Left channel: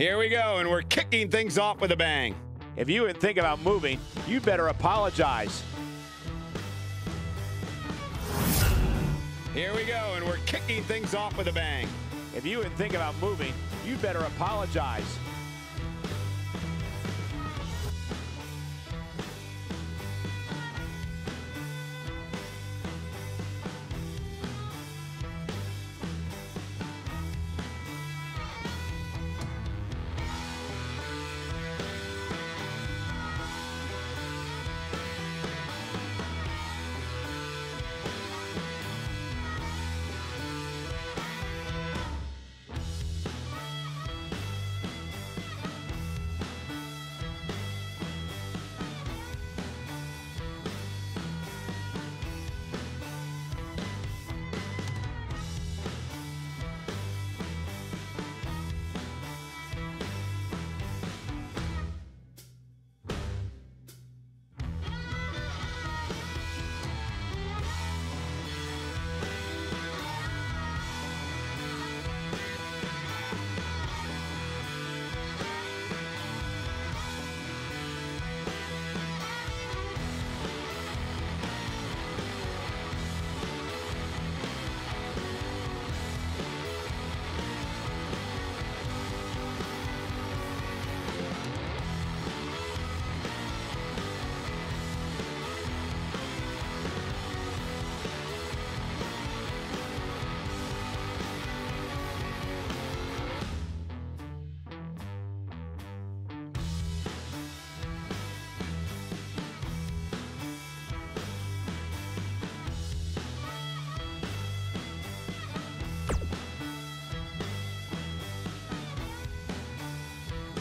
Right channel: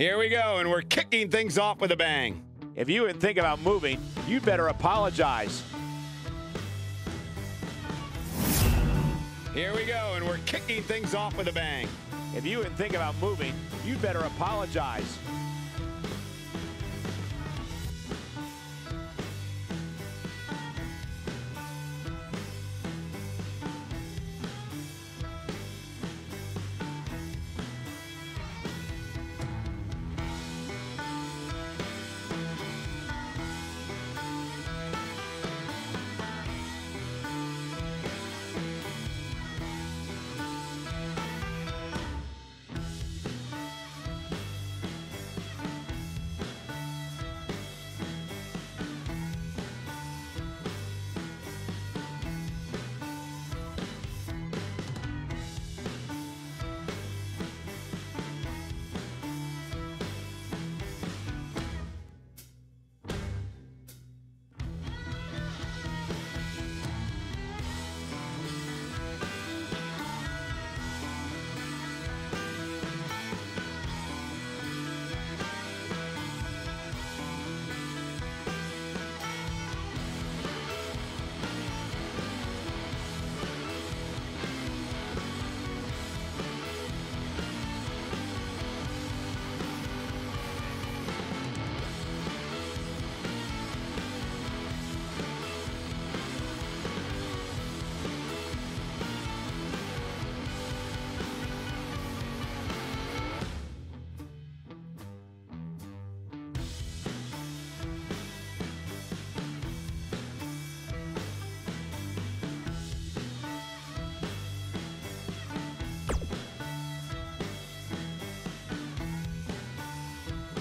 Here we go, and we're kicking things off with a bang. If you would think about moving, you'd better apologize. Here we go, and we're kicking things off with a bang. If you would think about moving, you'd better apologize.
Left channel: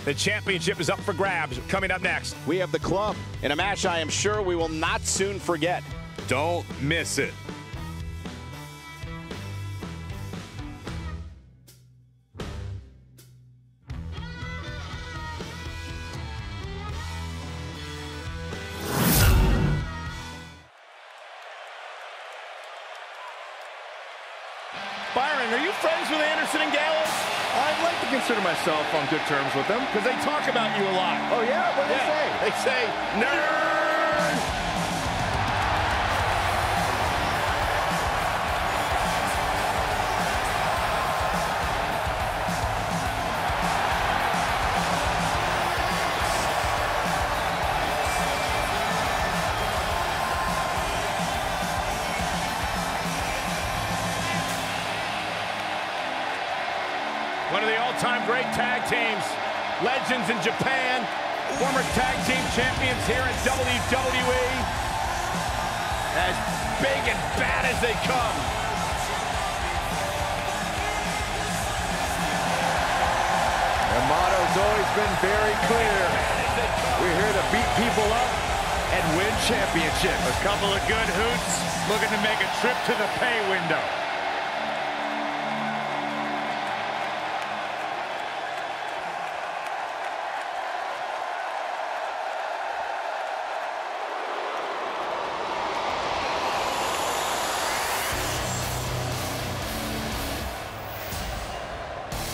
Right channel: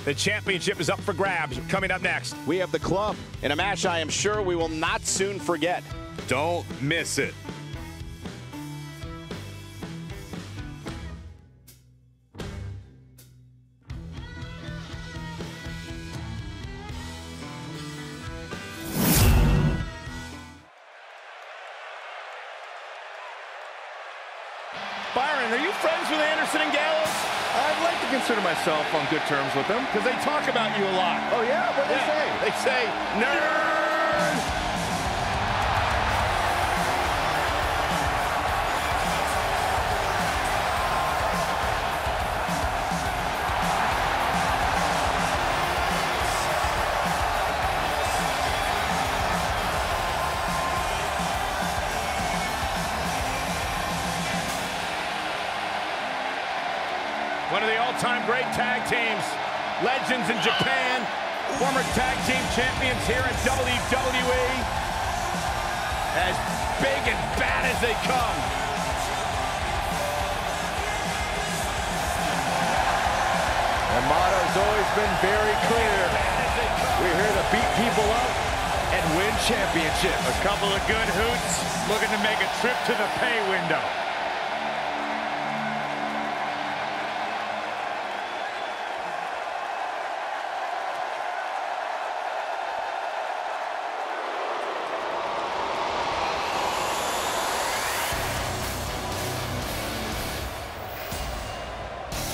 The championship is up for grabs. Coming up next, we have the club in a match I am sure we will not soon forget. Don't miss it. Byron, are you friends with Anderson and Gallows? I'd like to consider myself on good terms with them. Because they talk about you a lot. Oh, yeah? What do they say? They say, nerd! One of the all-time great tag teams, legends in Japan, former tag team champions here at WWE, as big and bad as they come. Their motto's always been very clear. We're here to beat people up and win championships. A couple of good hoots looking to make a trip to the pay window.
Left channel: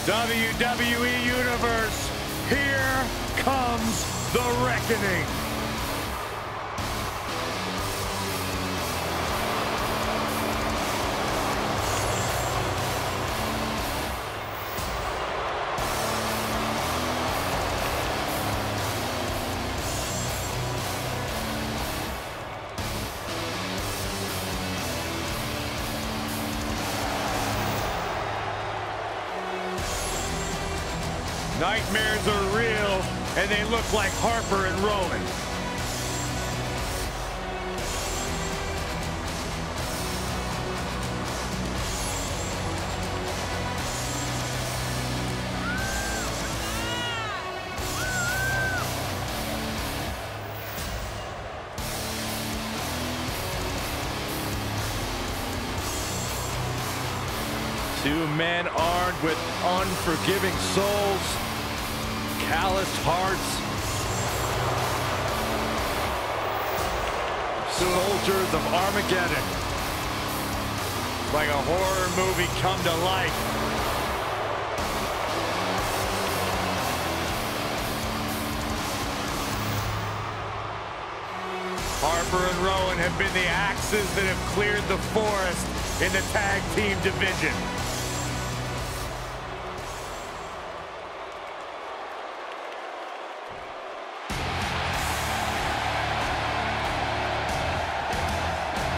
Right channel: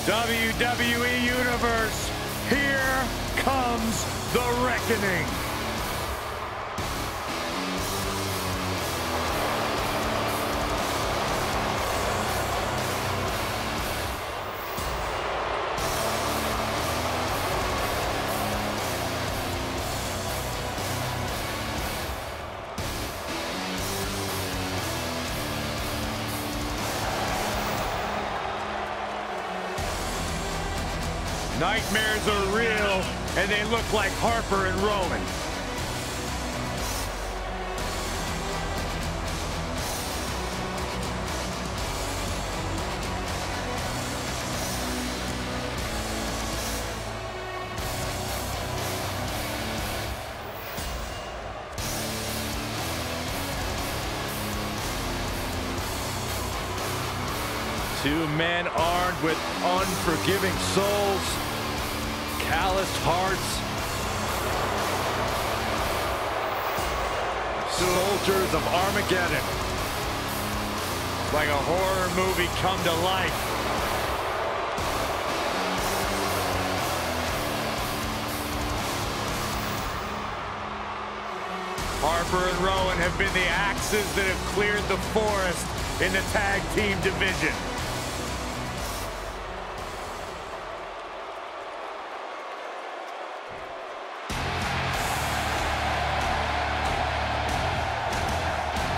WWE Universe, here comes the reckoning. Nightmares are real, and they look like Harper and Rowan. Two men armed with unforgiving souls, calloused hearts, soldiers of Armageddon. Like a horror movie come to life. Harper and Rowan have been the axes that have cleared the forest in the tag team division.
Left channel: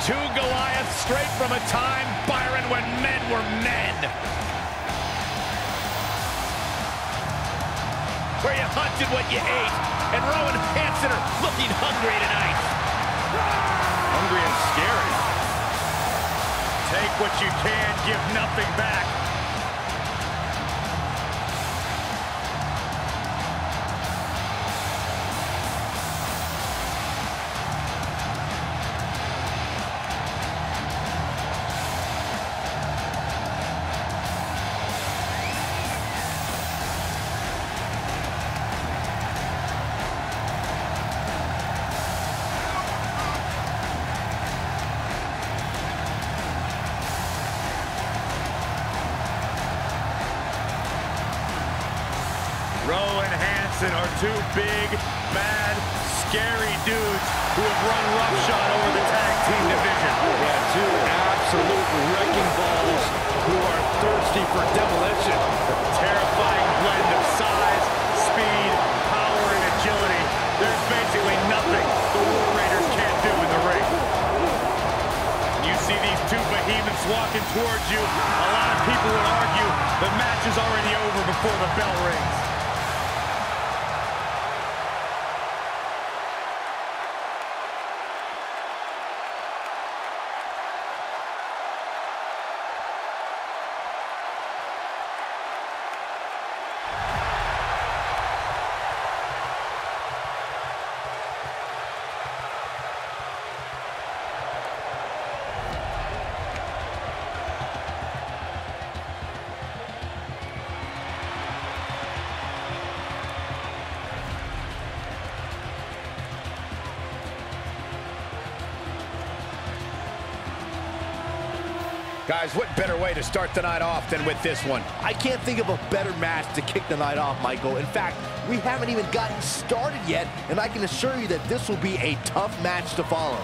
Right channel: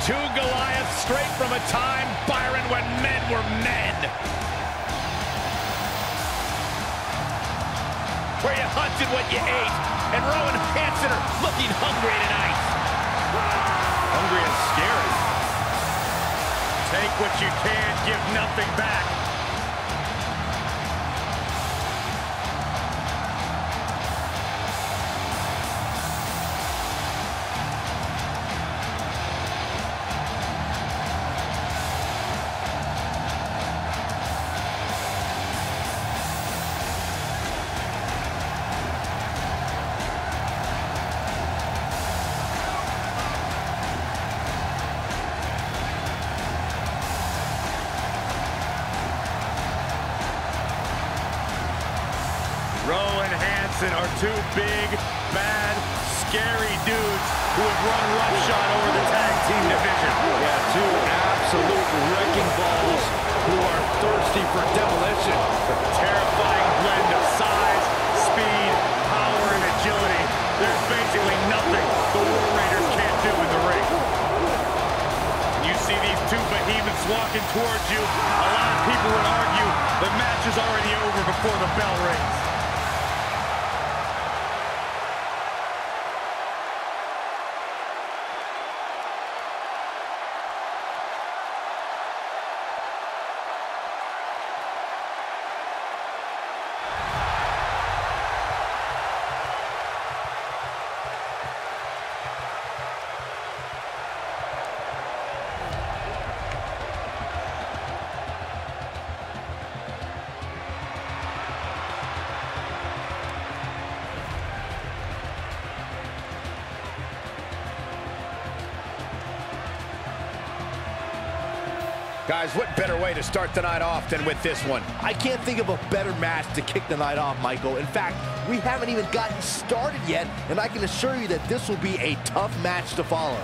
Two Goliaths straight from a time, Byron, when men were men. Where you hunted what you ate, and Rowan and Hanson are looking hungry tonight. Hungry and scary. Take what you can, give nothing back. Rowan and Hanson are two big, bad, scary dudes who have run roughshod over the tag team division. Yeah, two absolute wrecking balls who are thirsty for demolition. A terrifying blend of size, speed, power, and agility. There's basically nothing the War Raiders can't do in the ring. When you see these two behemoths walking towards you, a lot of people would argue the match is already over before the bell rings. Guys, what better way to start the night off than with this one? I can't think of a better match to kick the night off, Michael. In fact, we haven't even gotten started yet, and I can assure you that this will be a tough match to follow.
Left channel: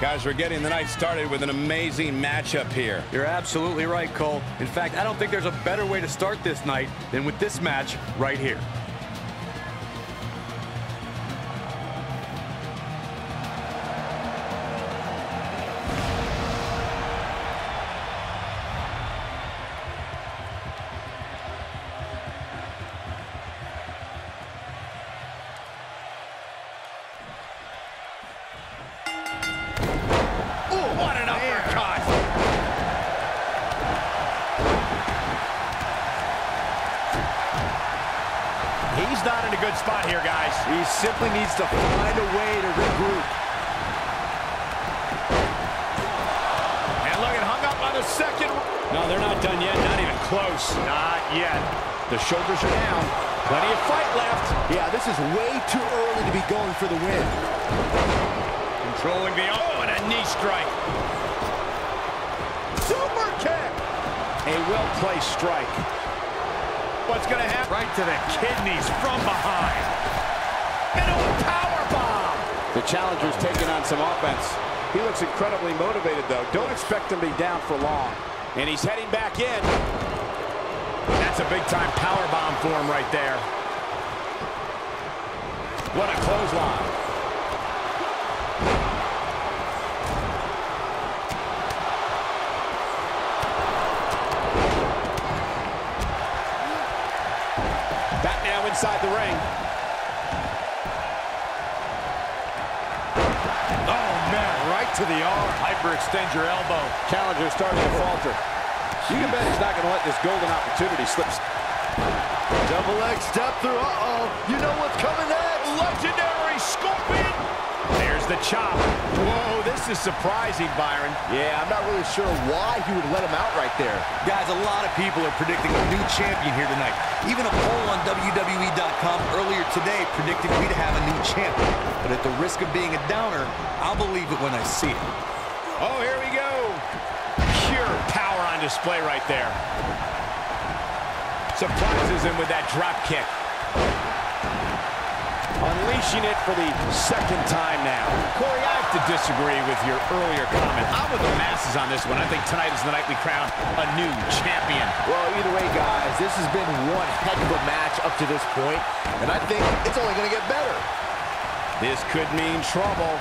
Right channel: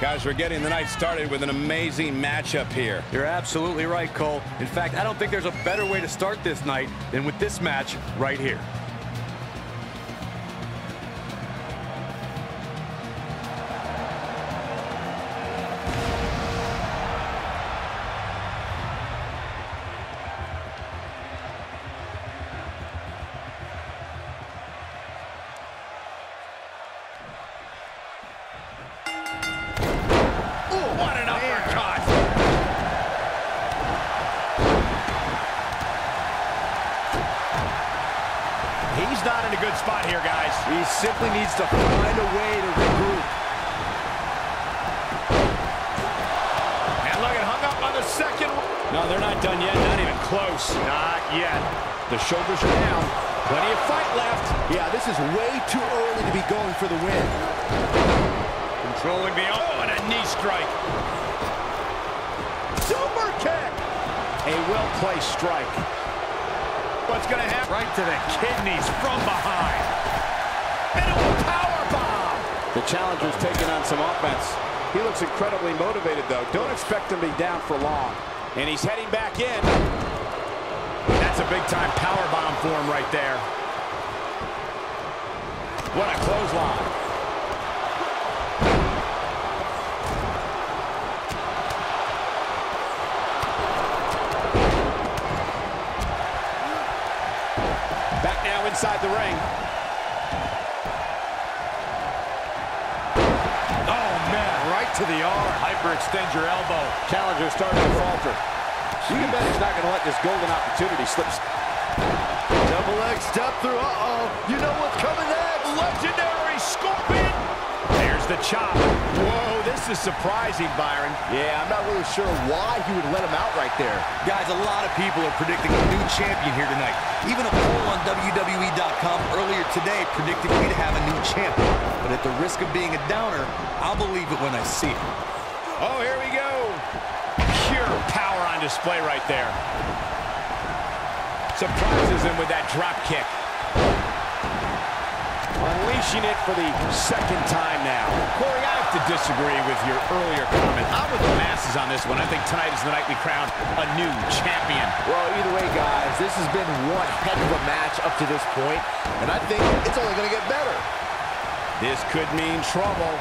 Guys, we're getting the night started with an amazing matchup here. You're absolutely right, Cole. In fact, I don't think there's a better way to start this night than with this match right here. What an uppercut! He's not in a good spot here, guys. He simply needs to find a way to regroup. And look, it hung up on the second. No, they're not done yet. Not even close. Not yet. The shoulders are down. Plenty of fight left. Yeah, this is way too early to be going for the win. Controlling the and a knee strike. Super kick. A well-placed strike. What's going to happen? Right to the kidneys from behind. Into a power bomb. The challenger's taking on some offense. He looks incredibly motivated, though. Don't expect him to be down for long. And he's heading back in. That's a big-time power bomb for him right there. What a clothesline. Back now inside the ring. Oh, man, right to the arm. Hyperextend your elbow. Challenger starting to falter. You can bet he's not going to let this golden opportunity slip. Double leg step through. Uh-oh. You know what's coming next. Legendary Scorpion. There's the chop. Whoa, this is surprising, Byron. Yeah, I'm not really sure why he would let him out right there. Guys, a lot of people are predicting a new champion here tonight. Even a poll on WWE.com earlier today predicted me to have a new champion. But at the risk of being a downer, I'll believe it when I see it. Oh, here we go. Pure power on display right there. Surprises him with that drop kick. Unleashing it for the second time now. Corey, I have to disagree with your earlier comment. I'm with the masses on this one. I think tonight is the night we crown a new champion. Well, either way, guys, this has been one heck of a match up to this point, and I think it's only going to get better. This could mean trouble.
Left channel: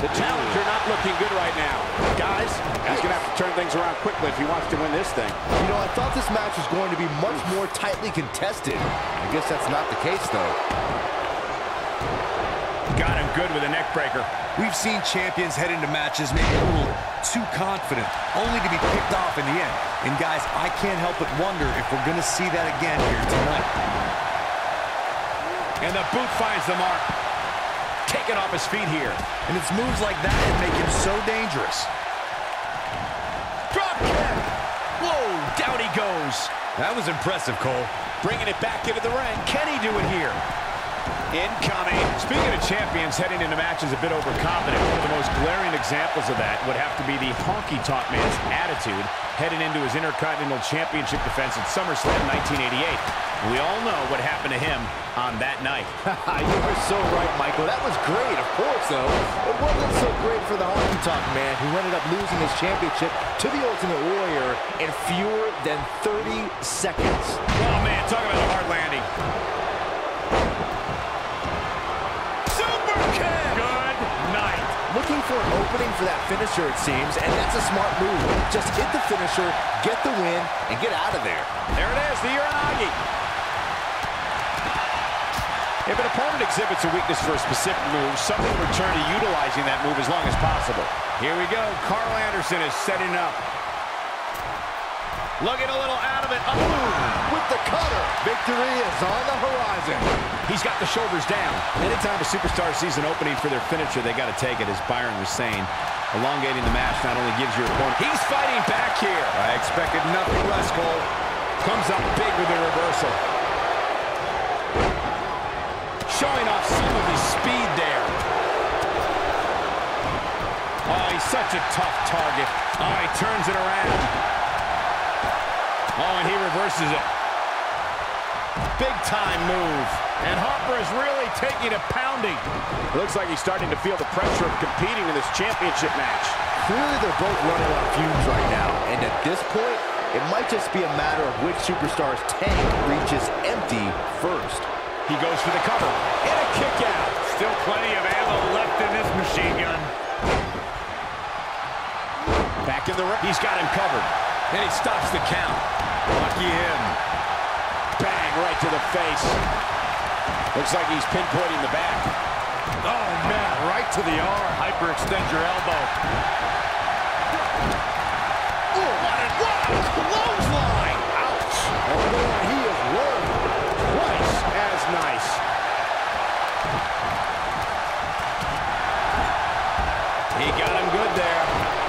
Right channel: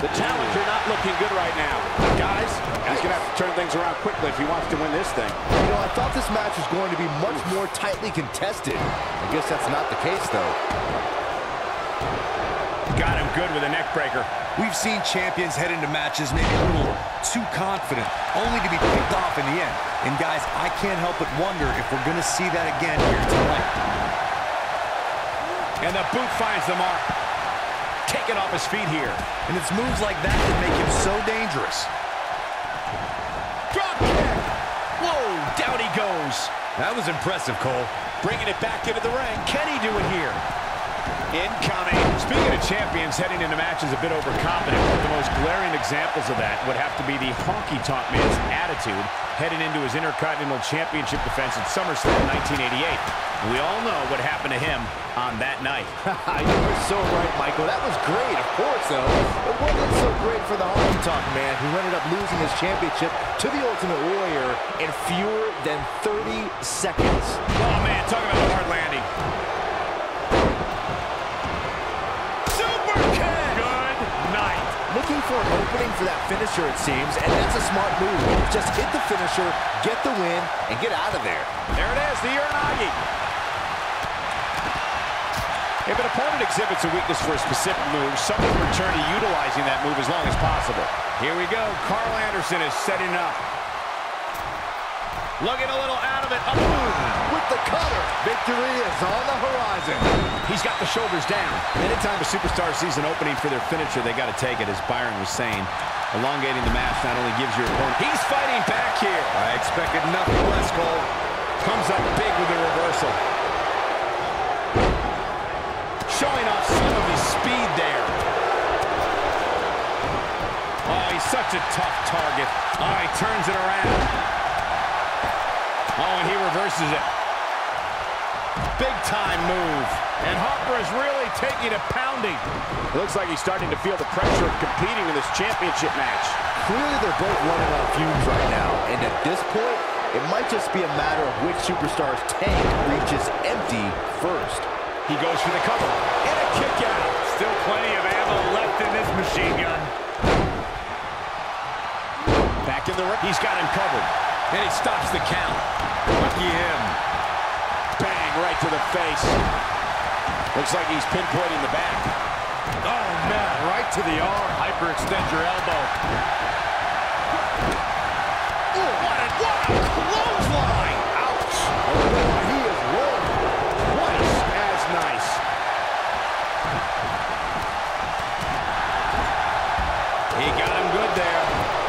The challenger not looking good right now. Guys, he's going to have to turn things around quickly if he wants to win this thing. You know, I thought this match was going to be much more tightly contested. I guess that's not the case, though. Got him good with a neck breaker. We've seen champions head into matches maybe a little too confident, only to be picked off in the end. And guys, I can't help but wonder if we're going to see that again here tonight. And the boot finds the mark. Taken off his feet here. And it's moves like that that make him so dangerous. Drop kick. Whoa, down he goes. That was impressive, Cole. Bringing it back into the ring. Can he do it here? Incoming. Speaking of champions heading into matches a bit overconfident, one of the most glaring examples of that would have to be the honky-tonk man's attitude heading into his Intercontinental Championship defense at SummerSlam 1988. We all know what happened to him on that night. You were so right, Michael. That was great, of course, though. It wasn't so great for the honky-tonk man, who ended up losing his championship to the Ultimate Warrior in fewer than 30 seconds. Oh, man, talk about a hard landing. Super kick! Good night. Looking for an opening for that finisher, it seems, and that's a smart move. Just hit the finisher, get the win, and get out of there. There it is, the Uranagi. If an opponent exhibits a weakness for a specific move, some will return to utilizing that move as long as possible. Here we go. Carl Anderson is setting up. Looking a little out of it. Oh, with the cutter. Victory is on the horizon. He's got the shoulders down. Anytime a superstar sees an opening for their finisher, they got to take it, as Byron was saying. Elongating the match not only gives your opponent... He's fighting back here. I expected nothing less, Cole. Comes up big with the reversal. Showing off some of his speed there. Oh, he's such a tough target. Oh, he turns it around. Oh, and he reverses it. Big time move. And Harper is really taking a pounding. It looks like he's starting to feel the pressure of competing in this championship match. Clearly they're both running on fumes right now. And at this point, it might just be a matter of which superstar's tank reaches empty first. He goes for the cover. And a kick out. Still plenty of ammo left in this machine gun. Back in the ring. He's got him covered. And he stops the count. Lucky him. Bang, right to the face. Looks like he's pinpointing the back. Oh, man, right to the arm. Hyperextend your elbow. Ooh, what a clothesline. Ouch. Oh, boy, he is rolling. Twice as nice. He got him good there.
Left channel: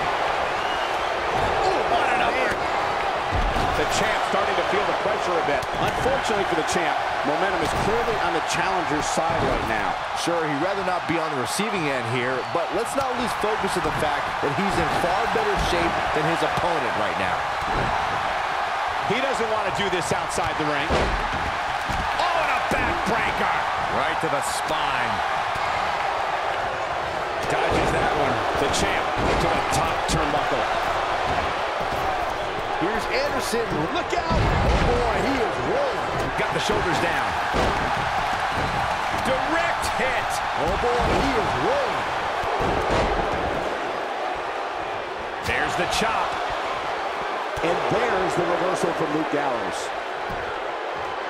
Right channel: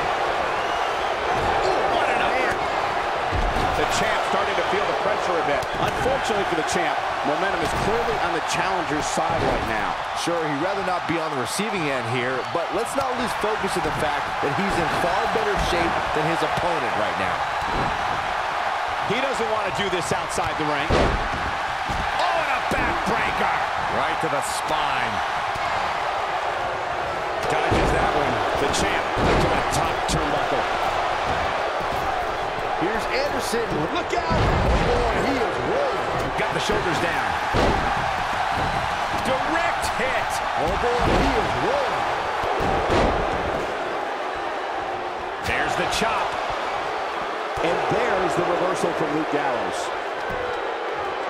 The champ starting to feel the pressure a bit. Unfortunately for the champ, momentum is clearly on the challenger's side right now. Sure, he'd rather not be on the receiving end here, but let's not lose focus of the fact that he's in far better shape than his opponent right now. He doesn't want to do this outside the ring. Oh, and a backbreaker. Right to the spine. Dodges that one. The champ to the top turnbuckle. Here's Anderson. Look out. Oh, boy, he is rolling. Got the shoulders down. Direct hit. Oh boy, he is rolling. There's the chop. And there's the reversal from Luke Gallows.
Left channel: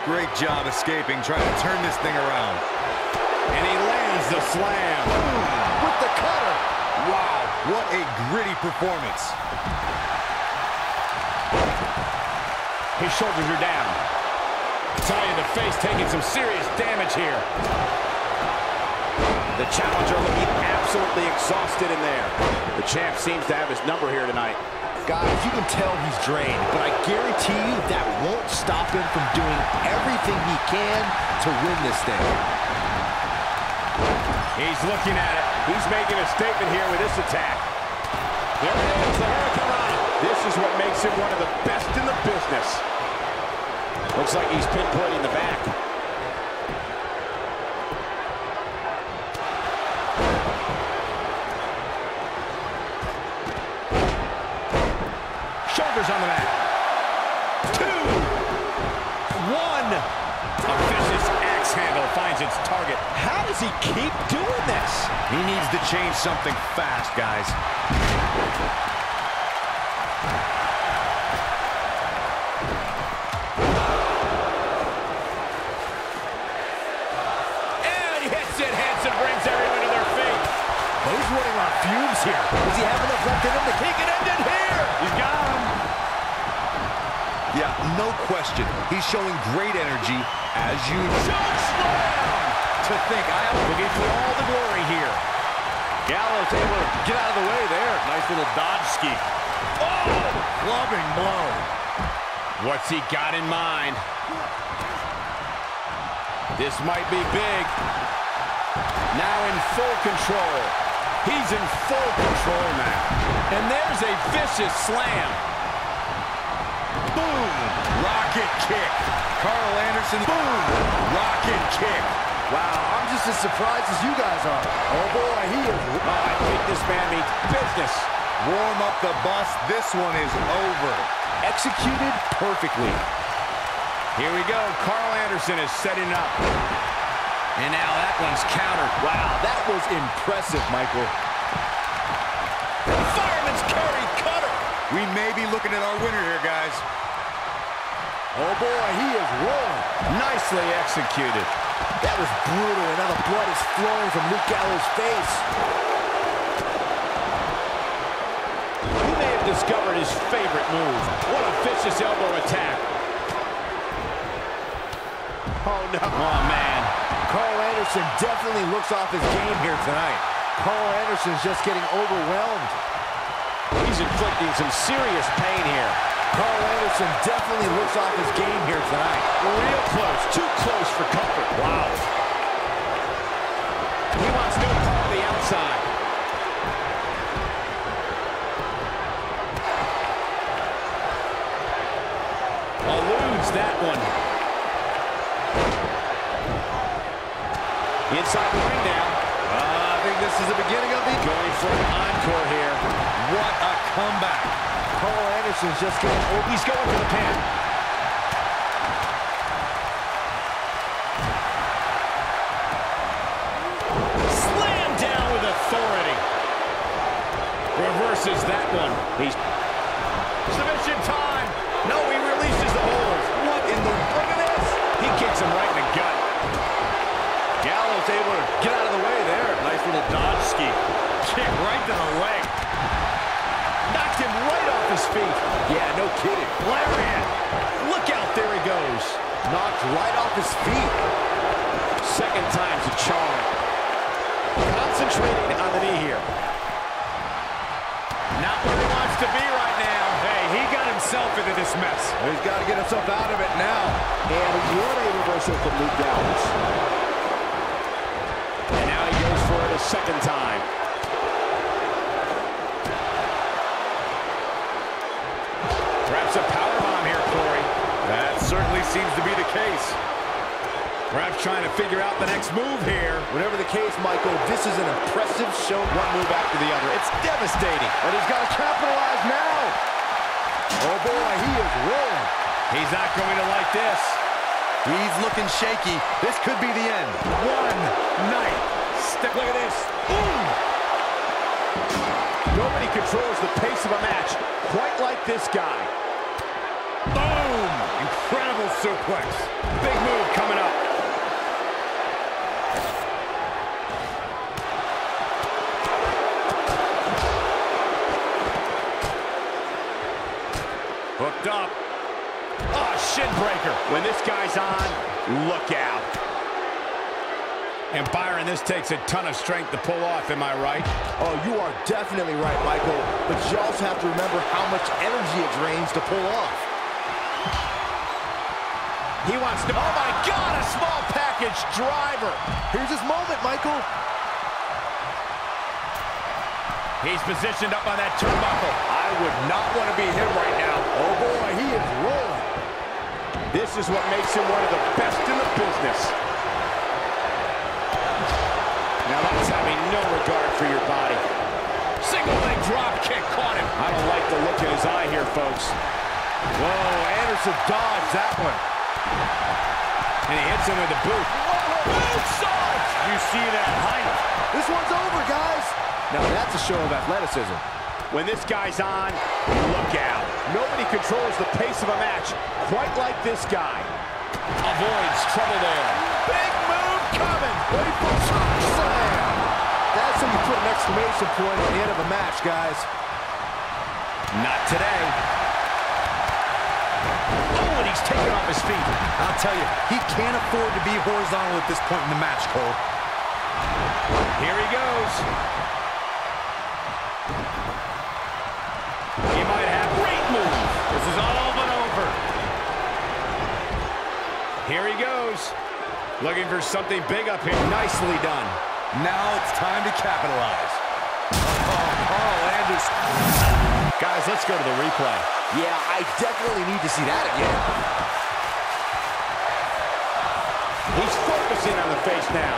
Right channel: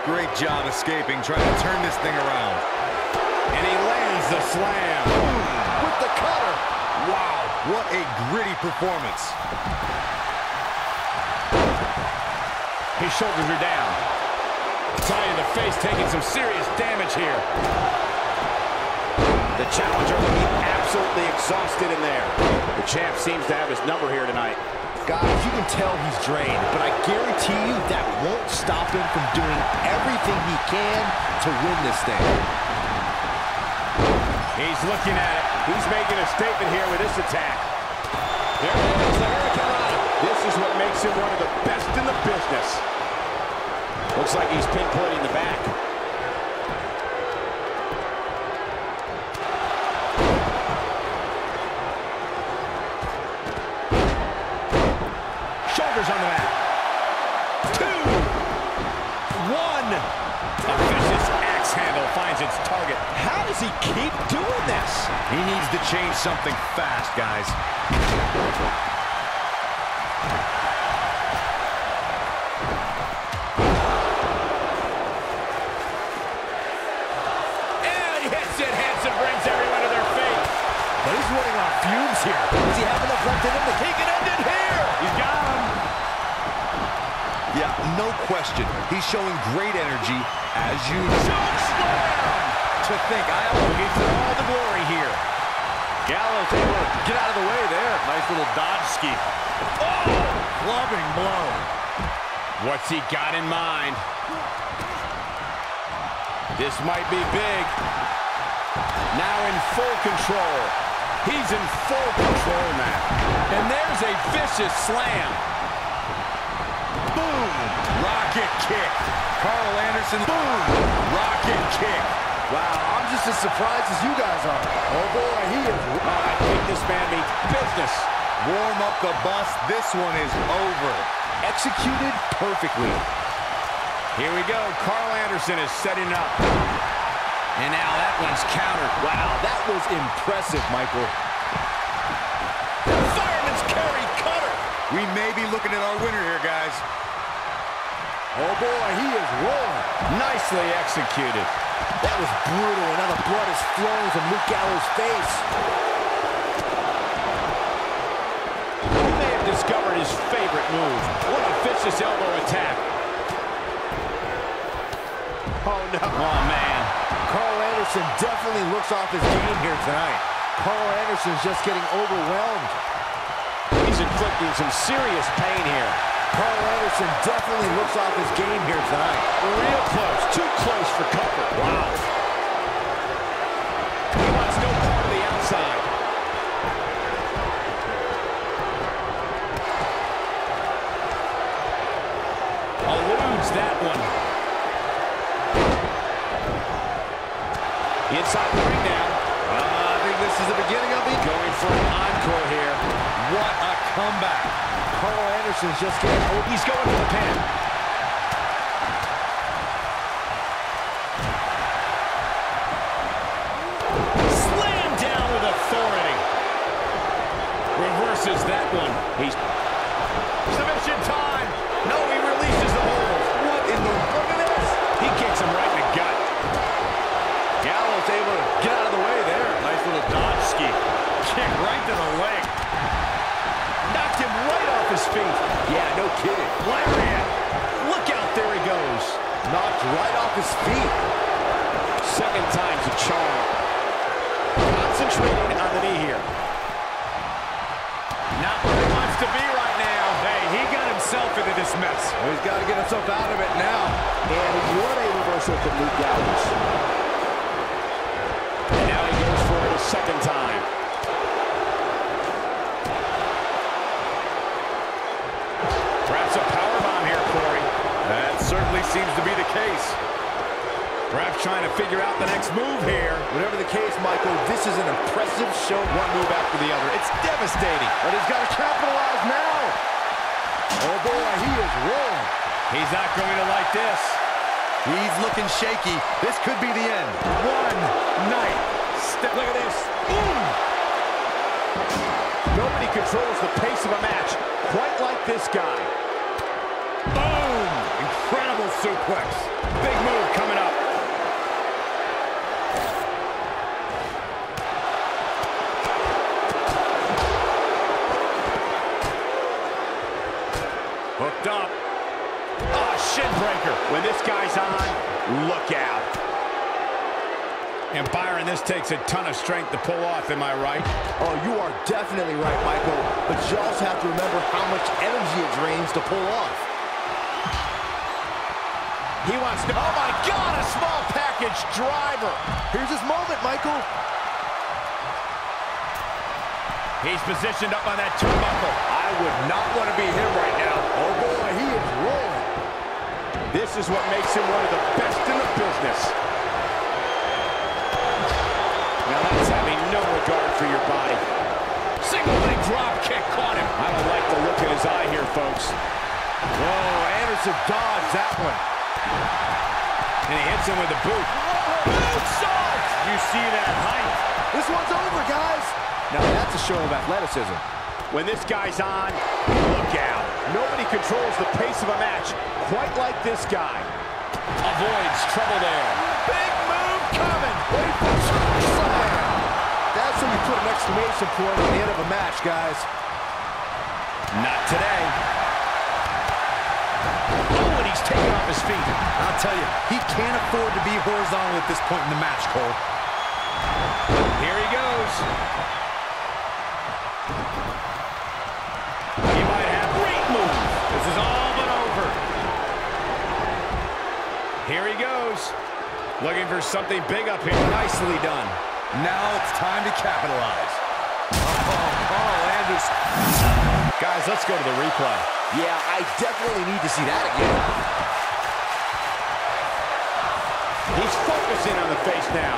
Great job escaping, trying to turn this thing around. And he lands the slam. Boom, with the cutter. Wow, what a gritty performance. His shoulders are down. Tie in the face, taking some serious damage here. The challenger looking absolutely exhausted in there. The champ seems to have his number here tonight. Guys, you can tell he's drained, but I guarantee you that won't stop him from doing everything he can to win this thing. He's looking at it. He's making a statement here with this attack. There it is, the Hurricanrana. This is what makes him one of the best in the business. Looks like he's pinpointing the back. Shoulders on the mat. 2, 1. A vicious axe handle finds its target. How does he keep doing this? He needs to change something fast, guys. And he hits it. Hansen brings everyone to their feet. But he's running on fumes here. Does he have enough left in him to kick it ended here? He's got him. Yeah, no question. He's showing great energy as usual. Choke slam. To think, Looking for all the glory here. Gallows able to get out of the way there. Nice little dodge ski. Oh, clubbing blow. What's he got in mind? This might be big. Now in full control. He's in full control now. And there's a vicious slam. Boom. Rocket kick. Carl Anderson. Boom. Rocket kick. Wow, I'm just as surprised as you guys are. Oh boy, he is... I think this man means business. Warm up the bus. This one is over. Executed perfectly. Here we go. Carl Anderson is setting up. And now that one's countered. Wow, that was impressive, Michael. Fireman's carry cutter. We may be looking at our winner here, guys. Oh boy, he is rolling. Nicely executed. That was brutal, and now the blood is flowing from Luke Gallows' face. He may have discovered his favorite move. What a vicious elbow attack. Oh, no. Oh, man. Carl Anderson definitely looks off his game here tonight. Carl Anderson's just getting overwhelmed. He's inflicting some serious pain here. Carl Anderson definitely looks off his game here tonight. Real close. Too close for comfort. Wow. He wants no part of the outside. Eludes that one. Inside the ring now. I think this is the beginning of the... Going for an encore here. What a comeback. Carl Anderson's just getting over. He's going for the pin. Slam down with authority. Reverses that one. He's Submission time. No, he releases the hold. What in the... Look at this. He kicks him right in the gut. Gallows able to get out of the way there. Nice little dodge ski. Kick right to the leg. Knocked him right off his feet. Yeah, no kidding. Lariat. Look out, there he goes. Knocked right off his feet. Second time's a charm. Concentrating on the knee here. Not where he wants to be right now. Hey, he got himself into this mess. He's got to get himself out of it now. And what a reversal from Luke Gallows. And now he goes for it a second time. Perhaps a powerbomb here, Corey. That certainly seems to be the case. Perhaps trying to figure out the next move here. Whatever the case, Michael, this is an impressive show. One move after the other. It's devastating. But he's got to capitalize now. Oh, boy, he is rolling. He's not going to like this. He's looking shaky. This could be the end. One night. Look at this. Boom! Nobody controls the pace of a match quite like this guy. Boom! Incredible suplex. Big move coming up. Hooked up. Oh, shin breaker. When this guy's on, look out. And Byron, this takes a ton of strength to pull off, am I right? Oh, you are definitely right, Michael. But you also have to remember how much energy it drains to pull off. He wants to... Oh, my God, a small package driver. Here's his moment, Michael. He's positioned up on that turnbuckle. I would not want to be him right now. Oh, boy, he is rolling. This is what makes him one of the best in the business. Now that's having no regard for your body. Single leg drop kick caught him. I don't like the look in his eye here, folks. Whoa, Anderson dodged that one. And he hits him with the boot. Moonsault! You see that height? This one's over, guys. Now that's a show of athleticism. When this guy's on, look out. Nobody controls the pace of a match quite like this guy. Avoids trouble there. Big move coming. Wait for choke slam. That's how you put an exclamation point at the end of a match, guys. Not today. Oh, and he's taken off his feet. I'll tell you, he can't afford to be horizontal at this point in the match, Cole. Here he goes. He might have great move. This is all but over. Here he goes. Looking for something big up here. Nicely done. Now it's time to capitalize. Oh, Carl Anderson. Guys, let's go to the replay. Yeah, I definitely need to see that again. He's focusing on the face now.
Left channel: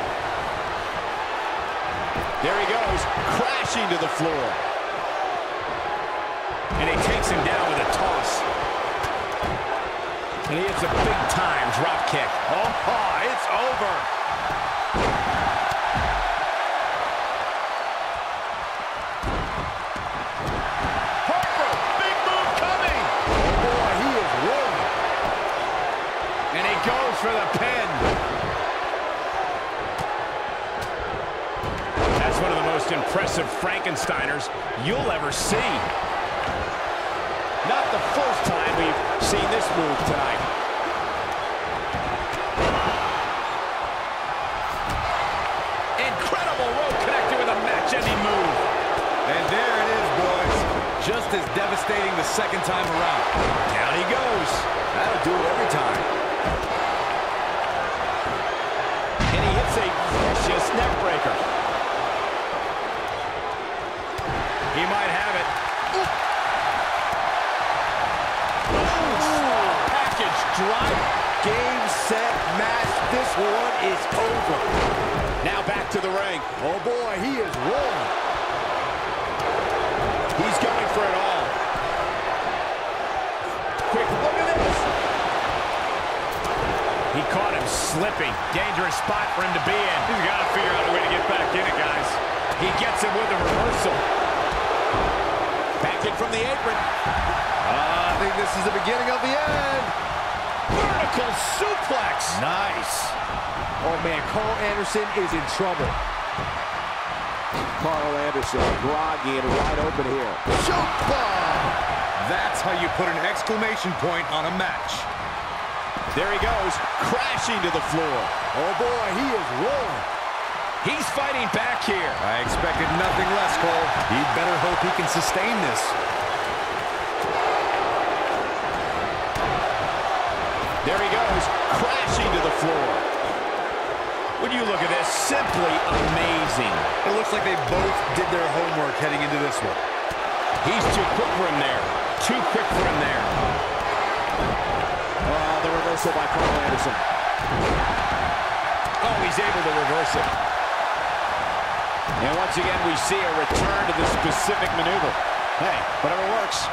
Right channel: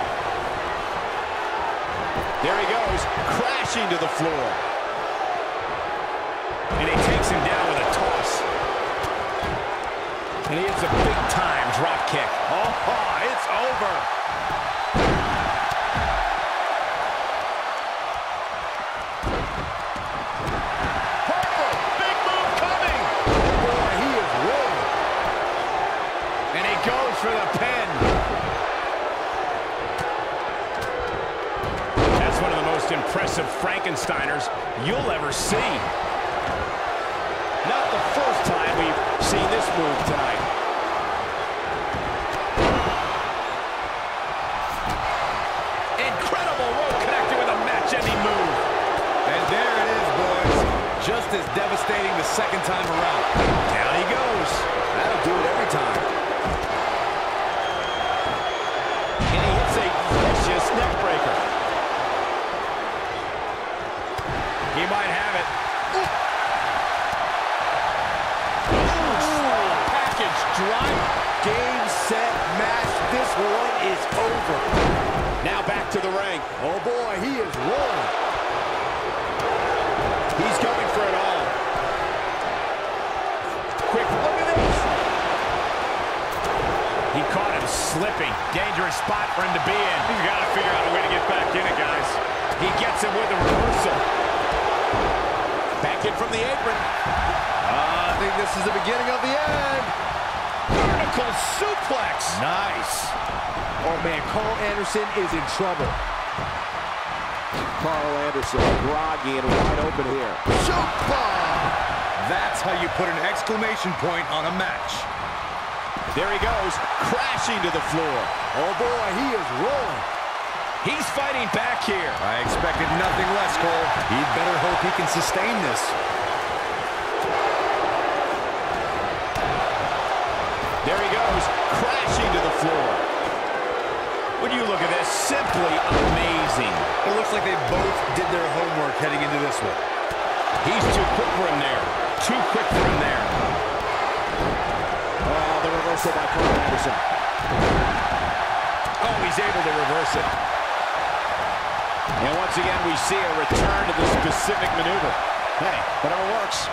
There he goes, crashing to the floor. And he takes him down with a toss. And he hits a big-time drop kick. Oh, it's over. Harper, big move coming. Oh, boy, he is rolling. And he goes for the pin. That's one of the most impressive Frankensteiners you'll ever see. Not the first time we've seen this move tonight. Incredible rope connected with a match-ending move. And there it is, boys. Just as devastating the second time around. Down he goes. That'll do it every time. And he hits a vicious neck breaker. He might have it. Package drive. Game, set, match. This one is over. Now back to the ring. Oh, boy, he is rolling. He's going for it all. Quick, look at this. He caught him slipping. Dangerous spot for him to be in. He's got to figure out a way to get back in it, guys. He gets him with a reversal. Back in from the apron. I think this is the beginning of the end. Vertical suplex. Nice. Oh, man, Carl Anderson is in trouble. Carl Anderson, groggy and wide open here. Choke bomb. That's how you put an exclamation point on a match. There he goes, crashing to the floor. Oh, boy, he is rolling. He's fighting back here. I expected nothing less, Cole. He'd better hope he can sustain this. There he goes, crashing to the floor. When you look at this, simply amazing. It looks like they both did their homework heading into this one. He's too quick for him there. Too quick for him there. Oh, the reversal by Carl Anderson. Oh, he's able to reverse it. And once again, we see a return to the specific maneuver. Hey, whatever works.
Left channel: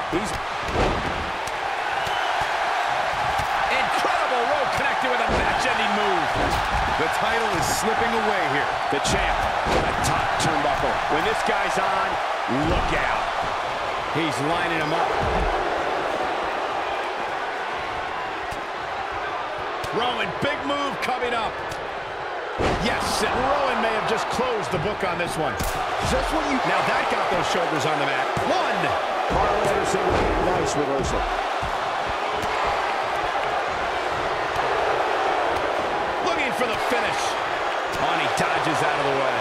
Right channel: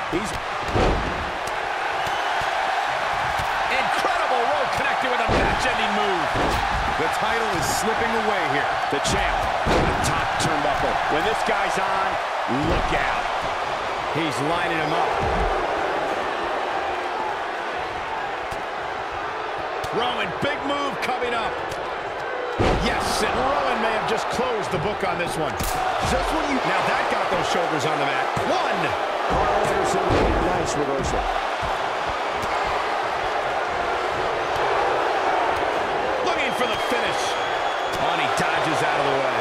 Incredible rope connected with a match-ending move. The title is slipping away here. The champ to the top turnbuckle. When this guy's on, look out. He's lining him up. Rowan, big move coming up. Yes, and Rowan may have just closed the book on this one. Just when you... Now that got those shoulders on the mat. One. Carl Anderson with a nice reversal. Looking for the finish. Oh, and he dodges out of the way.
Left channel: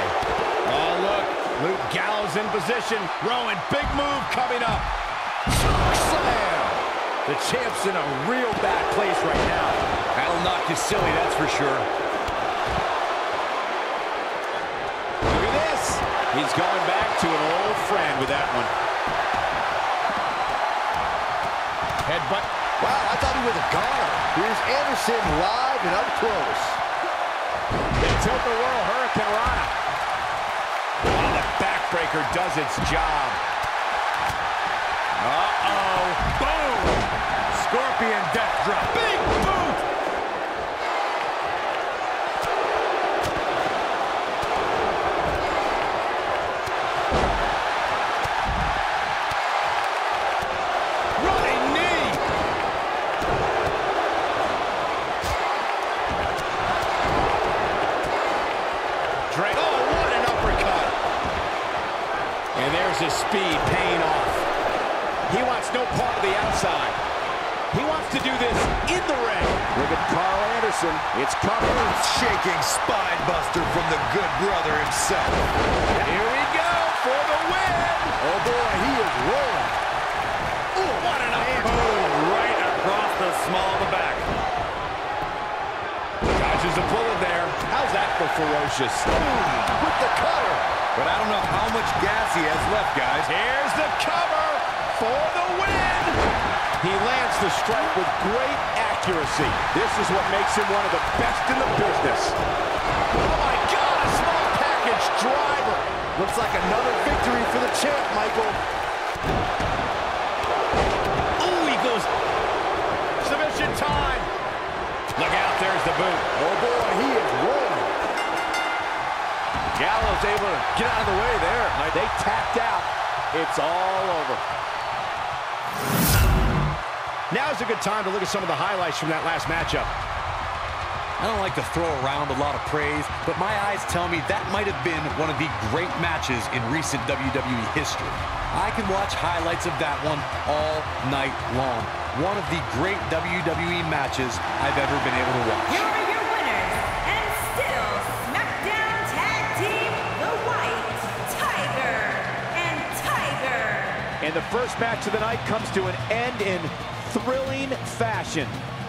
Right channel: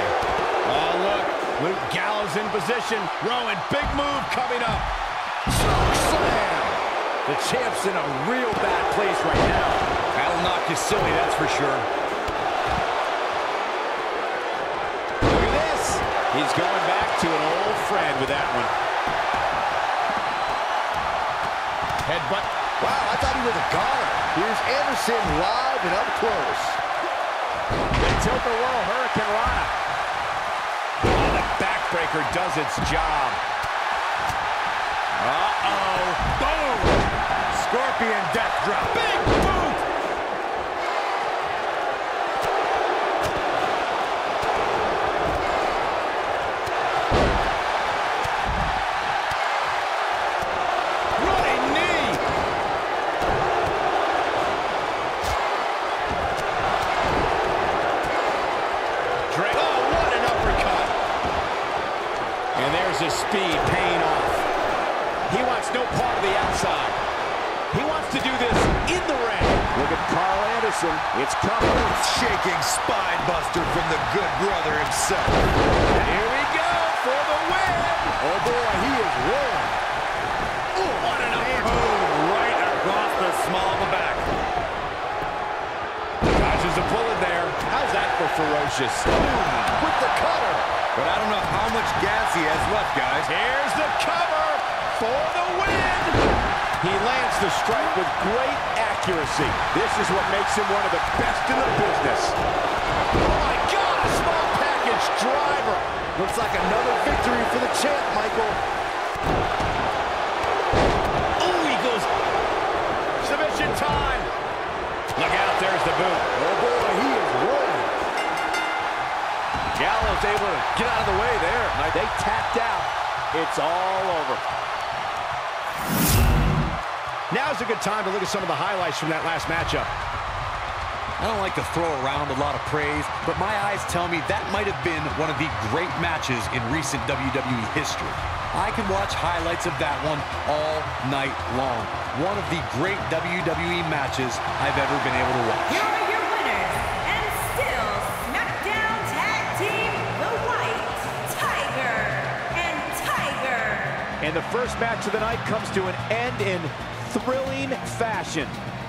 Oh, look. Luke Gallows in position. Rowan, big move coming up. Choke slam! The champ's in a real bad place right now. That'll knock you silly, that's for sure. Look at this. He's going back to an old friend with that one. Headbutt. Wow, I thought he was a goner. Here's Anderson live and up close. They tilt the world, Hurricane Rana. Oh, the backbreaker does its job. Uh-oh. Boom! Scorpion death drop. Big boot! Running knee! Drake. Oh, what an uppercut! And there's his speed paying off. He wants no part of the outside. He wants to do this in the ring. Look at Carl Anderson. It's coming. Shaking spine buster from the good brother himself. Here we go for the win. Oh boy, he is rolling. Ooh, what an uppercut. Boom, right across the small of the back. Dodges a bullet there. How's that for ferocious? Boom, with the cutter. But I don't know how much gas he has left, guys. Here's the cover for the win. He lands the strike with great accuracy. This is what makes him one of the best in the business. Oh my God, a small package driver. Looks like another victory for the champ, Michael. Ooh, he goes. Submission time. Look out, there's the boot. Oh boy, he is rolling. Gallows able to get out of the way there. They tapped out. It's all over. Now's a good time to look at some of the highlights from that last matchup. I don't like to throw around a lot of praise, but my eyes tell me that might have been one of the great matches in recent WWE history. I can watch highlights of that one all night long. One of the great WWE matches I've ever been able to watch. Here are your winners, and still SmackDown Tag Team, the White Tiger and Tiger. And the first match of the night comes to an end in thrilling fashion.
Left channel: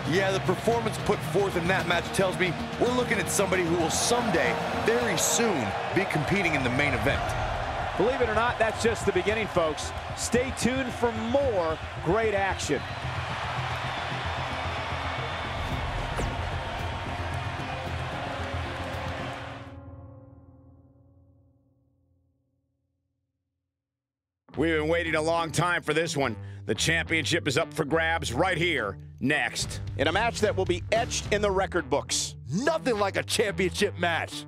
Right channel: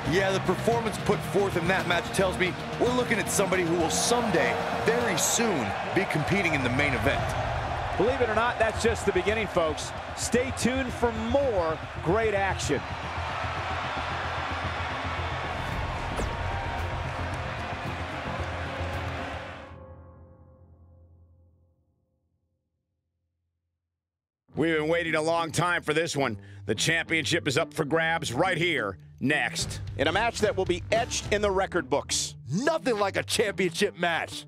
Yeah, the performance put forth in that match tells me we're looking at somebody who will someday, very soon, be competing in the main event. Believe it or not, that's just the beginning, folks. Stay tuned for more great action. We've been waiting a long time for this one. The championship is up for grabs right here, next. In a match that will be etched in the record books. Nothing like a championship match.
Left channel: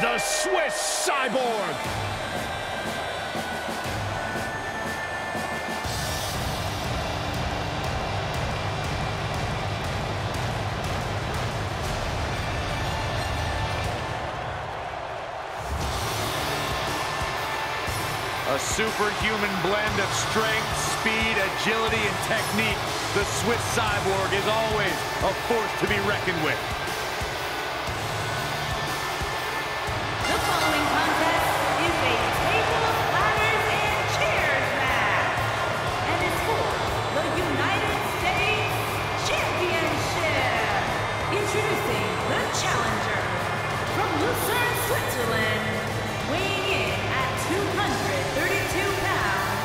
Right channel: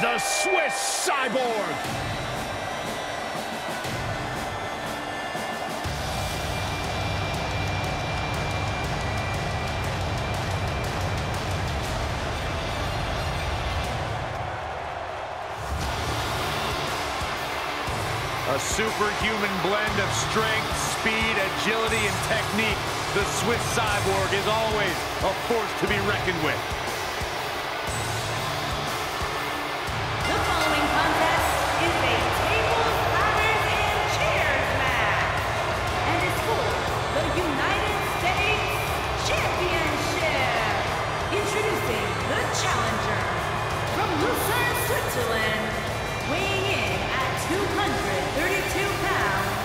The Swiss Cyborg. A superhuman blend of strength, speed, agility, and technique. The Swiss Cyborg is always a force to be reckoned with. The following contest is a tables, ladders, and chairs match, and is for the United States Championship. Introducing the challenger from Lucerne, Switzerland, weighing in at 232 pounds,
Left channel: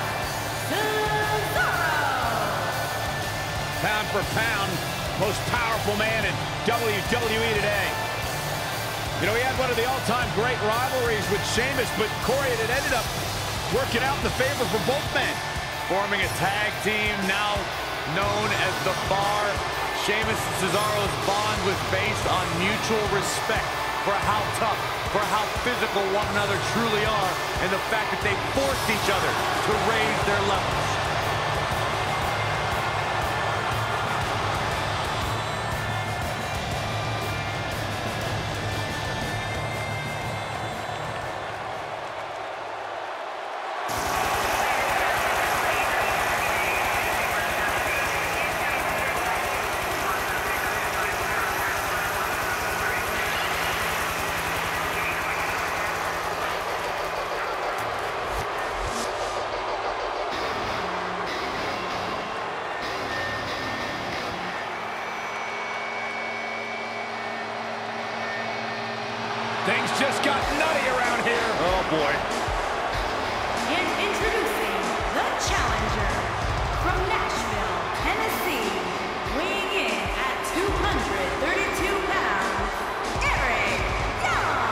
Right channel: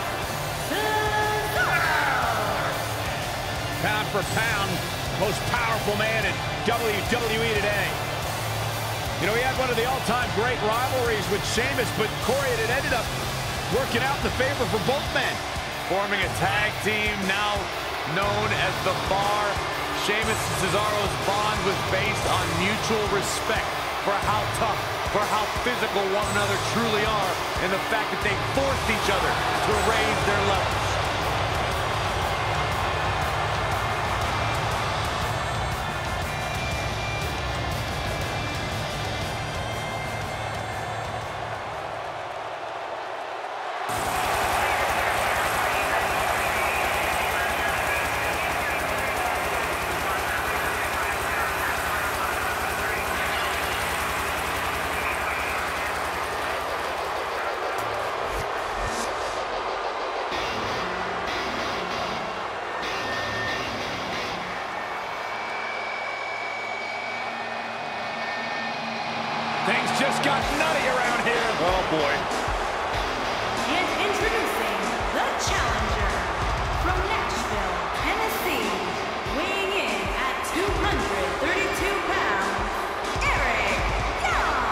Cesaro. pound for pound, most powerful man in WWE today. You know, he had one of the all-time great rivalries with Sheamus, but Corey, it ended up working out in the favor for both men. Forming a tag team now known as The Bar. Sheamus and Cesaro's bond was based on mutual respect for how tough, for how physical one another truly are, and the fact that they forced each other to raise their levels. Things just got nutty around here. Oh, boy. And introducing the challenger from Nashville, Tennessee, weighing in at 232 pounds, Eric Young.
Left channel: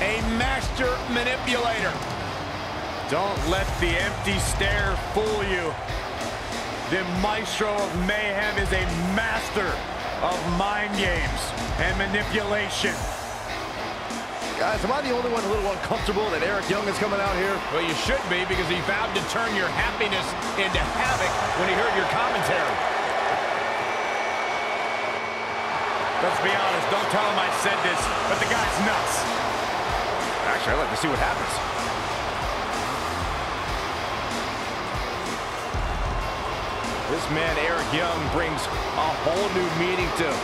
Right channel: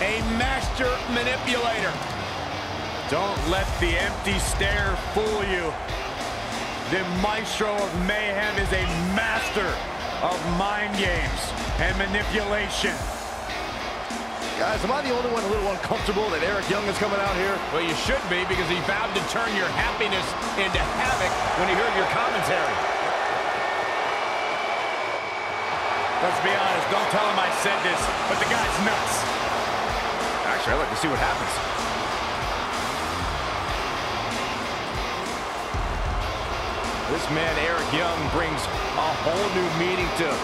A master manipulator. Don't let the empty stare fool you. The maestro of mayhem is a master of mind games and manipulation. Guys, am I the only one a little uncomfortable that Eric Young is coming out here? Well, you should be, because he vowed to turn your happiness into havoc when he heard your commentary. Let's be honest, don't tell him I said this, but the guy's nuts. Actually, I'd like to see what happens. This man, Eric Young, brings a whole new meaning to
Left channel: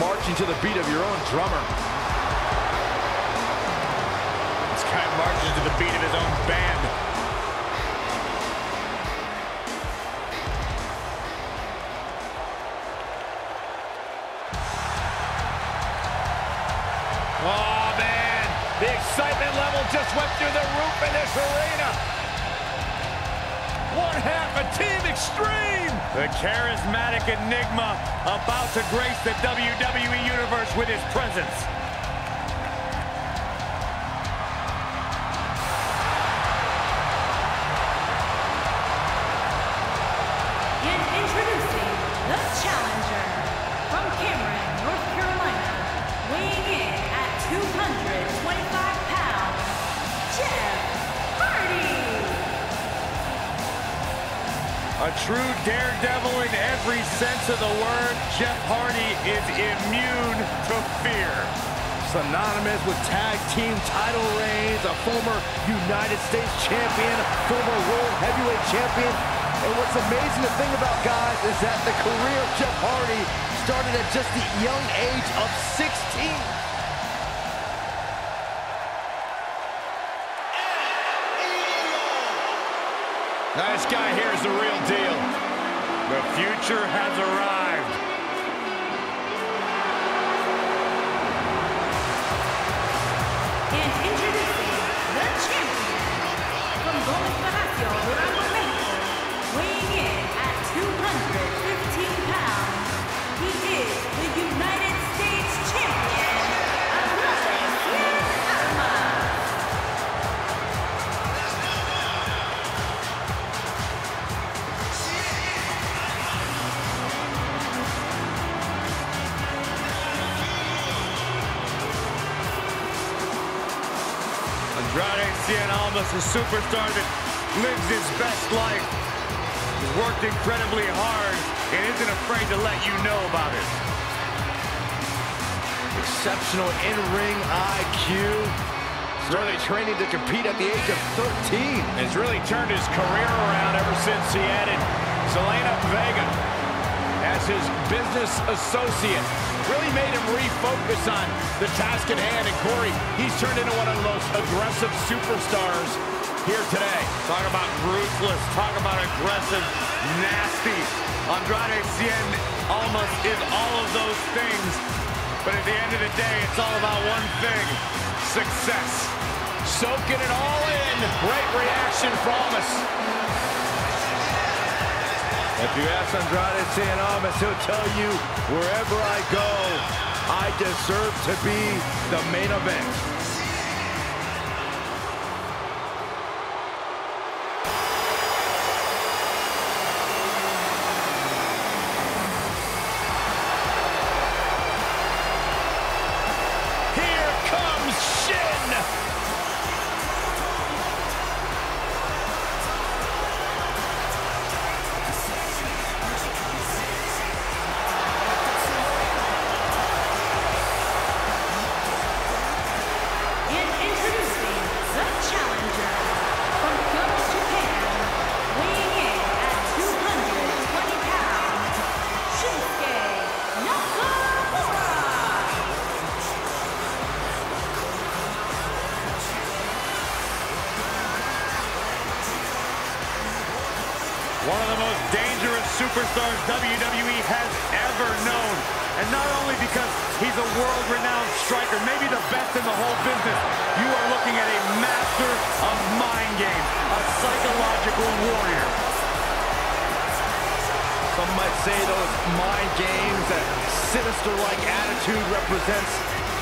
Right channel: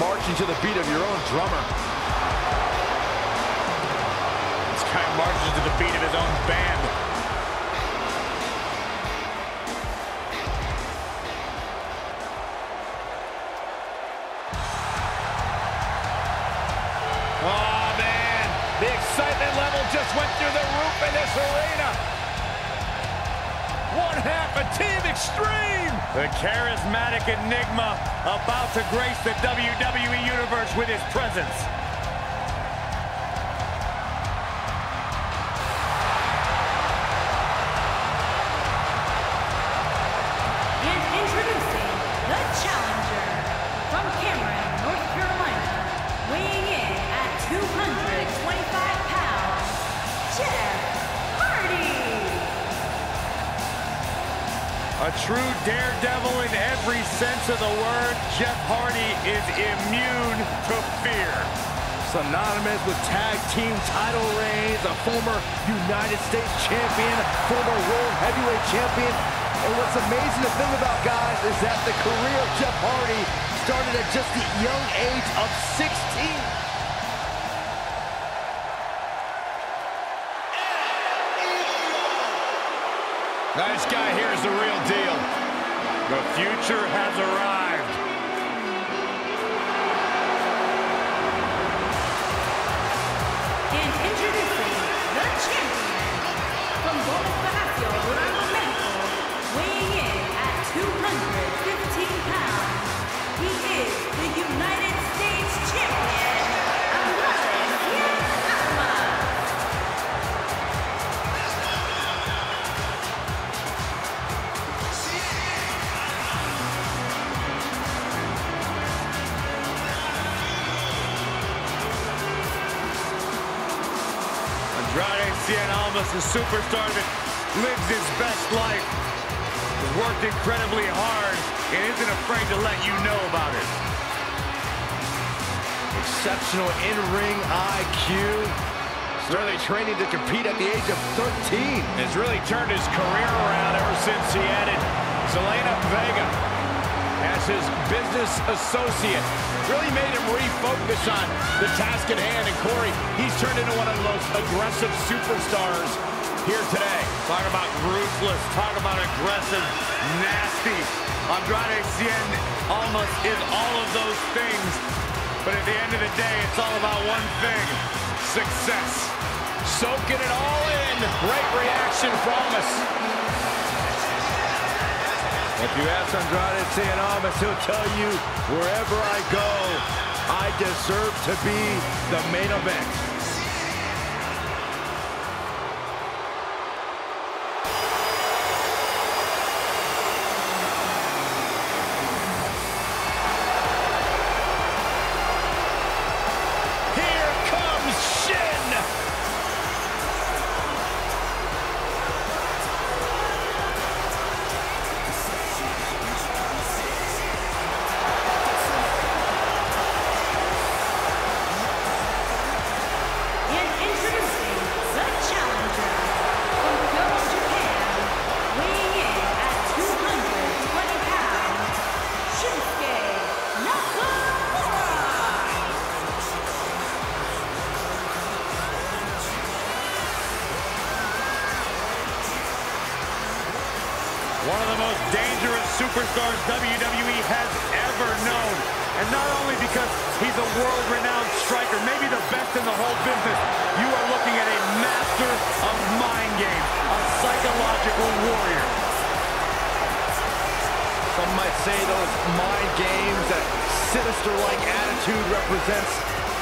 marching to the beat of your own drummer. This guy marches to the beat of his own band. Oh, man. The excitement level just went through the roof in this arena. One half of Team Extreme. The charismatic enigma about to grace the WWE Universe with his presence. And introducing the challenger from Cameron, North Carolina, weighing in at 225 pounds, Jeff Hardy. A true daredevil in every sense of the word, Jeff Hardy is immune to fear. Synonymous with tag team title reigns, a former United States champion, former world heavyweight champion. And what's amazing to think about, guys, is that the career of Jeff Hardy started at just the young age of 16. This guy here is the real deal. The future has arrived. And introducing the champion from Gomez Palacio, Durango, Mexico, weighing in at 215 pounds. He is the United States champion, Andrade Almas. Andrade Cien Almas, a superstar that lives his best life, has worked incredibly hard and isn't afraid to let you know about it. Exceptional in-ring IQ. Started training to compete at the age of 13. Has really turned his career around ever since he added Zelina Vega as his business associate. really made him refocus on the task at hand. And Corey, he's turned into one of the most aggressive superstars here today. Talk about ruthless, talk about aggressive, nasty. Andrade Cien almost is all of those things. But at the end of the day, it's all about one thing: success. Soaking it all in. Great reaction from us. If you ask Andrade Cien Almas, he'll tell you, wherever I go, I deserve to be the main event. Here comes Shin. And introducing the challenger from CAW, Japan, weighing in at 220 pounds, Shinsuke Nakamura. One of the most dangerous superstars WWE has ever known. And not only because he's a world-renowned striker, maybe the best in the whole business, you are looking at a master of mind games, a psychological warrior. Some might say those mind games, that sinister-like attitude represents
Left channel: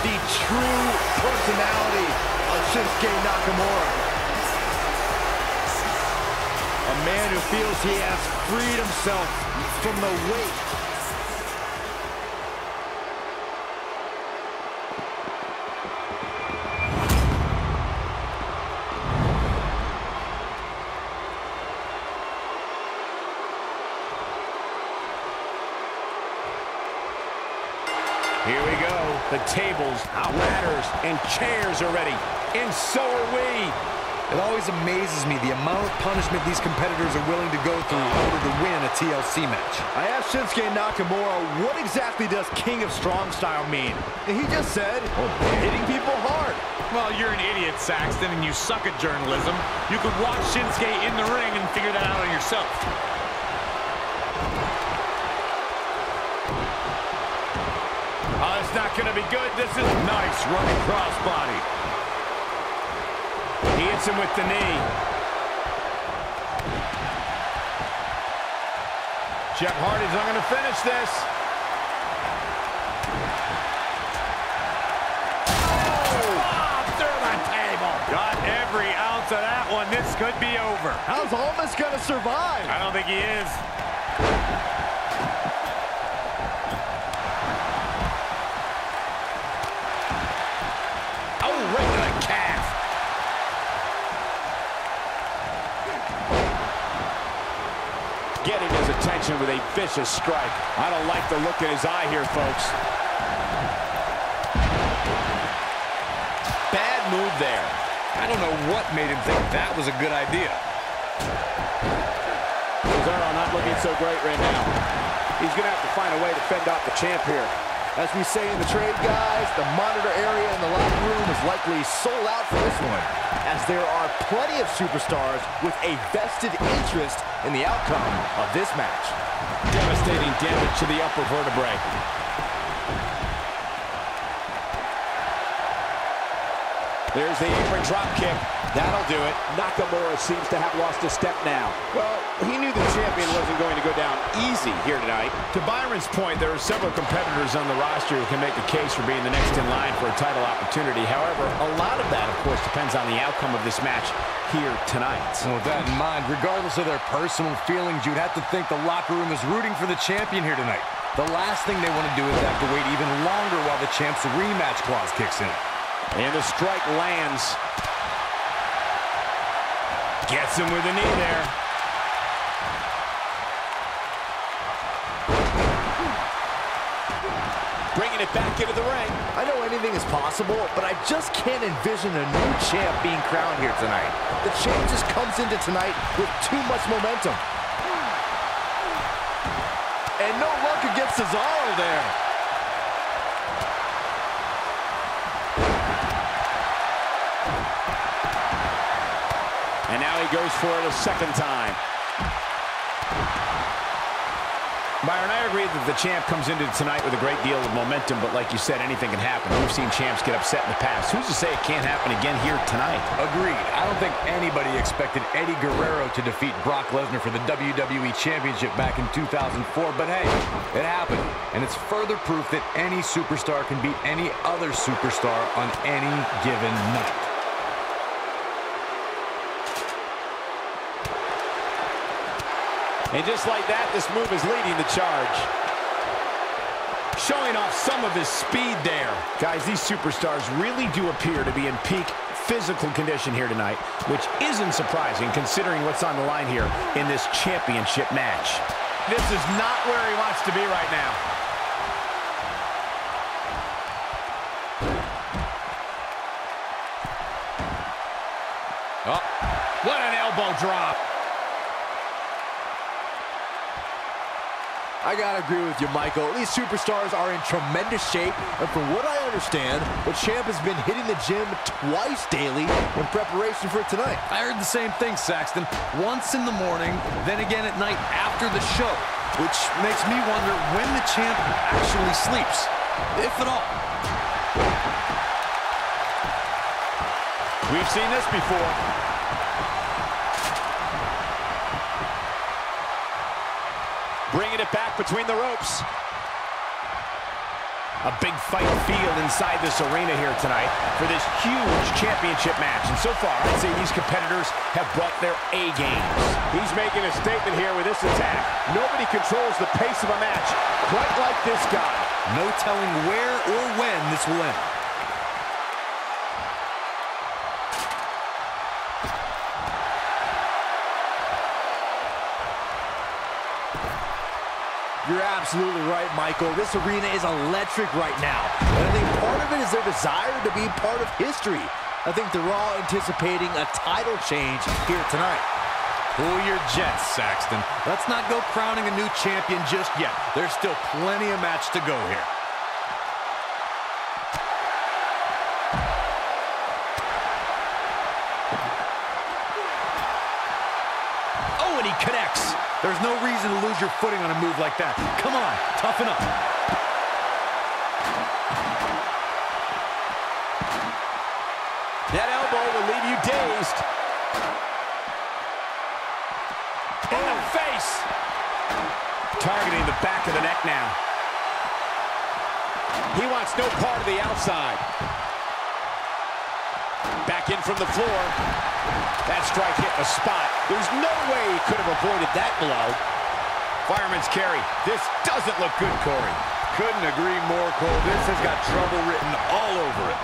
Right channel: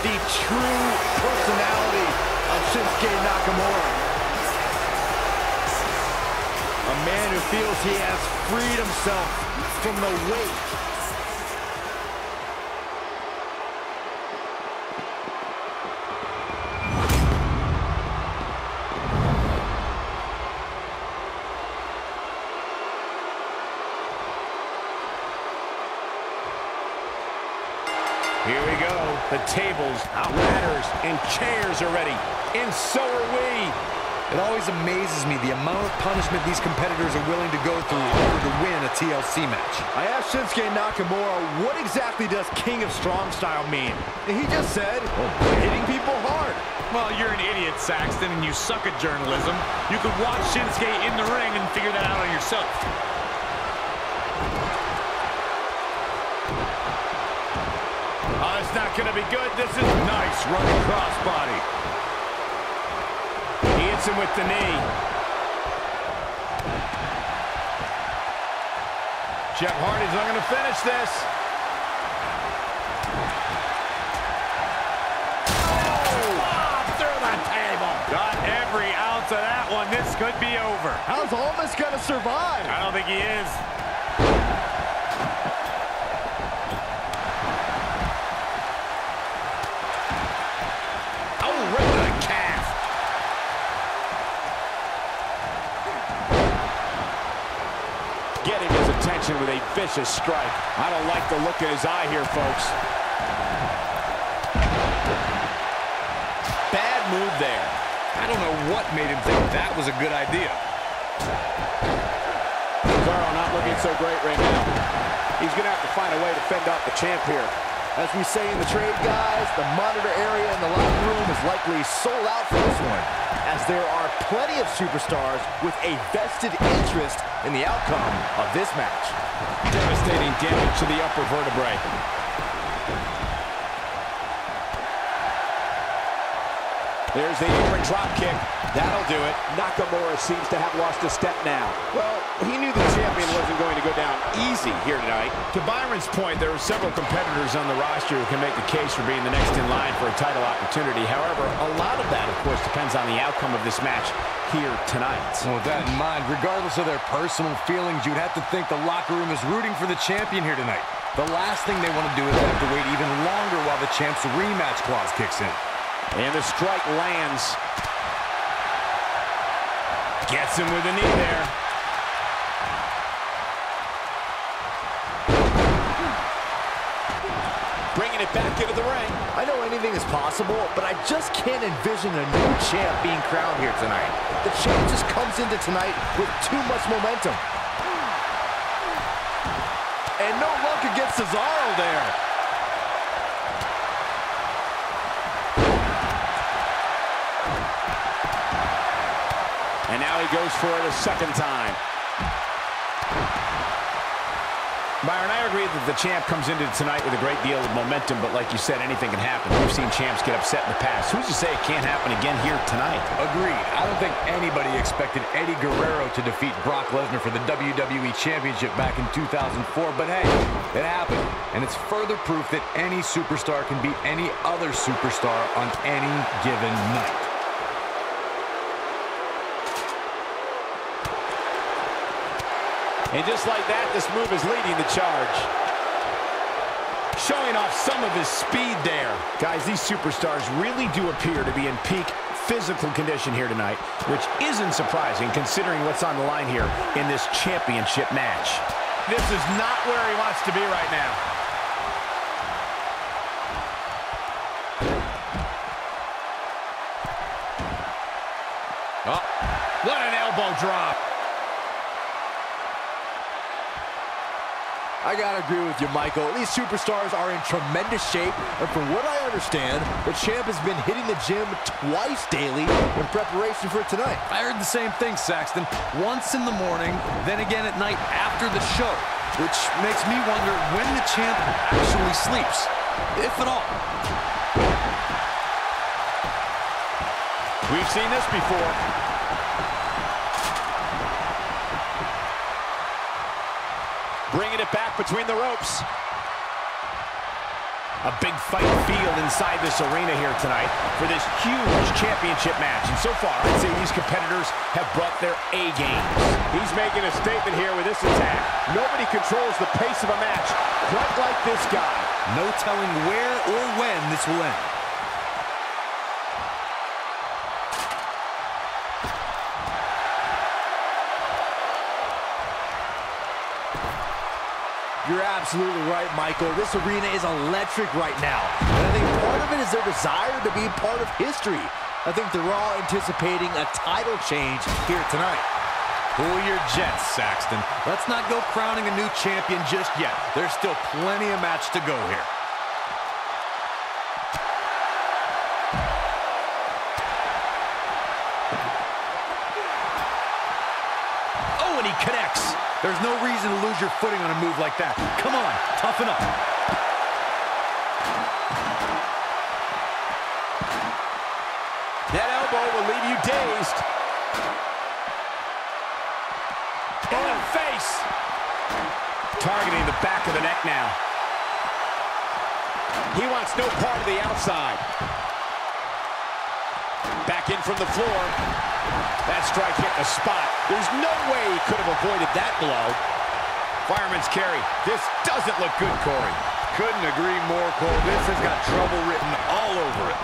the true personality of Shinsuke Nakamura. A man who feels he has freed himself from the weight. Here we go. The tables, ladders, and chairs are ready. And so are we. It always amazes me the amount of punishment these competitors are willing to go through in order to win a TLC match. I asked Shinsuke Nakamura, what exactly does King of Strong Style mean? And he just said, hitting people hard. Well, you're an idiot, Saxton, and you suck at journalism. You could watch Shinsuke in the ring and figure that out on yourself. Oh, it's not going to be good. This is nice running crossbody. He hits him with the knee. Jeff Hardy's not going to finish this. Oh, through the table. Got every ounce of that one. This could be over. How's Almas gonna survive? I don't think he is. Oh, right to the calf. Getting his attention with a vicious strike. I don't like the look in his eye here, folks. Bad move there. I don't know what made him think that was a good idea. Cesaro not looking so great right now. He's going to have to find a way to fend off the champ here. As we say in the trade, guys, the monitor area in the locker room is likely sold out for this one, as there are plenty of superstars with a vested interest in the outcome of this match. Devastating damage to the upper vertebrae. There's the apron drop kick. That'll do it. Nakamura seems to have lost a step now. Well, he knew the champion wasn't going to go down easy here tonight. To Byron's point, there are several competitors on the roster who can make a case for being the next in line for a title opportunity. However, a lot of that, of course, depends on the outcome of this match here tonight. And with that in mind, regardless of their personal feelings, you'd have to think the locker room is rooting for the champion here tonight. The last thing they want to do is have to wait even longer while the champ's rematch clause kicks in. And the strike lands. Gets him with a knee there. Bringing it back into the ring. I know anything is possible, but I just can't envision a new champ being crowned here tonight. The champ just comes into tonight with too much momentum. And no luck against Cesaro there. And now he goes for it a second time. Byron, I agree that the champ comes into tonight with a great deal of momentum, but like you said, anything can happen. We've seen champs get upset in the past. Who's to say it can't happen again here tonight? Agreed. I don't think anybody expected Eddie Guerrero to defeat Brock Lesnar for the WWE Championship back in 2004, but hey, it happened. And it's further proof that any superstar can beat any other superstar on any given night. And just like that, this move is leading the charge. Showing off some of his speed there. Guys, these superstars really do appear to be in peak physical condition here tonight, which isn't surprising considering what's on the line here in this championship match. This is not where he wants to be right now. Oh, what an elbow drop. I gotta agree with you, Michael. These superstars are in tremendous shape, and from what I understand, the champ has been hitting the gym twice daily in preparation for tonight. I heard the same thing, Saxton. Once in the morning, then again at night after the show, which makes me wonder when the champ actually sleeps, if at all. We've seen this before. Bringing it back between the ropes. A big fight field inside this arena here tonight for this huge championship match. And so far, I'd say these competitors have brought their A games. He's making a statement here with this attack. Nobody controls the pace of a match quite like this guy. No telling where or when this will end. You're absolutely right, Michael. This arena is electric right now. And I think part of it is their desire to be part of history. I think they're all anticipating a title change here tonight. Cool your jets, Saxton. Let's not go crowning a new champion just yet. There's still plenty of match to go here. Oh, and he connects. There's no reason to lose your footing on a move like that. Come on, toughen up. That elbow will leave you dazed. In the face. Targeting the back of the neck now. He wants no part of the outside. Back in from the floor. That strike hit the spot. There's no way he could have avoided that blow. Fireman's carry. This doesn't look good, Corey. Couldn't agree more, Cole. This has got trouble written all over it.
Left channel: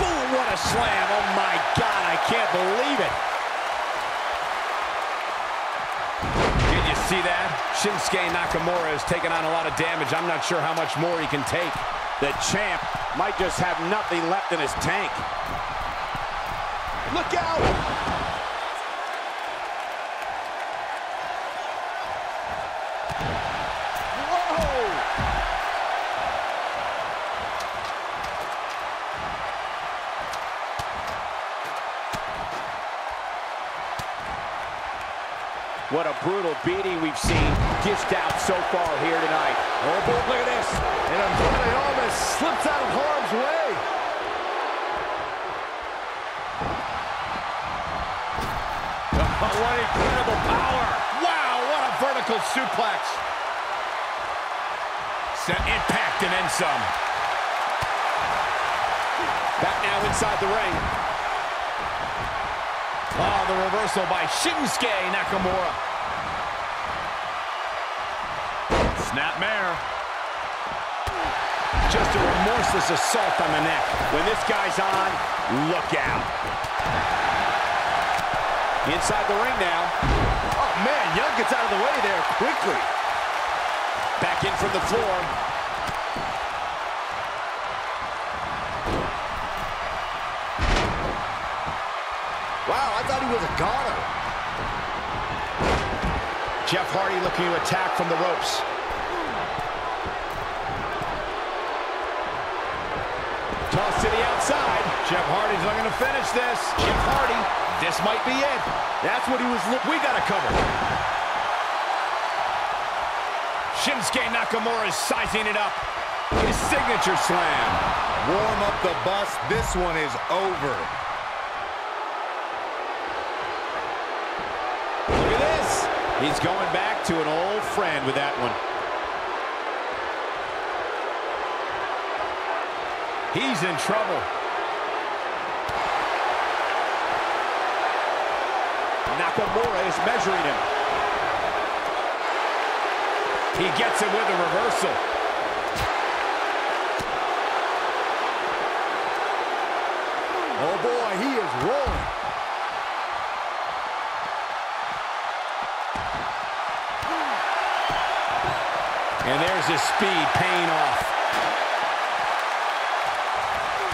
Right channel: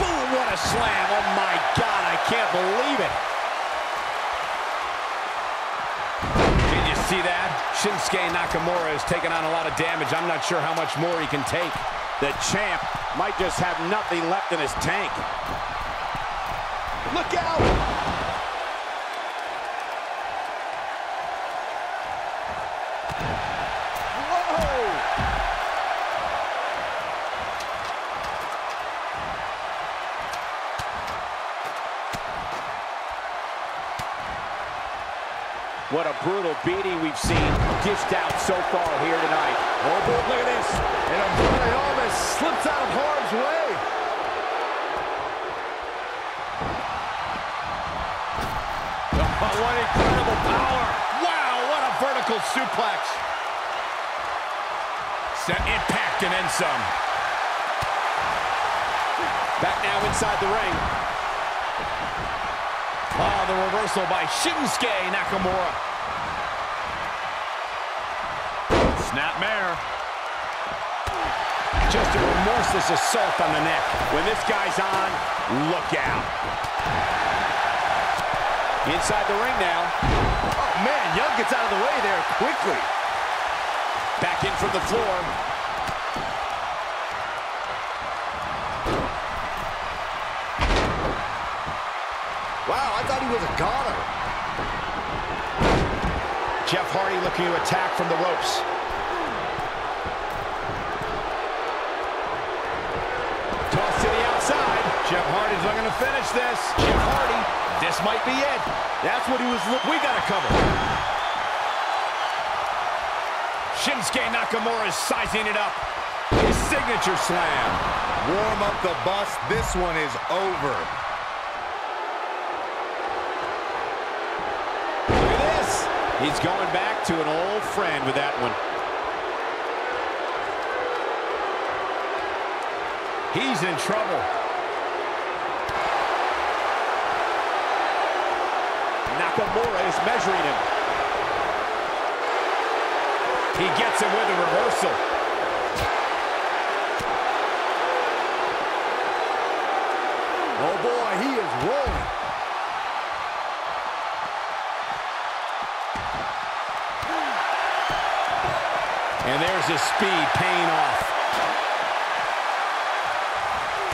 Boom, what a slam. Oh my God, I can't believe it. Did you see that? Shinsuke Nakamura has taken on a lot of damage. I'm not sure how much more he can take. The champ might just have nothing left in his tank. Look out! Whoa! What a brutal beating we've seen dished out so far here tonight. Oh, boy, look at this. And Andrade almost slips out of harm's way. Oh, what incredible power. Wow, what a vertical suplex. Set impact and then some. Back now inside the ring. Oh, the reversal by Shinsuke Nakamura. Snapmare. Just a remorseless assault on the neck. When this guy's on, look out. Inside the ring now. Oh, man, Young gets out of the way there quickly. Back in from the floor. Wow, I thought he was a goner. Jeff Hardy looking to attack from the ropes. Toss to the outside. Jeff Hardy's looking to finish this. Jeff Hardy, this might be it. That's what he was looking. We got to cover. Shinsuke Nakamura is sizing it up. His signature slam. Warm up the bus. This one is over. Look at this. He's going back to an old friend with that one. He's in trouble. Nakamura is measuring him. He gets him with a reversal. Oh boy, he is rolling. And there's his speed paying off.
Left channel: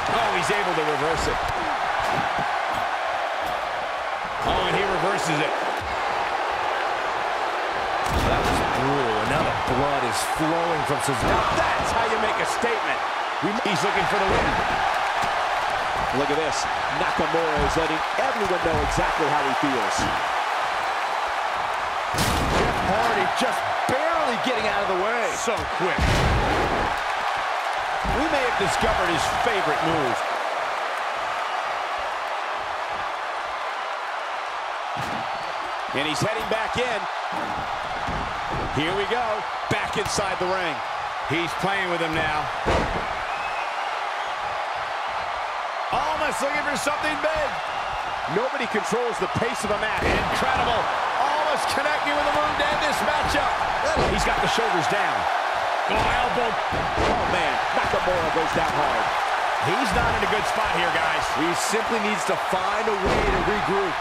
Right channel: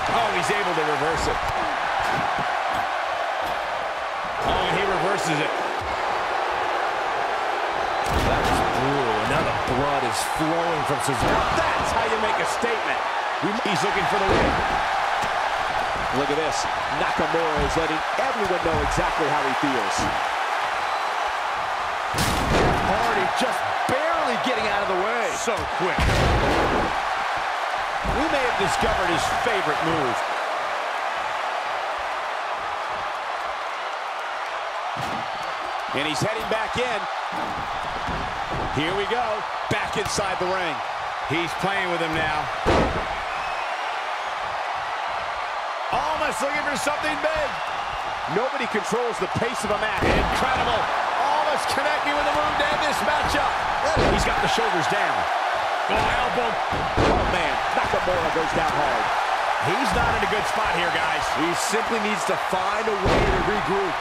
Oh, he's able to reverse it. Oh, and he reverses it. That was brutal, and now the blood is flowing from Cesaro. Now that's how you make a statement. He's looking for the win. Look at this. Nakamura is letting everyone know exactly how he feels. Jeff Hardy just barely getting out of the way. So quick. We may have discovered his favorite move. And he's heading back in. Here we go. Back inside the ring. He's playing with him now. Almost looking for something big. Nobody controls the pace of a match. Incredible. Almost connecting with a move to end this matchup. He's got the shoulders down. Oh, elbow. Oh, man. Nakamura goes down hard. He's not in a good spot here, guys. He simply needs to find a way to regroup.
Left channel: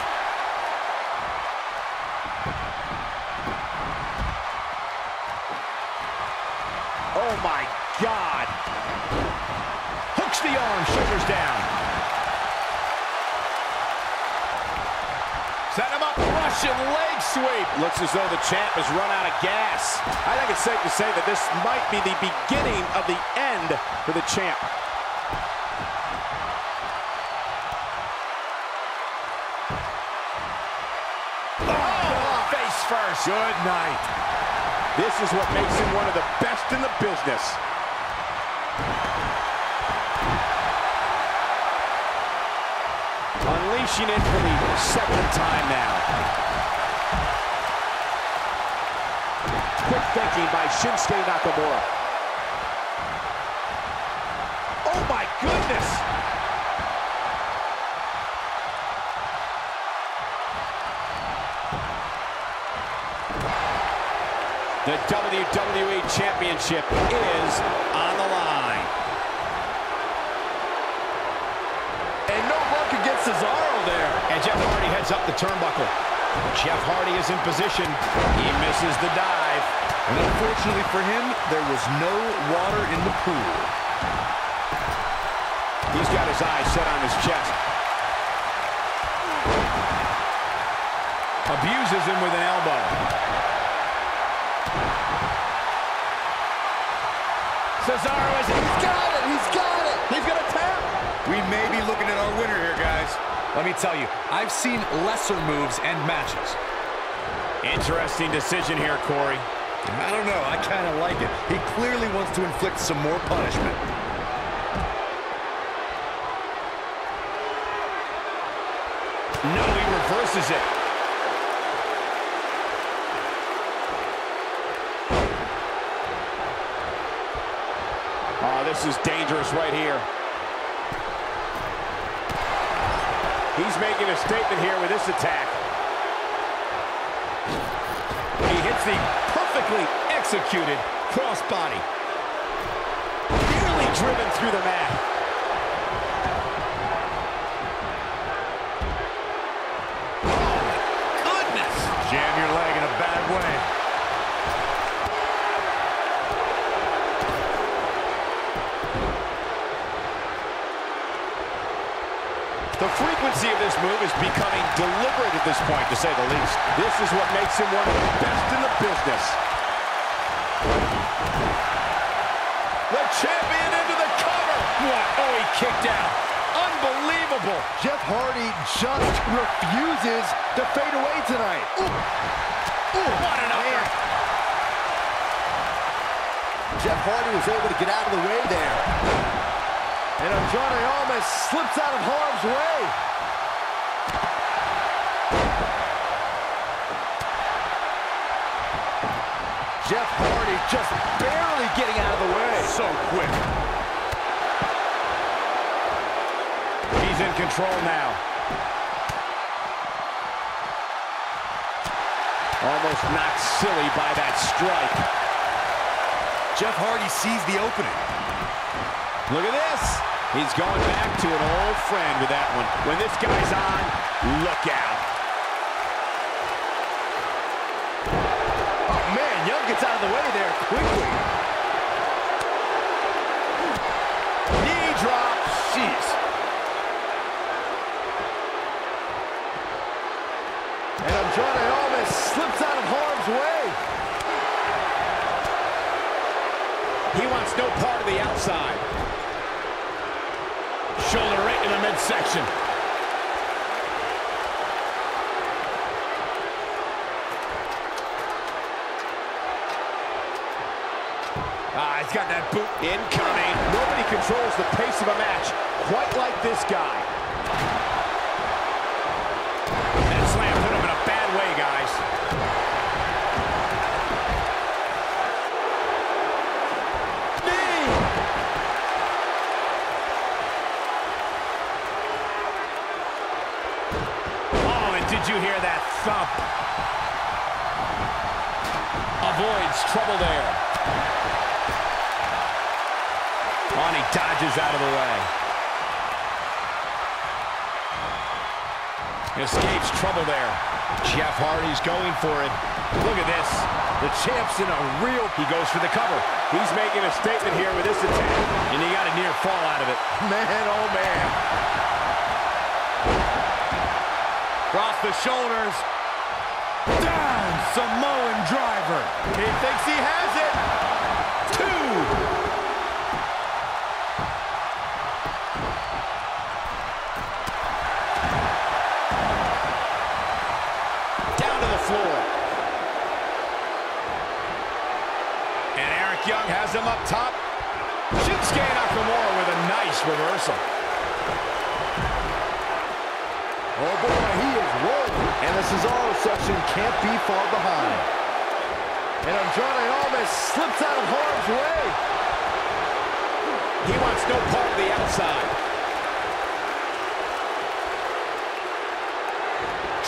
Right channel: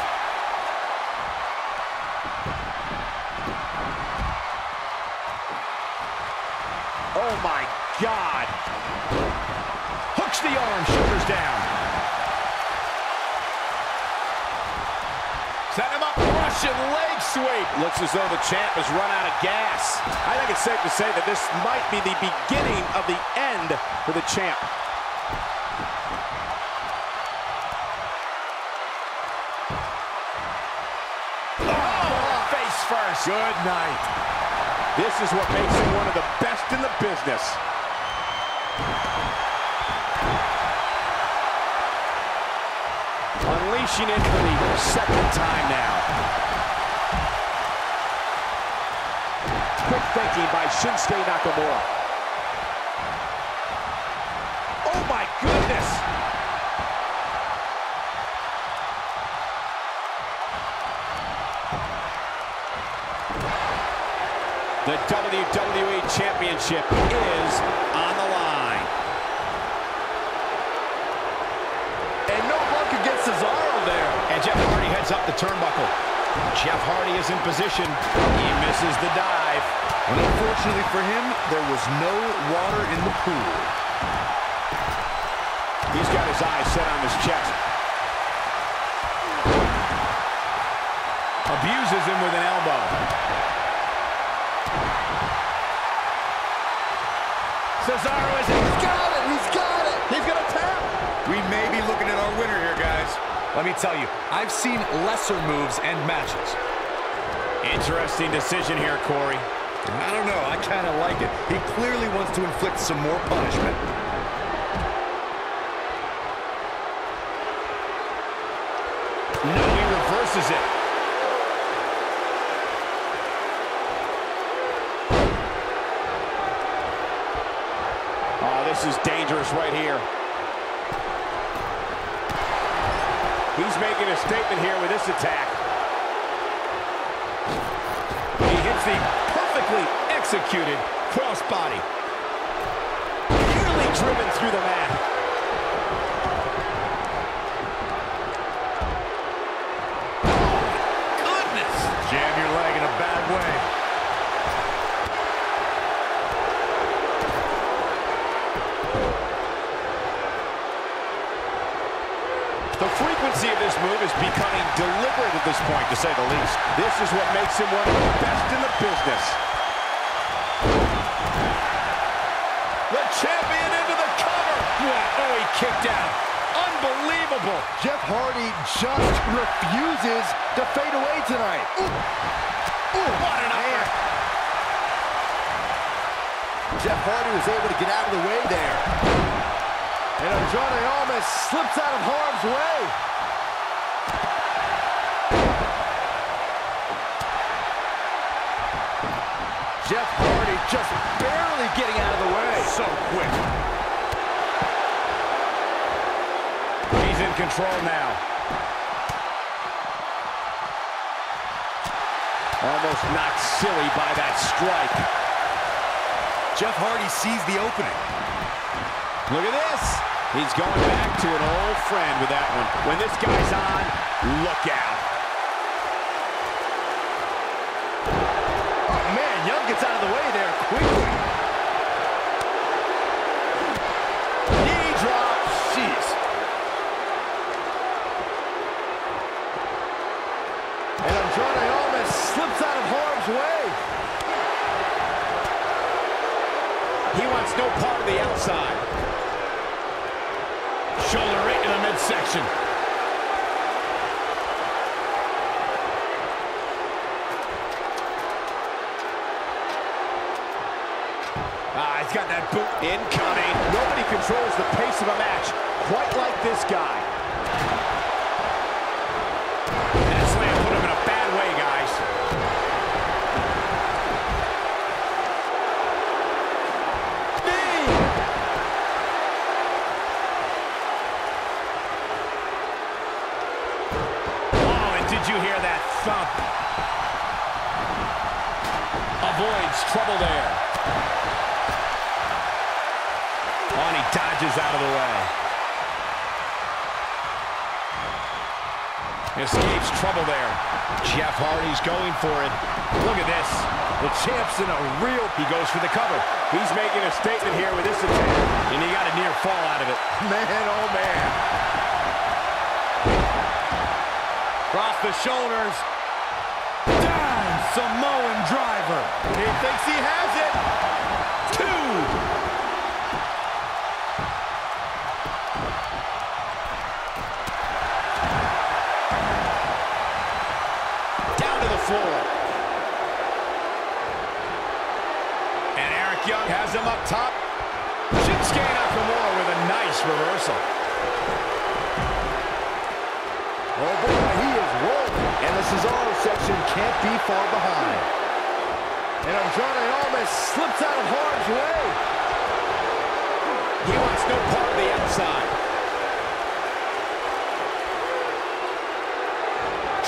Oh, my God. Hooks the arm, shoulders down. Set him up, Russian leg sweep. Looks as though the champ has run out of gas. I think it's safe to say that this might be the beginning of the end for the champ. Oh, face first. Good night. This is what makes him one of the best in the business. Unleashing it for the second time now. Quick thinking by Shinsuke Nakamura. Oh my goodness! The WWE Championship is on the line. And no luck against Cesaro there. And Jeff Hardy heads up the turnbuckle. Jeff Hardy is in position. He misses the dive. And unfortunately for him, there was no water in the pool. He's got his eyes set on his chest. Abuses him with an elbow. Cesaro is... He's got it! He's got it! He's going to tap! We may be looking at our winner here, guys. Let me tell you, I've seen lesser moves and matches. Interesting decision here, Corey. I don't know, I kind of like it. He clearly wants to inflict some more punishment. No, he reverses it. Oh, this is dangerous right here. He's making a statement here with this attack. He hits the perfectly executed crossbody. Nearly driven through the mat. Oh, my goodness. Jam your leg in a bad way. The frequency frequency of this move is becoming deliberate at this point, to say the least. This is what makes him one of the best in the business. The champion into the cover. What? Oh, he kicked out. Unbelievable. Jeff Hardy just refuses to fade away tonight. Ooh. Ooh, what an upper. Jeff Hardy was able to get out of the way there. And Andrade almost slips out of harm's way. Jeff Hardy just barely getting out of the way. So quick. He's in control now. Almost knocked silly by that strike. Jeff Hardy sees the opening. Look at this. He's going back to an old friend with that one. When this guy's on, look out. Oh, man, Young gets out of the way there quickly. Knee drop. Jeez. And Andrade almost slips out of harm's way. He wants no part of the outside. Shoulder right in the midsection. He's got that boot incoming. Nobody controls the pace of a match quite like this guy. That slam put him in a bad way, guys. Did you hear that thump? Avoids trouble there. Oh, and he dodges out of the way. Escapes trouble there. Jeff Hardy's going for it. Look at this. The champ's in a real... He goes for the cover. He's making a statement here with this attack. And he got a near fall out of it. Man, oh man. Across the shoulders. Down, Samoan driver. He thinks he has it. 2. Down to the floor. And Eric Young has him up top. Shinsuke Nakamura with a nice reversal. Oh boy, he is rolling. And the Cesaro section can't be far behind. And Andrade almost slips out of harm's way. He wants no part of the outside.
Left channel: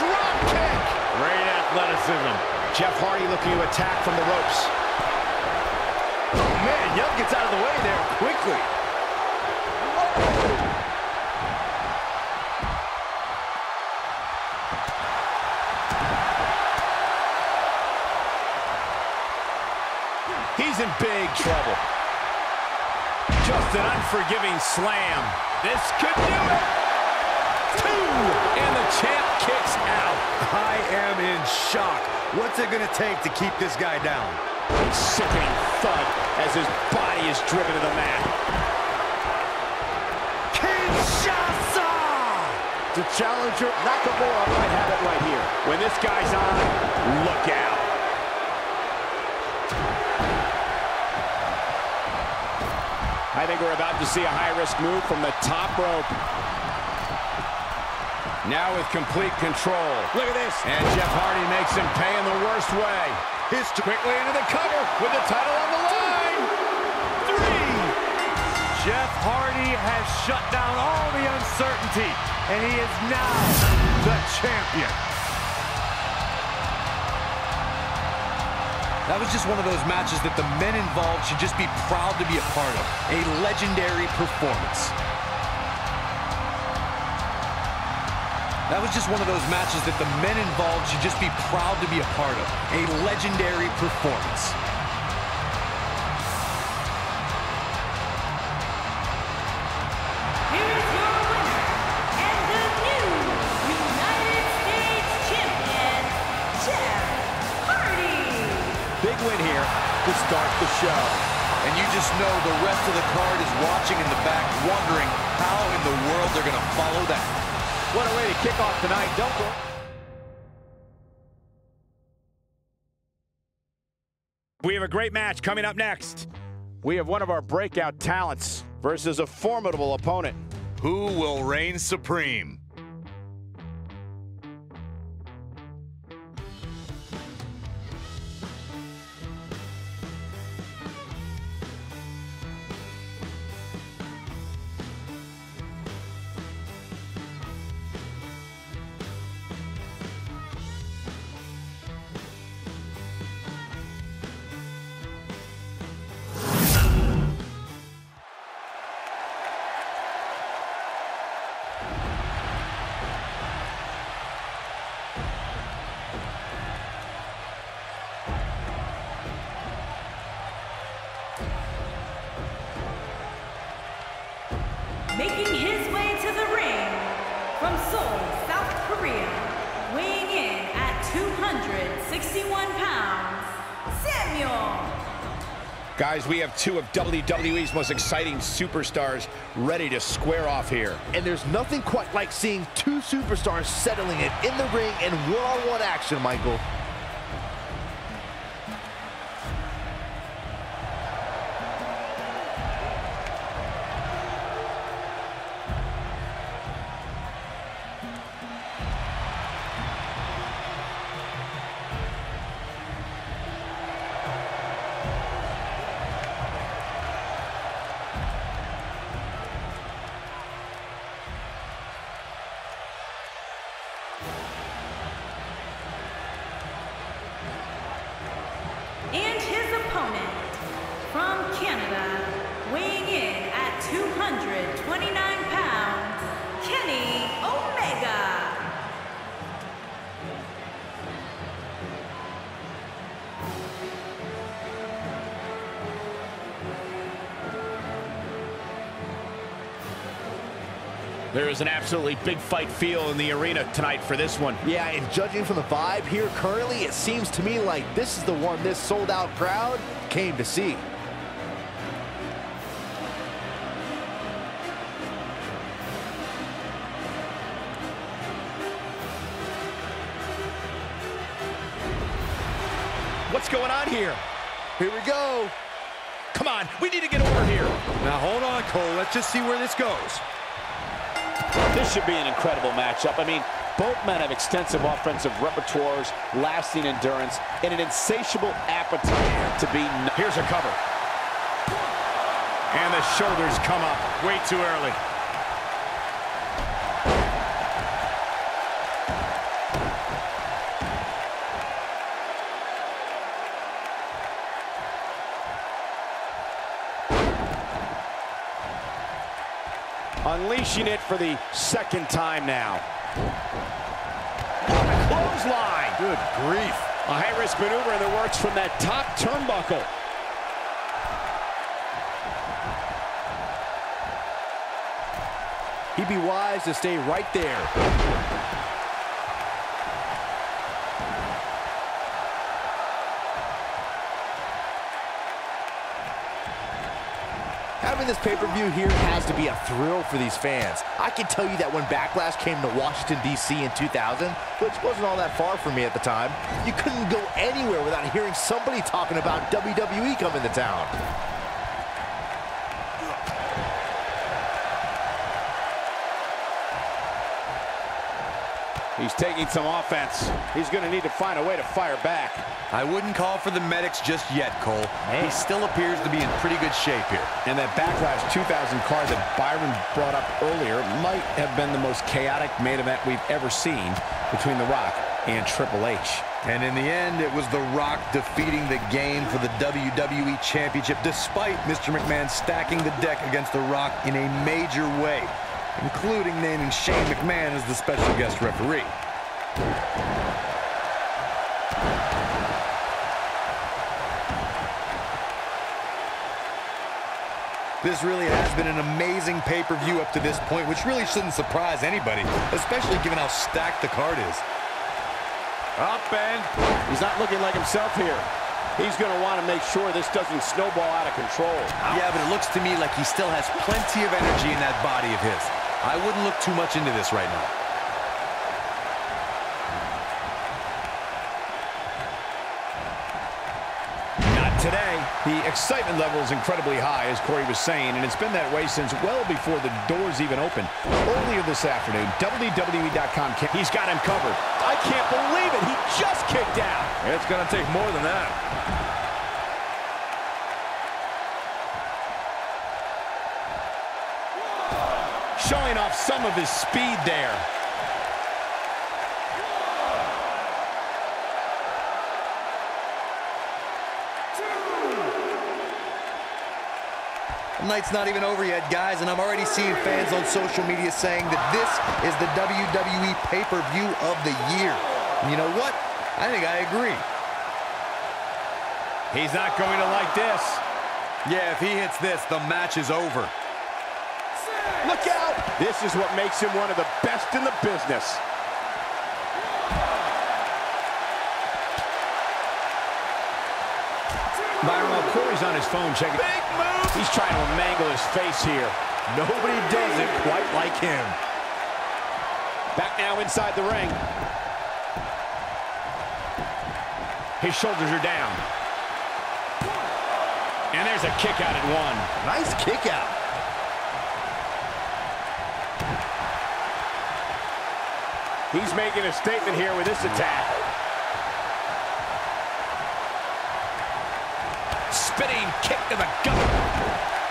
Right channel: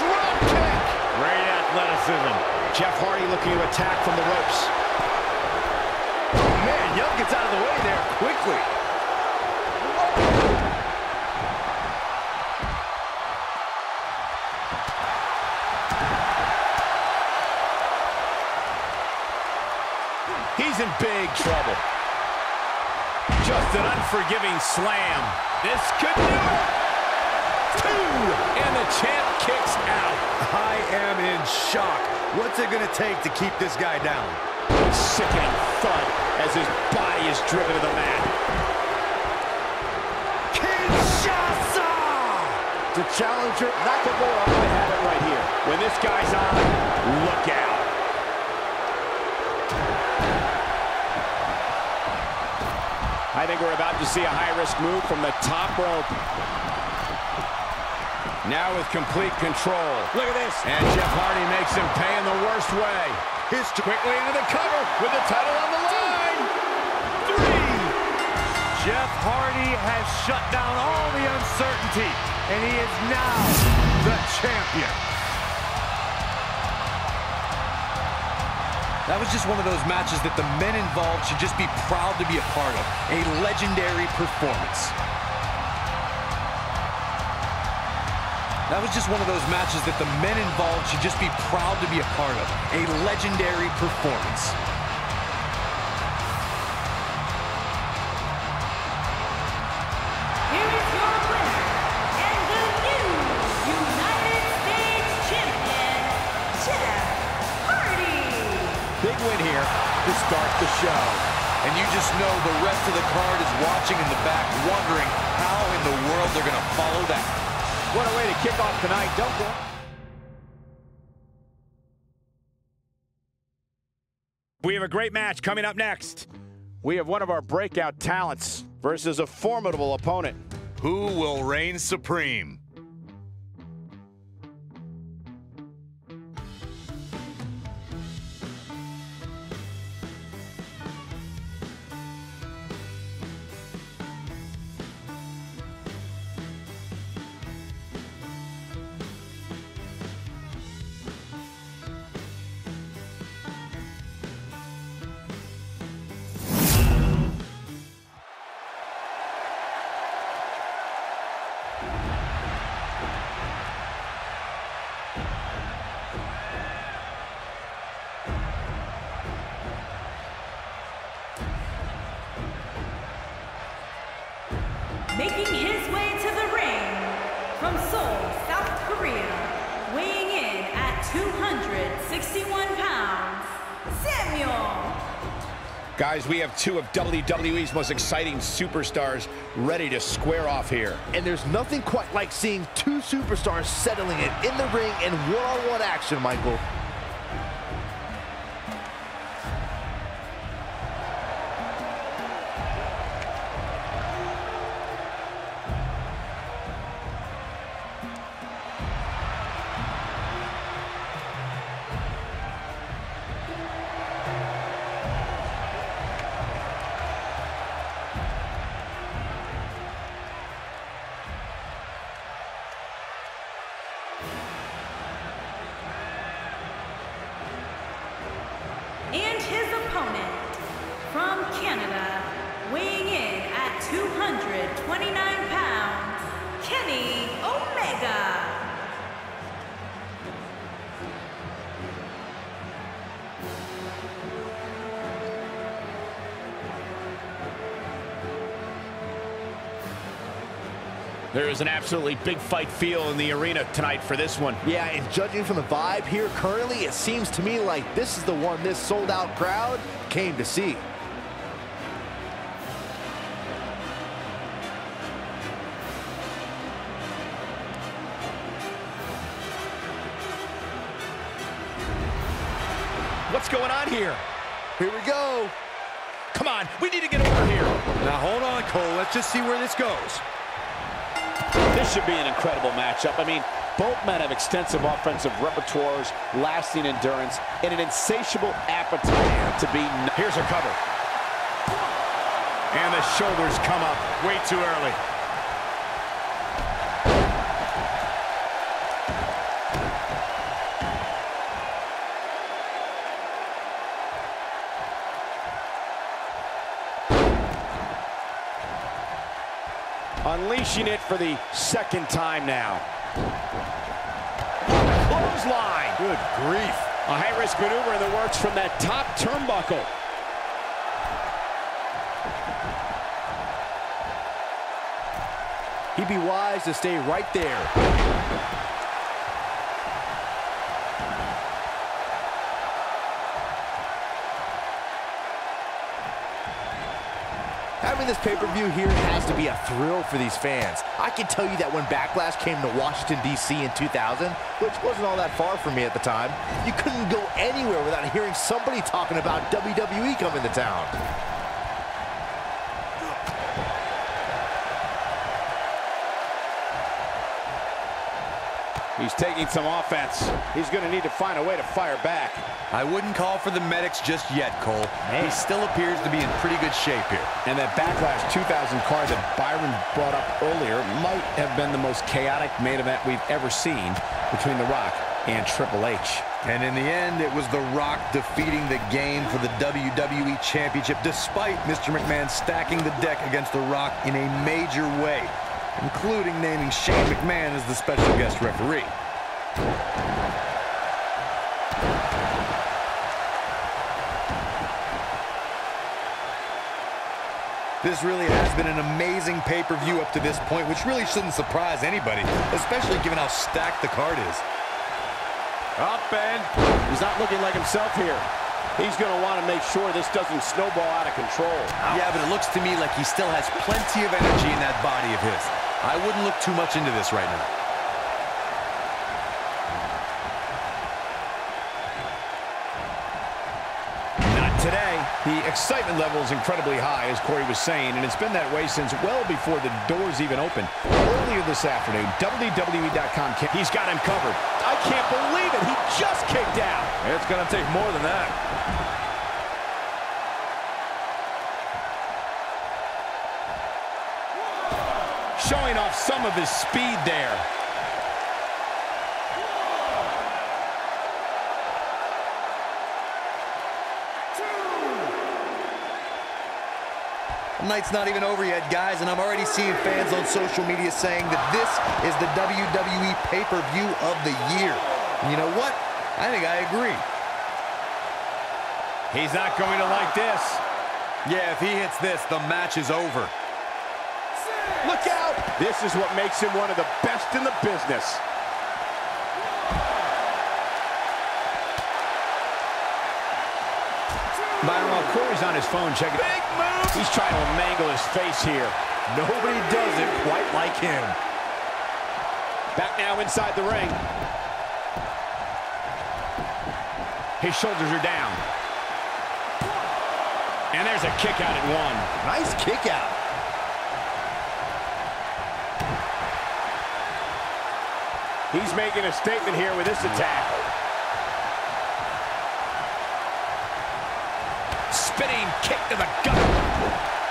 Drop kick. Great athleticism. Jeff Hardy looking to attack from the ropes. Oh man, Young gets out of the way there quickly. He's in big trouble. Just an unforgiving slam. This could do it. 2, and the champ kicks out. I am in shock. What's it going to take to keep this guy down? A sickening thud as his body is driven to the mat. Kinshasa! The challenger, Nakamura, might have it right here. When this guy's on, look out. I think we're about to see a high-risk move from the top rope. Now with complete control. Look at this. And Jeff Hardy makes him pay in the worst way. Quickly into the cover with the title on the line. 3. Jeff Hardy has shut down all the uncertainty, and he is now the champion. That was just one of those matches that the men involved should just be proud to be a part of. A legendary performance. That was just one of those matches that the men involved should just be proud to be a part of. A legendary performance. Here is your winner, and the new win here to start the show. And you just know the rest of the card is watching in the back, wondering how in the world they're going to follow that. What a way to kick off tonight. Don't go. We have a great match coming up next. We have one of our breakout talents versus a formidable opponent. Who will reign supreme? Making his way to the ring from Seoul, South Korea, weighing in at 261 pounds, Samuel. Guys, we have two of WWE's most exciting superstars ready to square off here. And there's nothing quite like seeing two superstars settling it in the ring in one-on-one action, Michael. And his opponent from Canada, weighing in at 229 pounds, Kenny Omega. There is an absolutely big fight feel in the arena tonight for this one. Yeah, and judging from the vibe here currently, it seems to me like this is the one this sold-out crowd came to see. What's going on here? Here we go. Come on, we need to get over here. Now hold on, Cole. Let's just see where this goes. This should be an incredible matchup. I mean, both men have extensive offensive repertoires, lasting endurance, and an insatiable appetite to be. Here's a cover. And the shoulders come up way too early. Unleashing it for the second time now. On the clothesline. Good grief. A high-risk maneuver in the works from that top turnbuckle. He'd be wise to stay right there. Having this pay-per-view here has to be a thrill for these fans. I can tell you that when Backlash came to Washington, D.C. in 2000, which wasn't all that far from me at the time, you couldn't go anywhere without hearing somebody talking about WWE coming to town. He's taking some offense. He's going to need to find a way to fire back. I wouldn't call for the medics just yet, Cole. He still appears to be in pretty good shape here. And that Backlash 2000 card that Byron brought up earlier might have been the most chaotic main event we've ever seen between The Rock and Triple H. And in the end, it was The Rock defeating the game for the WWE Championship, despite Mr. McMahon stacking the deck against The Rock in a major way, including naming Shane McMahon as the special guest referee. This really has been an amazing pay-per-view up to this point, which really shouldn't surprise anybody, especially given how stacked the card is. Up and he's not looking like himself here. He's going to want to make sure this doesn't snowball out of control. Yeah, but it looks to me like he still has plenty of energy in that body of his. I wouldn't look too much into this right now. Today, the excitement level is incredibly high, as Corey was saying, and it's been that way since well before the doors even opened. Earlier this afternoon, WWE.com, he's got him covered. I can't believe it. He just kicked out. It's going to take more than that. Showing off some of his speed there. The night's not even over yet, guys, and I'm already seeing fans on social media saying that this is the WWE pay-per-view of the year. And you know what? I think I agree. He's not going to like this. Yeah, if he hits this, the match is over. Look out! This is what makes him one of the best in the business. Byron, while Corey's on his phone checking. Big move! He's trying to mangle his face here. Nobody does it quite like him. Back now inside the ring. His shoulders are down. And there's a kick out at one. Nice kick out. He's making a statement here with this attack. Spinning kick to the gut.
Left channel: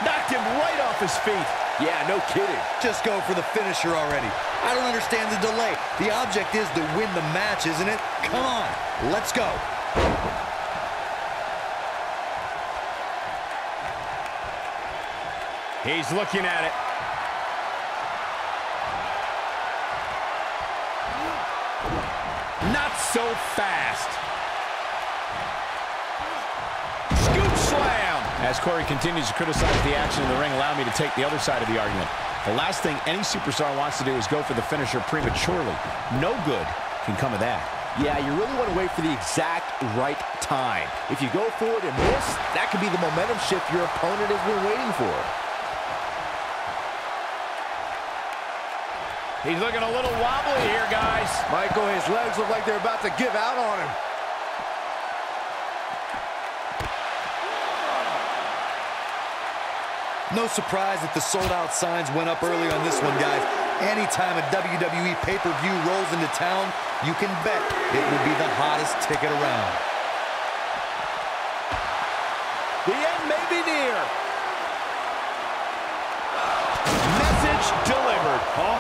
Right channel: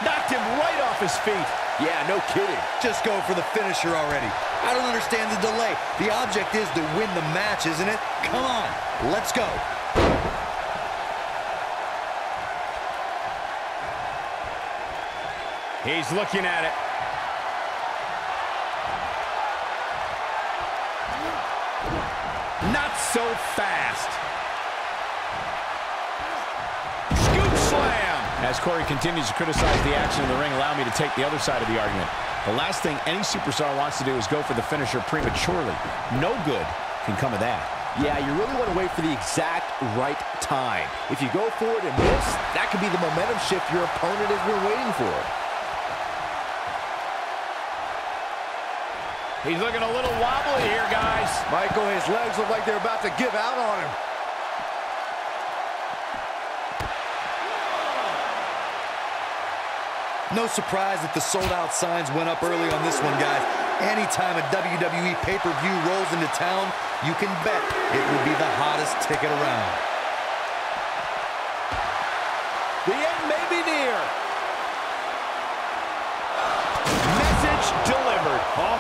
Knocked him right off his feet. Yeah, no kidding. Just go for the finisher already. I don't understand the delay. The object is to win the match, isn't it? Come on, let's go. He's looking at it. Not so fast. Scoop slam. As Corey continues to criticize the action in the ring, allow me to take the other side of the argument. The last thing any superstar wants to do is go for the finisher prematurely. No good can come of that. Yeah, you really want to wait for the exact right time. If you go for it and miss, that could be the momentum shift your opponent has been waiting for. He's looking a little wobbly here, guys. Michael, his legs look like they're about to give out on him. No surprise that the sold-out signs went up early on this one, guys. Anytime a WWE pay-per-view rolls into town, you can bet it will be the hottest ticket around. The end may be near. Message delivered. Oh,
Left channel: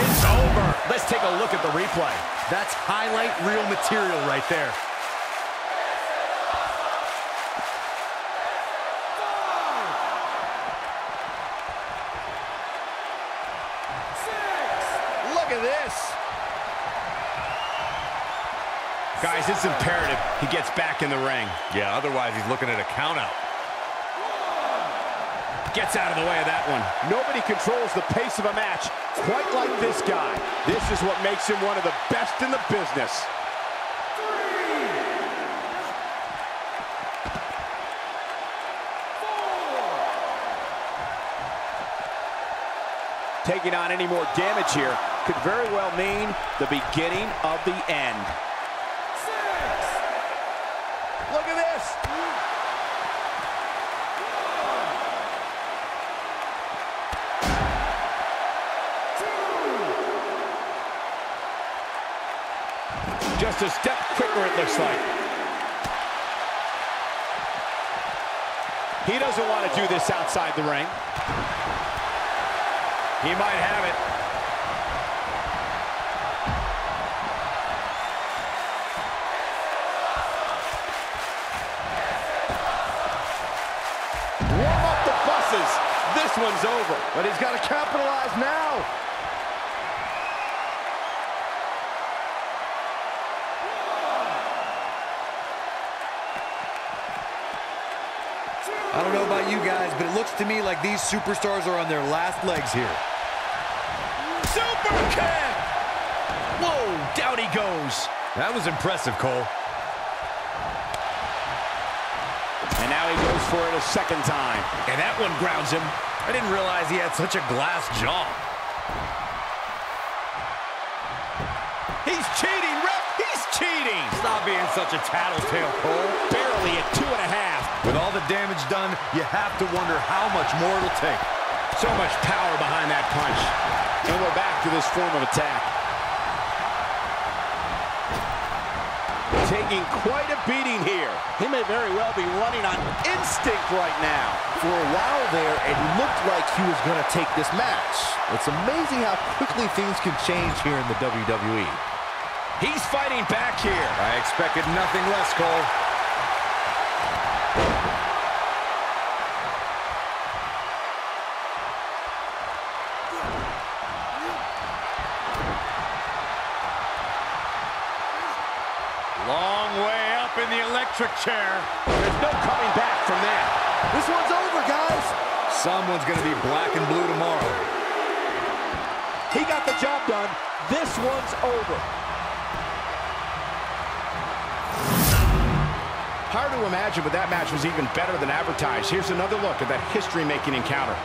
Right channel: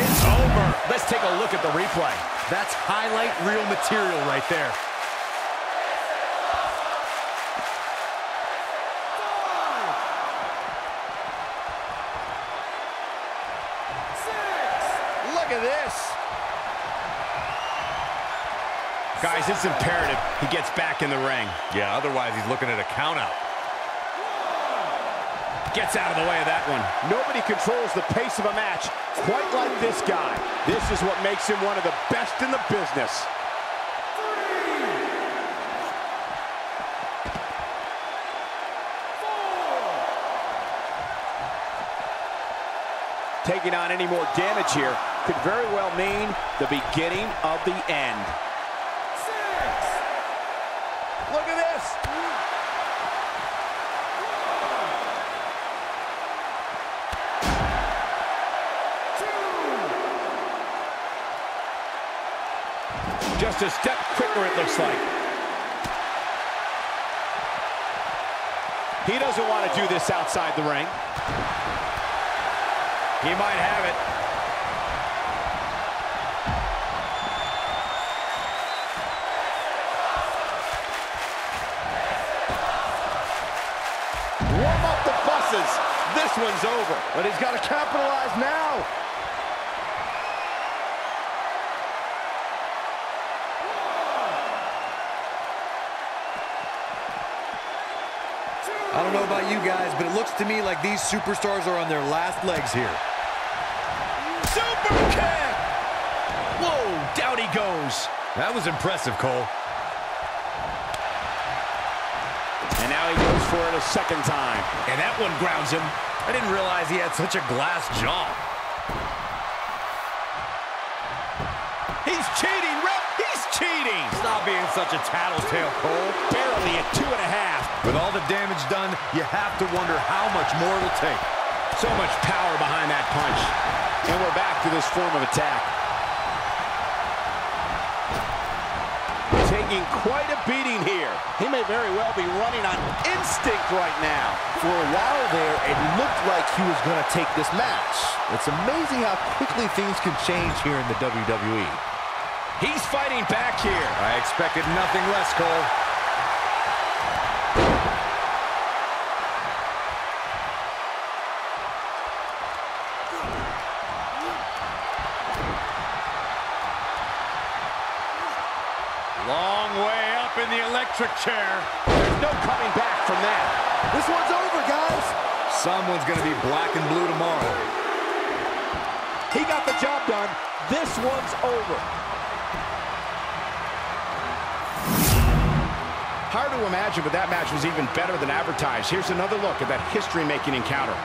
it's over. Let's take a look at the replay. That's highlight reel material right there. Look at this. Guys, it's imperative he gets back in the ring. Yeah, otherwise he's looking at a countout. Gets out of the way of that one. Nobody controls the pace of a match quite like this guy. This is what makes him one of the best in the business. Taking on any more damage here could very well mean the beginning of the end. 6. Look at this. 2. Just a step quicker, it looks like. He doesn't want to do this outside the ring. He might have it. Warm up the buses. This one's over. But he's got to capitalize now. I don't know about you guys, but it looks to me like these superstars are on their last legs here. Super kick! Whoa, down he goes. That was impressive, Cole. And now he goes for it a second time. And that one grounds him. I didn't realize he had such a glass jaw. He's cheating, ref! He's cheating! Stop being such a tattletale, Cole. Barely at 2.5. With all the damage done, you have to wonder how much more it'll take. So much power behind that punch. And we're back to this form of attack. Taking quite a beating here. He may very well be running on instinct right now. For a while there, it looked like he was going to take this match. It's amazing how quickly things can change here in the WWE. He's fighting back here. I expected nothing less, Cole. Long way up in the electric chair. There's no coming back from that. This one's over, guys. Someone's going to be black and blue tomorrow. He got the job done. This one's over. Hard to imagine, but that match was even better than advertised. Here's another look at that history-making encounter.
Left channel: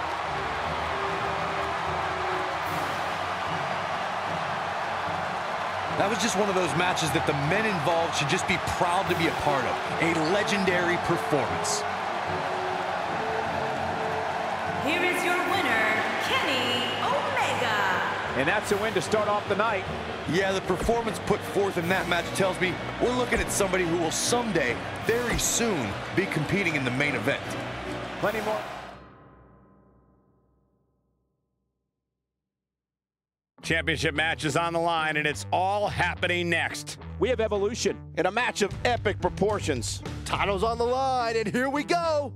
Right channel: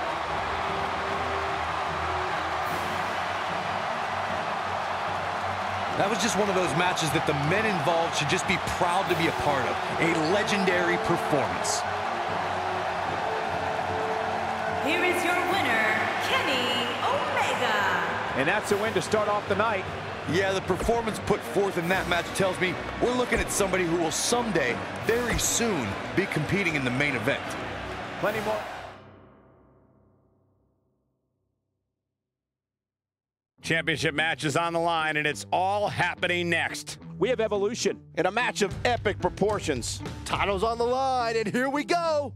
That was just one of those matches that the men involved should just be proud to be a part of. A legendary performance. Here is your winner, Kenny Omega. And that's a win to start off the night. Yeah, the performance put forth in that match tells me we're looking at somebody who will someday, very soon, be competing in the main event. Plenty more. Championship match is on the line, and it's all happening next. We have Evolution in a match of epic proportions. Title's on the line, and here we go.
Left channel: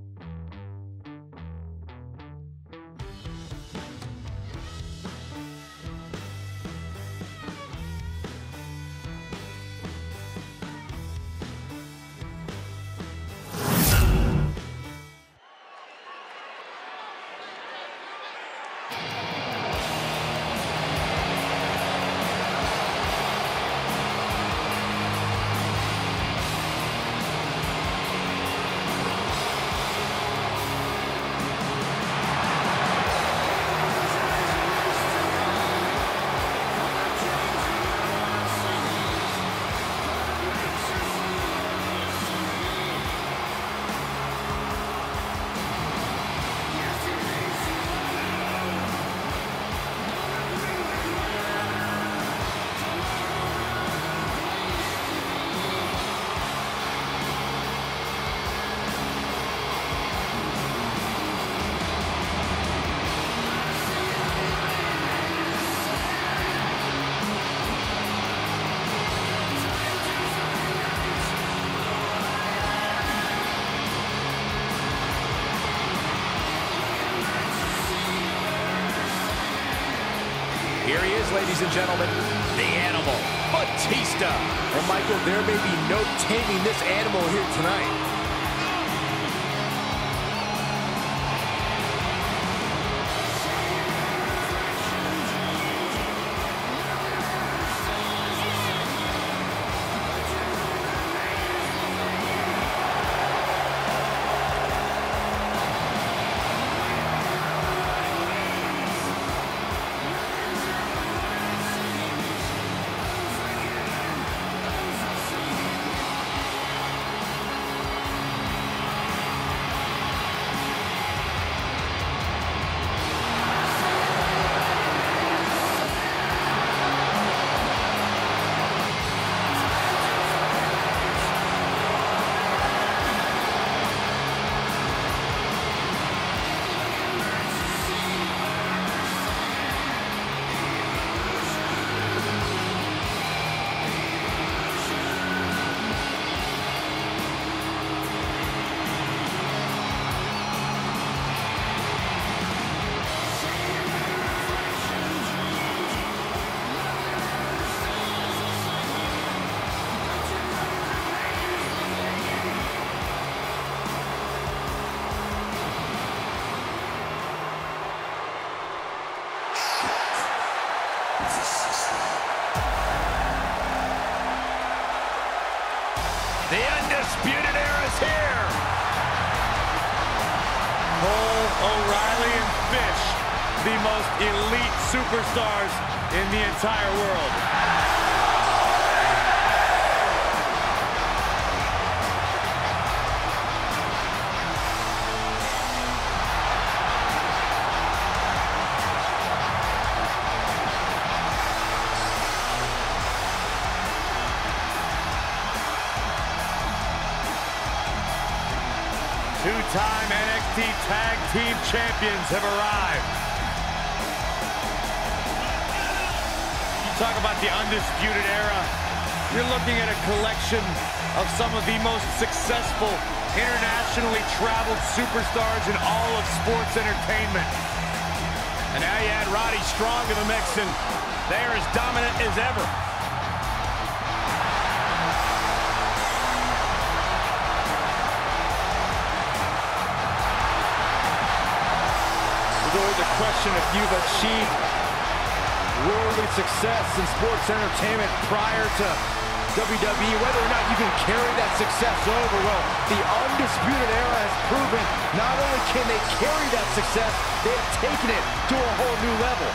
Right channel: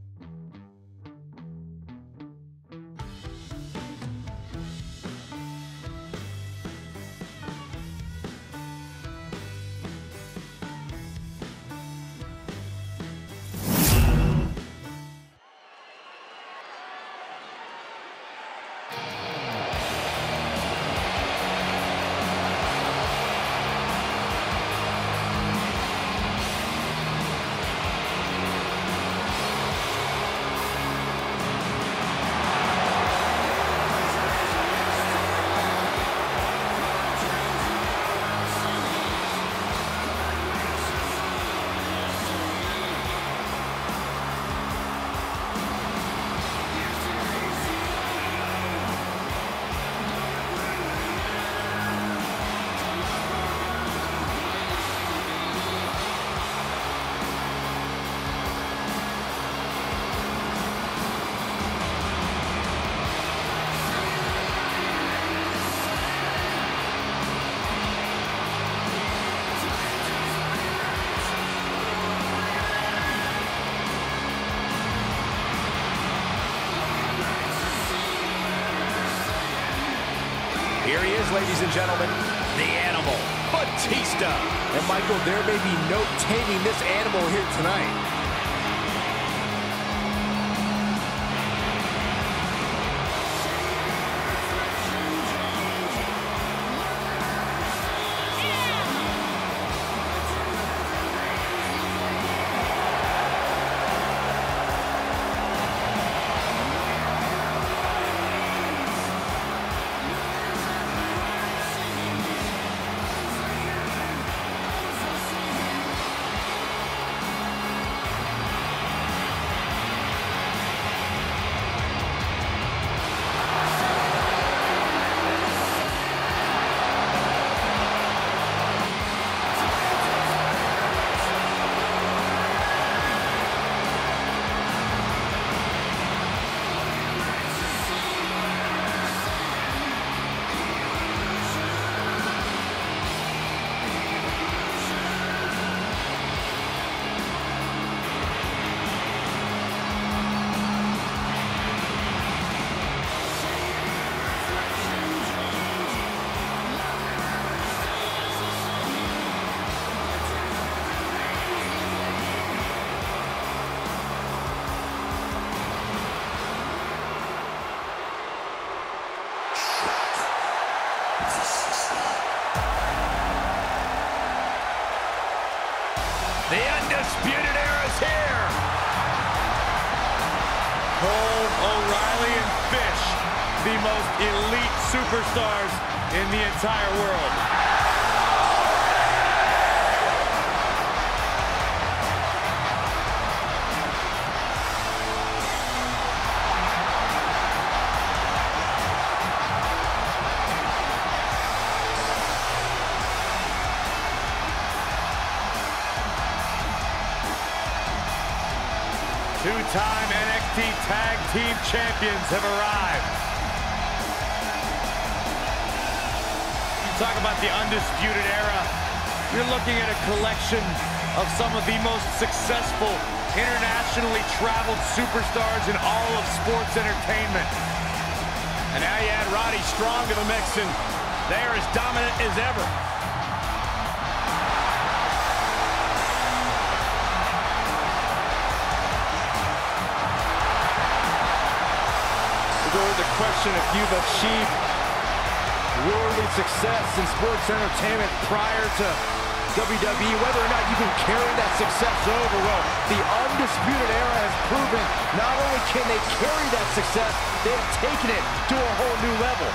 Here he is, ladies and gentlemen, the Animal, Batista. And Michael, there may be no taming this animal here tonight. The Undisputed Era is here. Cole, O'Reilly, and Fish, the most elite superstars in the entire world. Two-time NXT Tag Team Champions have arrived. You talk about the Undisputed Era, you're looking at a collection of some of the most successful, internationally traveled superstars in all of sports entertainment. And now you add Roddy Strong to the mix, and they are as dominant as ever. There's always a question if you've achieved worldly success in sports entertainment prior to WWE, whether or not you can carry that success over. Well, the Undisputed Era has proven not only can they carry that success, they have taken it to a whole new level.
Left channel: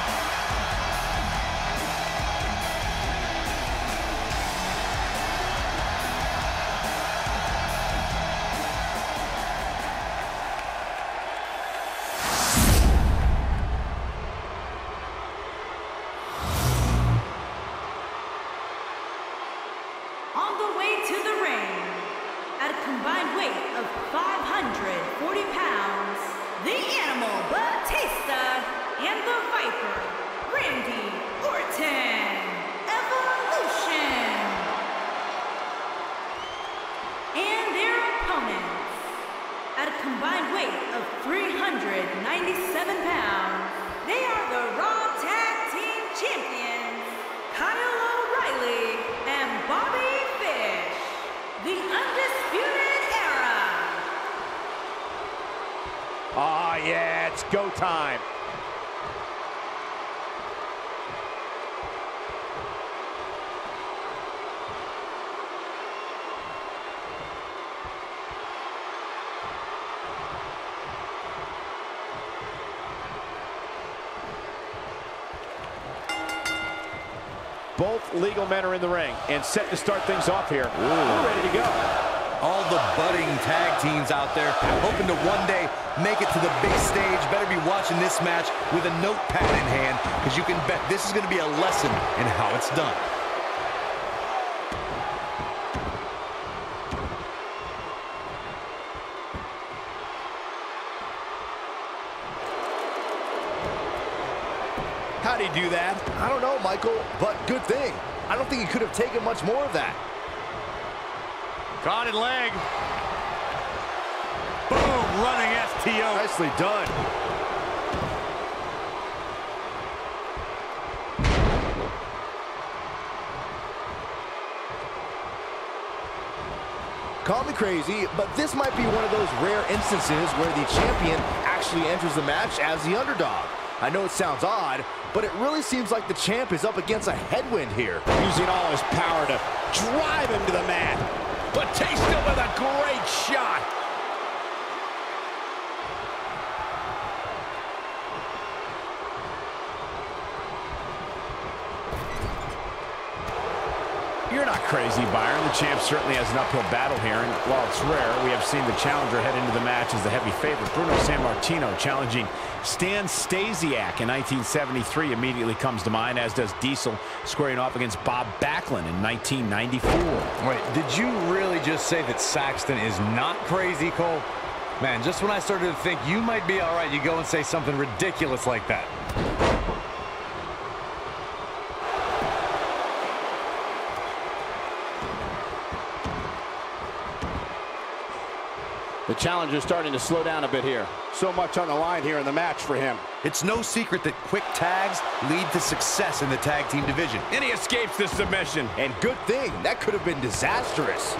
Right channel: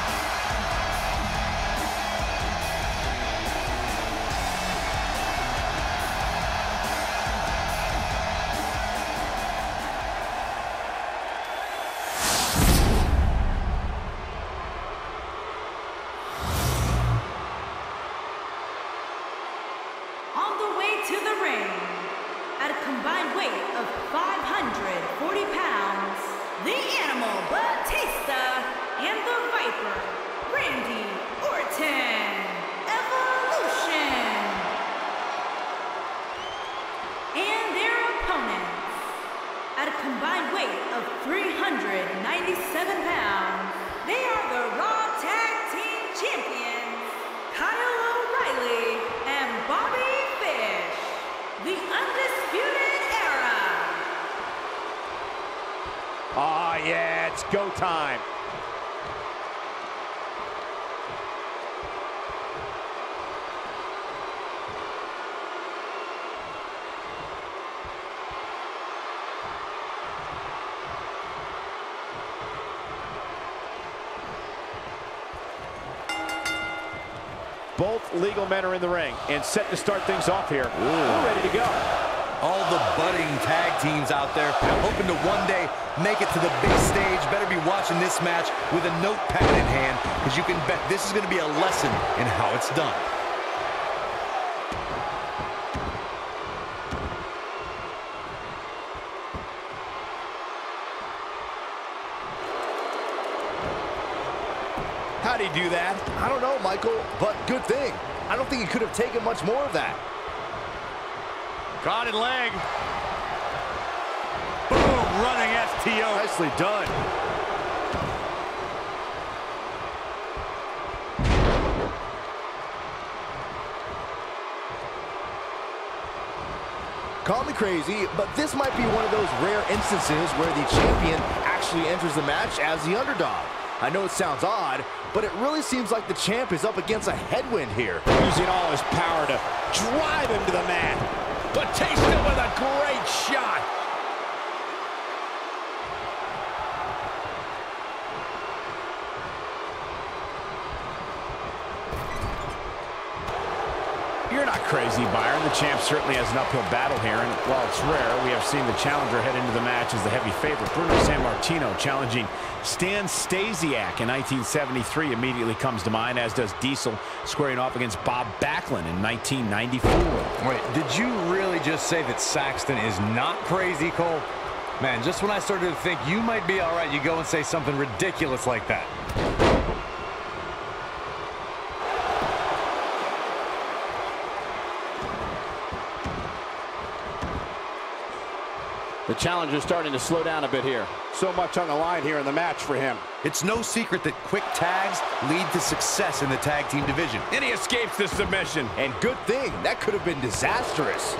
On the way to the ring, at a combined weight of 540 pounds, the Animal Batista and the Viper, Randy Orton, Evolution. And their opponents, at a combined weight of 397 pounds, they are the Raw Tag Team Champions, Kyle O'Reilly and Bobby Fish, the Undisputed Era. Ah, yeah, it's go time. Both legal men are in the ring and set to start things off here. Ooh. We're ready to go. All the budding tag teams out there hoping to one day make it to the big stage better be watching this match with a notepad in hand, because you can bet this is going to be a lesson in how it's done. How'd he do that? I don't know, Michael, but good thing. I don't think he could have taken much more of that. Caught in leg. Boom, running STO. Nicely done. Call me crazy, but this might be one of those rare instances where the champion actually enters the match as the underdog. I know it sounds odd, but it really seems like the champ is up against a headwind here. Using all his power to drive him to the mat. Batista with a great shot. You're not crazy, Byron. The champ certainly has an uphill battle here, and while it's rare, we have seen the challenger head into the match as the heavy favorite. Bruno Sammartino challenging Stan Stasiak in 1973 immediately comes to mind, as does Diesel squaring off against Bob Backlund in 1994. Wait, did you really just say that Saxton is not crazy, Cole? Man, just when I started to think you might be all right, you go and say something ridiculous like that. The challenger's starting to slow down a bit here. So much on the line here in the match for him. It's no secret that quick tags lead to success in the tag team division. And he escapes the submission. And good thing, that could have been disastrous.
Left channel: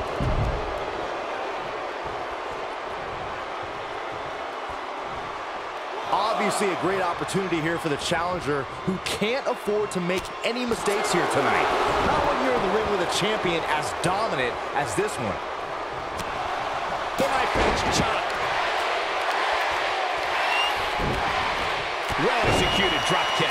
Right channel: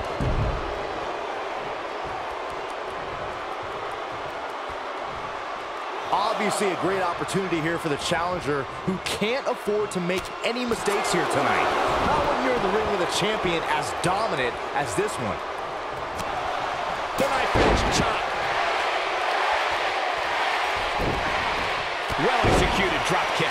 Obviously a great opportunity here for the challenger, who can't afford to make any mistakes here tonight. Not when you're in the ring with a champion as dominant as this one. The knife edge chop. Well-executed drop kick.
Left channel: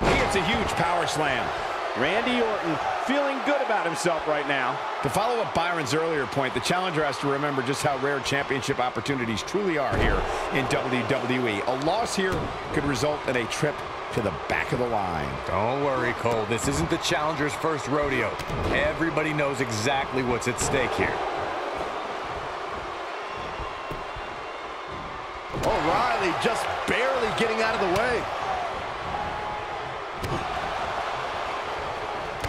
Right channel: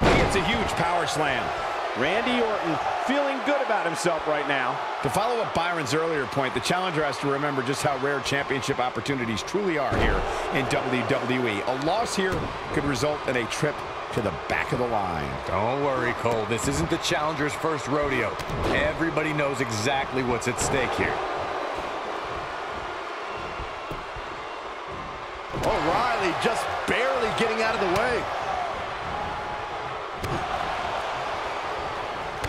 He gets a huge power slam. Randy Orton feeling good about himself right now. To follow up Byron's earlier point, the challenger has to remember just how rare championship opportunities truly are here in WWE. A loss here could result in a trip to the back of the line. Don't worry, Cole. This isn't the challenger's first rodeo. Everybody knows exactly what's at stake here. O'Reilly just barely getting out of the way.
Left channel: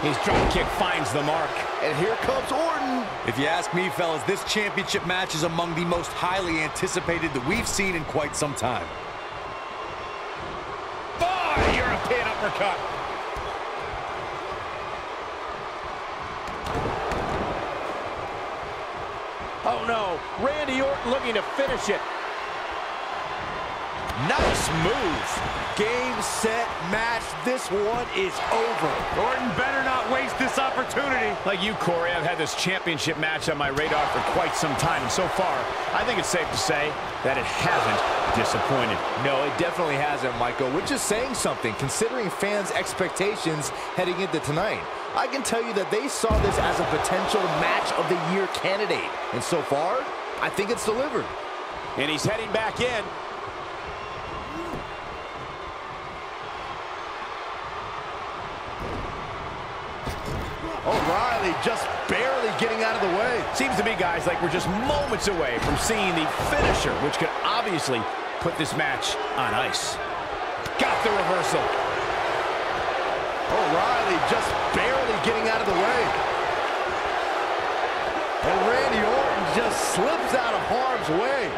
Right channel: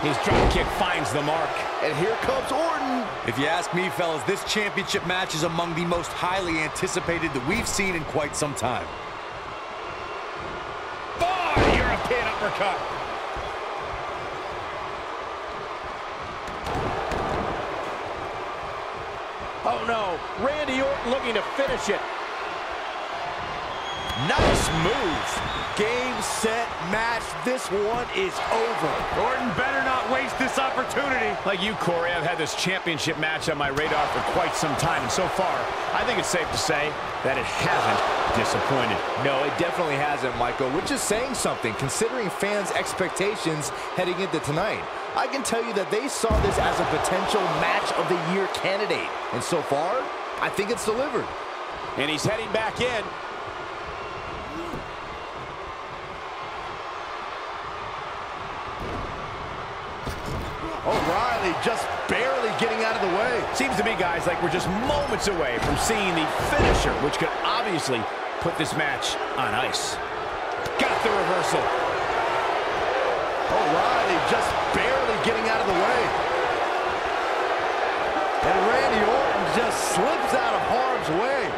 His drop kick finds the mark. And here comes Orton. If you ask me, fellas, this championship match is among the most highly anticipated that we've seen in quite some time. Oh, European uppercut. Oh no, Randy Orton looking to finish it. Nice move. Game, set, match. This one is over. Orton better not waste this opportunity. Like you, Corey, I've had this championship match on my radar for quite some time, and so far, I think it's safe to say that it hasn't disappointed. No, it definitely hasn't, Michael, which is saying something, considering fans' expectations heading into tonight. I can tell you that they saw this as a potential match of the year candidate, and so far, I think it's delivered. And he's heading back in. O'Reilly just barely getting out of the way. Seems to me, guys, like we're just moments away from seeing the finisher, which could obviously put this match on ice. Got the reversal. O'Reilly just barely getting out of the way. And Randy Orton just slips out of harm's way.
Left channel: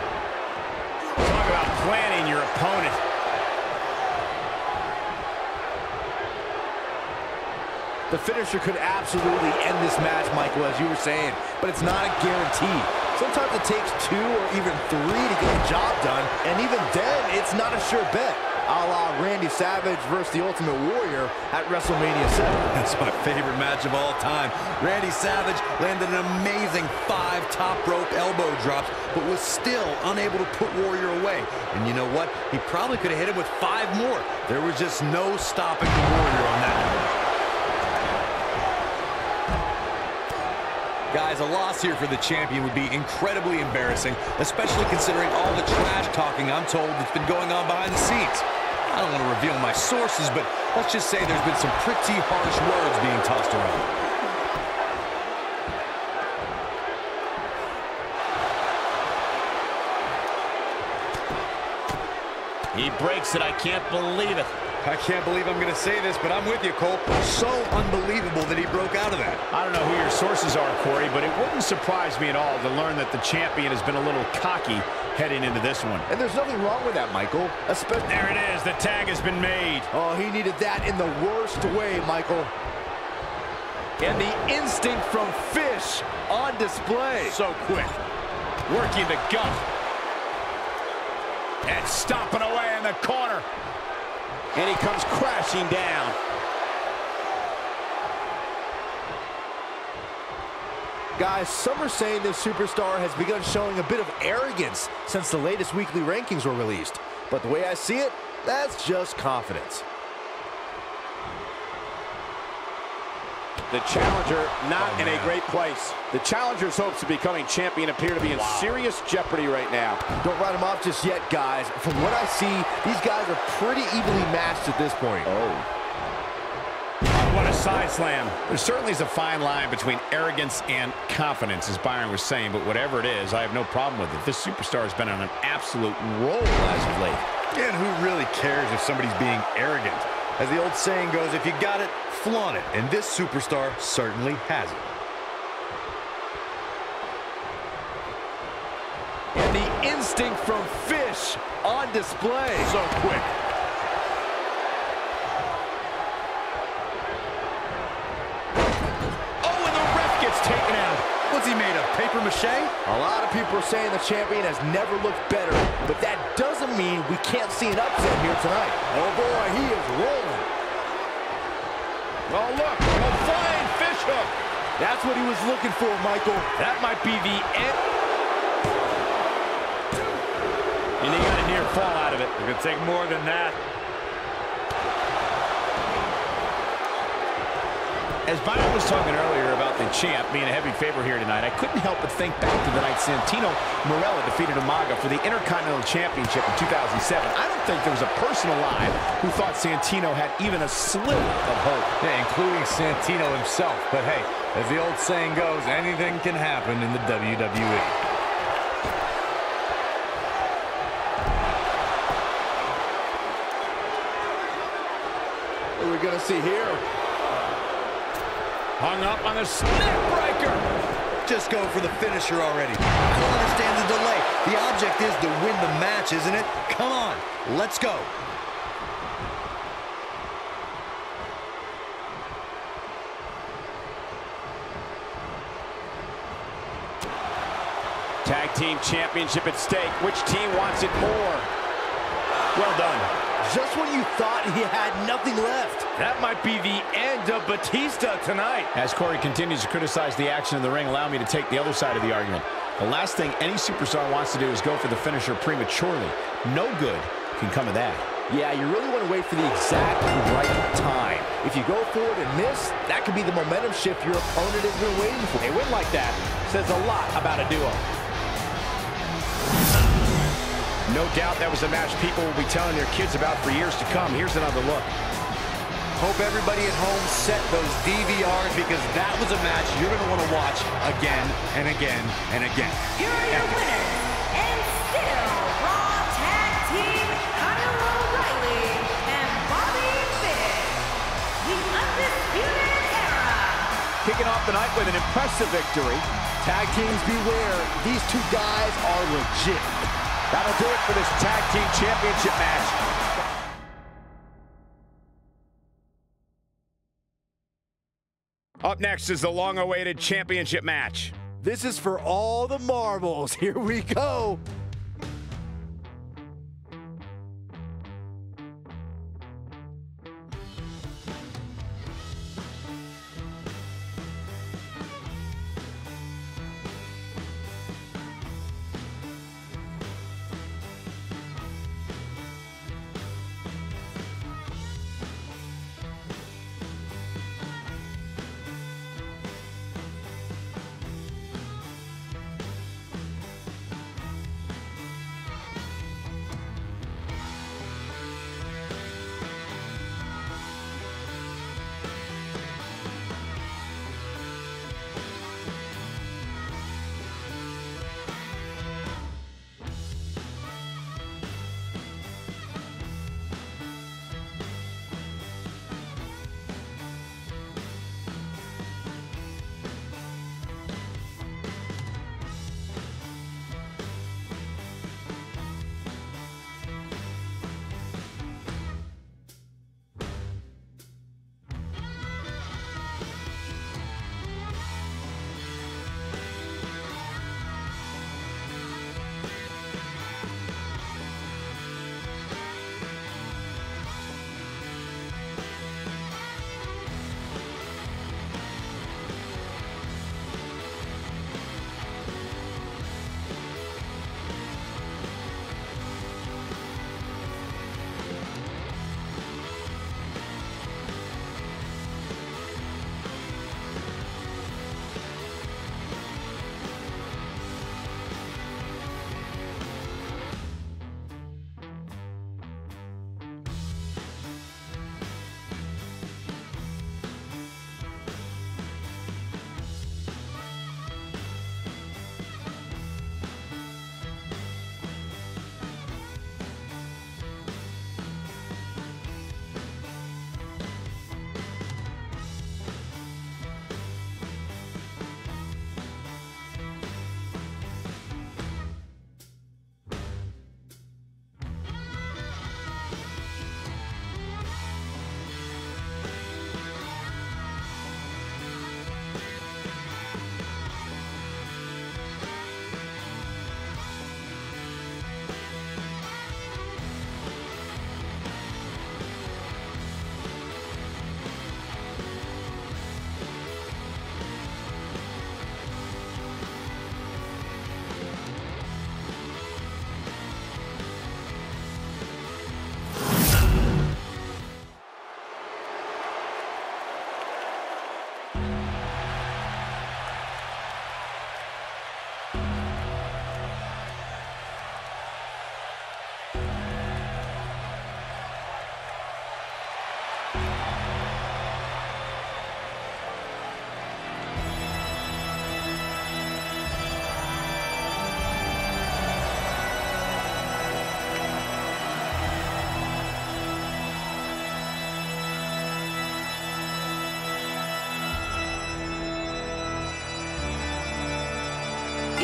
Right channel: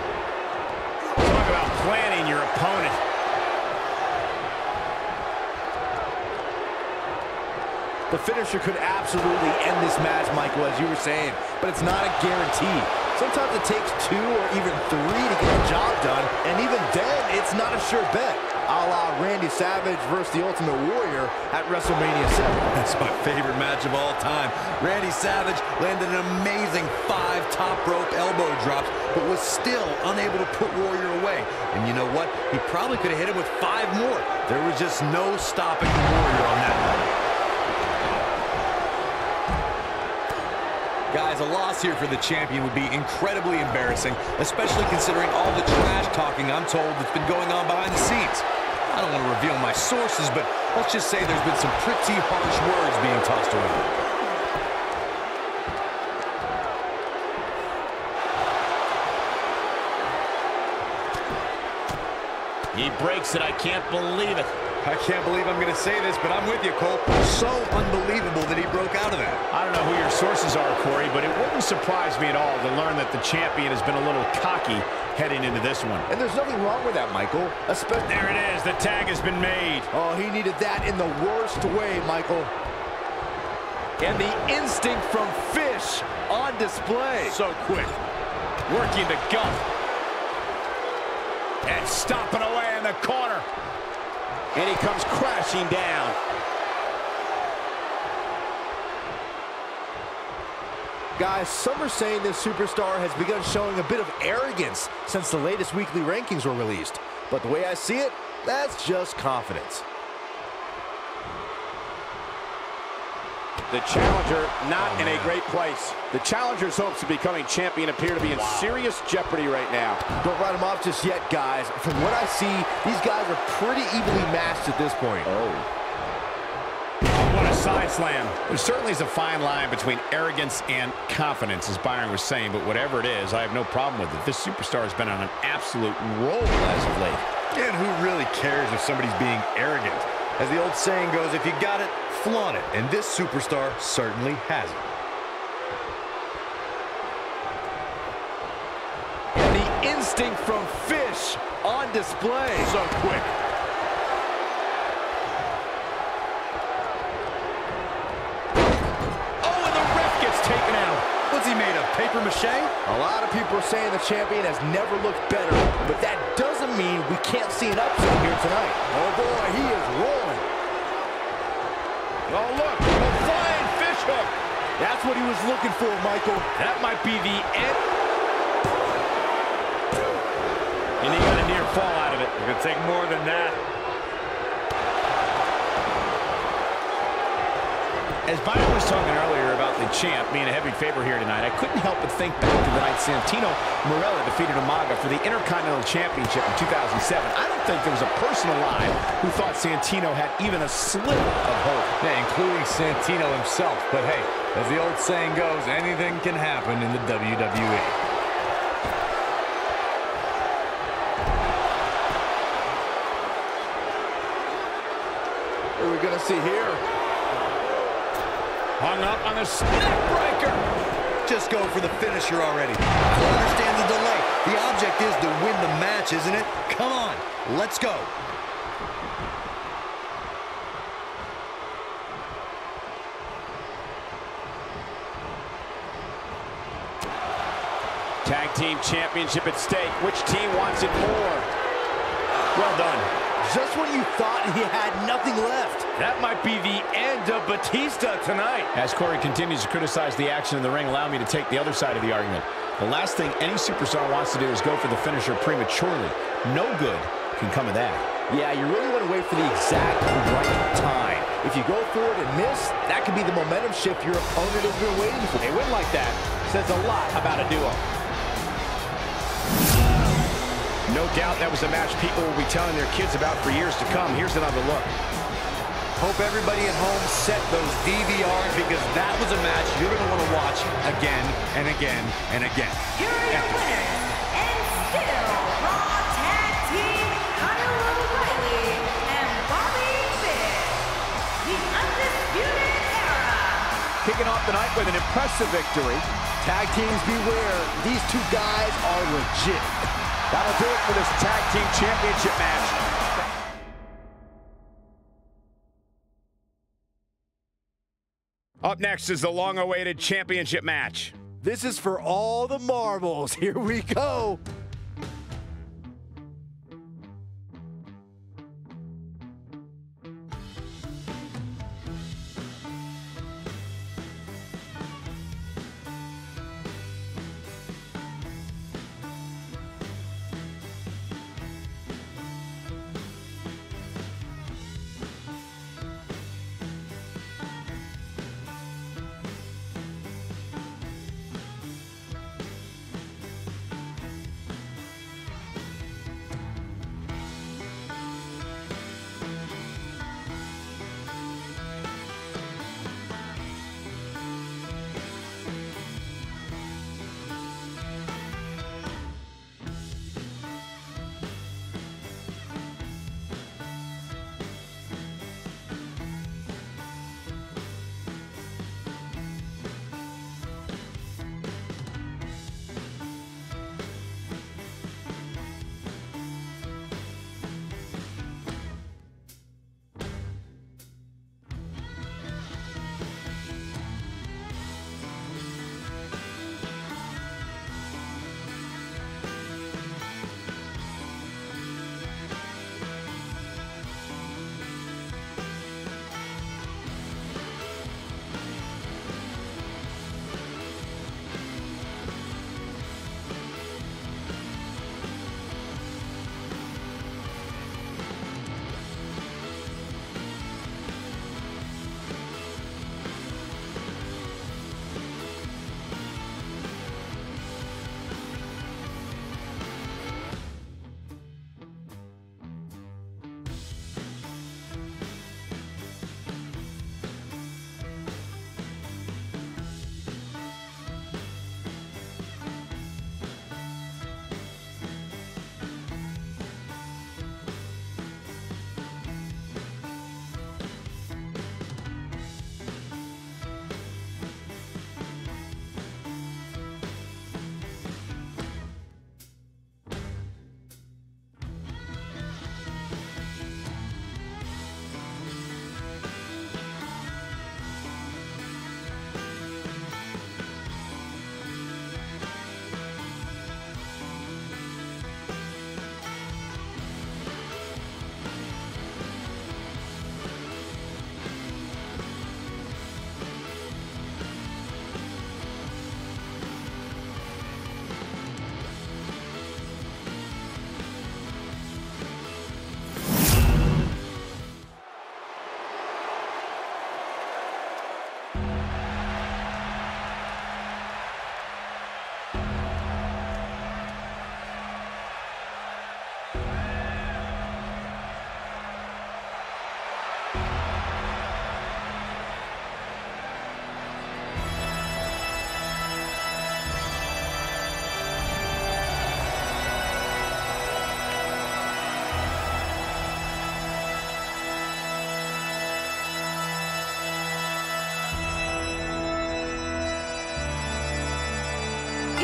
Talk about planning your opponent. The finisher could absolutely end this match, Michael, as you were saying, but it's not a guarantee. Sometimes it takes 2 or even 3 to get the job done, and even then, it's not a sure bet. A la Randy Savage versus the Ultimate Warrior at WrestleMania 7. That's my favorite match of all time. Randy Savage landed an amazing 5 top rope elbow drops, but was still unable to put Warrior away. And you know what? He probably could have hit him with 5 more. There was just no stopping the Warrior on that night. Guys, a loss here for the champion would be incredibly embarrassing, especially considering all the trash talking I'm told that's been going on behind the scenes. I don't want to reveal my sources, but let's just say there's been some pretty harsh words being tossed around. He breaks it. I can't believe it. I can't believe I'm going to say this, but I'm with you, Cole. So unbelievable that he broke out of that. I don't know who your sources are, Corey, but it wouldn't surprise me at all to learn that the champion has been a little cocky heading into this one. And there's nothing wrong with that, Michael. Especially there it is. The tag has been made. Oh, he needed that in the worst way, Michael. And the instinct from Fish on display. So quick. Working the gut. And stomping away in the corner. And he comes crashing down. Guys, some are saying this superstar has begun showing a bit of arrogance since the latest weekly rankings were released. But the way I see it, that's just confidence. The challenger not in a great place. The challenger's hopes of becoming champion appear to be in serious jeopardy right now. Don't write them off just yet, guys. From what I see, these guys are pretty evenly matched at this point. Oh, what a side slam. There certainly is a fine line between arrogance and confidence, as Byron was saying, but whatever it is, I have no problem with it. This superstar has been on an absolute roll as of late. And who really cares if somebody's being arrogant? As the old saying goes, if you got it, flaunt it. And this superstar certainly has it. And the instinct from Fish on display. So quick. Oh, and the ref gets taken out. What's he made of, paper mache? A lot of people are saying the champion has never looked better, but that doesn't mean we can't see an upset here tonight. Oh boy, he is rolling. Oh, look, a flying fish hook. That's what he was looking for, Michael. That might be the end. And he got a near fall out of it. It could take more than that. As Byron was talking earlier about the champ being a heavy favorite here tonight, I couldn't help but think back to the night Santino Marella defeated Umaga for the Intercontinental Championship in 2007. I don't think there was a person alive who thought Santino had even a sliver of hope. Yeah, including Santino himself. But hey, as the old saying goes, anything can happen in the WWE. What are we going to see here? Hung up on the neck breaker. Just go for the finisher already. I don't understand the delay. The object is to win the match, isn't it? Come on, let's go. Tag Team Championship at stake. Which team wants it more? Well done. Just when you thought he had nothing left. That might be the end of Batista tonight. As Corey continues to criticize the action in the ring, allow me to take the other side of the argument. The last thing any superstar wants to do is go for the finisher prematurely. No good can come of that. Yeah, you really want to wait for the exact right time. If you go for it and miss, that could be the momentum shift your opponent has been waiting for. A win like that says a lot about a duo. No doubt that was a match people will be telling their kids about for years to come. Here's another look. Hope everybody at home set those DVRs because that was a match you're going to want to watch again and again and again. Here are your winners, and still Raw Tag Team Kyle O'Reilly and Bobby Fish, the Undisputed Era. Kicking off the night with an impressive victory. Tag teams beware. These two guys are legit. That'll do it for this Tag Team Championship match. Up next is the long-awaited championship match. This is for all the marbles. Here we go.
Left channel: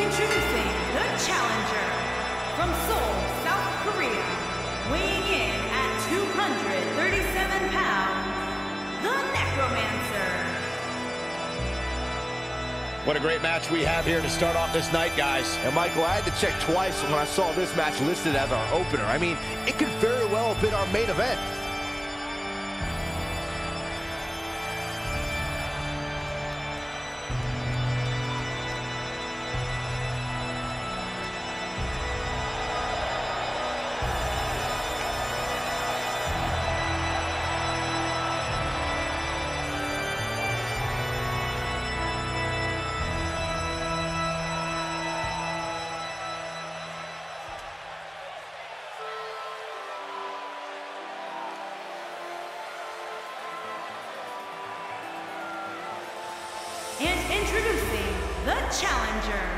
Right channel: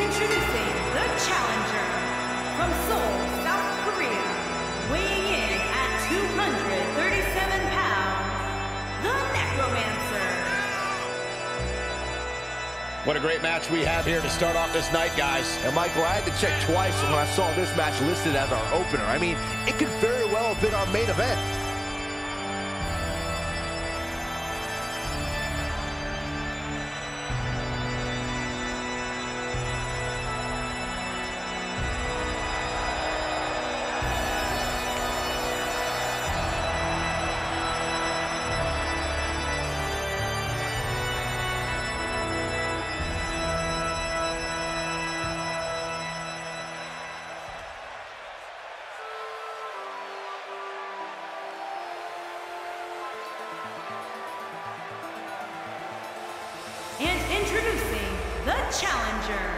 introducing the challenger from Seoul, South Korea, weighing in at 237 pounds, the Necromancer. What a great match we have here to start off this night, guys. And Michael, I had to check twice when I saw this match listed as our opener. I mean, it could very well have been our main event. And introducing the challenger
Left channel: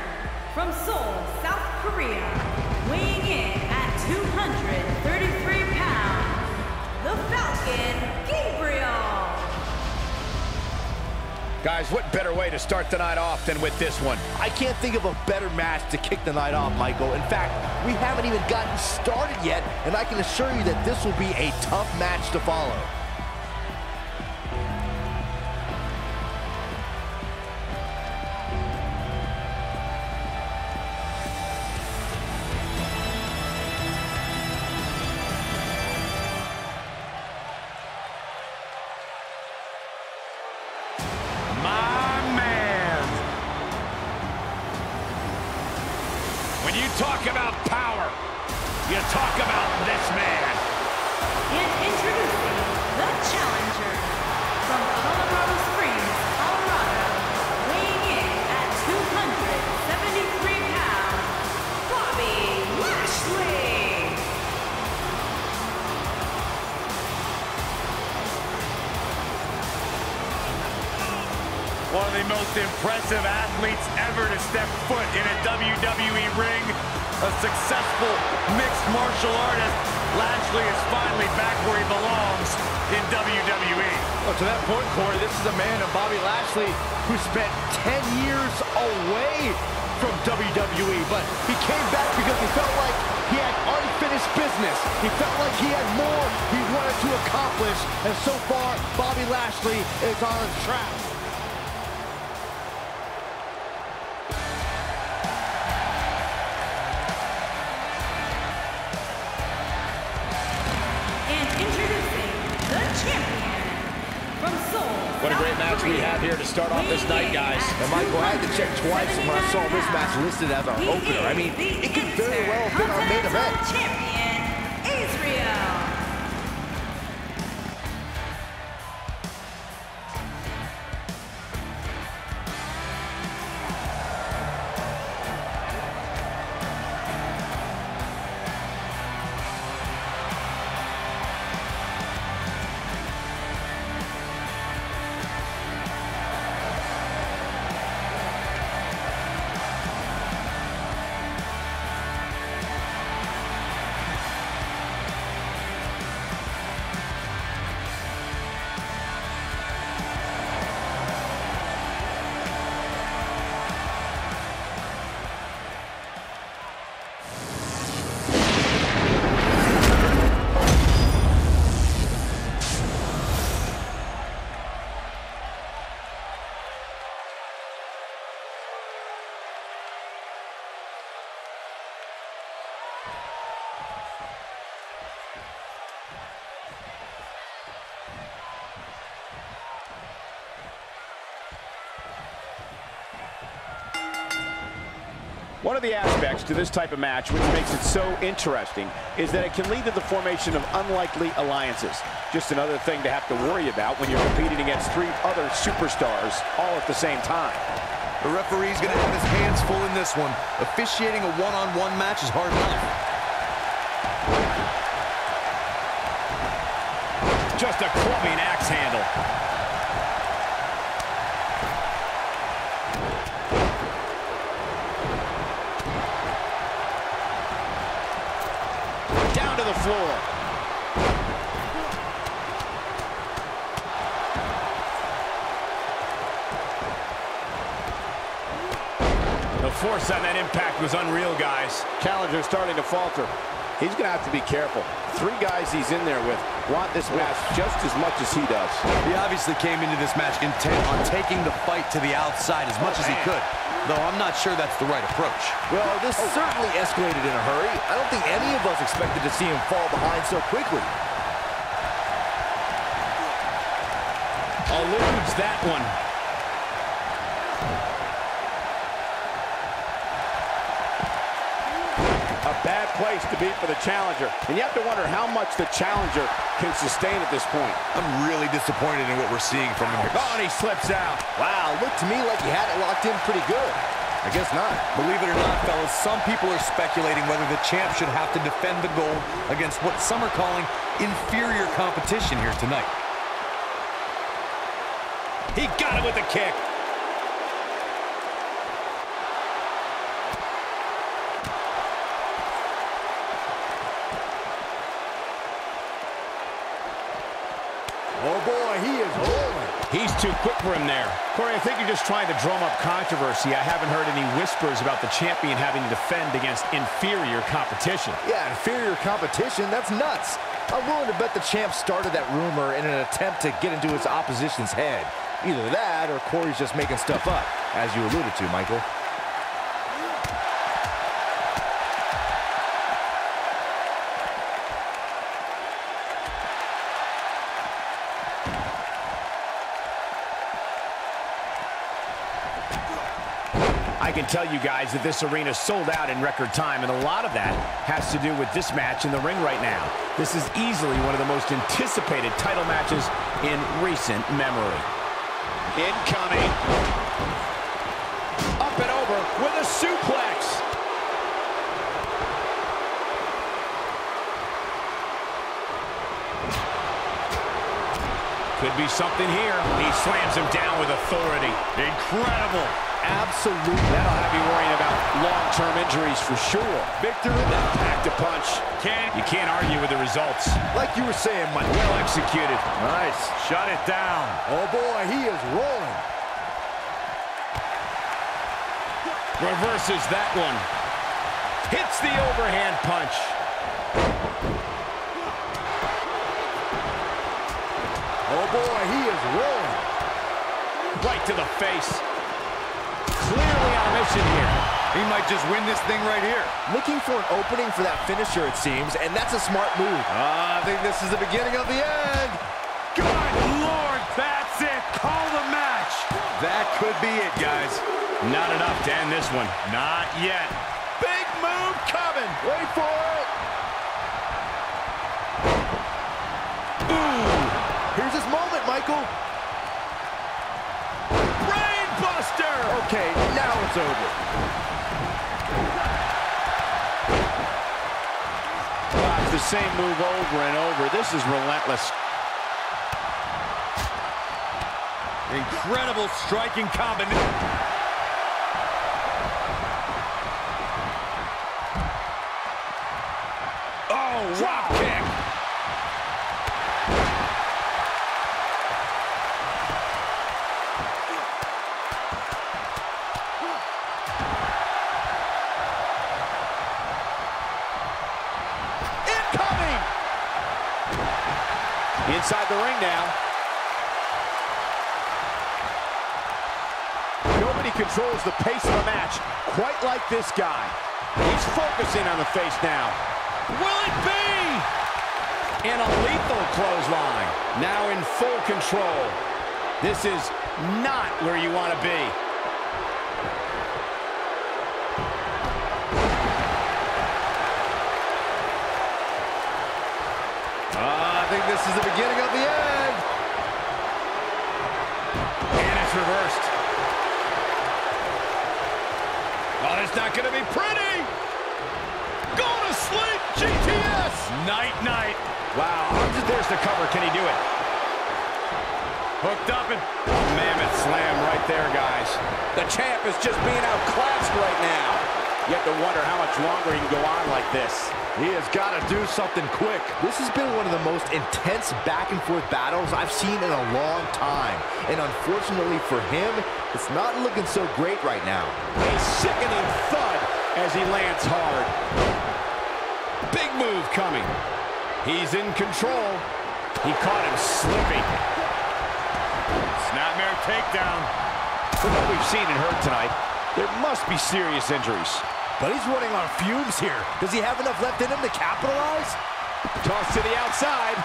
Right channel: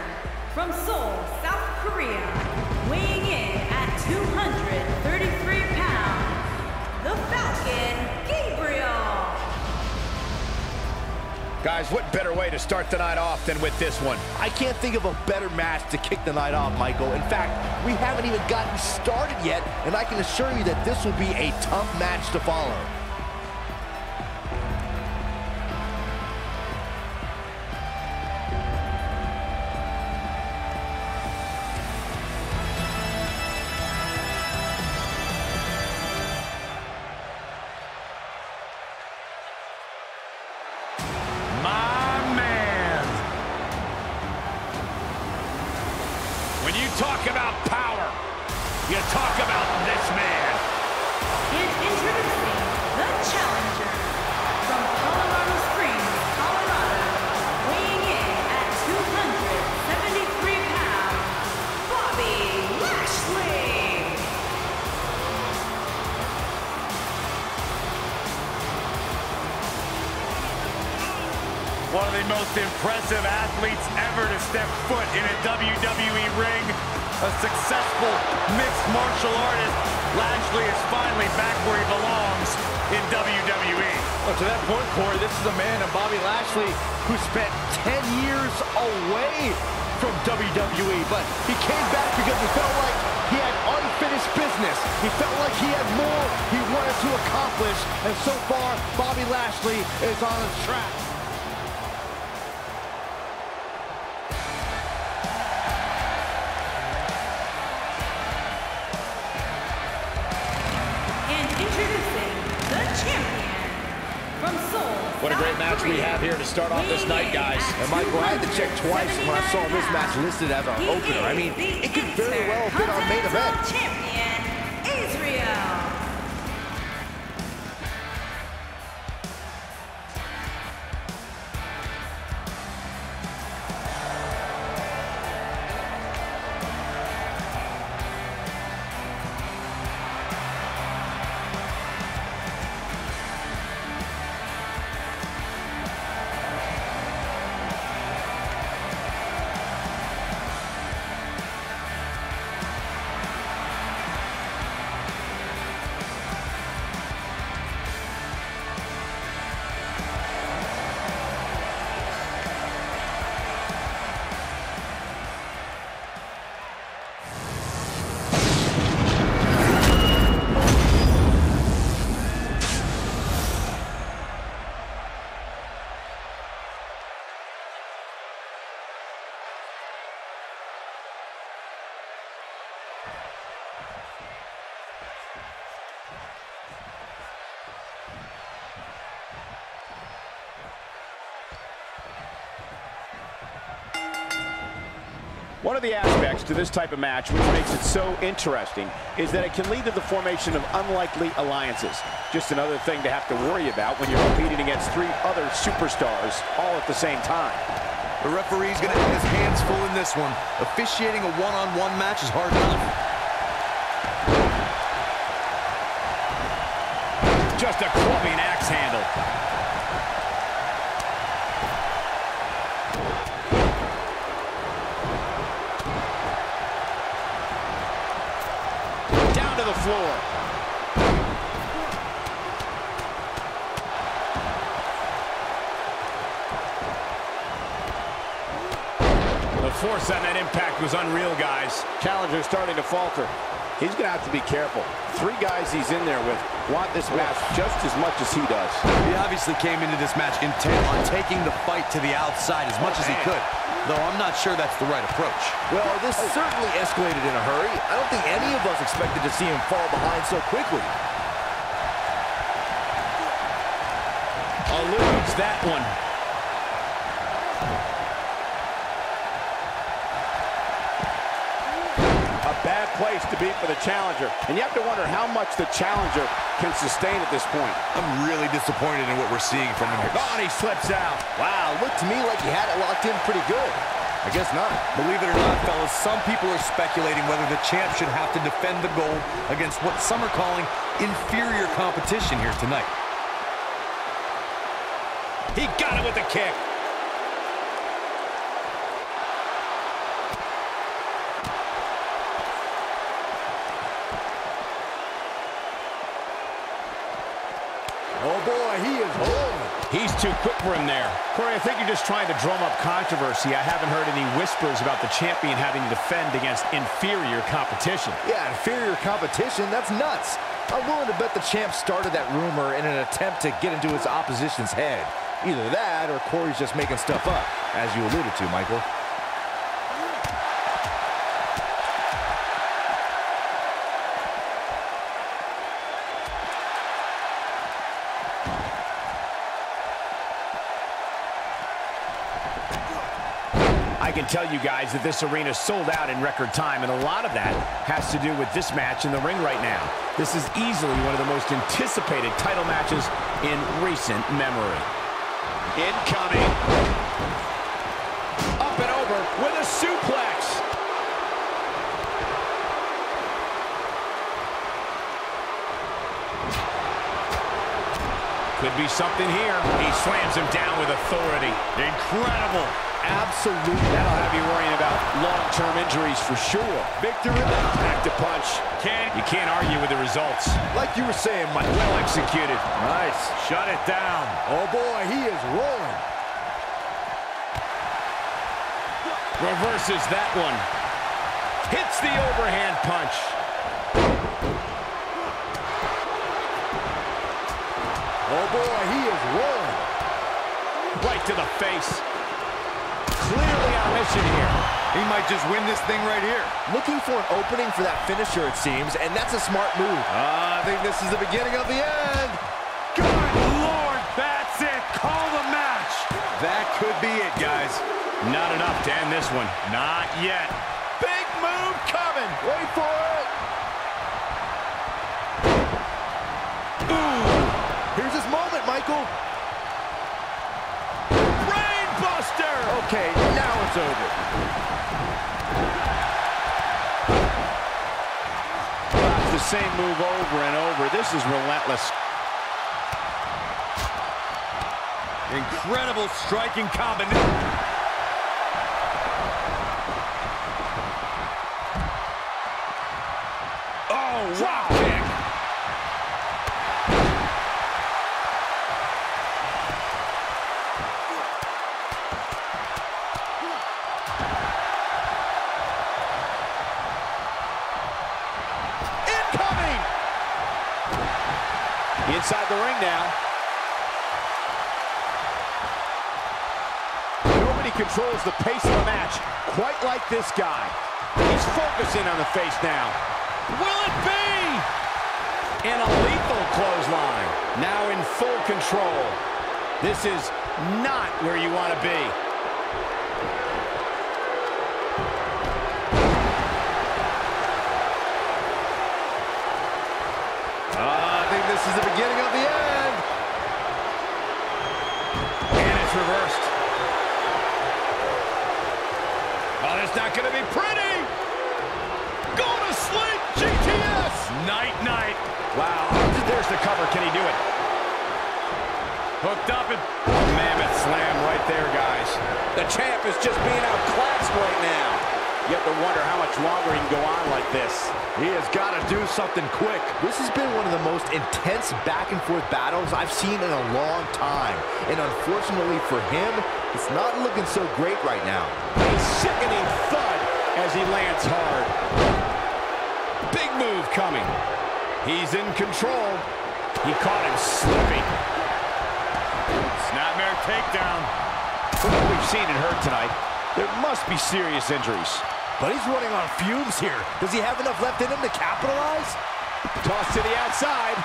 from Seoul, South Korea, weighing in at 233 pounds, the Falcon, Gabriel. Guys, what better way to start the night off than with this one? I can't think of a better match to kick the night off, Michael. In fact, we haven't even gotten started yet, and I can assure you that this will be a tough match to follow. My man. When you talk about power, you talk about this man. And introducing the challenger from Colorado Springs, Colorado, weighing in at 273 pounds, Bobby Lashley. One of the most impressive athletes ever to step foot in a WWE ring. A successful mixed martial artist. Lashley is finally back where he belongs in WWE. Well, to that point, Corey, this is a man of Bobby Lashley who spent 10 years away from WWE, but he came back because he felt like he had unfinished business. He felt like he had more he wanted to accomplish, and so far, Bobby Lashley is on his track. Introducing the champion from Seoul, What a great South match Korea, we have here to start off this night, guys. And Michael, I had to check twice when I saw this match listed as our opener. I mean, it could very well have been our main event. Champion, Israel. One of the aspects to this type of match which makes it so interesting is that it can lead to the formation of unlikely alliances. Just another thing to have to worry about when you're competing against three other superstars all at the same time. The referee's going to have his hands full in this one. Officiating a one-on-one match is hard enough. Just a clubbing axe handle. Down to the floor. The force on that impact was unreal, guys. Challenger's starting to falter. He's going to have to be careful. 3 guys he's in there with want this match just as much as he does. He obviously came into this match intent on taking the fight to the outside as much as he could, though I'm not sure that's the right approach. Well, this certainly escalated in a hurry. I don't think any of us expected to see him fall behind so quickly. Eludes that one. A bad place to be for the challenger. And you have to wonder how much the challenger can sustain at this point. I'm really disappointed in what we're seeing from him here. Oh, and he slips out. Wow, looked to me like he had it locked in pretty good. I guess not. Believe it or not, fellas, some people are speculating whether the champ should have to defend the gold against what some are calling inferior competition here tonight. He got it with the kick. Oh, boy, he is rolling. He's too quick for him there. Corey, I think you're just trying to drum up controversy. I haven't heard any whispers about the champion having to defend against inferior competition. Yeah, inferior competition, that's nuts. I'm willing to bet the champ started that rumor in an attempt to get into his opposition's head. Either that or Corey's just making stuff up, as you alluded to, Michael. I can tell you guys that this arena sold out in record time, and a lot of that has to do with this match in the ring right now. This is easily one of the most anticipated title matches in recent memory. Incoming. Up and over with a suplex. Could be something here. He slams him down with authority. Incredible. Absolutely. That'll have you worrying about long-term injuries for sure. Victor in that pack-to-punch. You can't argue with the results. Like you were saying, Mike. Well executed. Nice. Shut it down. Oh, boy, he is rolling. Reverses that one. Hits the overhand punch. Oh, boy, he is rolling. Right to the face. Clearly on a mission here. He might just win this thing right here. Looking for an opening for that finisher, it seems, and that's a smart move. I think this is the beginning of the end. Good Lord, that's it. Call the match. That could be it, guys. Not enough to end this one. Not yet. Big move coming. Wait for it. Ooh. Here's his moment, Michael. Brainbuster. Okay, now it's over. It's the same move over and over. This is relentless. Incredible striking combination. Oh, drop kick. Incoming. Inside the ring now. Nobody controls the pace of a match quite like this guy. He's focusing on the face now. Will it be? And a lethal clothesline. Now in full control. This is not where you want to be. I think this is the beginning of the end. And it's reversed. Oh, it's not going to be pretty. Go to sleep, GTS. Night-night. Wow, there's the cover. Can he do it? Hooked up and a mammoth slam right there, guys. The champ is just being outclassed right now. You have to wonder how much longer he can go on like this. He has got to do something quick. This has been one of the most intense back-and-forth battles I've seen in a long time. And unfortunately for him, it's not looking so great right now. A sickening thud as he lands hard. Big move coming. He's in control. He caught him slipping. Snapmare takedown. From what we've seen and heard tonight, there must be serious injuries. But he's running on fumes here. Does he have enough left in him to capitalize? Toss to the outside.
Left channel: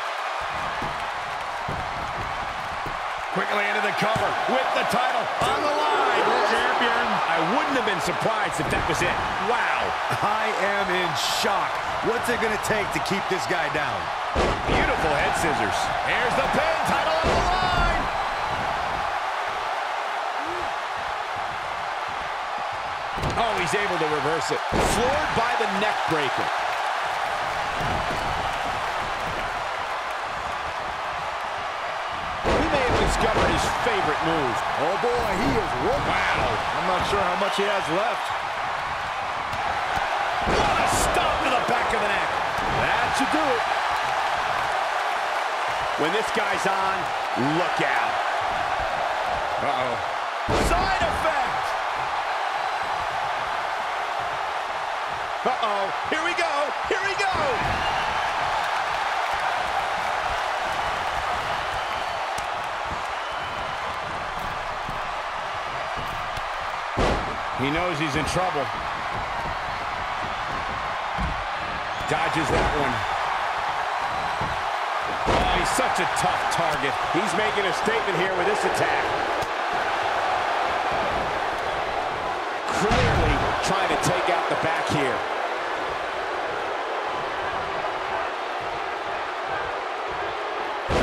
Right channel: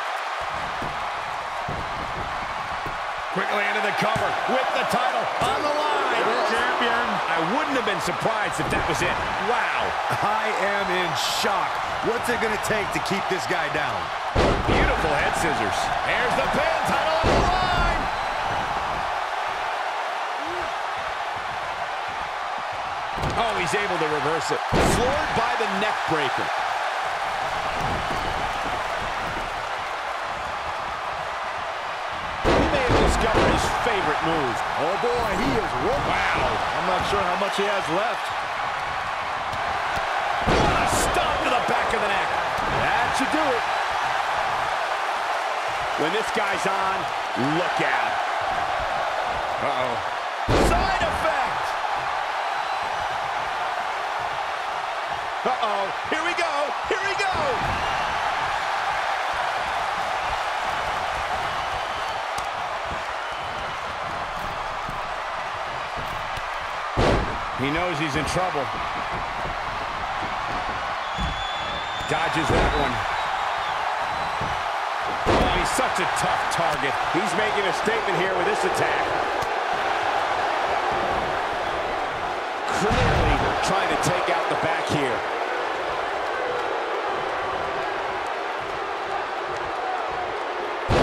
Quickly into the cover with the title on the line. Champion. I wouldn't have been surprised if that was it. Wow. I am in shock. What's it going to take to keep this guy down? Beautiful head scissors. Here's the pin. Title on the line. Oh, he's able to reverse it. Floored by the neck breaker. He may have discovered his favorite move. Oh boy, he is rolling. Wow. I'm not sure how much he has left. What a stomp to the back of the neck. That should do it. When this guy's on, look out. Uh-oh. Side effect. Uh-oh. Here we go. Here we go. He knows he's in trouble. Dodges that one. Oh, he's such a tough target. He's making a statement here with this attack. Clearly trying to take out the back here.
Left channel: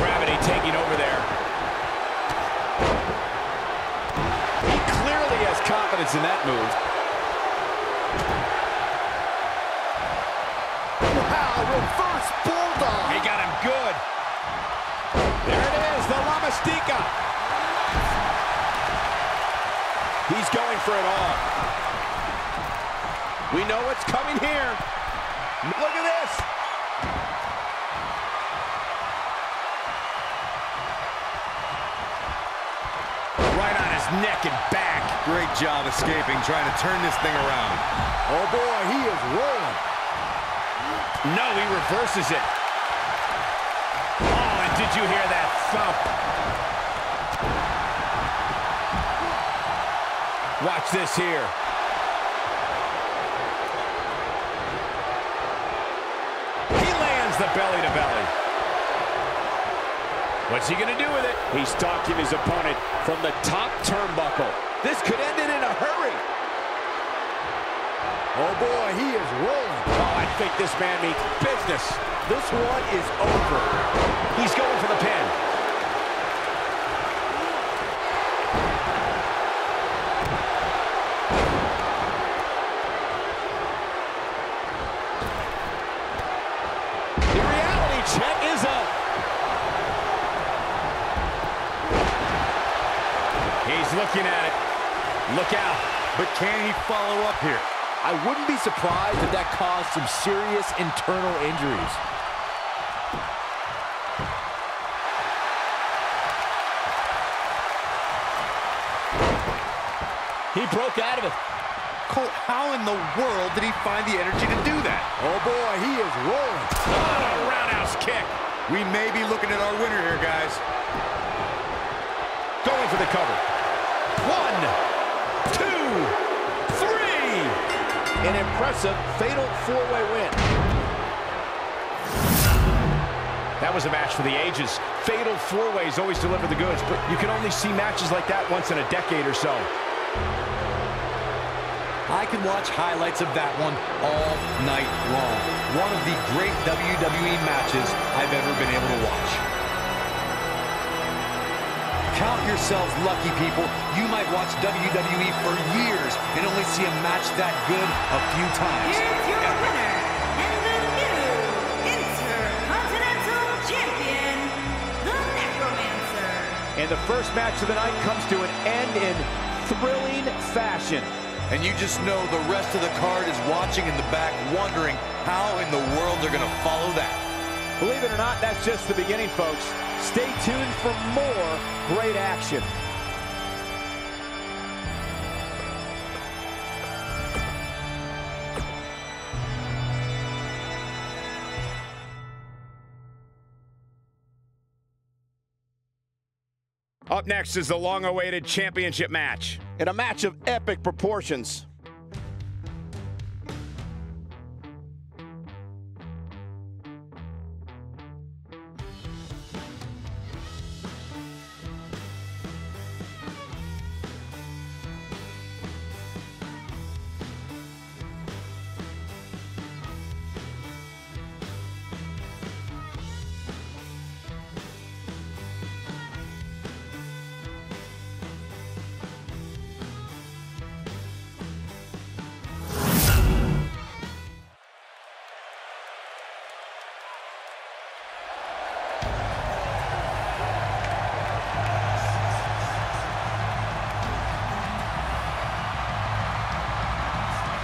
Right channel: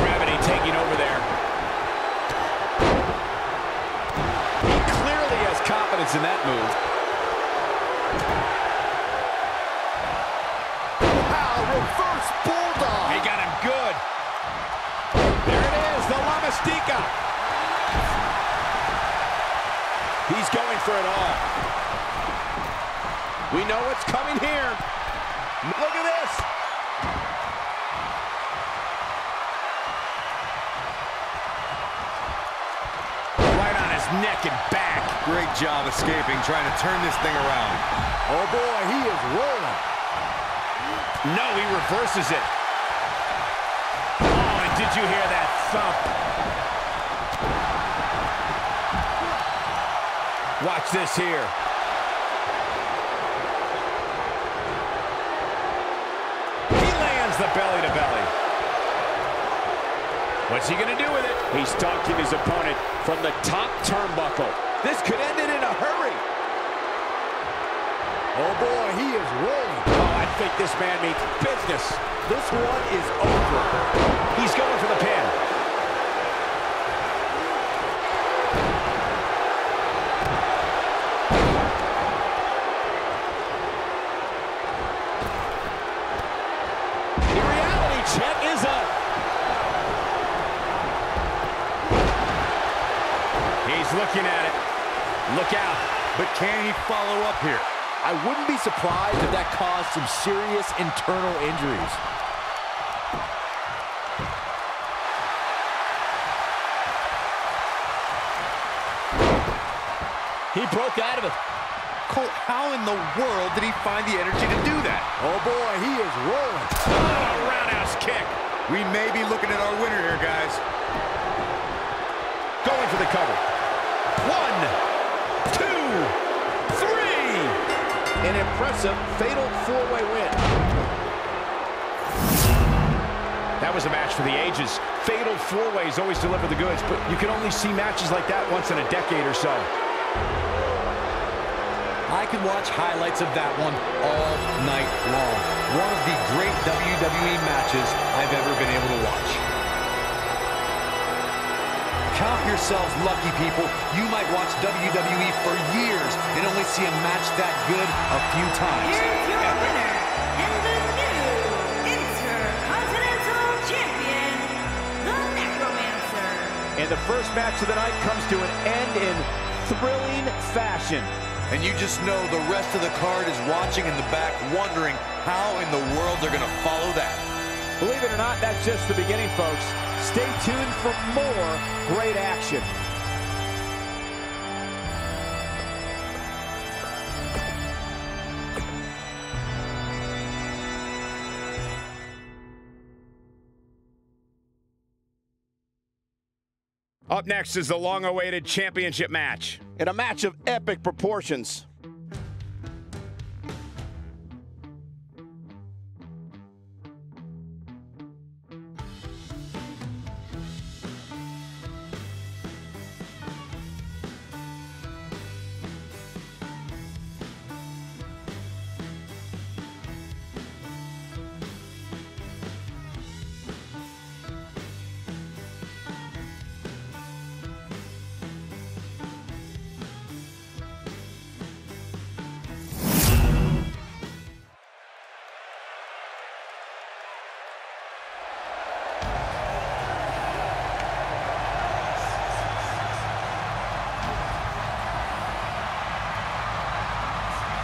Gravity taking over there. He clearly has confidence in that move. Wow, reverse bulldog. He got him good. There it is, the La Mystica. He's going for it all. We know what's coming here. Look at this. Right on his neck and back. Great job escaping, trying to turn this thing around. Oh boy, he is rolling. No, he reverses it. Oh, and did you hear that thump? Watch this here. He lands the belly to belly. What's he gonna do with it? He's stalking his opponent from the top turnbuckle. This could end it in a hurry. Oh boy, he is rolling. Oh, I think this man means business. This one is over. He's going for the pin. The reality check is up. He's looking at it. Look out. But can he follow up here? I wouldn't be surprised if that caused some serious internal injuries. He broke out of it. Cole, how in the world did he find the energy to do that? Oh boy, he is rolling. Oh, a roundhouse kick. We may be looking at our winner here, guys. Going for the cover. 1, 2, 3. An impressive fatal four-way win. That was a match for the ages. Fatal four-ways always deliver the goods, but you can only see matches like that once in a decade or so. I could watch highlights of that one all night long. One of the great WWE matches I've ever been able to watch. Count yourselves lucky, people. You might watch WWE for years and only see a match that good a few times. Here's your winner and the new Intercontinental Champion, the Necromancer. And the first match of the night comes to an end in thrilling fashion. And you just know the rest of the card is watching in the back, wondering how in the world they're going to follow that. Believe it or not, that's just the beginning, folks. Stay tuned for more great action. Up next is the long-awaited championship match. In a match of epic proportions.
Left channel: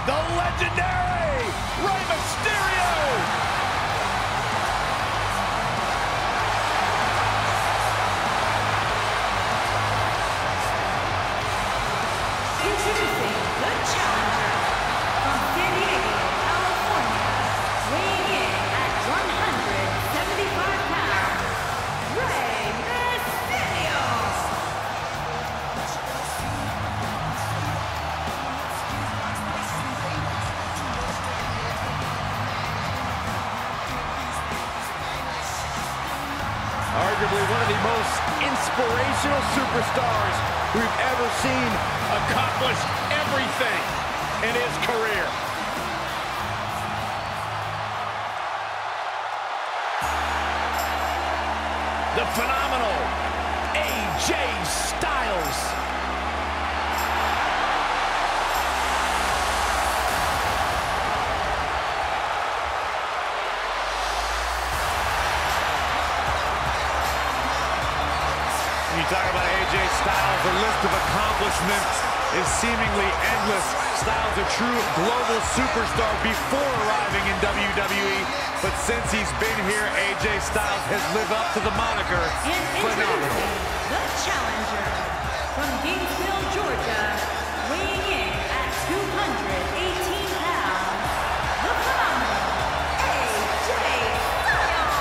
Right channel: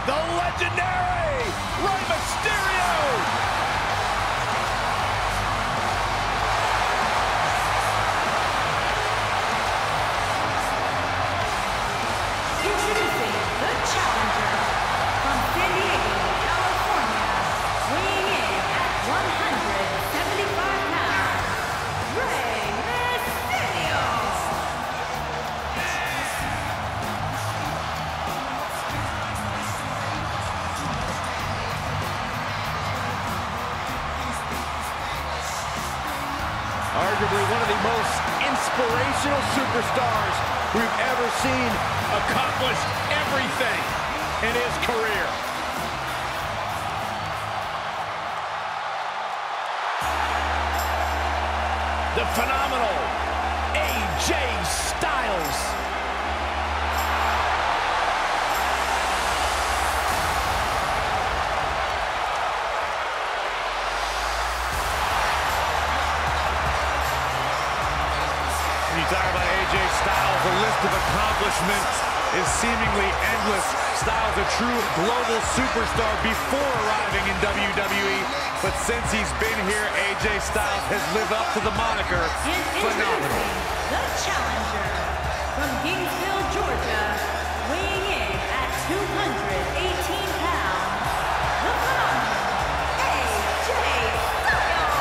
The legendary Rey Mysterio! Introducing the challenger from San Diego, California, weighing in at 175 pounds, Rey Mysterio. Arguably one of the most inspirational superstars we've ever seen. Accomplish everything in his career. The phenomenal AJ Styles. When you talk about AJ Styles, the list of accomplishments is seemingly endless. Styles a true global superstar before arriving in WWE, but since he's been here, AJ Styles has lived up to the moniker And phenomenal. introducing the challenger from Gainesville, Georgia, weighing in at 218 pounds, the phenomenal AJ Styles.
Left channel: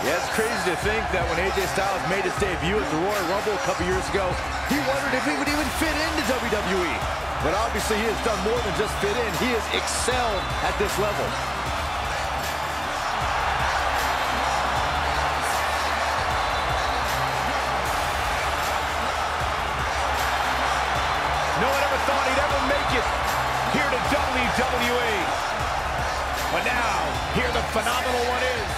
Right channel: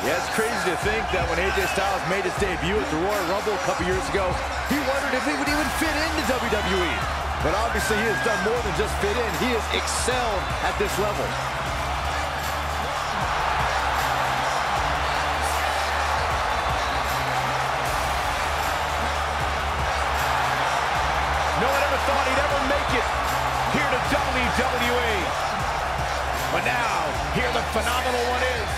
Yeah, it's crazy to think that when AJ Styles made his debut at the Royal Rumble a couple years ago, he wondered if he would even fit into WWE. But obviously he has done more than just fit in. He has excelled at this level. No one ever thought he'd ever make it here to WWE. But now, here the phenomenal one is.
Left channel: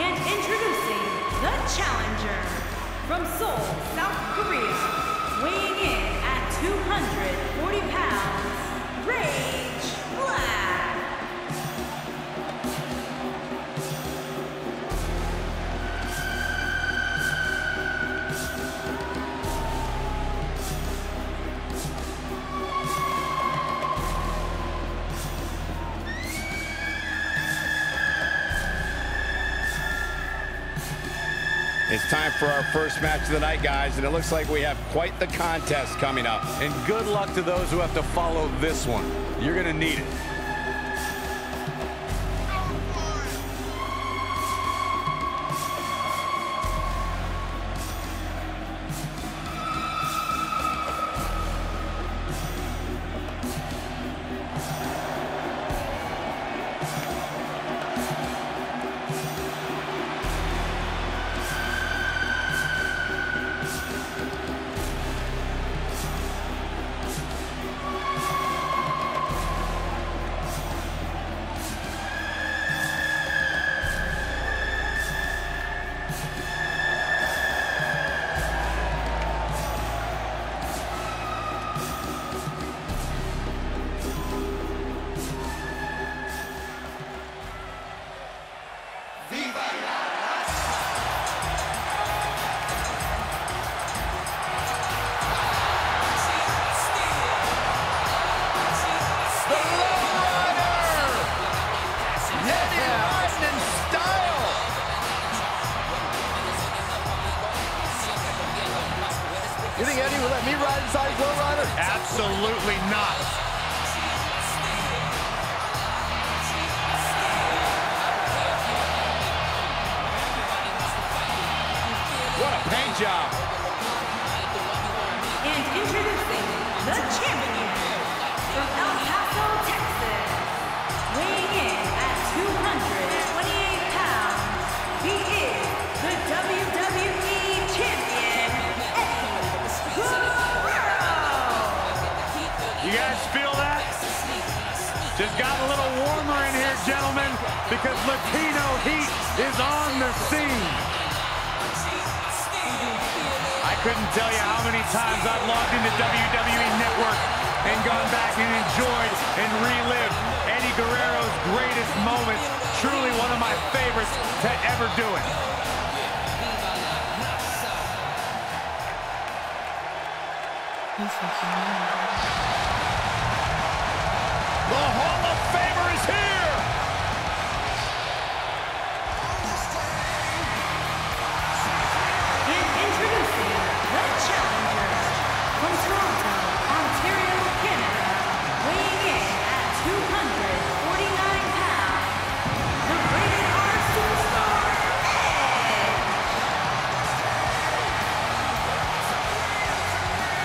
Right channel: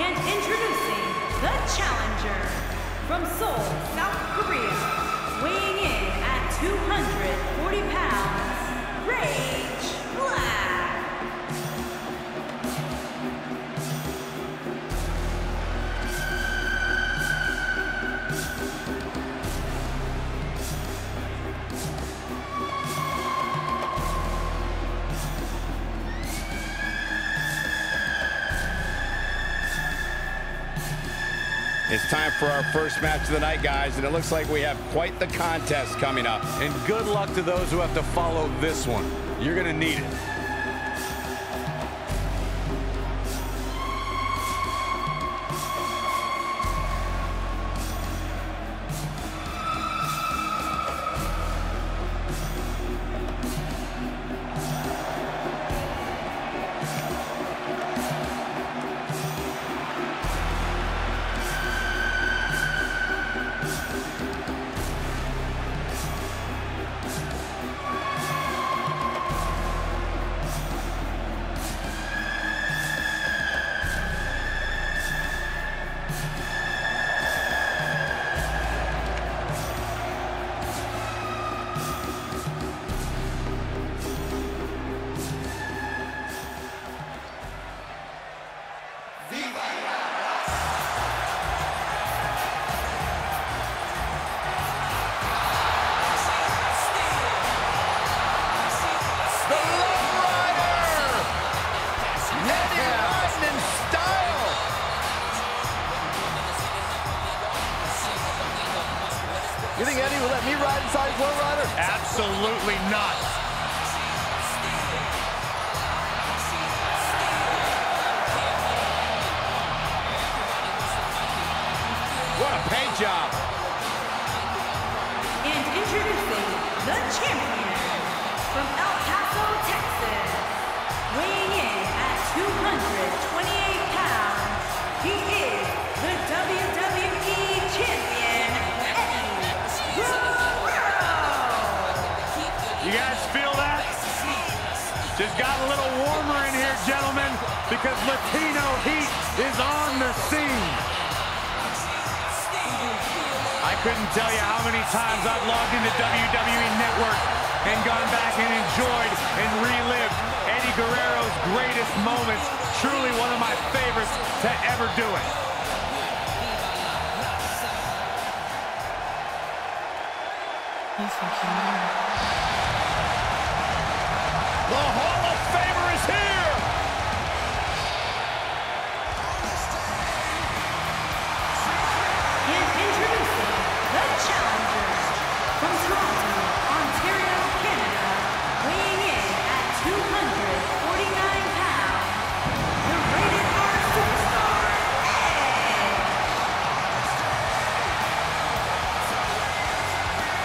And introducing the challenger from Seoul, South Korea, weighing in at 240 pounds, Rage Black. It's time for our first match of the night, guys, and it looks like we have quite the contest coming up. And good luck to those who have to follow this one. You're going to need it. end in style. You think Eddie will let me ride inside his lowrider? Absolutely not. What a paint job. And introducing the champion from El Paso, Texas, weighing in at 228 pounds, he is the WWE Champion, Eddie Guerrero. You guys feel that? Just got a little warmer in here, gentlemen, because Latino heat is on the scene. I couldn't tell you how many times I've logged into WWE Network and gone back and enjoyed and relived Eddie Guerrero's greatest moments. Truly one of my favorites to ever do it. The Hall of Famer is here. And introducing the challenger from Toronto, Ontario, Canada, weighing in at 249 pounds, the Rated R Superstar, Edge.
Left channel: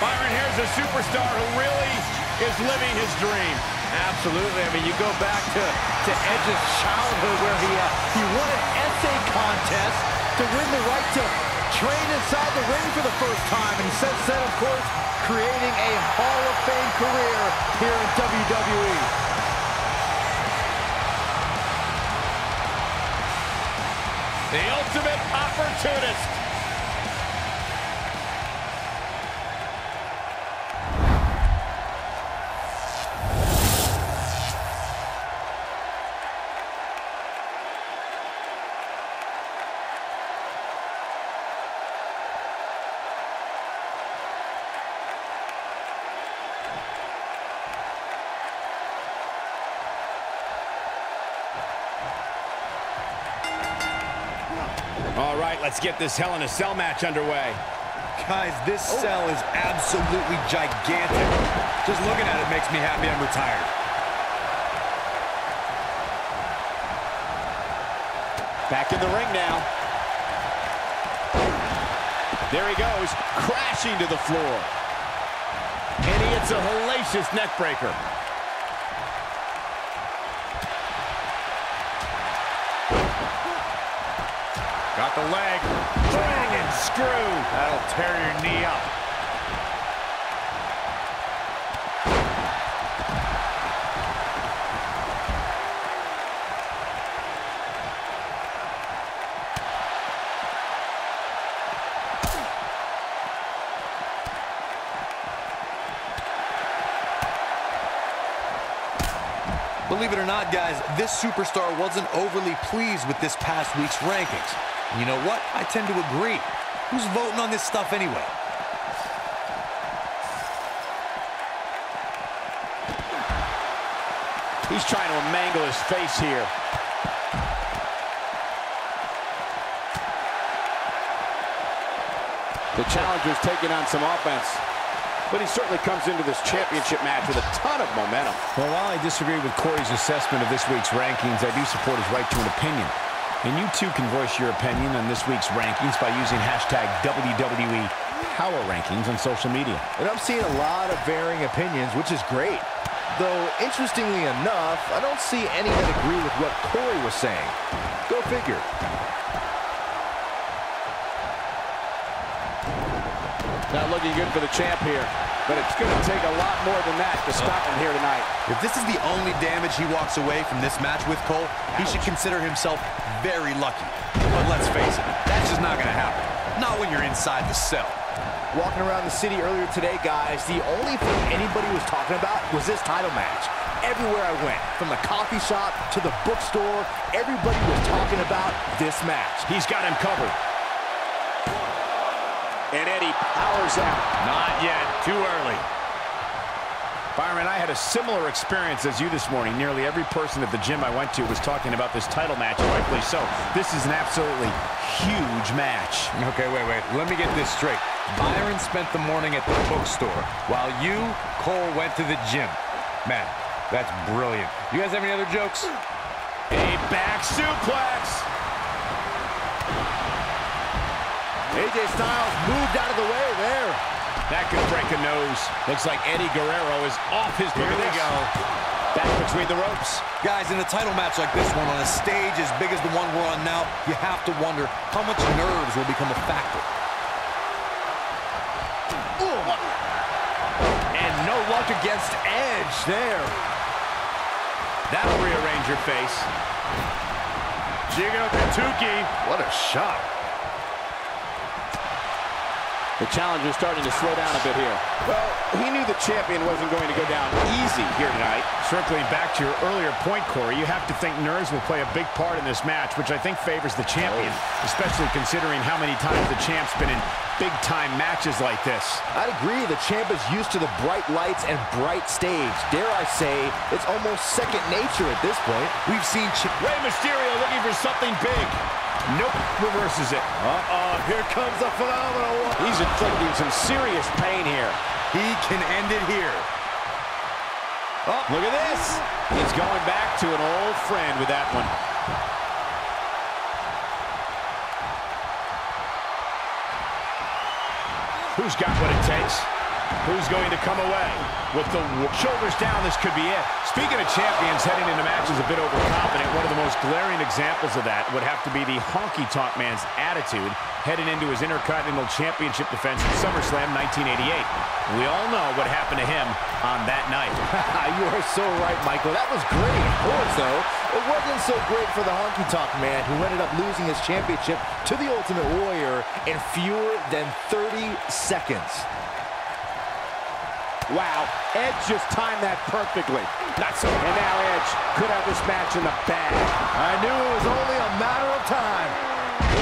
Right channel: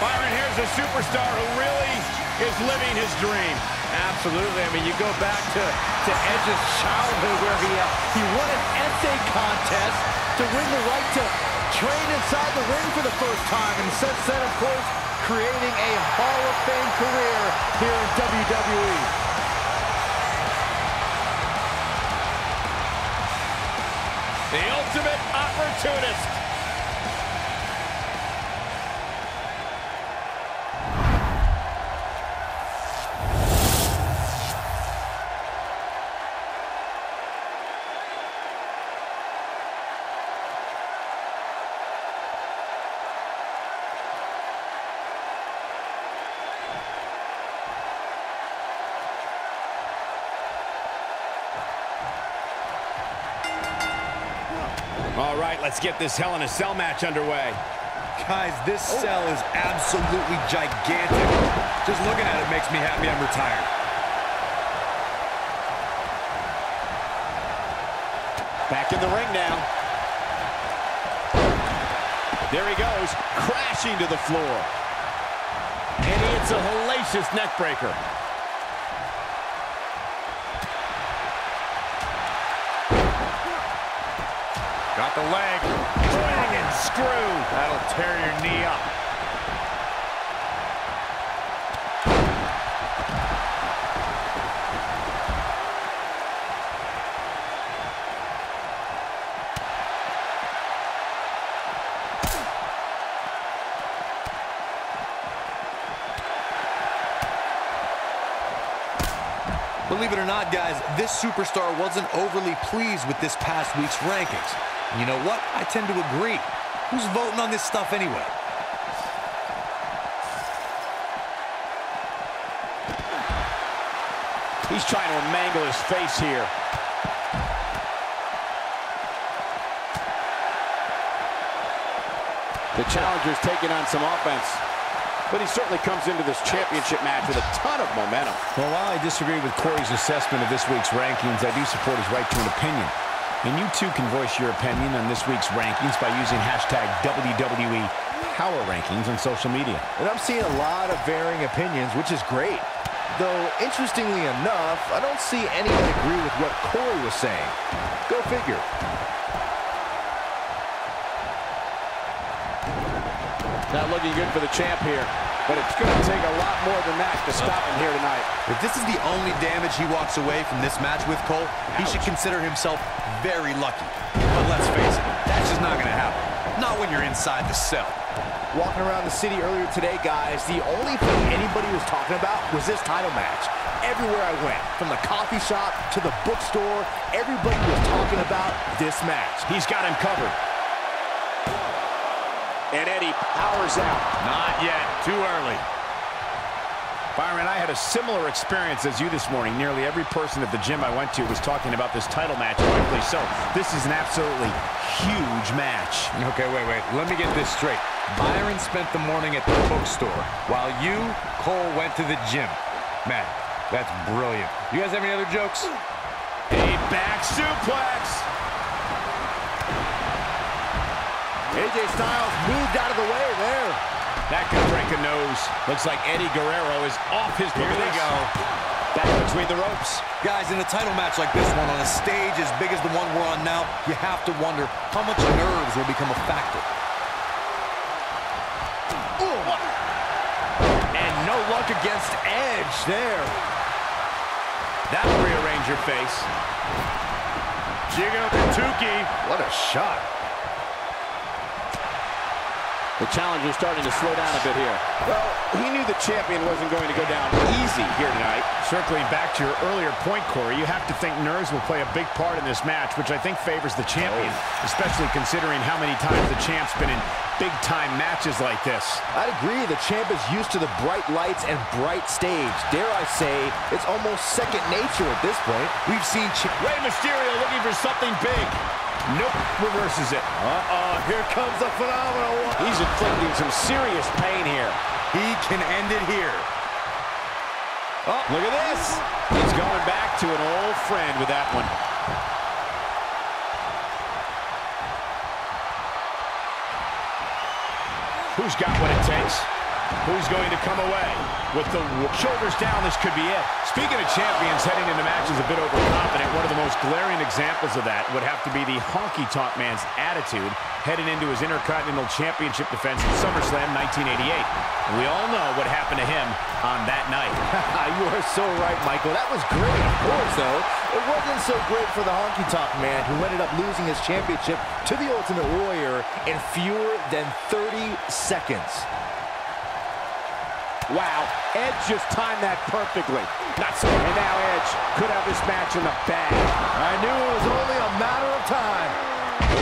Byron, here's a superstar who really is living his dream. Absolutely. I mean, you go back to Edge's childhood where he won an essay contest to win the right to train inside the ring for the first time. And since then, of course, creating a Hall of Fame career here in WWE. The ultimate opportunist. All right, let's get this Hell in a Cell match underway. Guys, this cell is absolutely gigantic. Just looking at it makes me happy I'm retired. Back in the ring now. There he goes, crashing to the floor. And he hits a hellacious neck breaker. Got the leg. Dragon screw. That'll tear your knee up. Believe it or not, guys, this superstar wasn't overly pleased with this past week's rankings. And you know what? I tend to agree. Who's voting on this stuff anyway? He's trying to mangle his face here. The challenger's taking on some offense. But he certainly comes into this championship match with a ton of momentum. Well, while I disagree with Corey's assessment of this week's rankings, I do support his right to an opinion. And you too can voice your opinion on this week's rankings by using hashtag WWE Power Rankings on social media. And I'm seeing a lot of varying opinions, which is great. Though, interestingly enough, I don't see any that agree with what Corey was saying. Go figure. Not looking good for the champ here, but it's going to take a lot more than that to stop him here tonight. If this is the only damage he walks away from this match with, Cole, he should consider himself very lucky. But let's face it, that's just not going to happen. Not when you're inside the cell. Walking around the city earlier today, guys, the only thing anybody was talking about was this title match. Everywhere I went, from the coffee shop to the bookstore, everybody was talking about this match. He's got him covered. And Eddie powers out. Not yet. Too early. Byron, I had a similar experience as you this morning. Nearly every person at the gym I went to was talking about this title match, rightfully so. This is an absolutely huge match. Okay, wait. Let me get this straight. Byron spent the morning at the bookstore, while you, Cole, went to the gym. Man, that's brilliant. You guys have any other jokes? A back suplex. AJ Styles moved out of the way there. That could break a nose. Looks like Eddie Guerrero is off his game. Here we go. Back between the ropes. Guys, in a title match like this one, on a stage as big as the one we're on now, you have to wonder how much nerves will become a factor. Ooh. And no luck against Edge there. That'll rearrange your face. Jigo Kentucky. What a shot. The challenger's starting to slow down a bit here. Well, he knew the champion wasn't going to go down easy here tonight. Circling back to your earlier point, Corey, you have to think nerves will play a big part in this match, which I think favors the champion, especially considering how many times the champ's been in big-time matches like this. I'd agree. The champ is used to the bright lights and bright stage. Dare I say, it's almost second nature at this point. We've seen Rey Mysterio looking for something big. Nope, reverses it. Here comes the phenomenal one. He's inflicting some serious pain here. He can end it here. Oh, look at this. He's going back to an old friend with that one. Who's got what it takes? Who's going to come away? With the shoulders down, this could be it. Speaking of champions heading into matches a bit overconfident, one of the most glaring examples of that would have to be the honky-tonk man's attitude heading into his Intercontinental Championship defense in SummerSlam 1988. We all know what happened to him on that night. You are so right, Michael. That was great, of course, though. It wasn't so great for the honky-tonk man, who ended up losing his championship to the Ultimate Warrior in fewer than 30 seconds. Wow, Edge just timed that perfectly. Not so. And now Edge could have this match in the bag. I knew it was only a matter of time.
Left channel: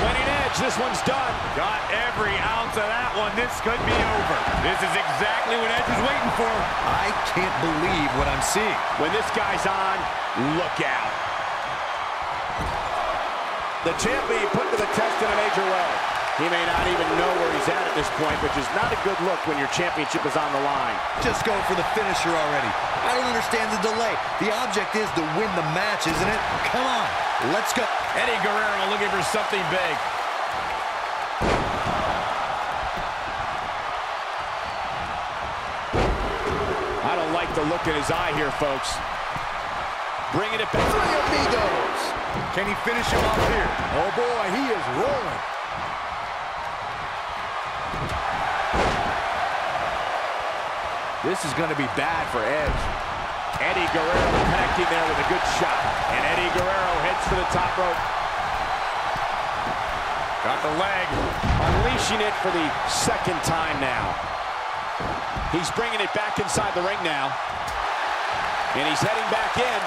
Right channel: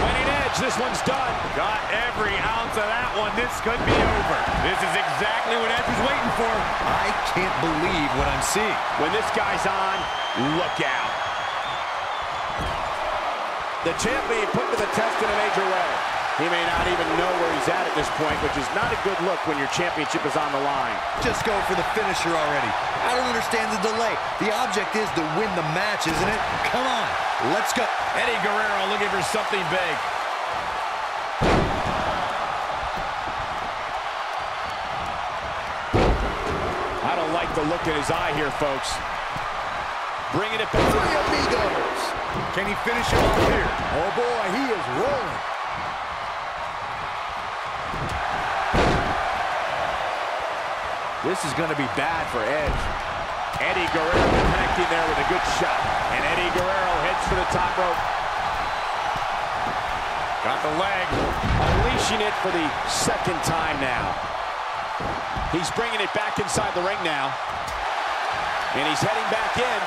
Winning Edge, this one's done. Got every ounce of that one. This could be over. This is exactly what Edge was waiting for. I can't believe what I'm seeing. When this guy's on, look out. The champ being put to the test in a major way. He may not even know where he's at this point, which is not a good look when your championship is on the line. Just go for the finisher already. I don't understand the delay. The object is to win the match, isn't it? Come on, let's go. Eddie Guerrero looking for something big. I don't like the look in his eye here, folks. Bringing it back. Three amigos. Can he finish him off here? Oh, boy, he is rolling. This is going to be bad for Edge. Eddie Guerrero connecting there with a good shot. And Eddie Guerrero hits for the top rope. Got the leg. Unleashing it for the second time now. He's bringing it back inside the ring now. And he's heading back in.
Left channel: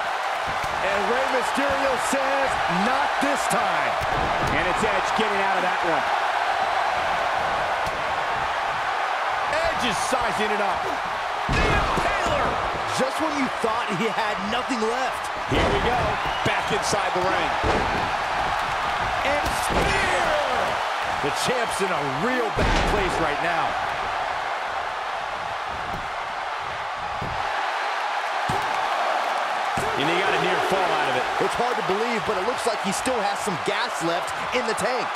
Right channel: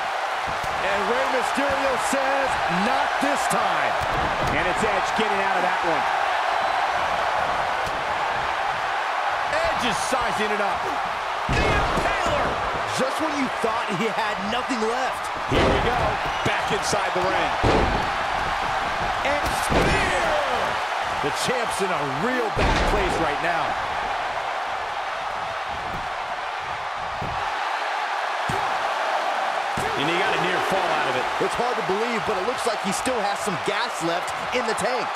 And Rey Mysterio says, not this time. And it's Edge getting out of that one. Edge is sizing it up. The Impaler! Just when you thought he had nothing left. Here we go. Back inside the ring. And spear! The champ's in a real bad place right now. And he got a near fall out of it. It's hard to believe, but it looks like he still has some gas left in the tank.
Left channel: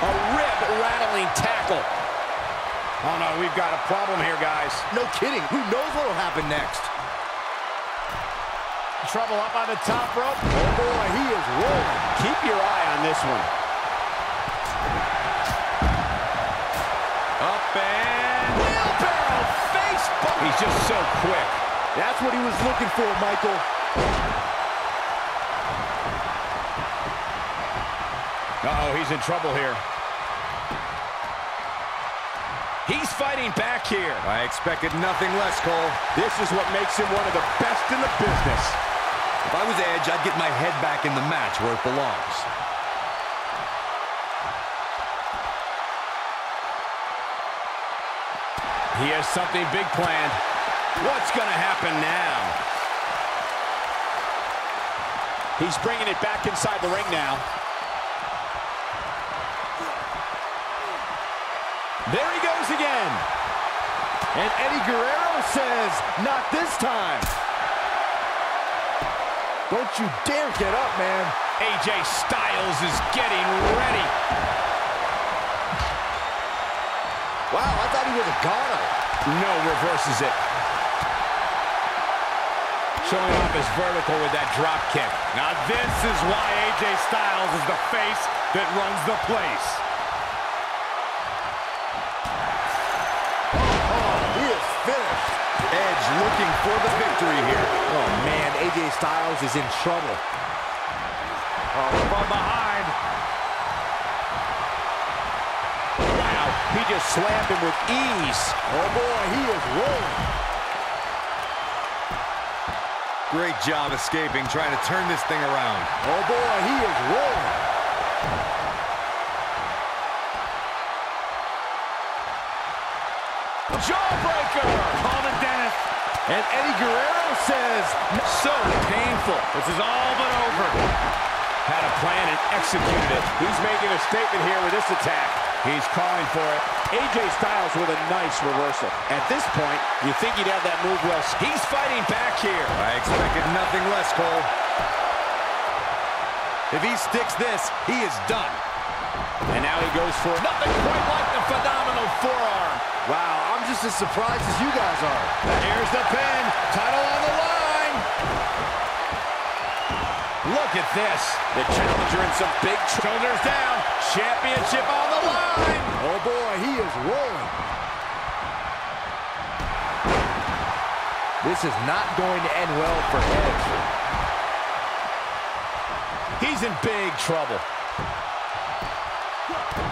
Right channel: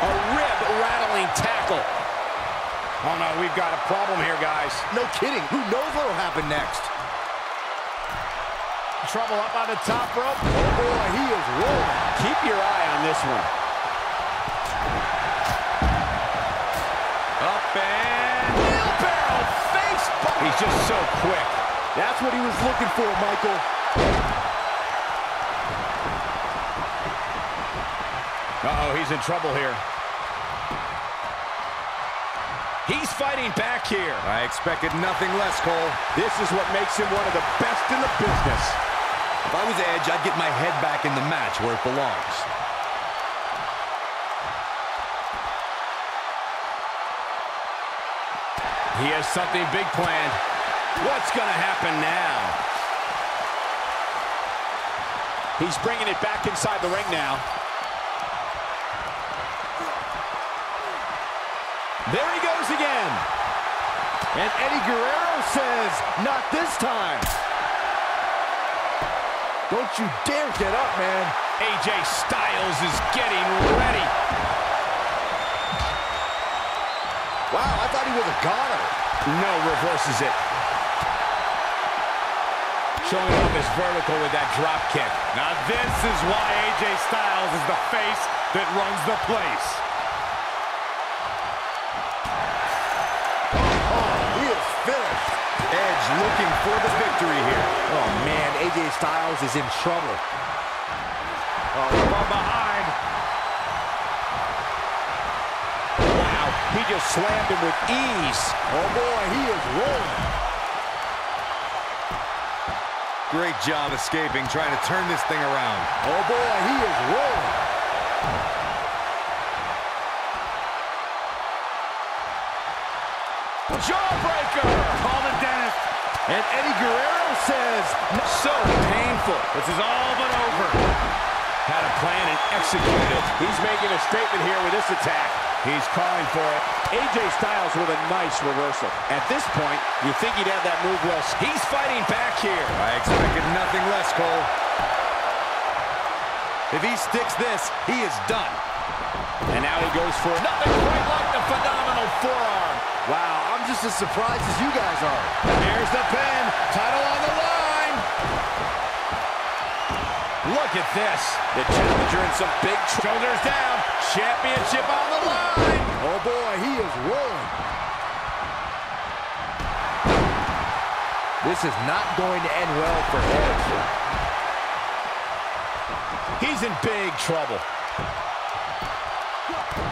A rib-rattling tackle. Oh, no, we've got a problem here, guys. No kidding. Who knows what will happen next? Trouble up on the top rope. Oh, boy, he is rolling. Keep your eye on this one. Up and wheelbarrow face bump. He's just so quick. That's what he was looking for, Michael. Uh-oh, he's in trouble here. He's fighting back here. I expected nothing less, Cole. This is what makes him one of the best in the business. If I was Edge, I'd get my head back in the match where it belongs. He has something big planned. What's going to happen now? He's bringing it back inside the ring now. There he goes again. And Eddie Guerrero says, not this time. Don't you dare get up, man. AJ Styles is getting ready. Wow, I thought he was a goner. No, reverses it. Showing off his vertical with that drop kick. Now this is why AJ Styles is the face that runs the place. Oh, he is finished. Edge looking for the victory here. Oh, man, AJ Styles is in trouble. Oh, from behind. Wow, he just slammed him with ease. Oh, boy, he is rolling. Great job escaping, trying to turn this thing around. Oh, boy, he is rolling. Jawbreaker! Call the dentist. And Eddie Guerrero says, So painful. This is all but over. Had a plan and executed it. He's making a statement here with this attack. He's calling for it. AJ Styles with a nice reversal. At this point, you think he'd have that move well. He's fighting back here. I expected nothing less, Cole. If he sticks this, he is done. And now he goes for it. Nothing quite like the phenomenal forearm. wow, I'm just as surprised as you guys are. Here's the pin. Title on the line. Look at this. The challenger in some big shoulders down. Championship on the line. Oh, boy, he is rolling. This is not going to end well for Edge. He's in big trouble.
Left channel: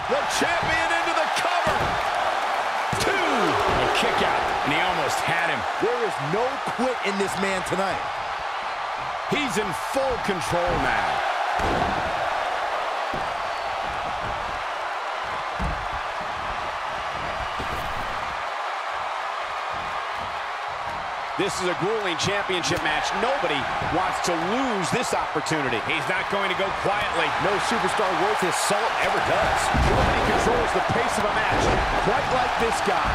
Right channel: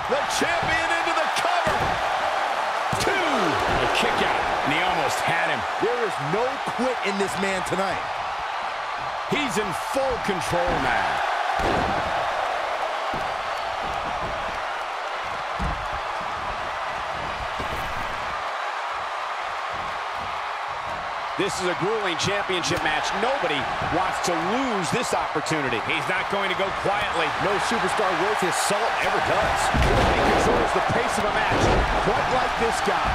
The champion into the cover. 2. A kick out, and he almost had him. There is no quit in this man tonight. He's in full control now. This is a grueling championship match. Nobody wants to lose this opportunity. He's not going to go quietly. No superstar worth his salt ever does. Nobody controls the pace of a match quite like this guy.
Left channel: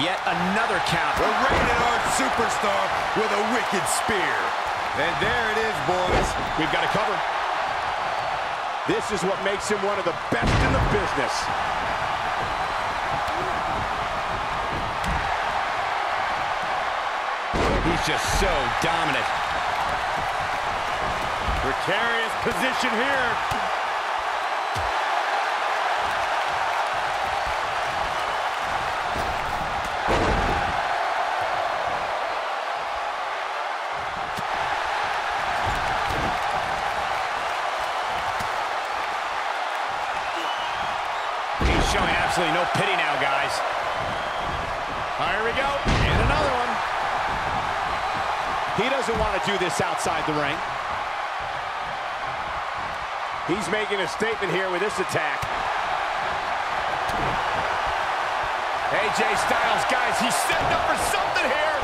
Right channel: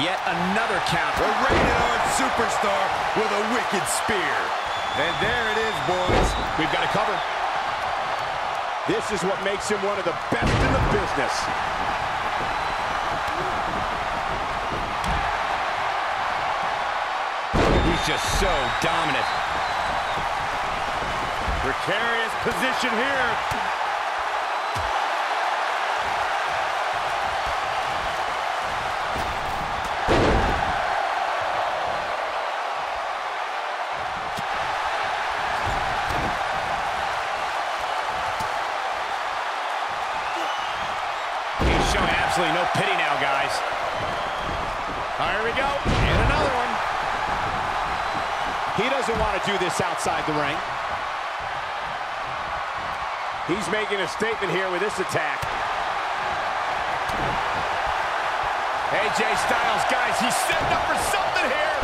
Yet another count. A rated R superstar with a wicked spear. And there it is, boys. We've got to cover. This is what makes him one of the best in the business. He's just so dominant. Precarious position here. He's showing absolutely no pity now, guys. Here we go. And another one. He doesn't want to do this outside the ring. He's making a statement here with this attack. AJ Styles, guys, he's setting up for something here.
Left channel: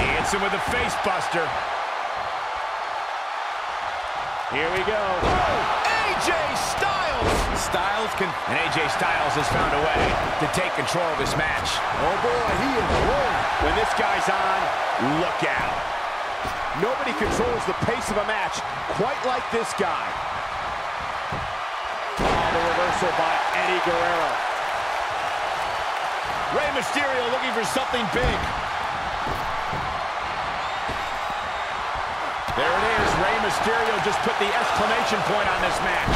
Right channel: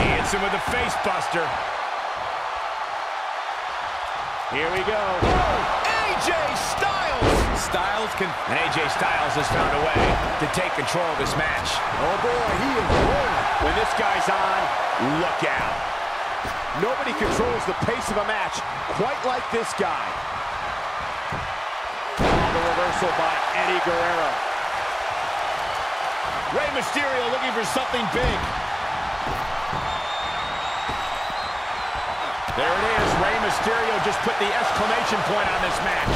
He hits him with a face buster. Here we go. Oh, AJ Styles! And AJ Styles has found a way to take control of this match. Oh, boy, he is rolling. When this guy's on, look out. Nobody controls the pace of a match quite like this guy. Oh, the reversal by Eddie Guerrero. Rey Mysterio looking for something big. There it is. Rey Mysterio just put the exclamation point on this match.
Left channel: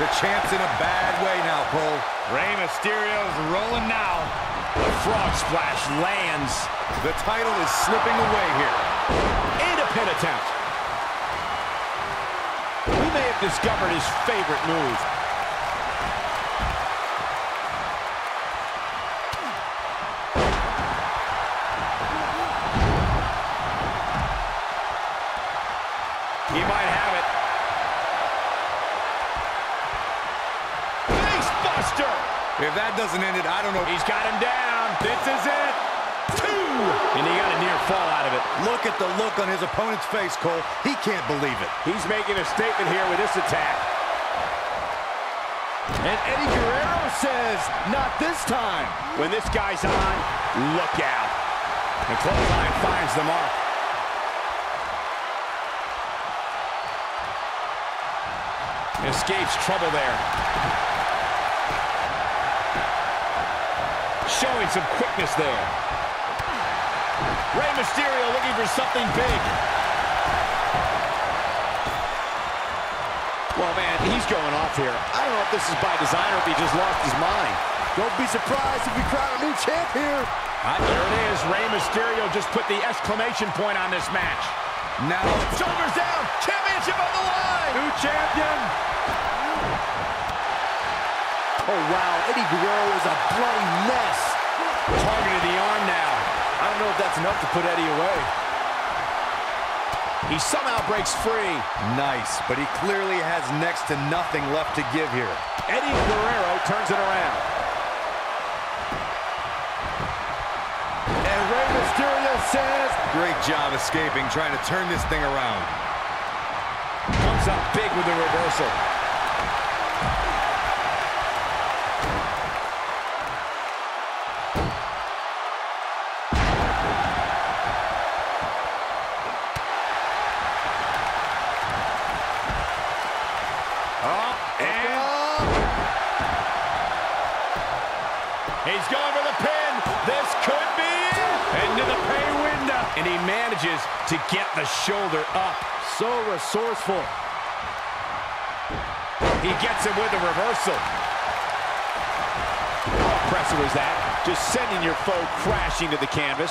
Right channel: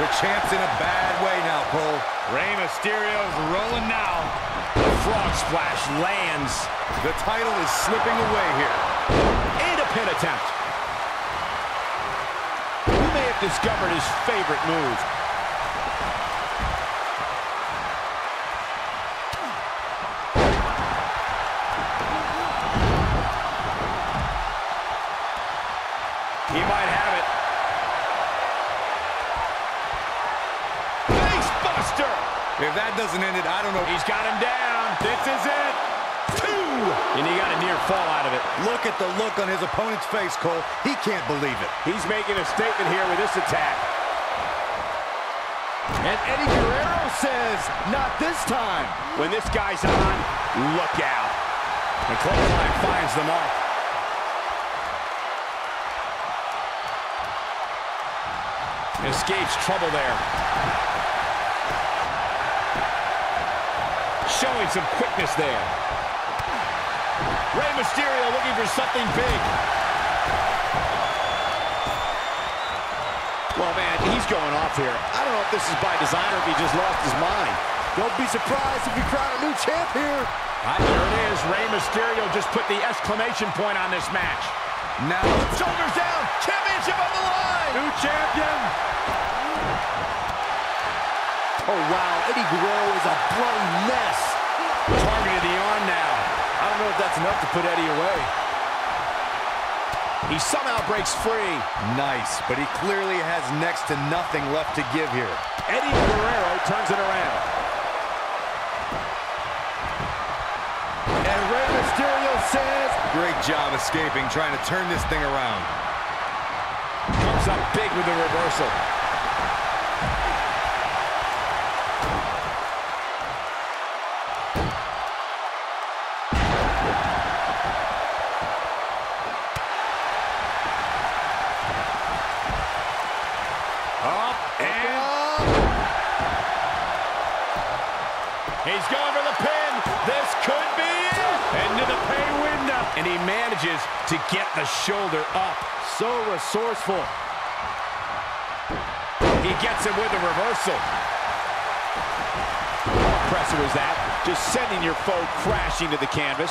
The champ's in a bad way now, Cole. Rey Mysterio's rolling now. The frog splash lands. The title is slipping away here. And a pin attempt. We may have discovered his favorite move. He might have it. Face buster! If that doesn't end it, I don't know. He's got him down. This is it. 2! And he got a near fall out of it. Look at the look on his opponent's face, Cole. He can't believe it. He's making a statement here with this attack. And Eddie Guerrero says, not this time. When this guy's on, look out. The clothesline finds the mark. Escapes trouble there. Showing some quickness there. Rey Mysterio looking for something big. Well, man, he's going off here. I don't know if this is by design or if he just lost his mind. Don't be surprised if we crown a new champ here. There it is. Rey Mysterio just put the exclamation point on this match. Now, shoulders down. Championship on the line. New champion. Oh, wow. Eddie Guerrero is a bloody mess. Targeted the arm now. I don't know if that's enough to put Eddie away. He somehow breaks free. Nice, but he clearly has next to nothing left to give here. Eddie Guerrero turns it around. And Rey Mysterio says, great job escaping, trying to turn this thing around. Comes up big with the reversal. Up and he's going for the pin. This could be it. Into the pay window. And he manages to get the shoulder up. so resourceful. He gets him with a reversal. How impressive was that? Just sending your foe crashing to the canvas.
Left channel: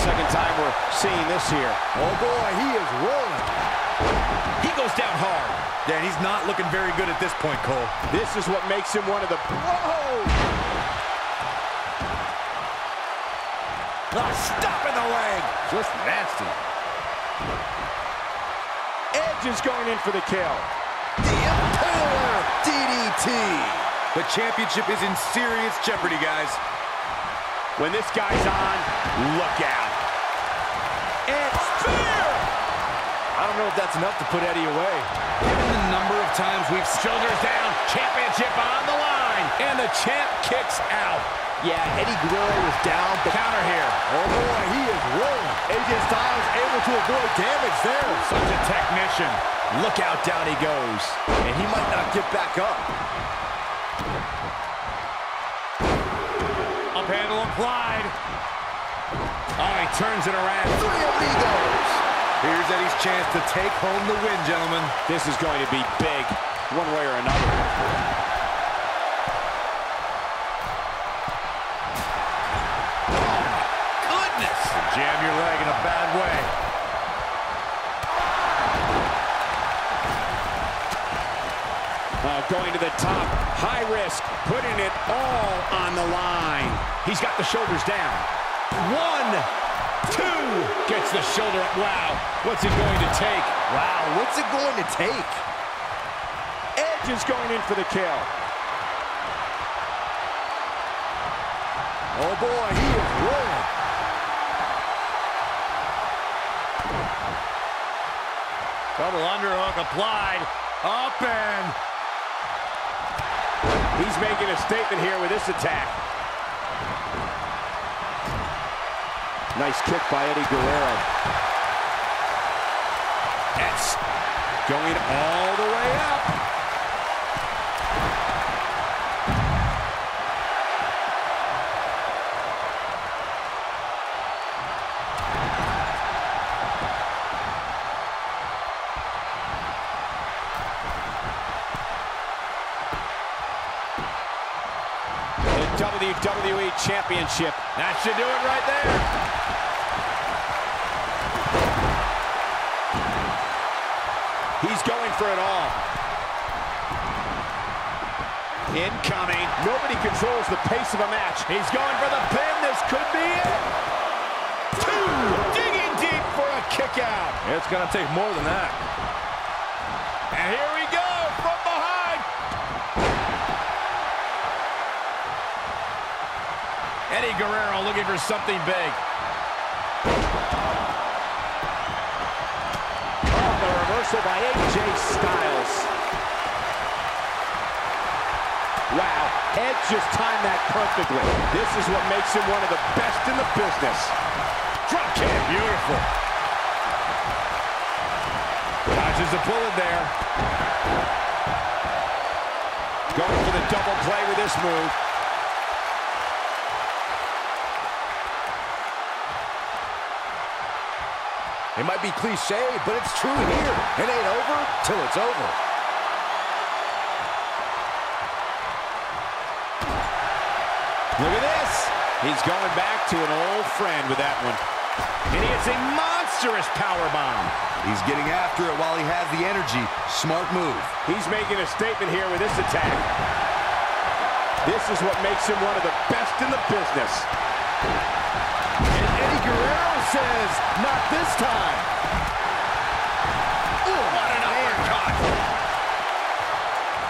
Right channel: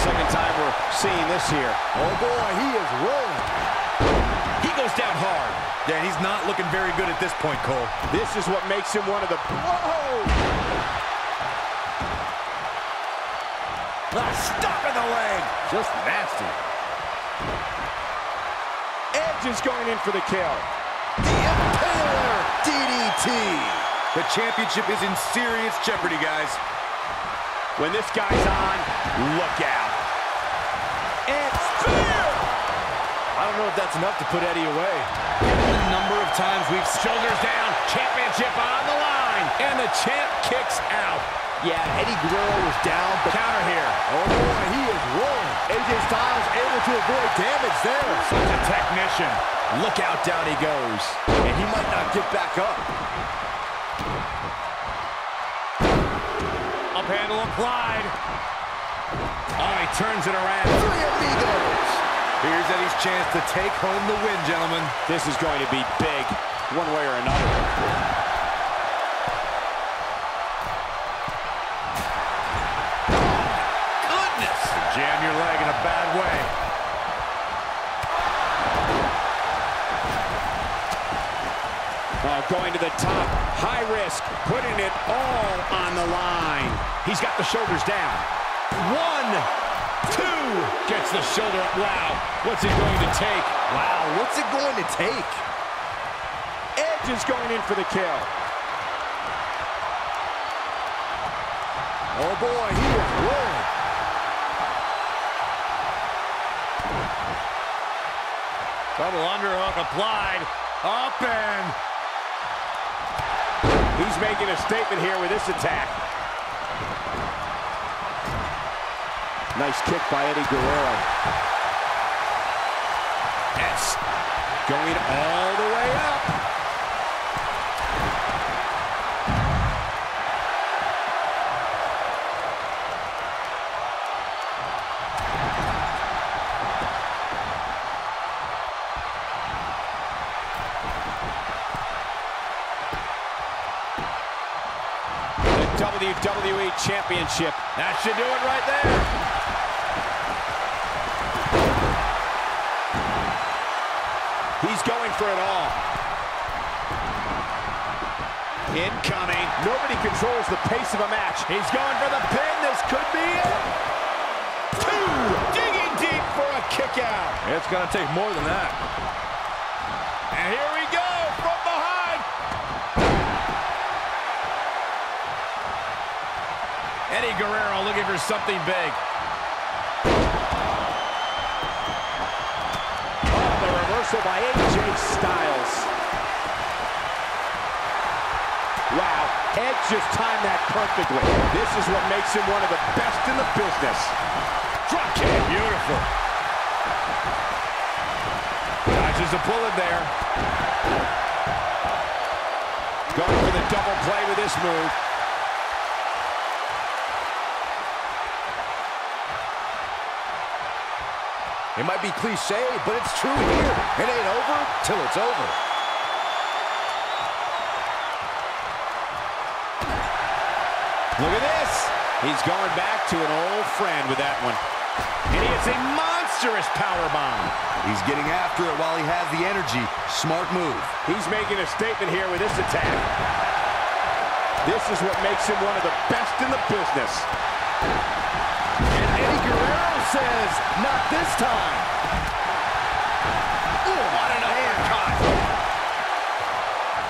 Second time we're seeing this here. Oh boy, he is rolling. He goes down hard. Yeah, he's not looking very good at this point, Cole. This is what makes him one of the... Whoa! Stop in the leg. Just nasty. Edge is going in for the kill. The Impaler DDT. The championship is in serious jeopardy, guys. When this guy's on, look out. And spear! I don't know if that's enough to put Eddie away. Given the number of times we've... Shoulders down, championship on the line. And the champ kicks out. Yeah, Eddie Guerrero was down, but... Counter here. Oh boy, he is rolling. AJ Styles able to avoid damage there. Such a technician. Look out, down he goes. And he might not get back up. Up handle applied. Oh, he turns it around. Three amigos. Here's Eddie's chance to take home the win, gentlemen. This is going to be big, one way or another. Oh, my goodness. Jam your leg in a bad way. Going to the top, high risk, putting it all on the line. He's got the shoulders down. 1, 2, gets the shoulder up. Wow, what's it going to take? Wow, what's it going to take? Edge is going in for the kill. Oh boy, he is rolling. Double underhook applied. Up and... He's making a statement here with this attack. Nice kick by Eddie Guerrero. That's going all the way up. WWE Championship. That should do it right there. He's going for it all. Incoming. Nobody controls the pace of a match. He's going for the pin. This could be it. 2, digging deep for a It's going to take more than that. And here we go from behind. Eddie Guerrero looking for something big. Oh, the reversal by AJ Styles. Wow, Edge just timed that perfectly. This is what makes him one of the best in the business. Drop kick. Beautiful. Dodges a bullet there. Going for the double play with this move. It might be cliche, but it's true here. It ain't over till it's over. Look at this. He's going back to an old friend with that one. And he hits a monstrous powerbomb. He's getting after it while he has the energy. Smart move. He's making a statement here with this attack. This is what makes him one of the best in the business. And Eddie Guerrero says, not this time. Ooh, what an uppercut.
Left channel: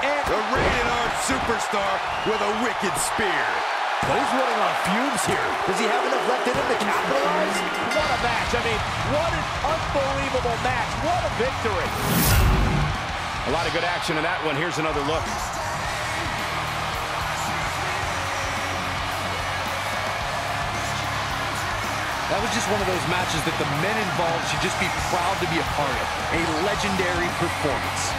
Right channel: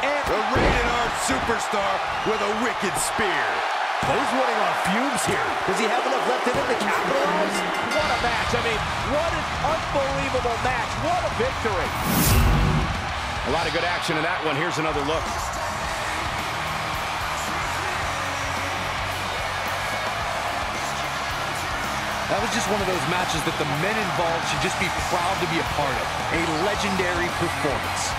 And The rated R superstar with a wicked spear. but he's running on fumes here. Does he have enough left in him to capitalize? What a match. I mean, what an unbelievable match. What a victory. A lot of good action in that one. Here's another look. That was just one of those matches that the men involved should just be proud to be a part of. A legendary performance.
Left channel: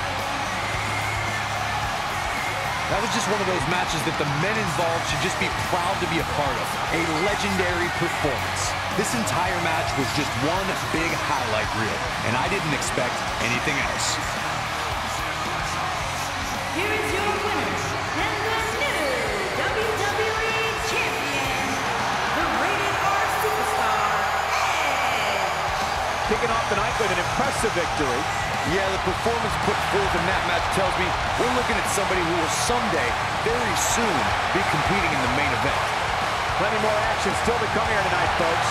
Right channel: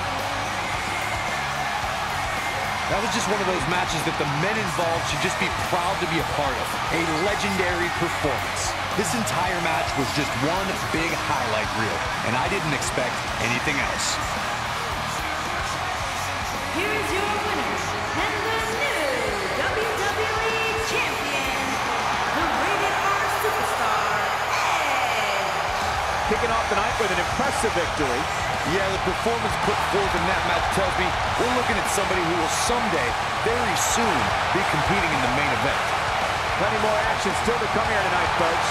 That was just one of those matches that the men involved should just be proud to be a part of. A legendary performance. This entire match was just one big highlight reel, and I didn't expect anything else. Here is your winner and the new WWE Champion, the Rated R Superstar, Edge. Kicking off the night with an impressive victory. Yeah, the performance put forth in that match tells me we're looking at somebody who will someday, very soon, be competing in the main event. Plenty more action still to come here tonight, folks.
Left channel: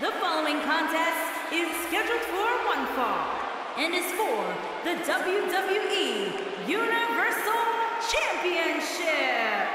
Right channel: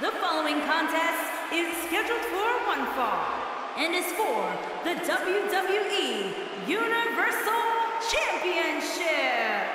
The following contest is scheduled for one fall and is for the WWE Universal Championship.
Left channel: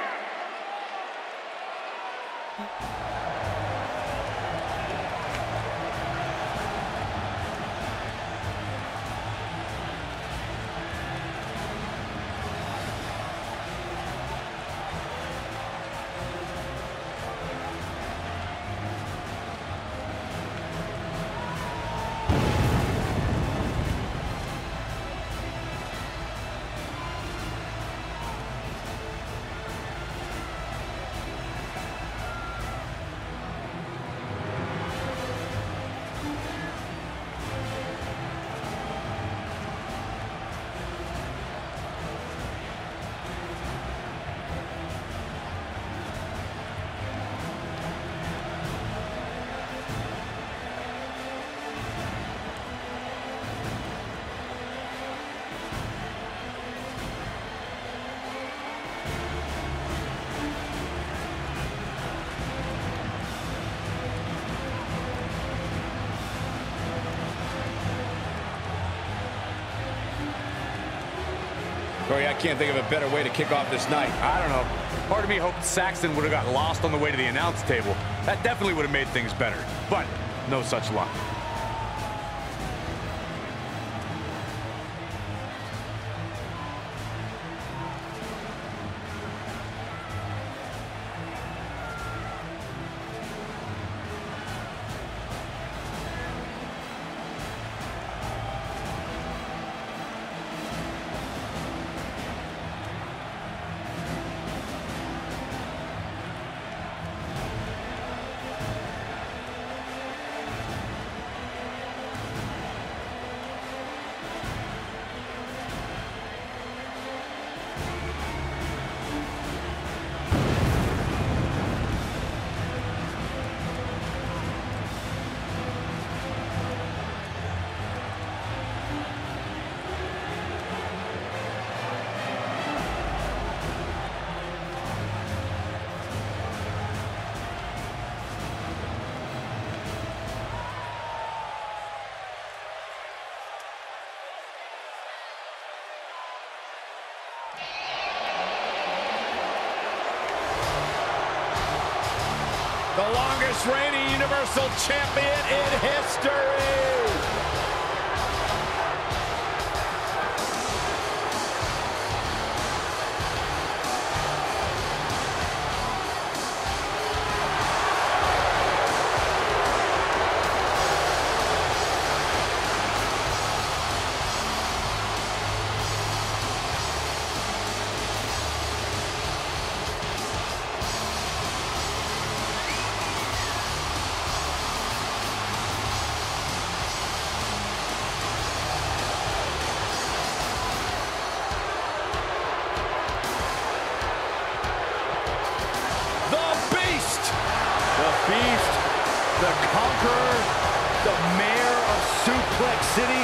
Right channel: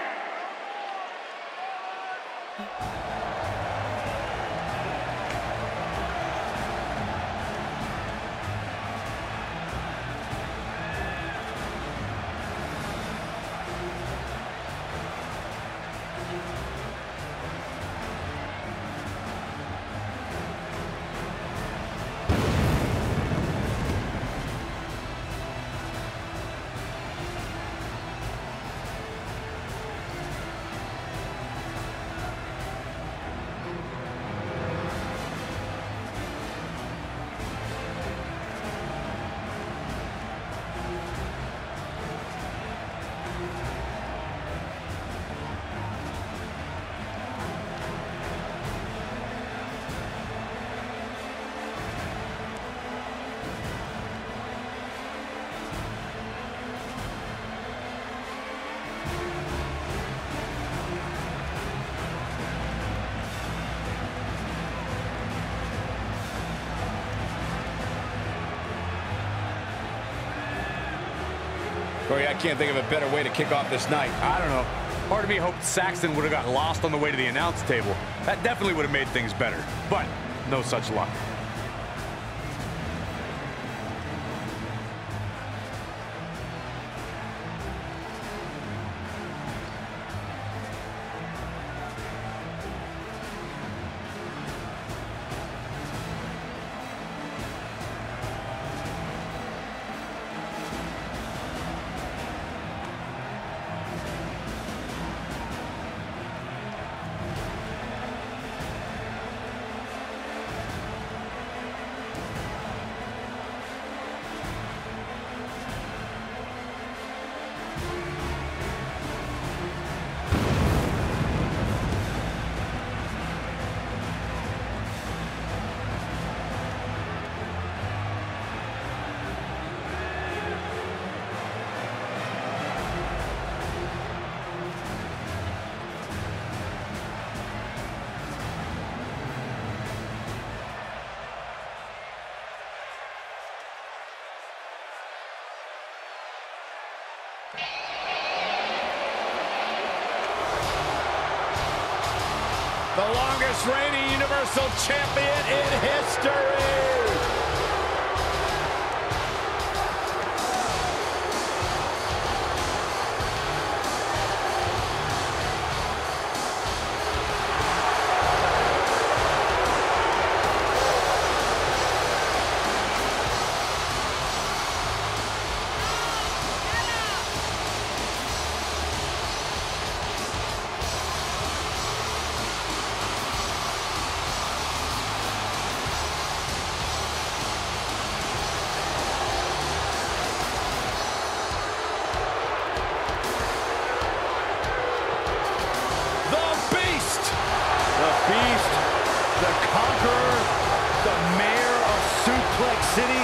Corey, I can't think of a better way to kick off this night. I don't know. Part of me hoped Saxton would have got lost on the way to the announce table. That definitely would have made things better. But no such luck. The longest reigning Universal Champion in history. Beast, the Conqueror, the Mayor of Suplex City.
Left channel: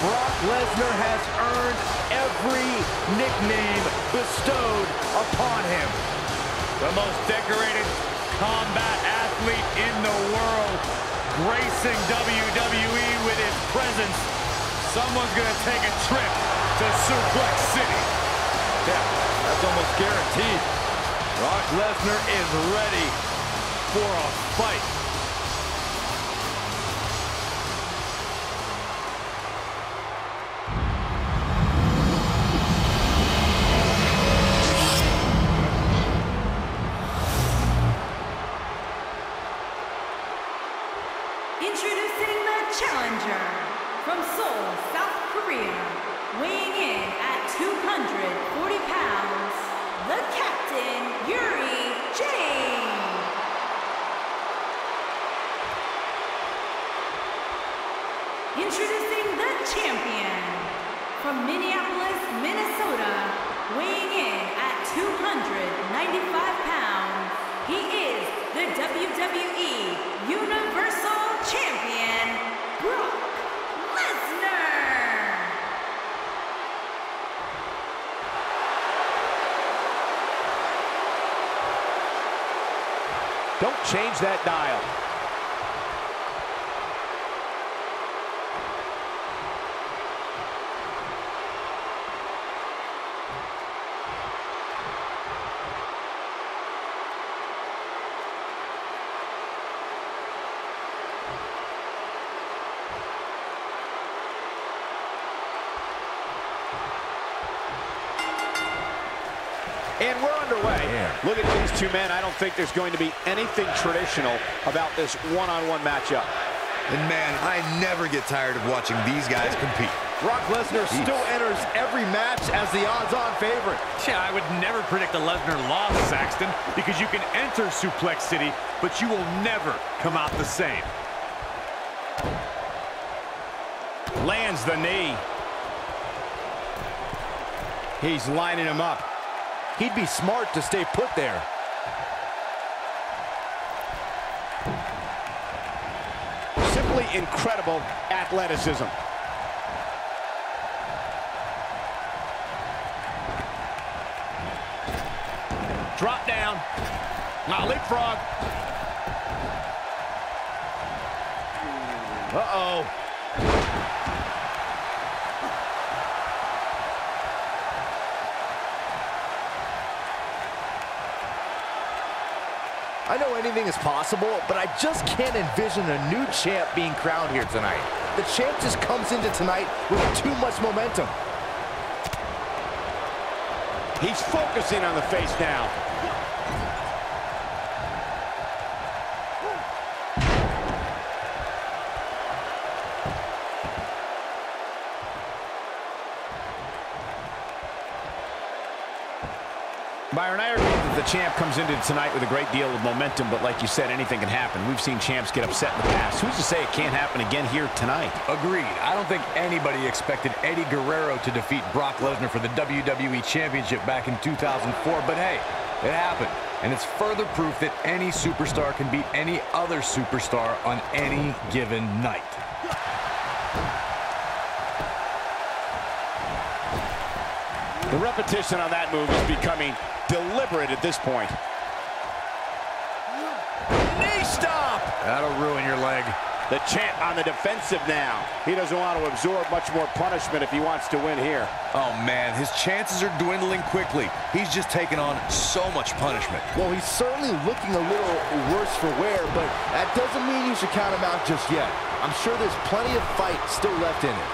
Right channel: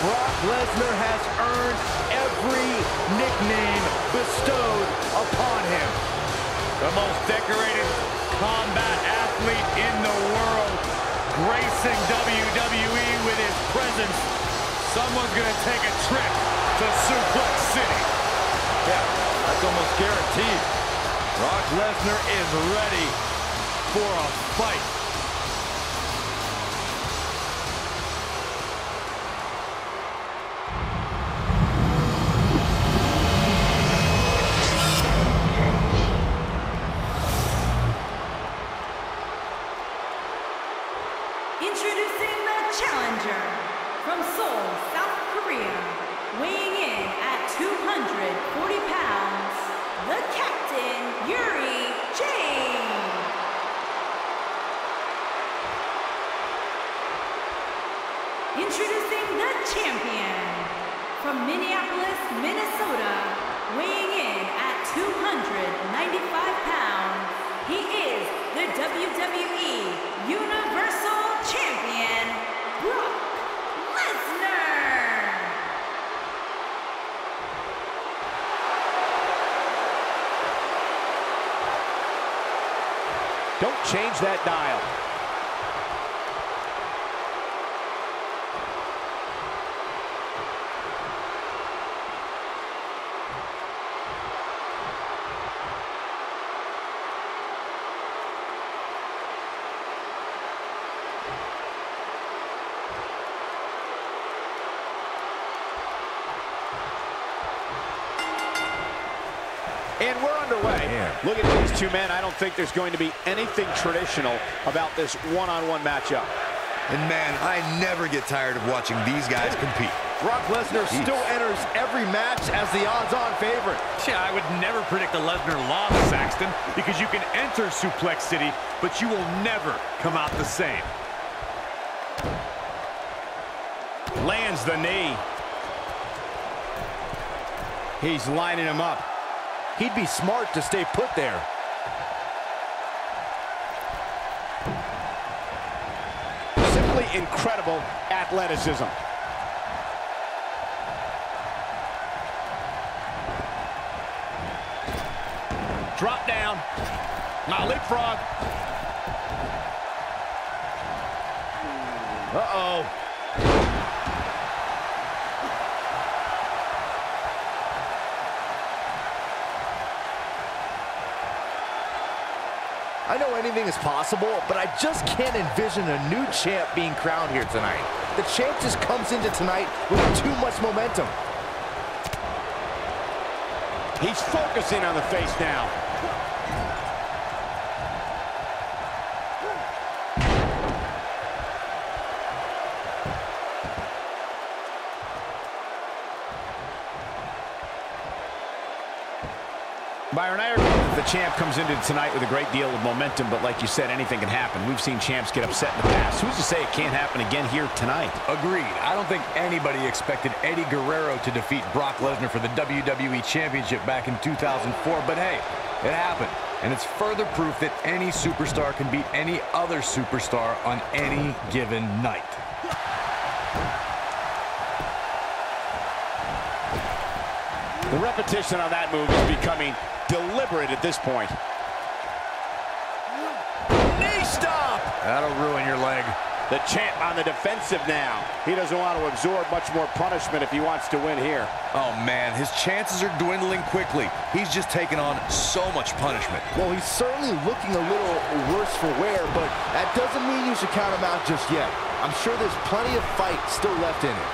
Brock Lesnar has earned every nickname bestowed upon him. The most decorated combat athlete in the world, gracing WWE with his presence. Someone's going to take a trip to Suplex City. Yeah, that's almost guaranteed. Brock Lesnar is ready for a fight. Introducing the challenger from Seoul, South Korea, weighing in at 240 pounds, the Captain, Yuri Jane. Introducing the champion from Minneapolis, Minnesota, weighing in at 295 pounds. He is the WWE Universal Champion, Brock Lesnar. Don't change that dial. And we're underway. Look at these two men. I don't think there's going to be anything traditional about this one-on-one matchup. And man, I never get tired of watching these guys compete. Brock Lesnar still enters every match as the odds-on favorite. Yeah, I would never predict a Lesnar loss, Saxton, because you can enter Suplex City, but you will never come out the same. Lands the knee. He's lining him up. He'd be smart to stay put there. Simply incredible athleticism. Drop down. Now leapfrog. Uh-oh. I know anything is possible, but I just can't envision a new champ being crowned here tonight. The champ just comes into tonight with too much momentum. He's focusing on the face now. Byron, I agree that the champ comes into tonight with a great deal of momentum, but like you said, anything can happen. We've seen champs get upset in the past. Who's to say it can't happen again here tonight? Agreed. I don't think anybody expected Eddie Guerrero to defeat Brock Lesnar for the WWE Championship back in 2004, but hey, it happened. And it's further proof that any superstar can beat any other superstar on any given night. The repetition on that move is becoming deliberate at this point. Knee stop! That'll ruin your leg. The champ on the defensive now. He doesn't want to absorb much more punishment if he wants to win here. Oh, man, his chances are dwindling quickly. He's just taken on so much punishment. Well, he's certainly looking a little worse for wear, but that doesn't mean you should count him out just yet. I'm sure there's plenty of fight still left in it.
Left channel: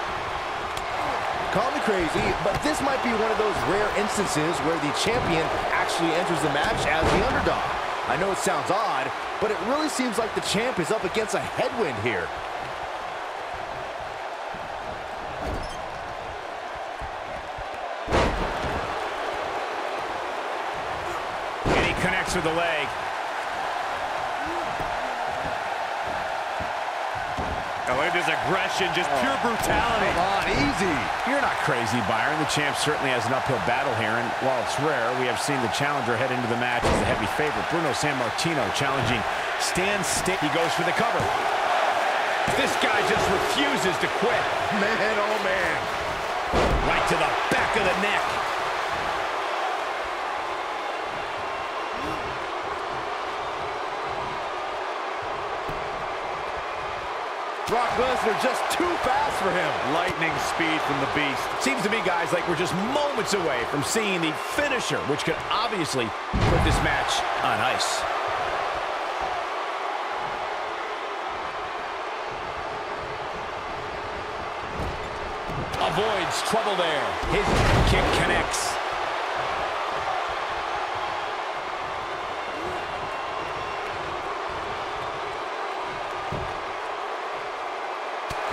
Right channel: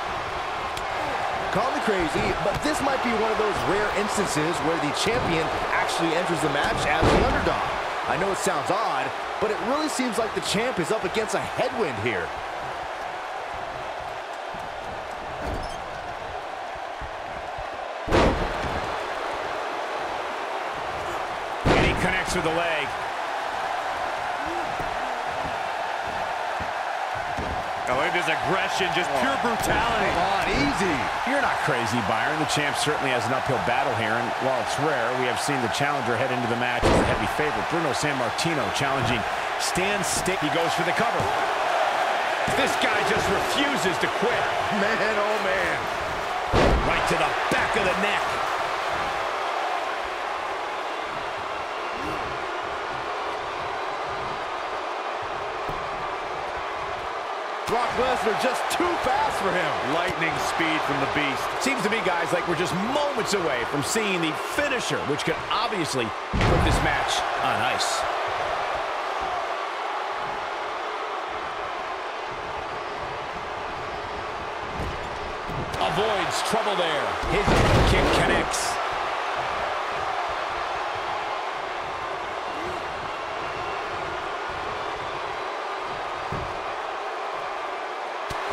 Call me crazy, but this might be one of those rare instances where the champion actually enters the match as the underdog. I know it sounds odd, but it really seems like the champ is up against a headwind here. And he connects with the leg. Oh, look at this aggression, just pure brutality. Come on, easy. You're not crazy, Byron. The champ certainly has an uphill battle here, and while it's rare, we have seen the challenger head into the match as the heavy favorite. Bruno Sammartino challenging Stan Stake. He goes for the cover. This guy just refuses to quit. Man, oh man. Right to the back of the neck. Brock Lesnar just too fast for him. Lightning speed from the beast. Seems to me, guys, like we're just moments away from seeing the finisher, which could obviously put this match on ice. Avoids trouble there. His kick connects.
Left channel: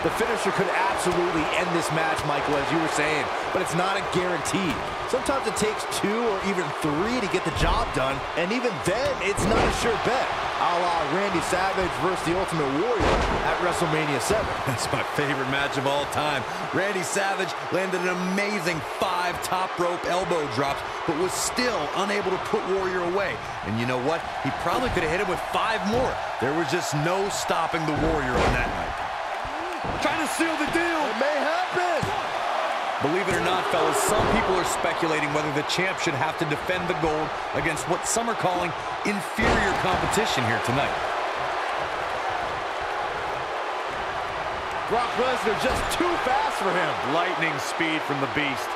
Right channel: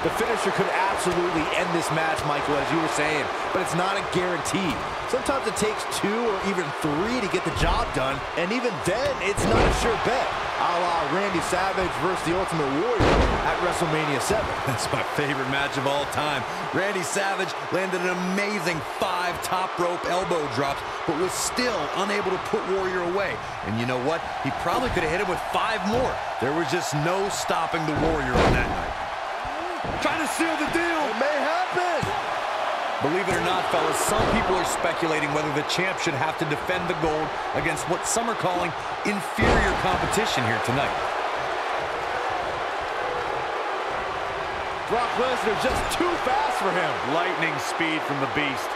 The finisher could absolutely end this match, Michael, as you were saying, but it's not a guarantee. Sometimes it takes 2 or even 3 to get the job done, and even then, it's not a sure bet. A la Randy Savage versus the Ultimate Warrior at WrestleMania 7. That's my favorite match of all time. Randy Savage landed an amazing 5 top rope elbow drops, but was still unable to put Warrior away. And you know what? He probably could have hit him with 5 more. There was just no stopping the Warrior on that night. Trying to seal the deal. It may happen. Believe it or not, fellas, some people are speculating whether the champ should have to defend the gold against what some are calling inferior competition here tonight. Brock Lesnar just too fast for him. Lightning speed from the beast.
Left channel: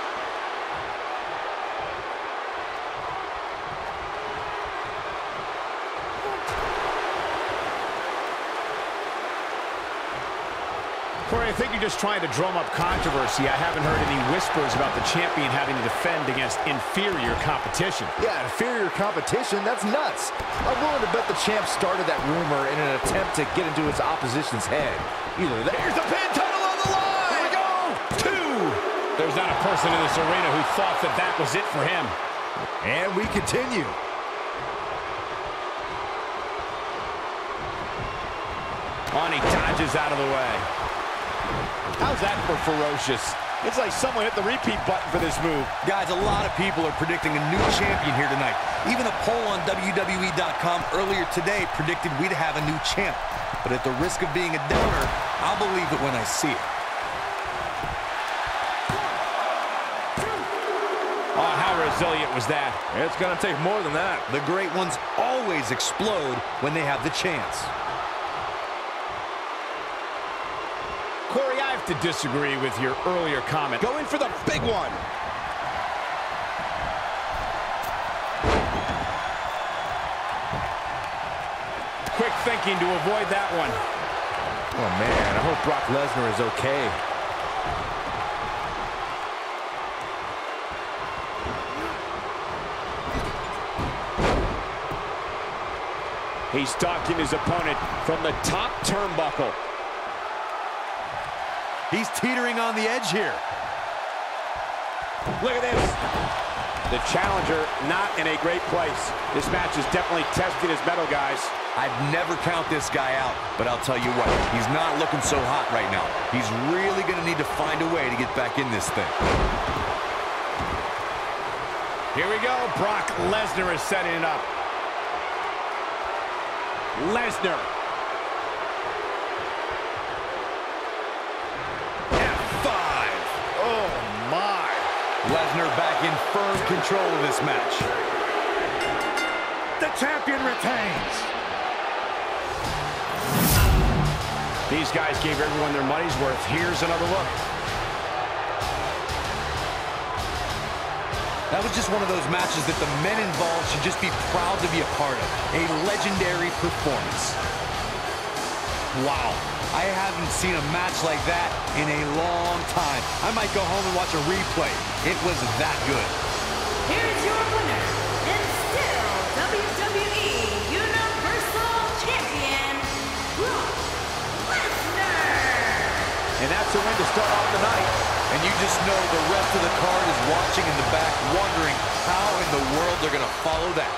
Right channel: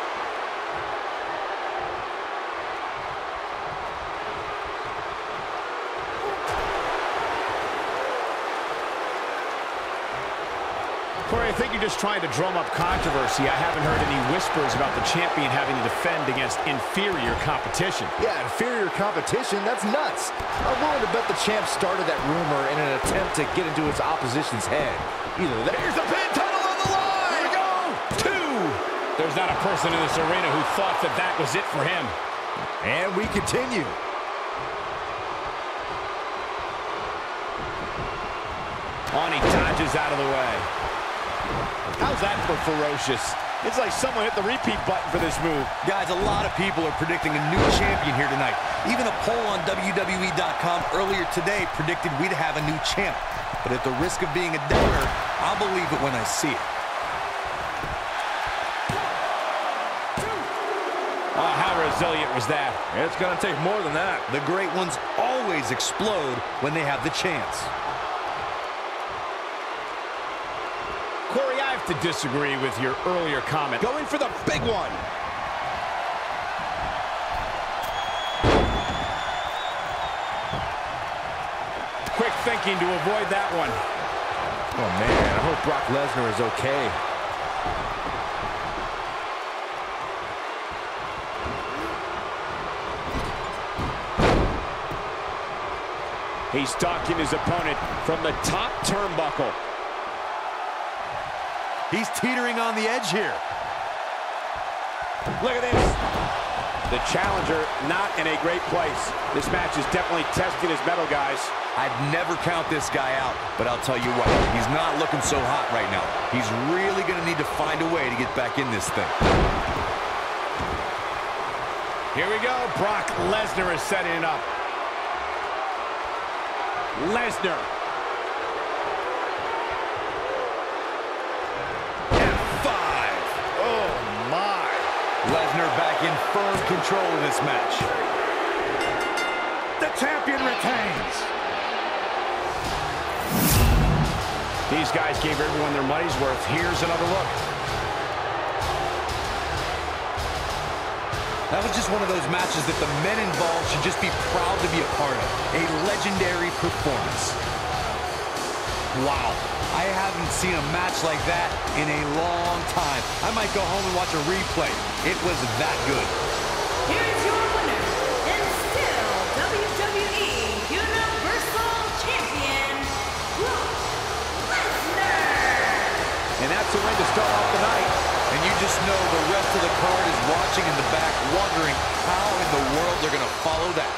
Corey, I think you're just trying to drum up controversy. I haven't heard any whispers about the champion having to defend against inferior competition. Yeah, inferior competition? That's nuts. I'm willing to bet the champ started that rumor in an attempt to get into his opposition's head. Either that. Here's the pin, title on the line! Here we go! 2! There's not a person in this arena who thought that that was it for him. And we continue. On, he dodges out of the way. How's that for ferocious? It's like someone hit the repeat button for this move. Guys, a lot of people are predicting a new champion here tonight. Even a poll on WWE.com earlier today predicted we'd have a new champ. But at the risk of being a downer, I'll believe it when I see it. Oh, how resilient was that? It's going to take more than that. The great ones always explode when they have the chance. Corey, I have to disagree with your earlier comment. Going for the big one. quick thinking to avoid that one. Oh, man, I hope Brock Lesnar is okay. He's stalking his opponent from the top turnbuckle. He's teetering on the edge here. Look at this. The challenger not in a great place. This match is definitely testing his mettle, guys. I'd never count this guy out, but I'll tell you what, he's not looking so hot right now. He's really going to need to find a way to get back in this thing. Here we go. Brock Lesnar is setting it up. Lesnar. F5. Oh, my. Lesnar back in firm control of this match. The champion retains. These guys gave everyone their money's worth. Here's another look. That was just one of those matches that the men involved should just be proud to be a part of. A legendary performance. Wow. I haven't seen a match like that in a long time. I might go home and watch a replay. It was that good. Here is your winner, and still WWE Universal Champion, Brock Lesnar. And that's a win to start off the night. And you just know the rest of the card is watching in the back, wondering how in the world they're going to follow that.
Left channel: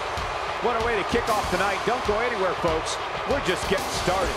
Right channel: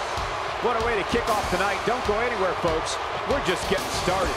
What a way to kick off tonight. Don't go anywhere, folks. We're just getting started.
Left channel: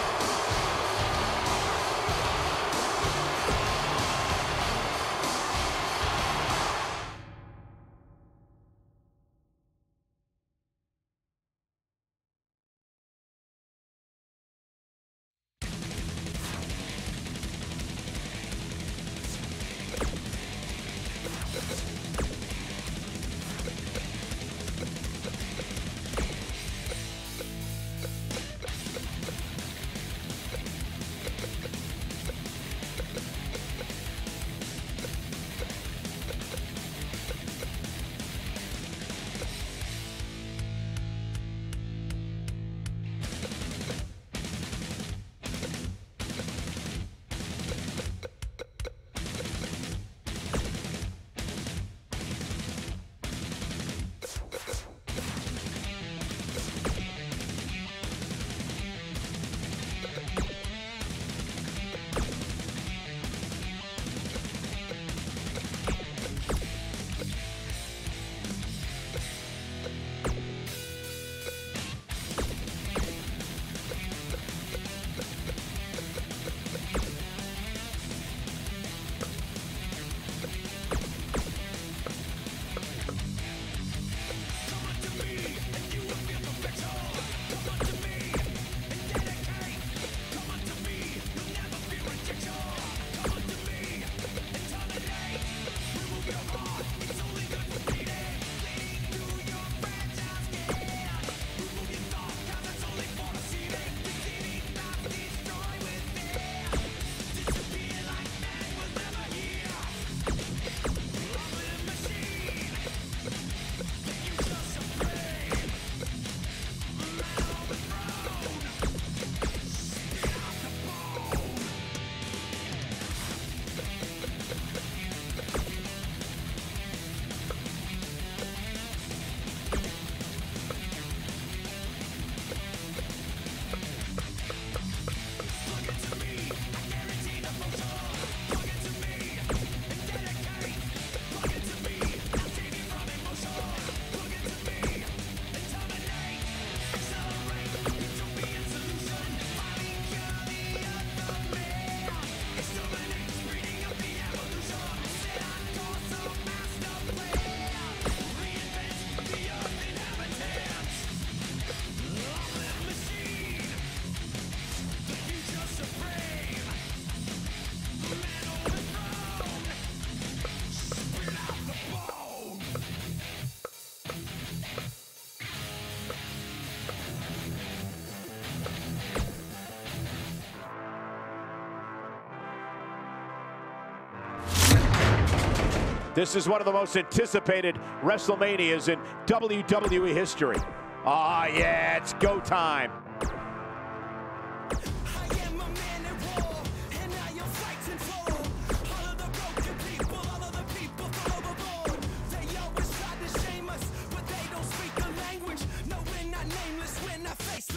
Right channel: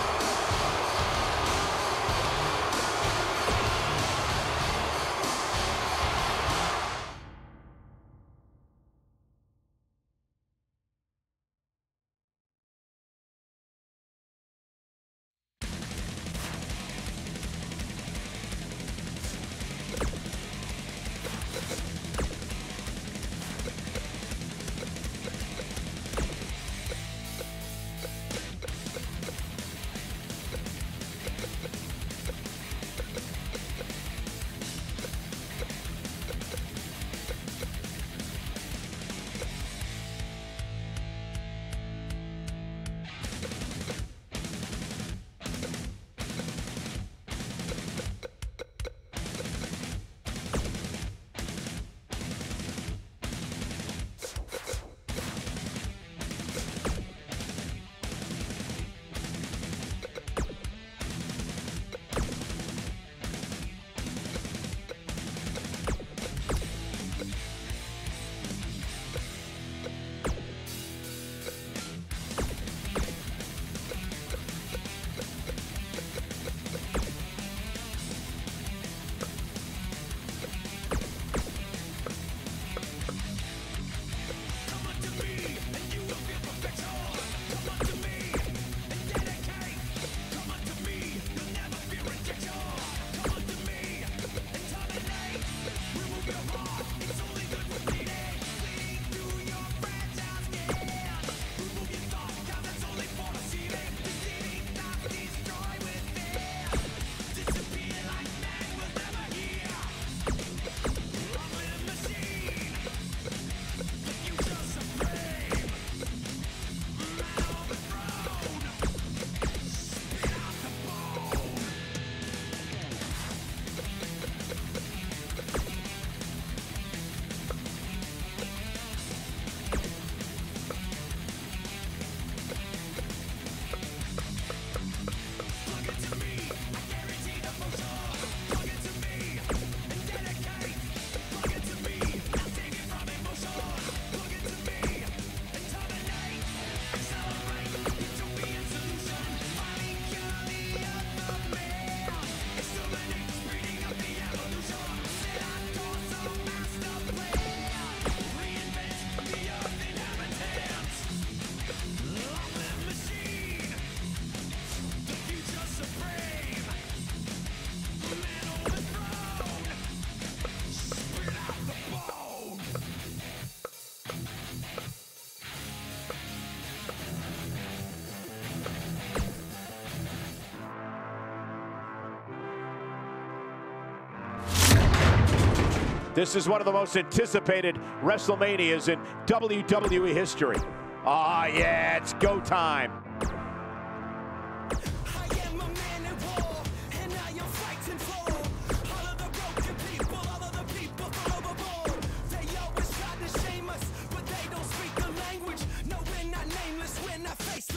This is one of the most anticipated WrestleManias in WWE history. Ah, yeah, it's go time.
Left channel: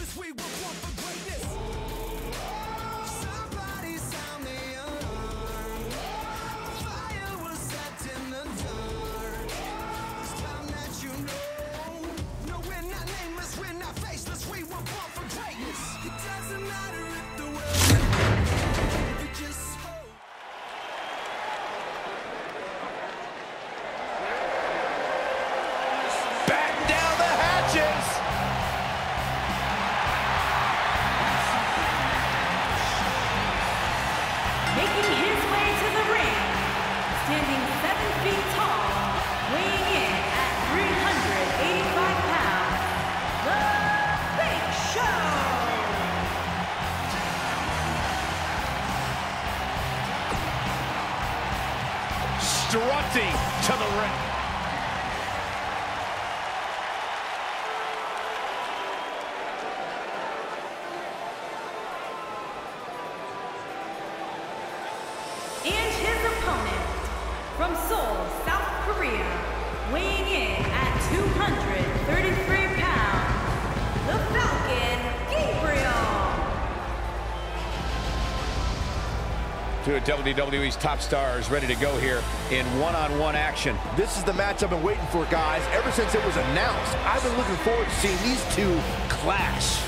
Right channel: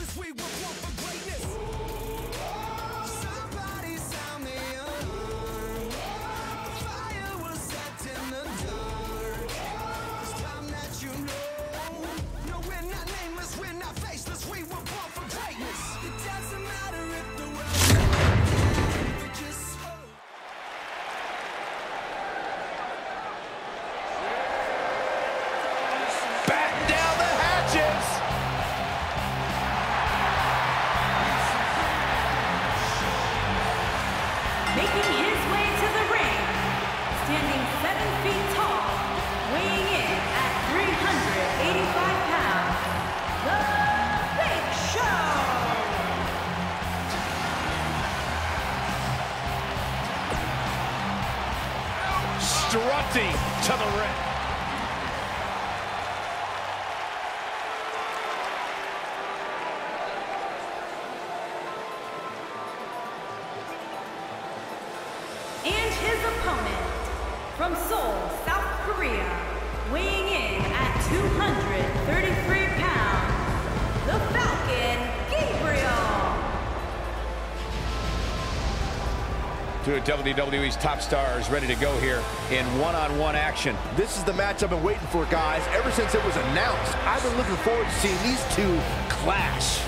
faceless, we were born for greatness. Somebody sound the alarm. A fire was set in the dark. It's time that you know. No, we're not nameless, we're not faceless, we were born for greatness. It doesn't matter if the world's alive, but just hope. Batten down the hatches. Making his way to the ring, standing 7 feet tall, weighing in at 385 pounds, The Big Show! Strutting to the ring. And his opponent, from Seoul, South Korea, weighing in at 233 pounds, the Falcon, Gabriel. Two of WWE's top stars ready to go here in one-on-one action. This is the match I've been waiting for, guys. Ever since it was announced, I've been looking forward to seeing these two clash.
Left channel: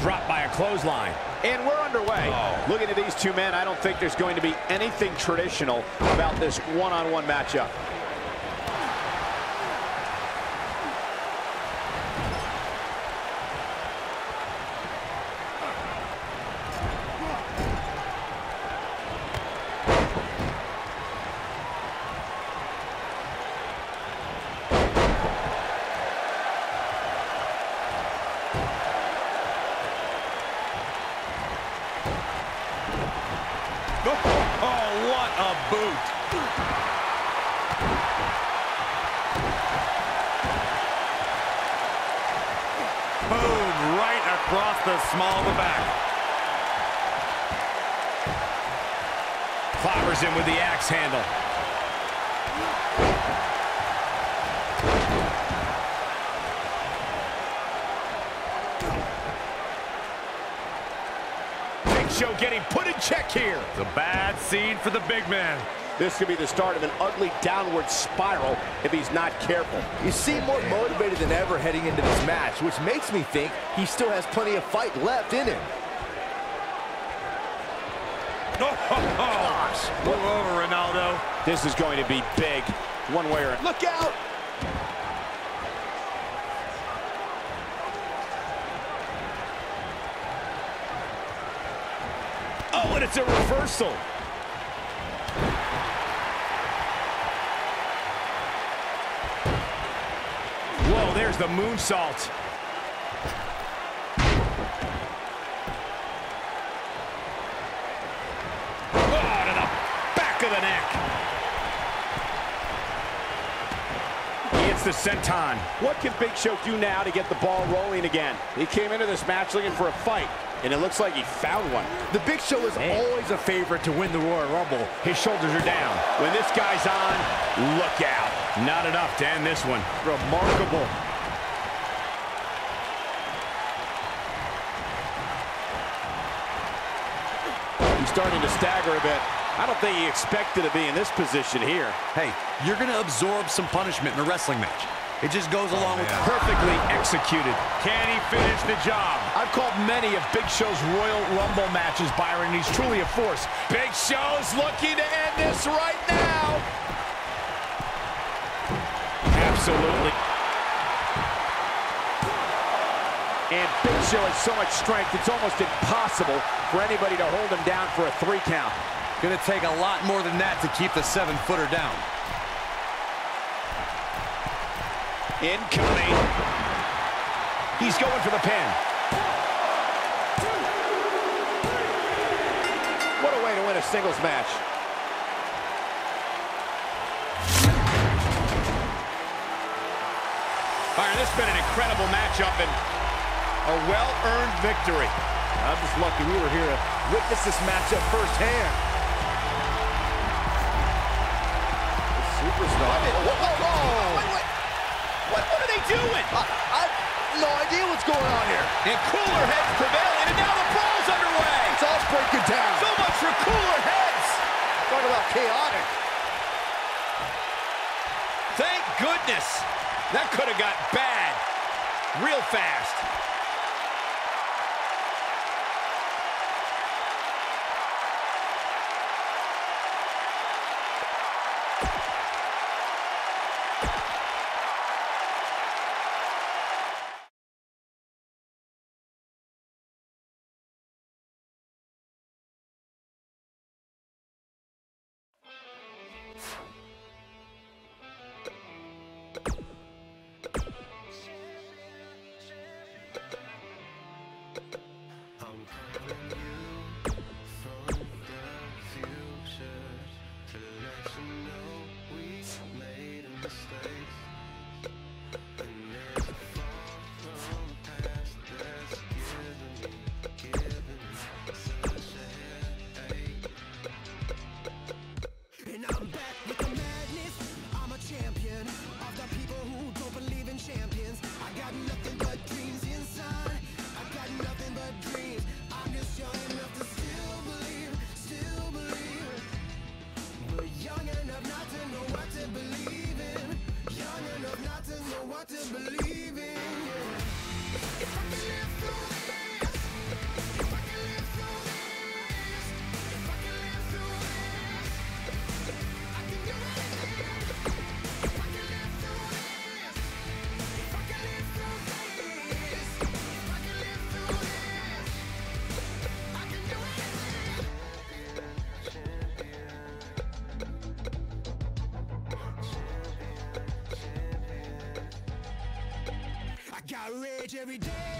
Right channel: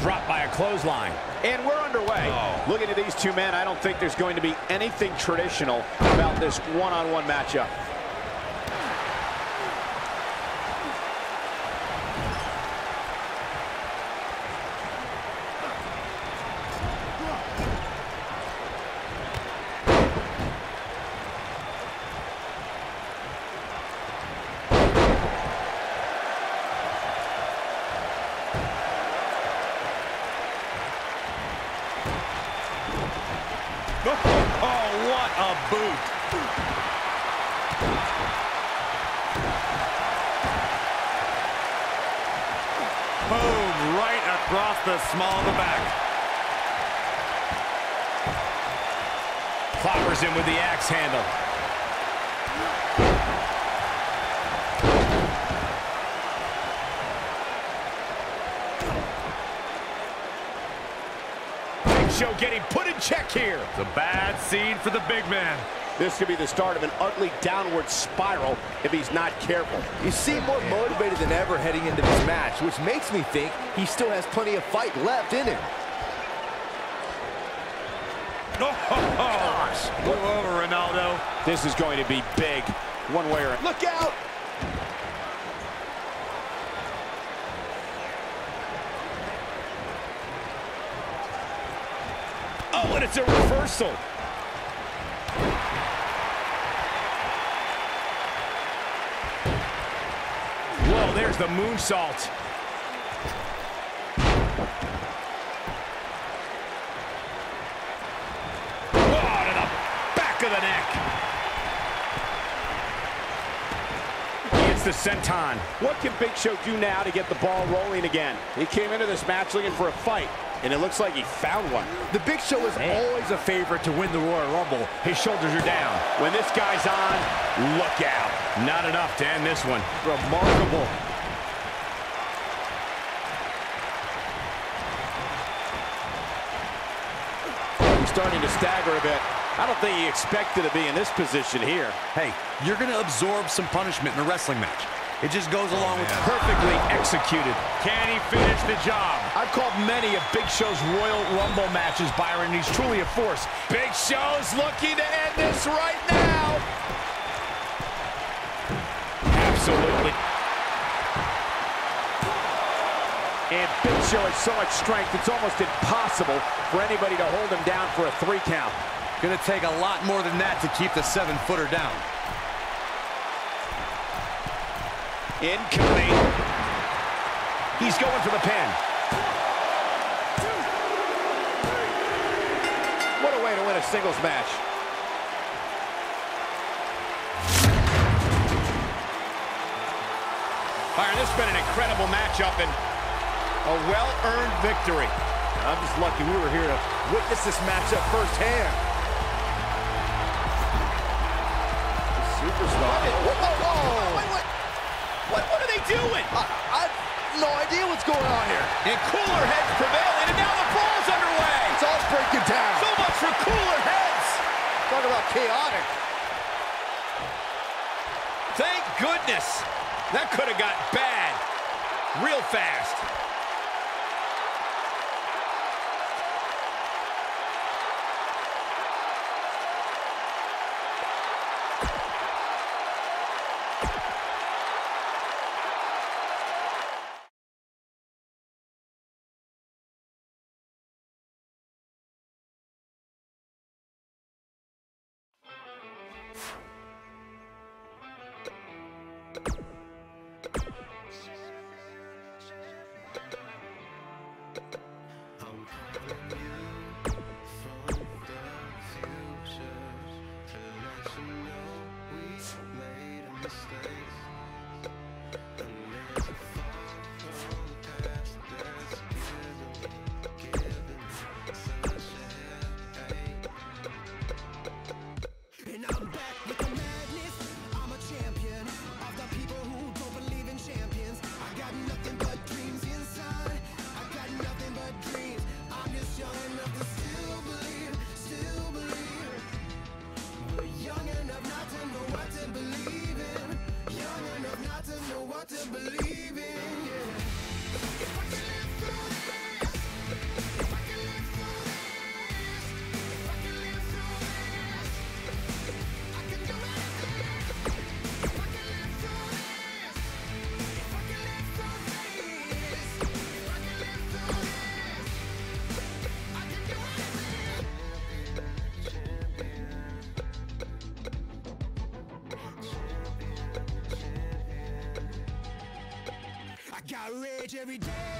Dropped by a clothesline. And we're underway. Looking at these two men, I don't think there's going to be anything traditional about this one-on-one matchup. Oh, what a boot. Boom, right across the small of the back. Clobbers him with the axe handle. Big Show getting put in check here. It's a bad scene for the big man. This could be the start of an ugly downward spiral if he's not careful. You seem more motivated than ever heading into this match, which makes me think he still has plenty of fight left in him. Oh, gosh. Move over, Ronaldo. This is going to be big, one way or another. Look out! Oh, and it's a reversal. Whoa, there's the moonsault. Oh, to the back of the neck. He hits the senton. What can Big Show do now to get the ball rolling again? He came into this match looking for a fight, and it looks like he found one. The Big Show is always a favorite to win the Royal Rumble. His shoulders are down. When this guy's on, look out. Not enough to end this one. Remarkable. He's starting to stagger a bit. I don't think he expected to be in this position here. Hey, you're going to absorb some punishment in a wrestling match. It just goes along with Perfectly executed. Can he finish the job? I've called many of Big Show's Royal Rumble matches, Byron, and he's truly a force. Big Show's looking to end this right now. Absolutely. And Big Show has so much strength, it's almost impossible for anybody to hold him down for a 3 count. Going to take a lot more than that to keep the 7-footer down. Incoming. He's going for the pin. What a way to win a singles match. Byron, this has been an incredible matchup, and A well-earned victory. I'm just lucky we were here to witness this matchup firsthand. The superstar. Wait. What are they doing? I have no idea what's going on here. And cooler heads prevailing, and now the brawl's underway. It's all breaking down. So much for cooler heads. Talk about chaotic. Thank goodness. That could have got bad real fast. Got rage every day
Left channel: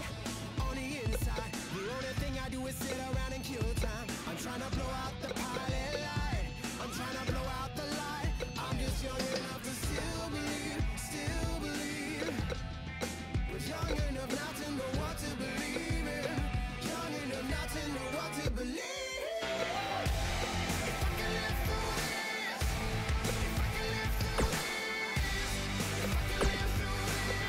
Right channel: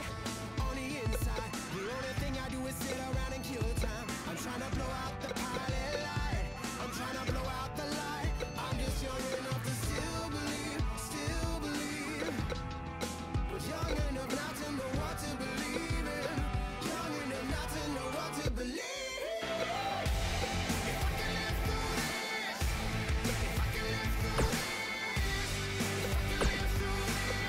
on the inside. The only thing I do is sit around and kill time. I'm trying to blow out the pilot light. I'm trying to blow out the light. I'm just young enough to still believe. But young enough not to know what to believe in. Young enough not to know what to believe. If I can live through this, if I can live through this, if I can live through this.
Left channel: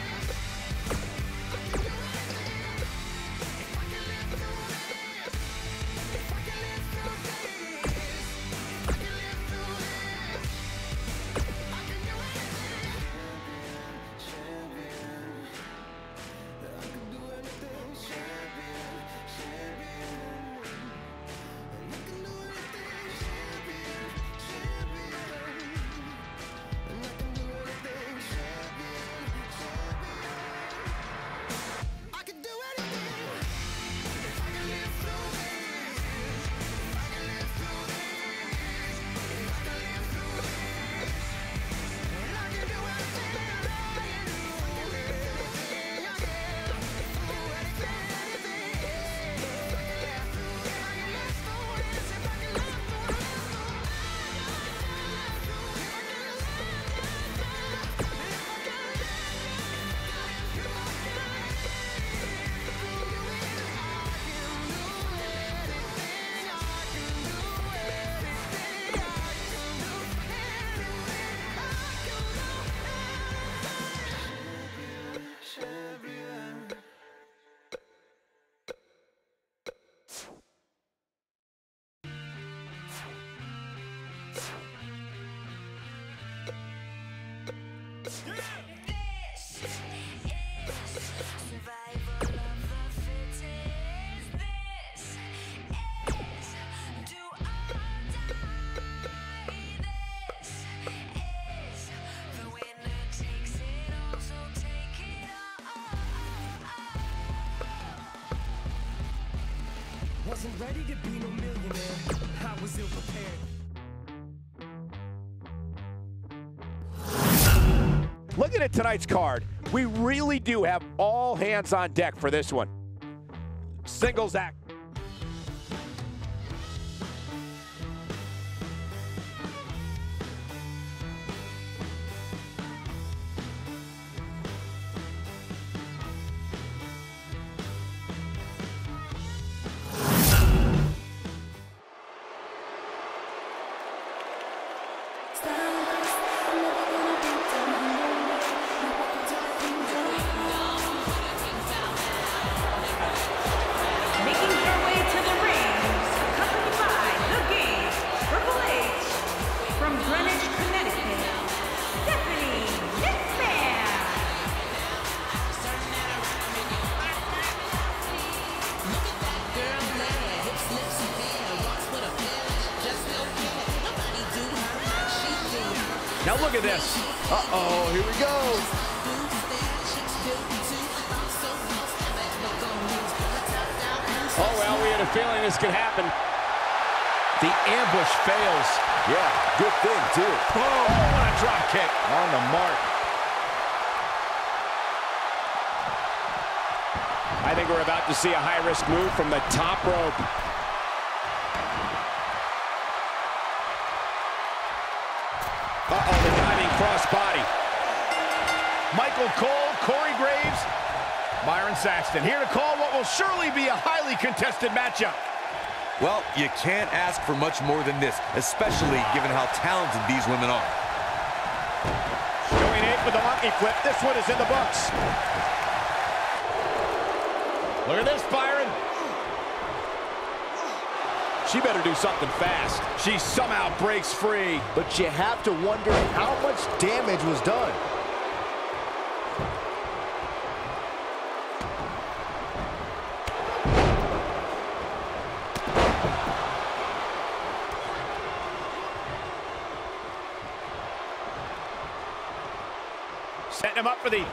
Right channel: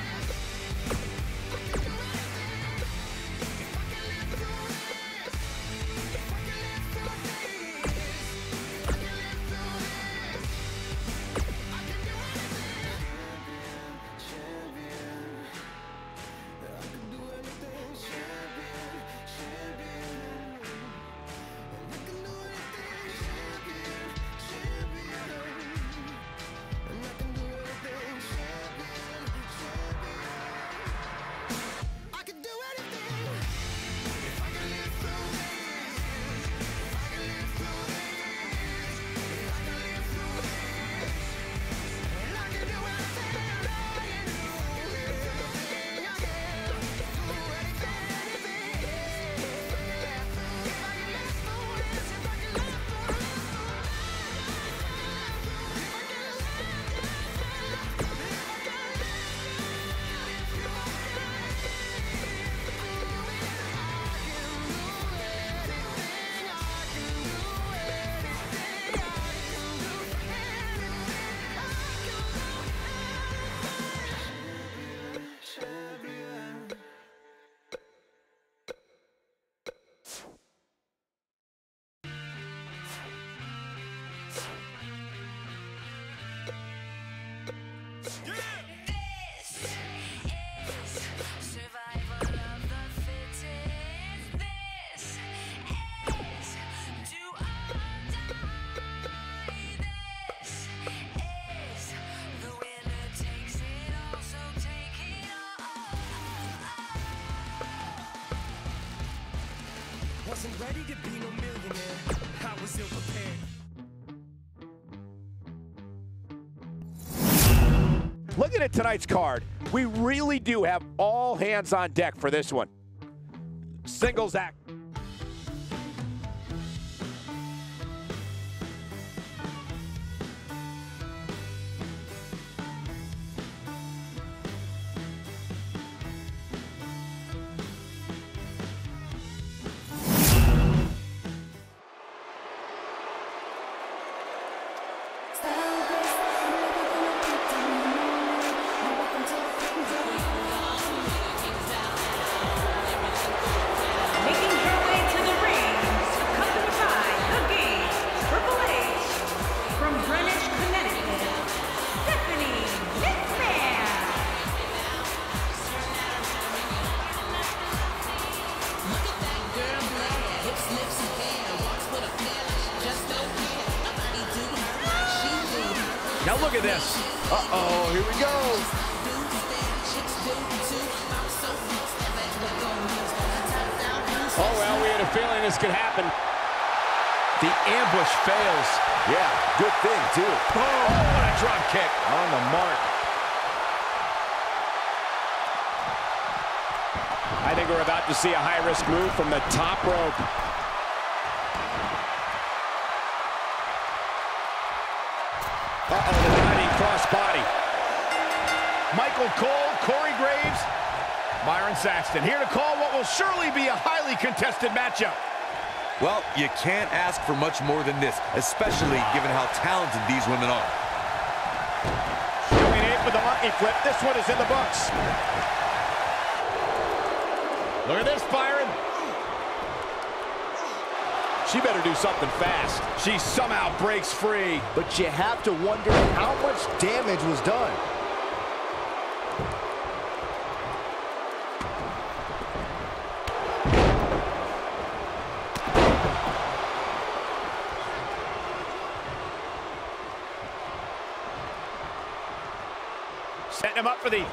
Wasn't ready to be no millionaire. I was ill prepared. Looking at tonight's card, we really do have all hands on deck for this one. Singles act. Now look at this. Uh-oh, here we go. Oh, well, we had a feeling this could happen. The ambush fails. Yeah, good thing, too. Oh, what a drop kick. On the mark. I think we're about to see a high-risk move from the top rope. Uh-oh, the diving crossbody. Michael Cole, Corey Graves, Byron Saxton here to call what will surely be a highly contested matchup. Well, you can't ask for much more than this, especially given how talented these women are. Showing 8 with the monkey flip. This one is in the books. Look at this, Byron. She better do something fast. She somehow breaks free. But you have to wonder how much damage was done. Setting him up for the...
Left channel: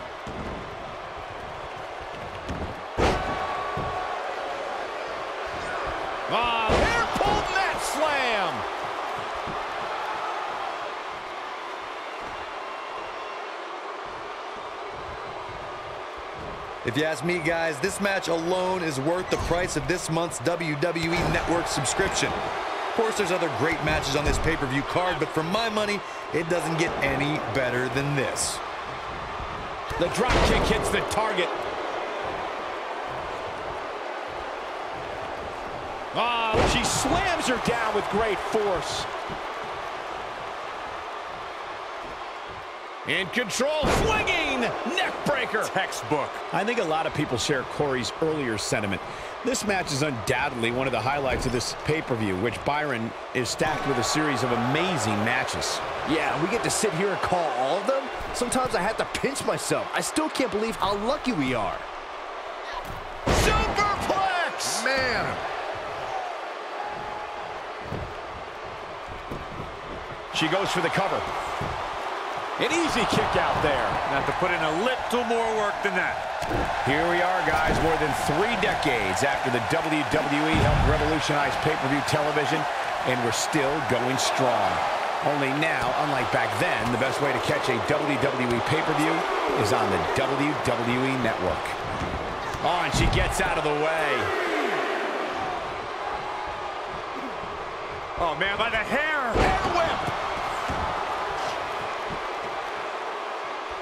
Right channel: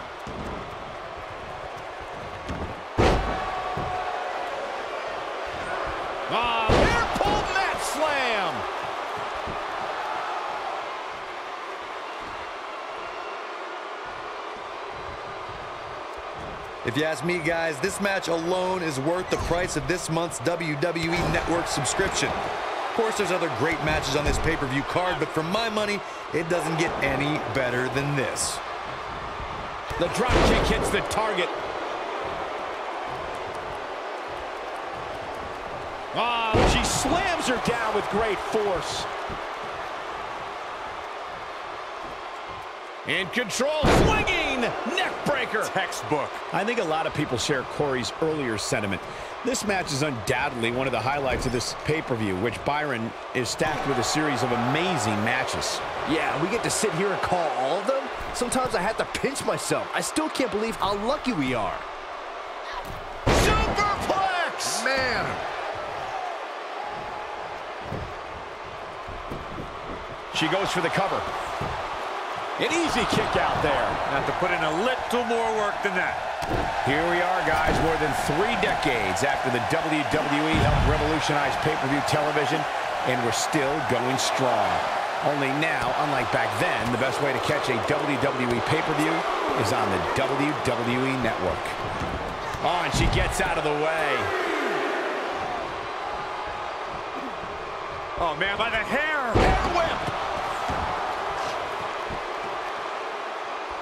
Hair pulled mat slam. If you ask me, guys, this match alone is worth the price of this month's WWE Network subscription. Of course, there's other great matches on this pay-per-view card, but for my money, it doesn't get any better than this. The drop kick hits the target. She slams her down with great force. In control, swinging neck breaker. Textbook. I think a lot of people share Corey's earlier sentiment. This match is undoubtedly one of the highlights of this pay-per-view, which Byron is stacked with a series of amazing matches. Yeah, we get to sit here and call all of them. Sometimes I have to pinch myself. I still can't believe how lucky we are. Superplex! Man. She goes for the cover. An easy kick out there. Have to put in a little more work than that. Here we are, guys, more than 3 decades after the WWE helped revolutionize pay-per-view television, and we're still going strong. Only now, unlike back then, the best way to catch a WWE pay-per-view is on the WWE Network. Oh, and she gets out of the way. Oh, man, by the hair. Hair whip.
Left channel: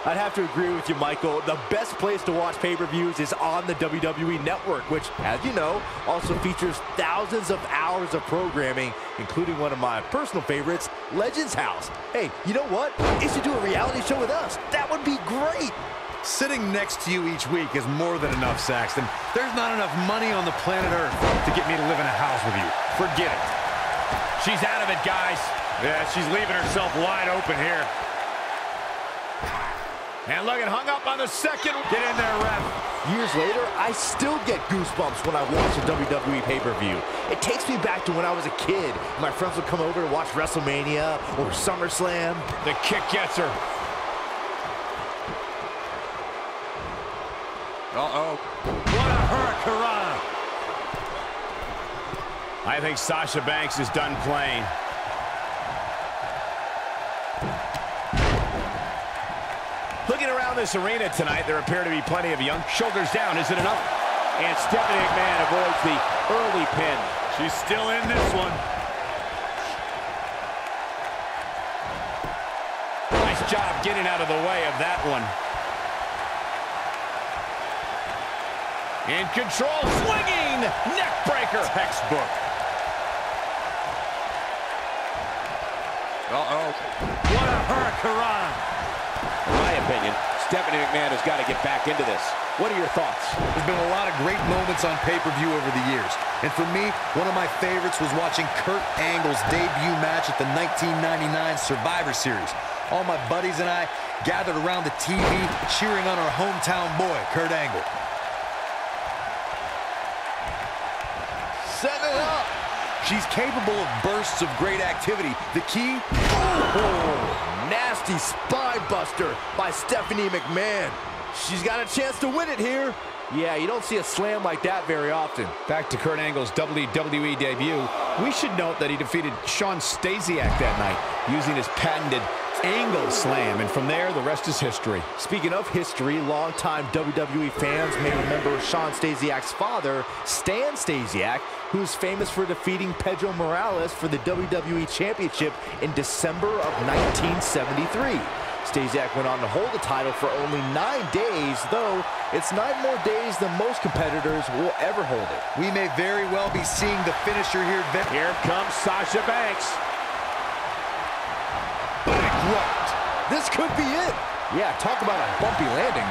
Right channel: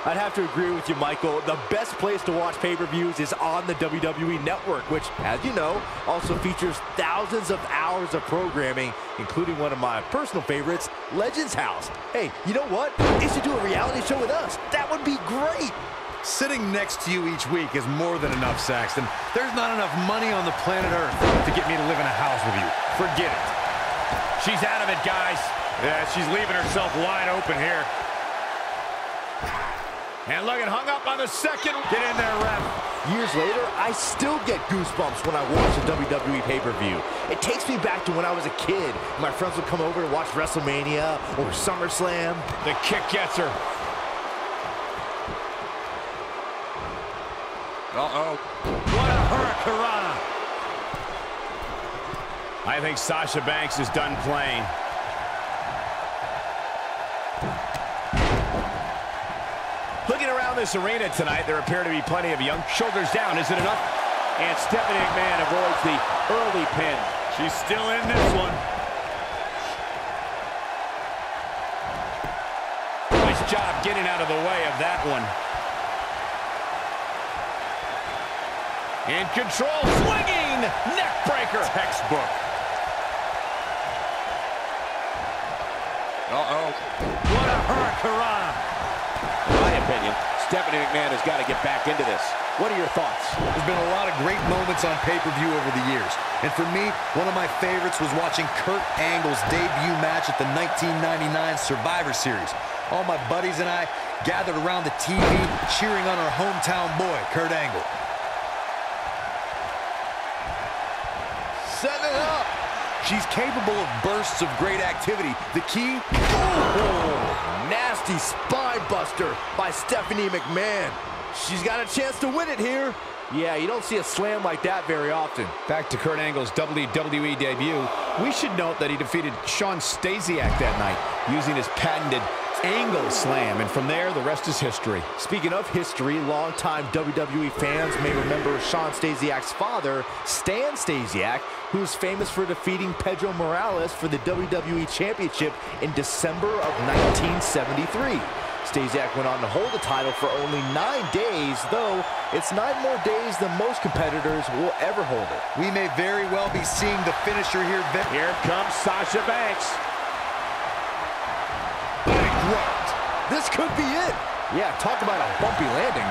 I'd have to agree with you, Michael. The best place to watch pay-per-views is on the WWE Network, which, as you know, also features thousands of hours of programming, including one of my personal favorites, Legends House. Hey, you know what? They should do a reality show with us. That would be great. Sitting next to you each week is more than enough, Saxton. There's not enough money on the planet Earth to get me to live in a house with you. Forget it. She's out of it, guys. Yeah, she's leaving herself wide open here. And look, it hung up on the second. Get in there, ref. Years later, I still get goosebumps when I watch a WWE pay-per-view. It takes me back to when I was a kid. My friends would come over to watch WrestleMania or SummerSlam. The kick gets her. Uh-oh. What a hurricanrana. I think Sasha Banks is done playing. Looking around this arena tonight, there appear to be plenty of young. Shoulders down, is it enough? And Stephanie McMahon avoids the early pin. She's still in this one. Nice job getting out of the way of that one. In control, swinging neck breaker. Textbook. Uh-oh. What a hurricanrana. In my opinion, Stephanie McMahon has got to get back into this. What are your thoughts? There's been a lot of great moments on pay-per-view over the years. And for me, one of my favorites was watching Kurt Angle's debut match at the 1999 Survivor Series. All my buddies and I gathered around the TV cheering on our hometown boy, Kurt Angle. Setting it up. She's capable of bursts of great activity. The key? Oh, nasty spine buster by Stephanie McMahon. She's got a chance to win it here. Yeah, you don't see a slam like that very often. Back to Kurt Angle's WWE debut, we should note that he defeated Shawn Stasiak that night using his patented angle slam, and from there, the rest is history. Speaking of history, longtime WWE fans may remember Shawn Stasiak's father, Stan Stasiak, who's famous for defeating Pedro Morales for the WWE Championship in December of 1973. Stasiak went on to hold the title for only 9 days, though it's 9 more days than most competitors will ever hold it. We may very well be seeing the finisher here. Here comes Sasha Banks. Bankrupt. This could be it. Yeah, talk about a bumpy landing.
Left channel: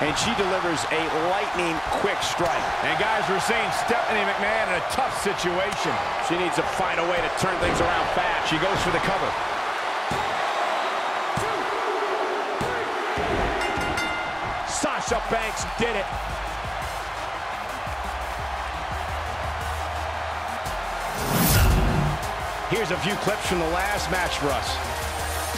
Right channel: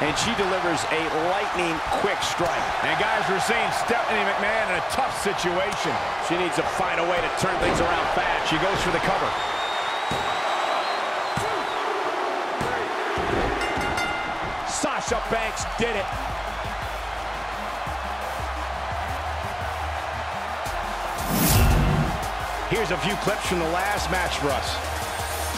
And she delivers a lightning quick strike. And guys, we're seeing Stephanie McMahon in a tough situation. She needs to find a way to turn things around fast. She goes for the cover. 2, 3. Sasha Banks did it. Here's a few clips from the last match for us.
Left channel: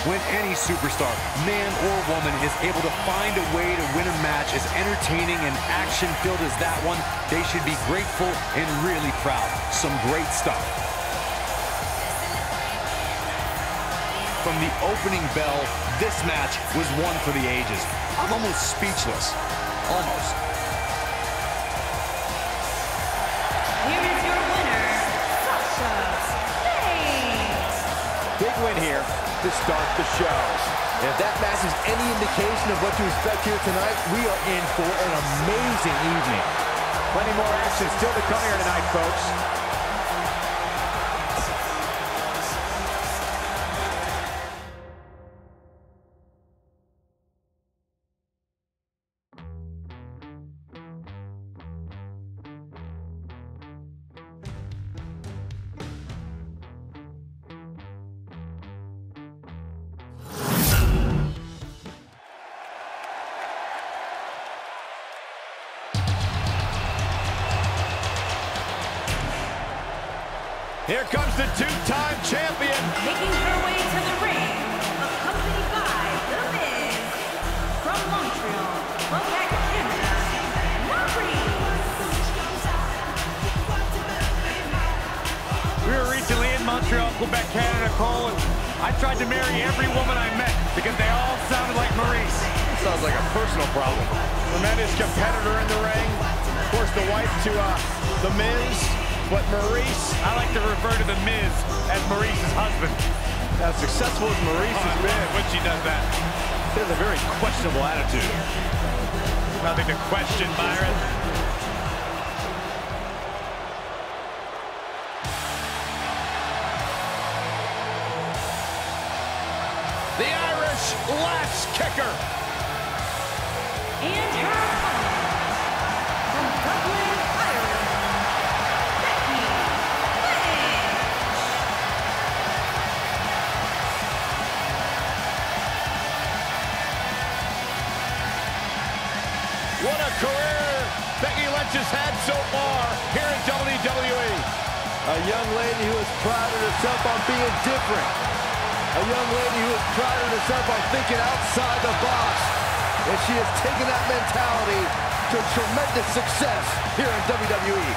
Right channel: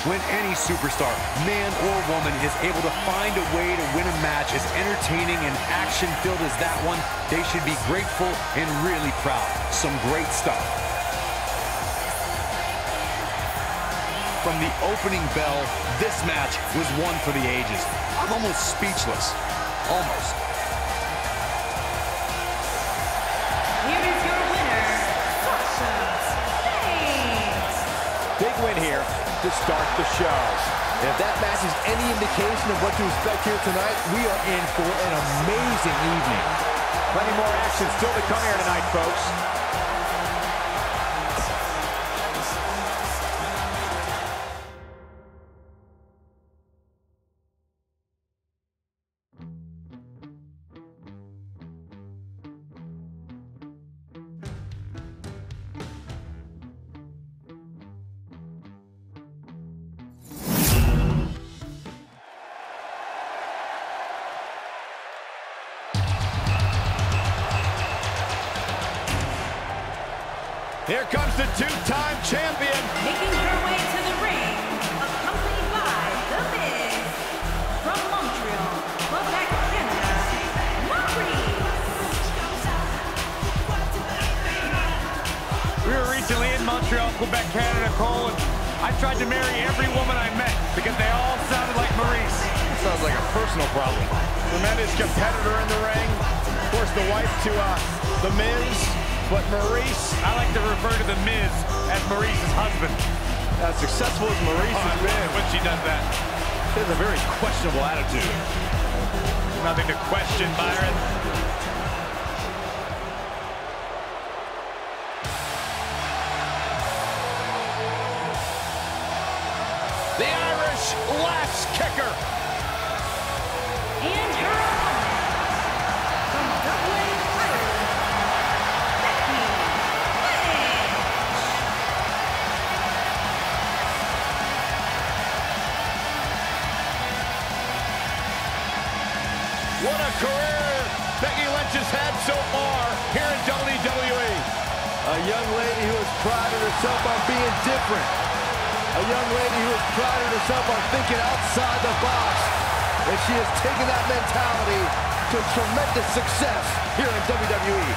When any superstar, man or woman, is able to find a way to win a match as entertaining and action-filled as that one, they should be grateful and really proud. Some great stuff. From the opening bell, this match was one for the ages. I'm almost speechless. Almost. Here is your winner, Sasha Banks. Big win here to start the show. And if that match is any indication of what to expect here tonight, we are in for an amazing evening. Plenty more action still to come here tonight, folks. Here comes the two-time champion. Making her way to the ring, accompanied by The Miz. From Montreal, Quebec, Canada, Maurice. We were recently in Montreal, Quebec, Canada, Cole, and I tried to marry every woman I met because they all sounded like Maurice. Sounds like a personal problem. Tremendous competitor in the ring. Of course, the wife to The Miz. But Maurice, I like to refer to The Miz as Maurice's husband. as successful as Maurice has been, when she does that. he has a very questionable attitude. Nothing to question, Byron. The Irish lass kicker. And her opponent, from Dublin, Ireland, Becky Lynch. What a career Becky Lynch has had so far here in WWE. A young lady who has prided herself on being different. A young lady who has prided herself on thinking outside the box. And she has taken that mentality to tremendous success here in WWE.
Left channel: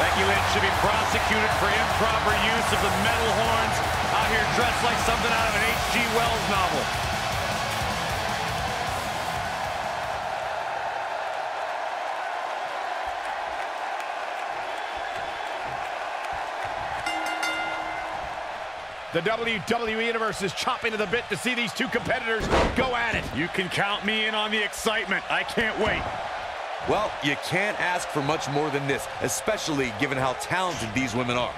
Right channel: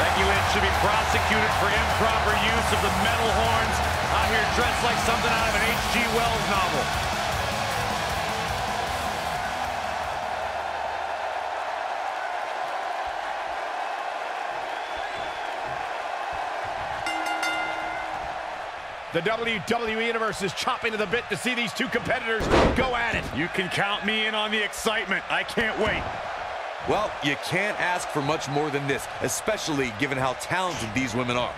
Becky Lynch should be prosecuted for improper use of the metal horns, out here dressed like something out of an H.G. Wells novel. The WWE Universe is chopping to the bit to see these two competitors go at it. You can count me in on the excitement. I can't wait. Well, you can't ask for much more than this, especially given how talented these women are.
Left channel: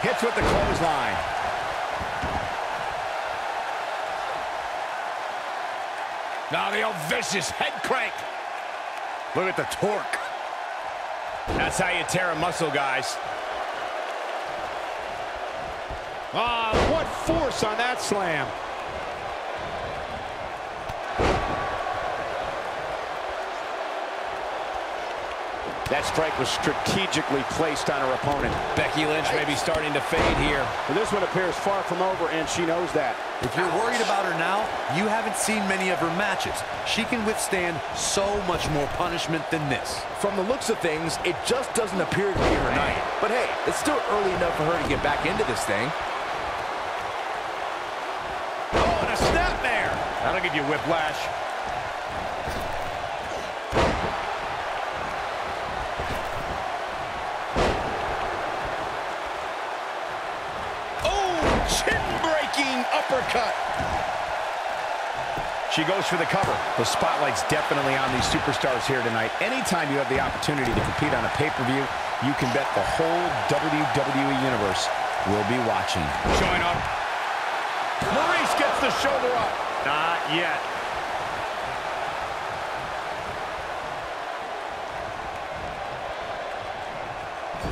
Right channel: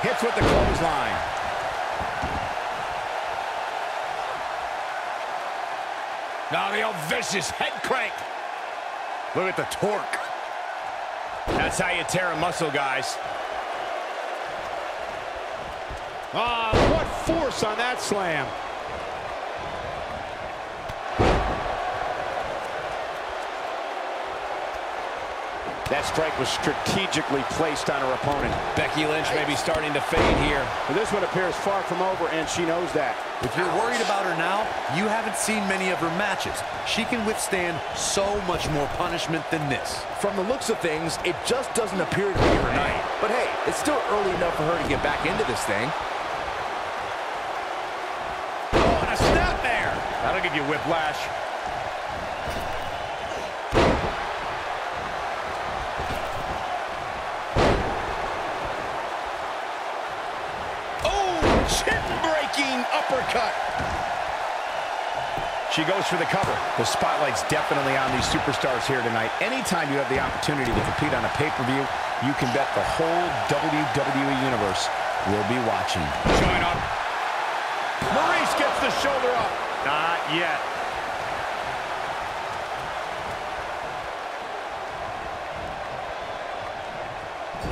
Hits with the clothesline. Now the old vicious head crank. Look at the torque. That's how you tear a muscle, guys. Ah, what force on that slam. That strike was strategically placed on her opponent. Becky Lynch may be starting to fade here. But this one appears far from over, and she knows that. If you're worried about her now, you haven't seen many of her matches. She can withstand so much more punishment than this. From the looks of things, it just doesn't appear to be her night. But hey, it's still early enough for her to get back into this thing. Oh, and a snap there. That'll give you whiplash. Uppercut. She goes for the cover. The spotlight's definitely on these superstars here tonight. Anytime you have the opportunity to compete on a pay-per-view, you can bet the whole WWE Universe will be watching. Showing up. Maurice gets the shoulder up. Not yet.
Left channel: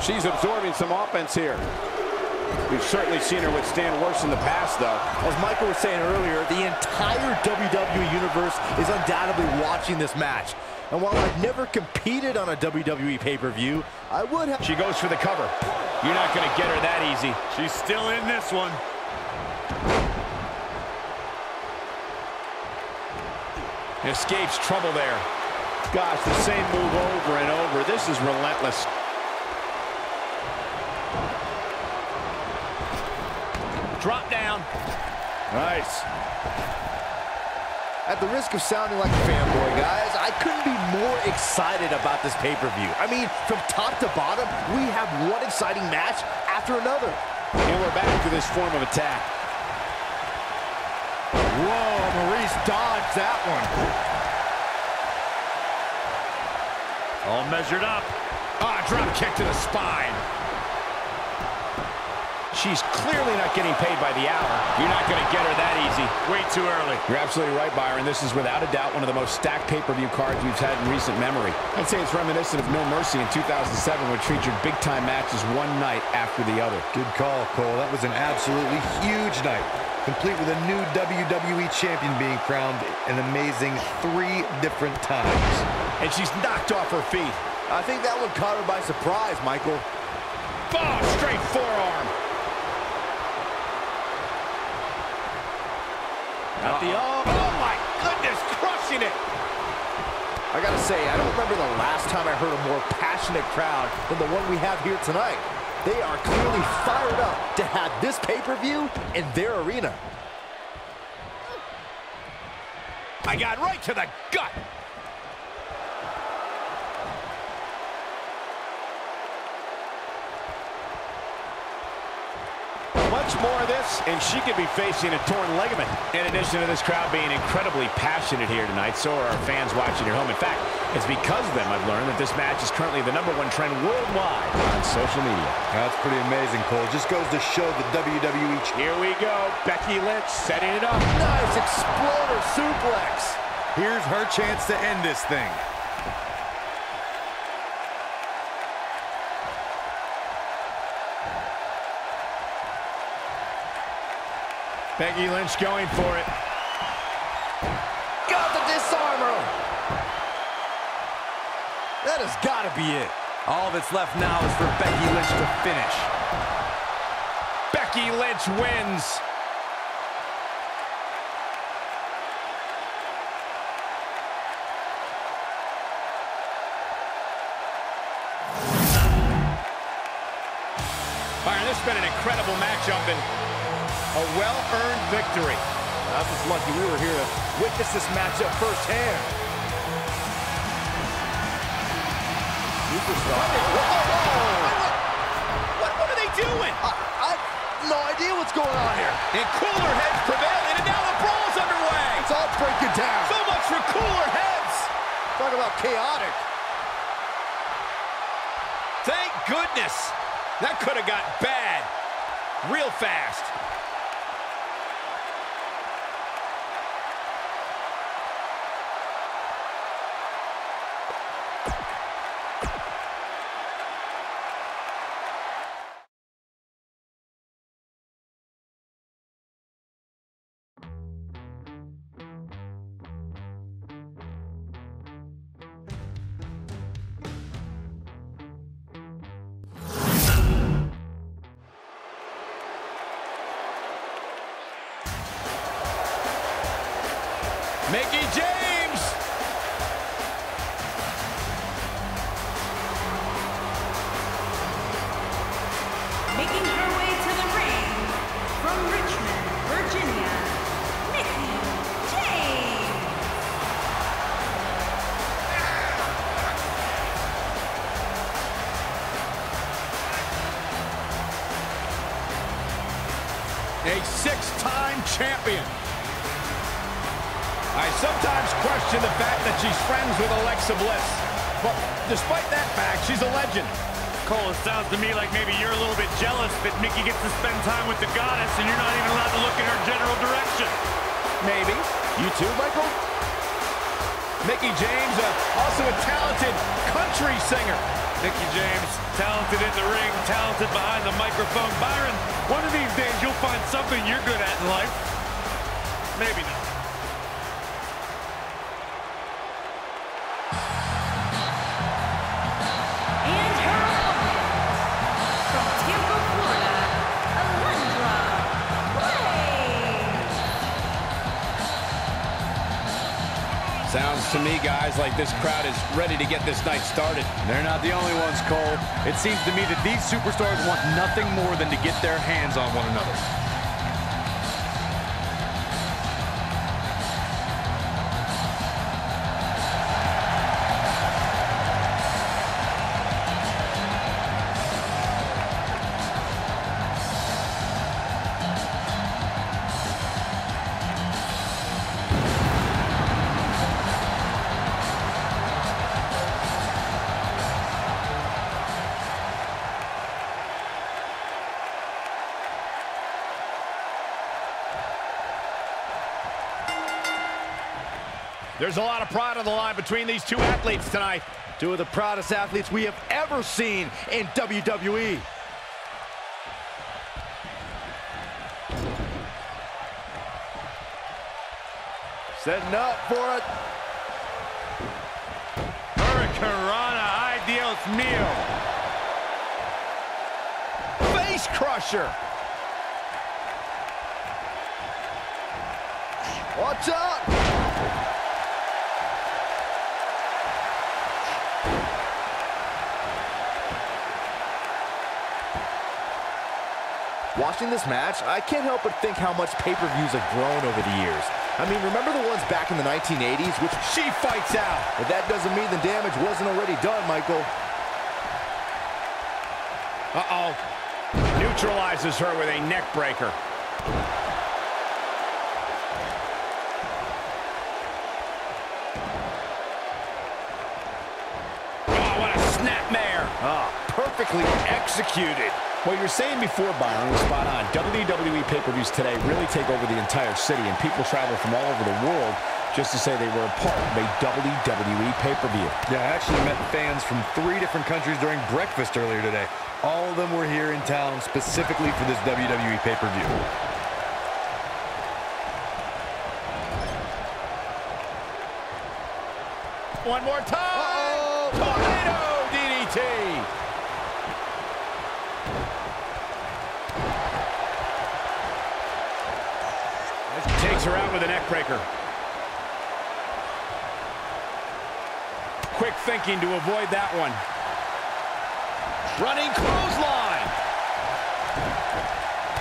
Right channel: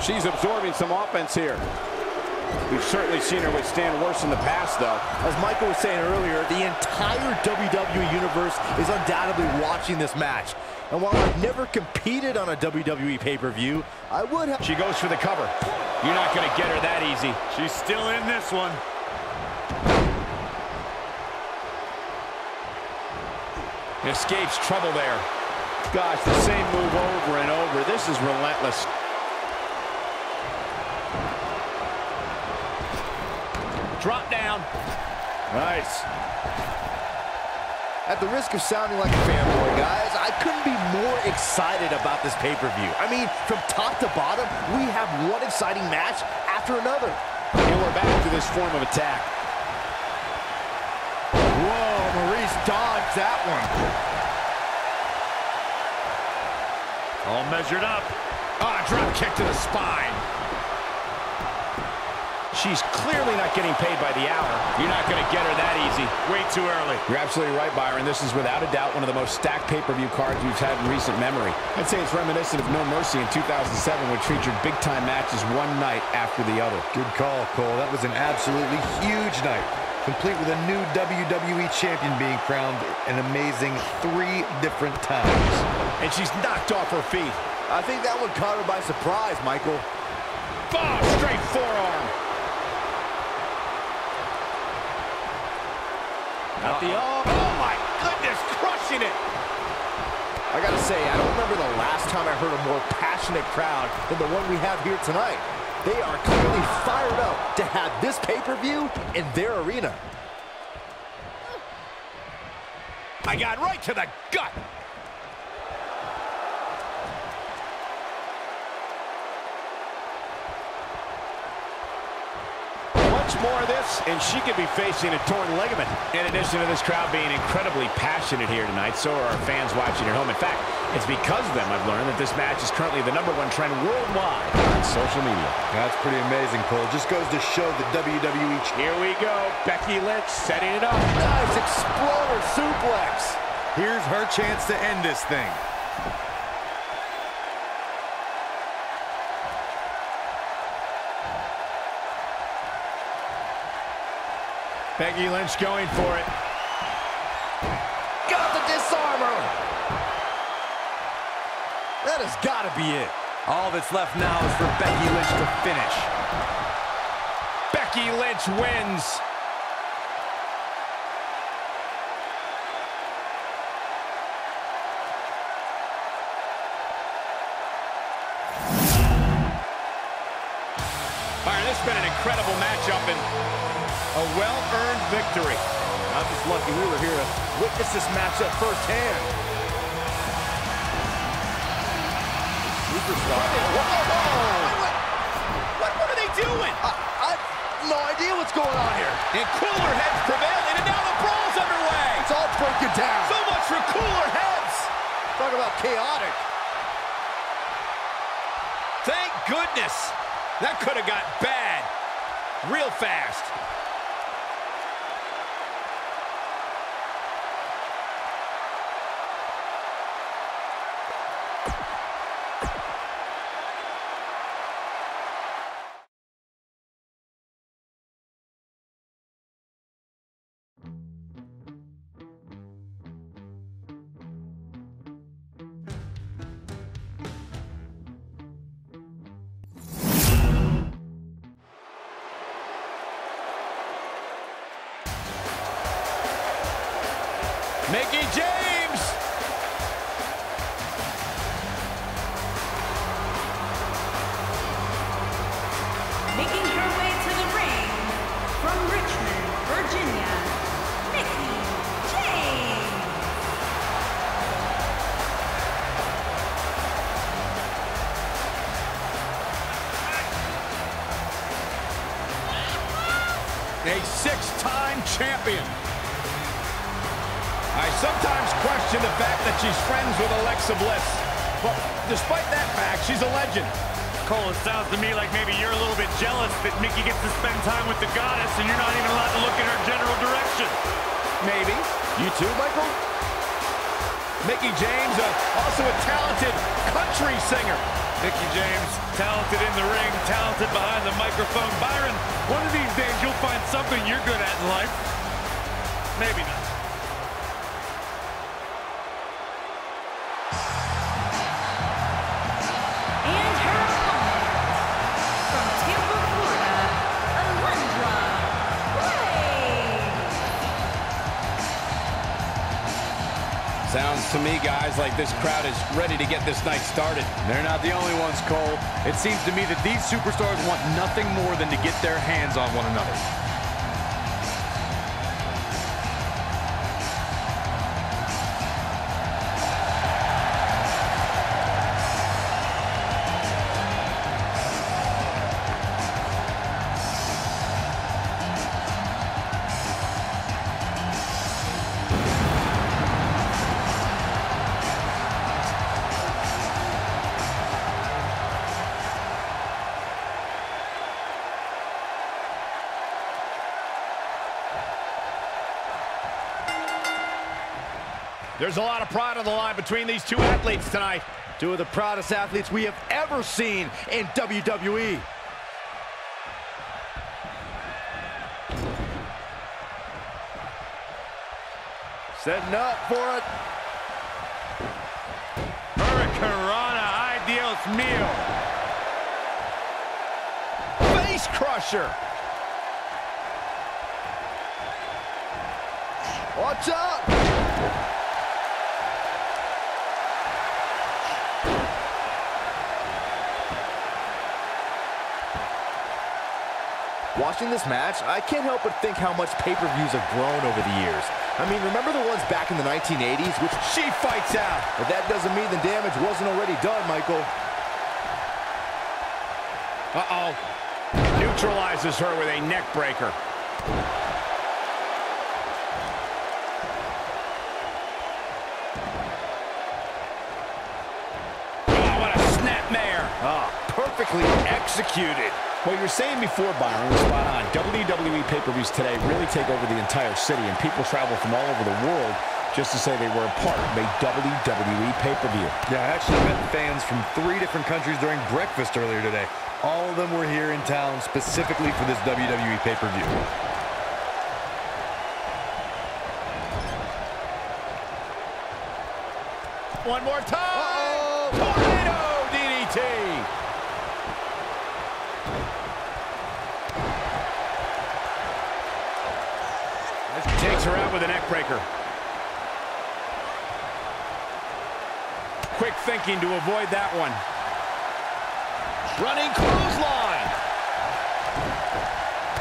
She's absorbing some offense here. We've certainly seen her withstand worse in the past, though. As Michael was saying earlier, the entire WWE Universe is undoubtedly watching this match. And while I've never competed on a WWE pay-per-view, I would have... She goes for the cover. You're not going to get her that easy. She's still in this one. Escapes trouble there. Gosh, the same move over and over. This is relentless. Drop down. Nice. At the risk of sounding like a fanboy, guys, I couldn't be more excited about this pay-per-view. I mean, from top to bottom, we have one exciting match after another. And we're back to this form of attack. Whoa, Maurice dodged that one. All measured up. Ah, drop kick to the spine. She's clearly not getting paid by the hour. You're not going to get her that easy. Way too early. You're absolutely right, Byron. This is without a doubt one of the most stacked pay-per-view cards we've had in recent memory. I'd say it's reminiscent of No Mercy in 2007, which featured big-time matches one night after the other. Good call, Cole. That was an absolutely huge night, complete with a new WWE champion being crowned an amazing 3 different times. And she's knocked off her feet. I think that one caught her by surprise, Michael. Oh, straight forearm. Got the oh my goodness, crushing it. I gotta say, I don't remember the last time I heard a more passionate crowd than the one we have here tonight. They are clearly fired up to have this pay-per-view in their arena. I got right to the gut. Much more of this, and she could be facing a torn ligament. In addition to this crowd being incredibly passionate here tonight, so are our fans watching at home. In fact, it's because of them I've learned that this match is currently the #1 trend worldwide on social media. That's pretty amazing, Cole. Just goes to show the WWE. Here we go. Becky Lynch setting it up. Nice exploder suplex. Here's her chance to end this thing. Becky Lynch going for it. Got the disarmer. That has got to be it. All that's left now is for Becky Lynch to finish. Becky Lynch wins. Byron, this has been an incredible matchup and a well-earned victory. I'm just lucky we were here to witness this matchup firsthand. Superstar. What are they doing? I have no idea what's going on here. And cooler heads prevailing, and now the brawl's underway. It's all breaking down. So much for cooler heads. Talk about chaotic. Thank goodness. That could have got bad real fast. Mickie James. Making her way to the ring from Richmond, Virginia, Mickie James. A six-time champion. I sometimes question the fact that she's friends with Alexa Bliss. But despite that fact, she's a legend. Cole, it sounds to me like maybe you're a little bit jealous that Mickie gets to spend time with the goddess and you're not even allowed to look in her general direction. Maybe. You too, Michael? Mickie James, also a talented country singer. Mickie James, talented in the ring, talented behind the microphone. Byron, one of these days you'll find something you're good at in life. Maybe not. And her opponent, from Tampa, Florida, Alundra Blaze. Sounds to me, guys, like this crowd is ready to get this night started. They're not the only ones, Cole. It seems to me that these superstars want nothing more than to get their hands on one another. There's a lot of pride on the line between these two athletes tonight. Two of the proudest athletes we have ever seen in WWE. Setting up for it. Hurricanrana, ay Dios mío. Face crusher. Watch out! Watching this match, I can't help but think how much pay-per-views have grown over the years. I mean, remember the ones back in the 1980s, which She fights out. but that doesn't mean the damage wasn't already done, Michael. Uh-oh. Neutralizes her with a neck breaker. Oh, what a snapmare. Perfectly executed. What you were saying before, Byron, was spot on. WWE pay-per-views today really take over the entire city, and people travel from all over the world just to say they were a part of a WWE pay-per-view. Yeah, I actually met fans from 3 different countries during breakfast earlier today. All of them were here in town specifically for this WWE pay-per-view. One more time. Tornado DDT. Takes her out with a neck breaker. Quick thinking to avoid that one. Running clothesline.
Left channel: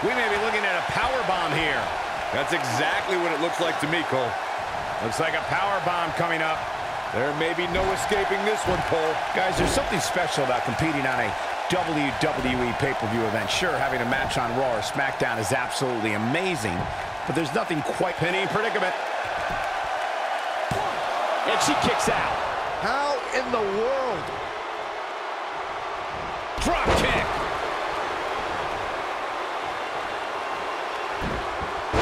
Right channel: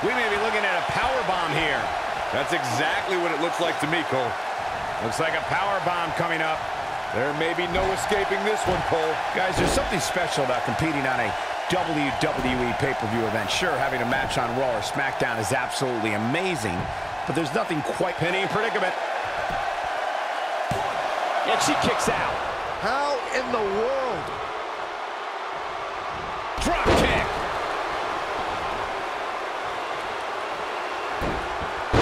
We may be looking at a power bomb here. That's exactly what it looks like to me, Cole. Looks like a power bomb coming up. There may be no escaping this one, Cole. Guys, there's something special about competing on a WWE pay-per-view event. Sure, having a match on Raw or SmackDown is absolutely amazing, but there's nothing quite Pinning predicament. and she kicks out. How in the world? Drop kick.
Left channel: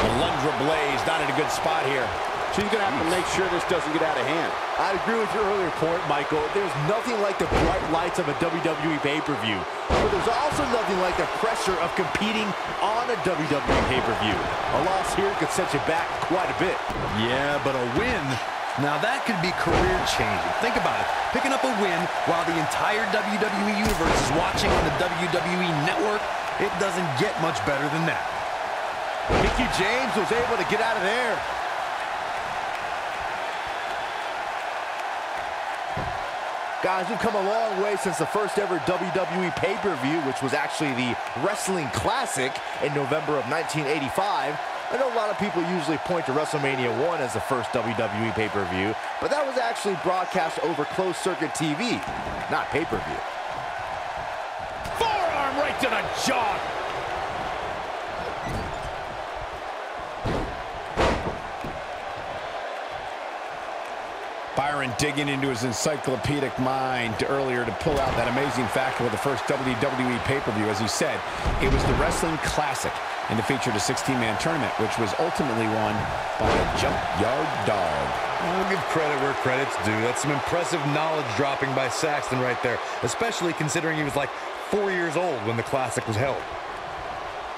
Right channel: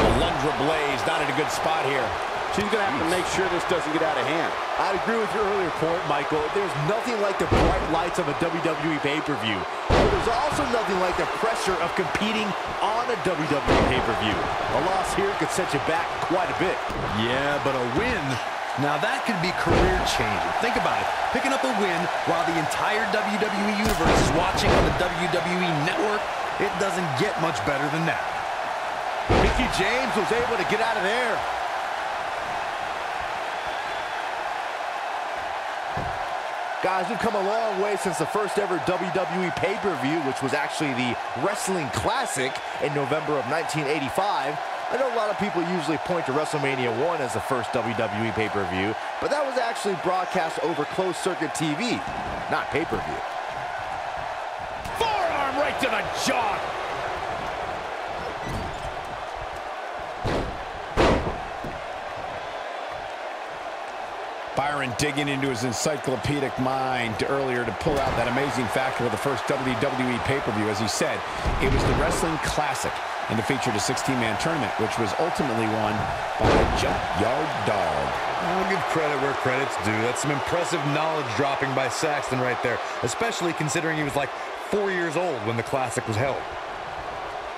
Alundra Blaze not in a good spot here. She's going to have to make sure this doesn't get out of hand. I'd agree with your earlier point, Michael. There's nothing like the bright lights of a WWE pay-per-view. But there's also nothing like the pressure of competing on a WWE pay-per-view. A loss here could set you back quite a bit. Yeah, but a win, now that could be career-changing. Think about it. Picking up a win while the entire WWE Universe is watching on the WWE Network, it doesn't get much better than that. Mickie James was able to get out of there. Guys, we've come a long way since the first ever WWE pay-per-view, which was actually the Wrestling Classic in November of 1985. I know a lot of people usually point to WrestleMania 1 as the first WWE pay-per-view, but that was actually broadcast over closed-circuit TV, not pay-per-view. Forearm right to the jaw. Byron digging into his encyclopedic mind earlier to pull out that amazing fact of the first WWE pay-per-view. As he said, it was the Wrestling Classic, and it featured a 16-man tournament, which was ultimately won by a Junkyard Dog. I'll give credit where credit's due. That's some impressive knowledge dropping by Saxton right there, especially considering he was like 4 years old when the Classic was held.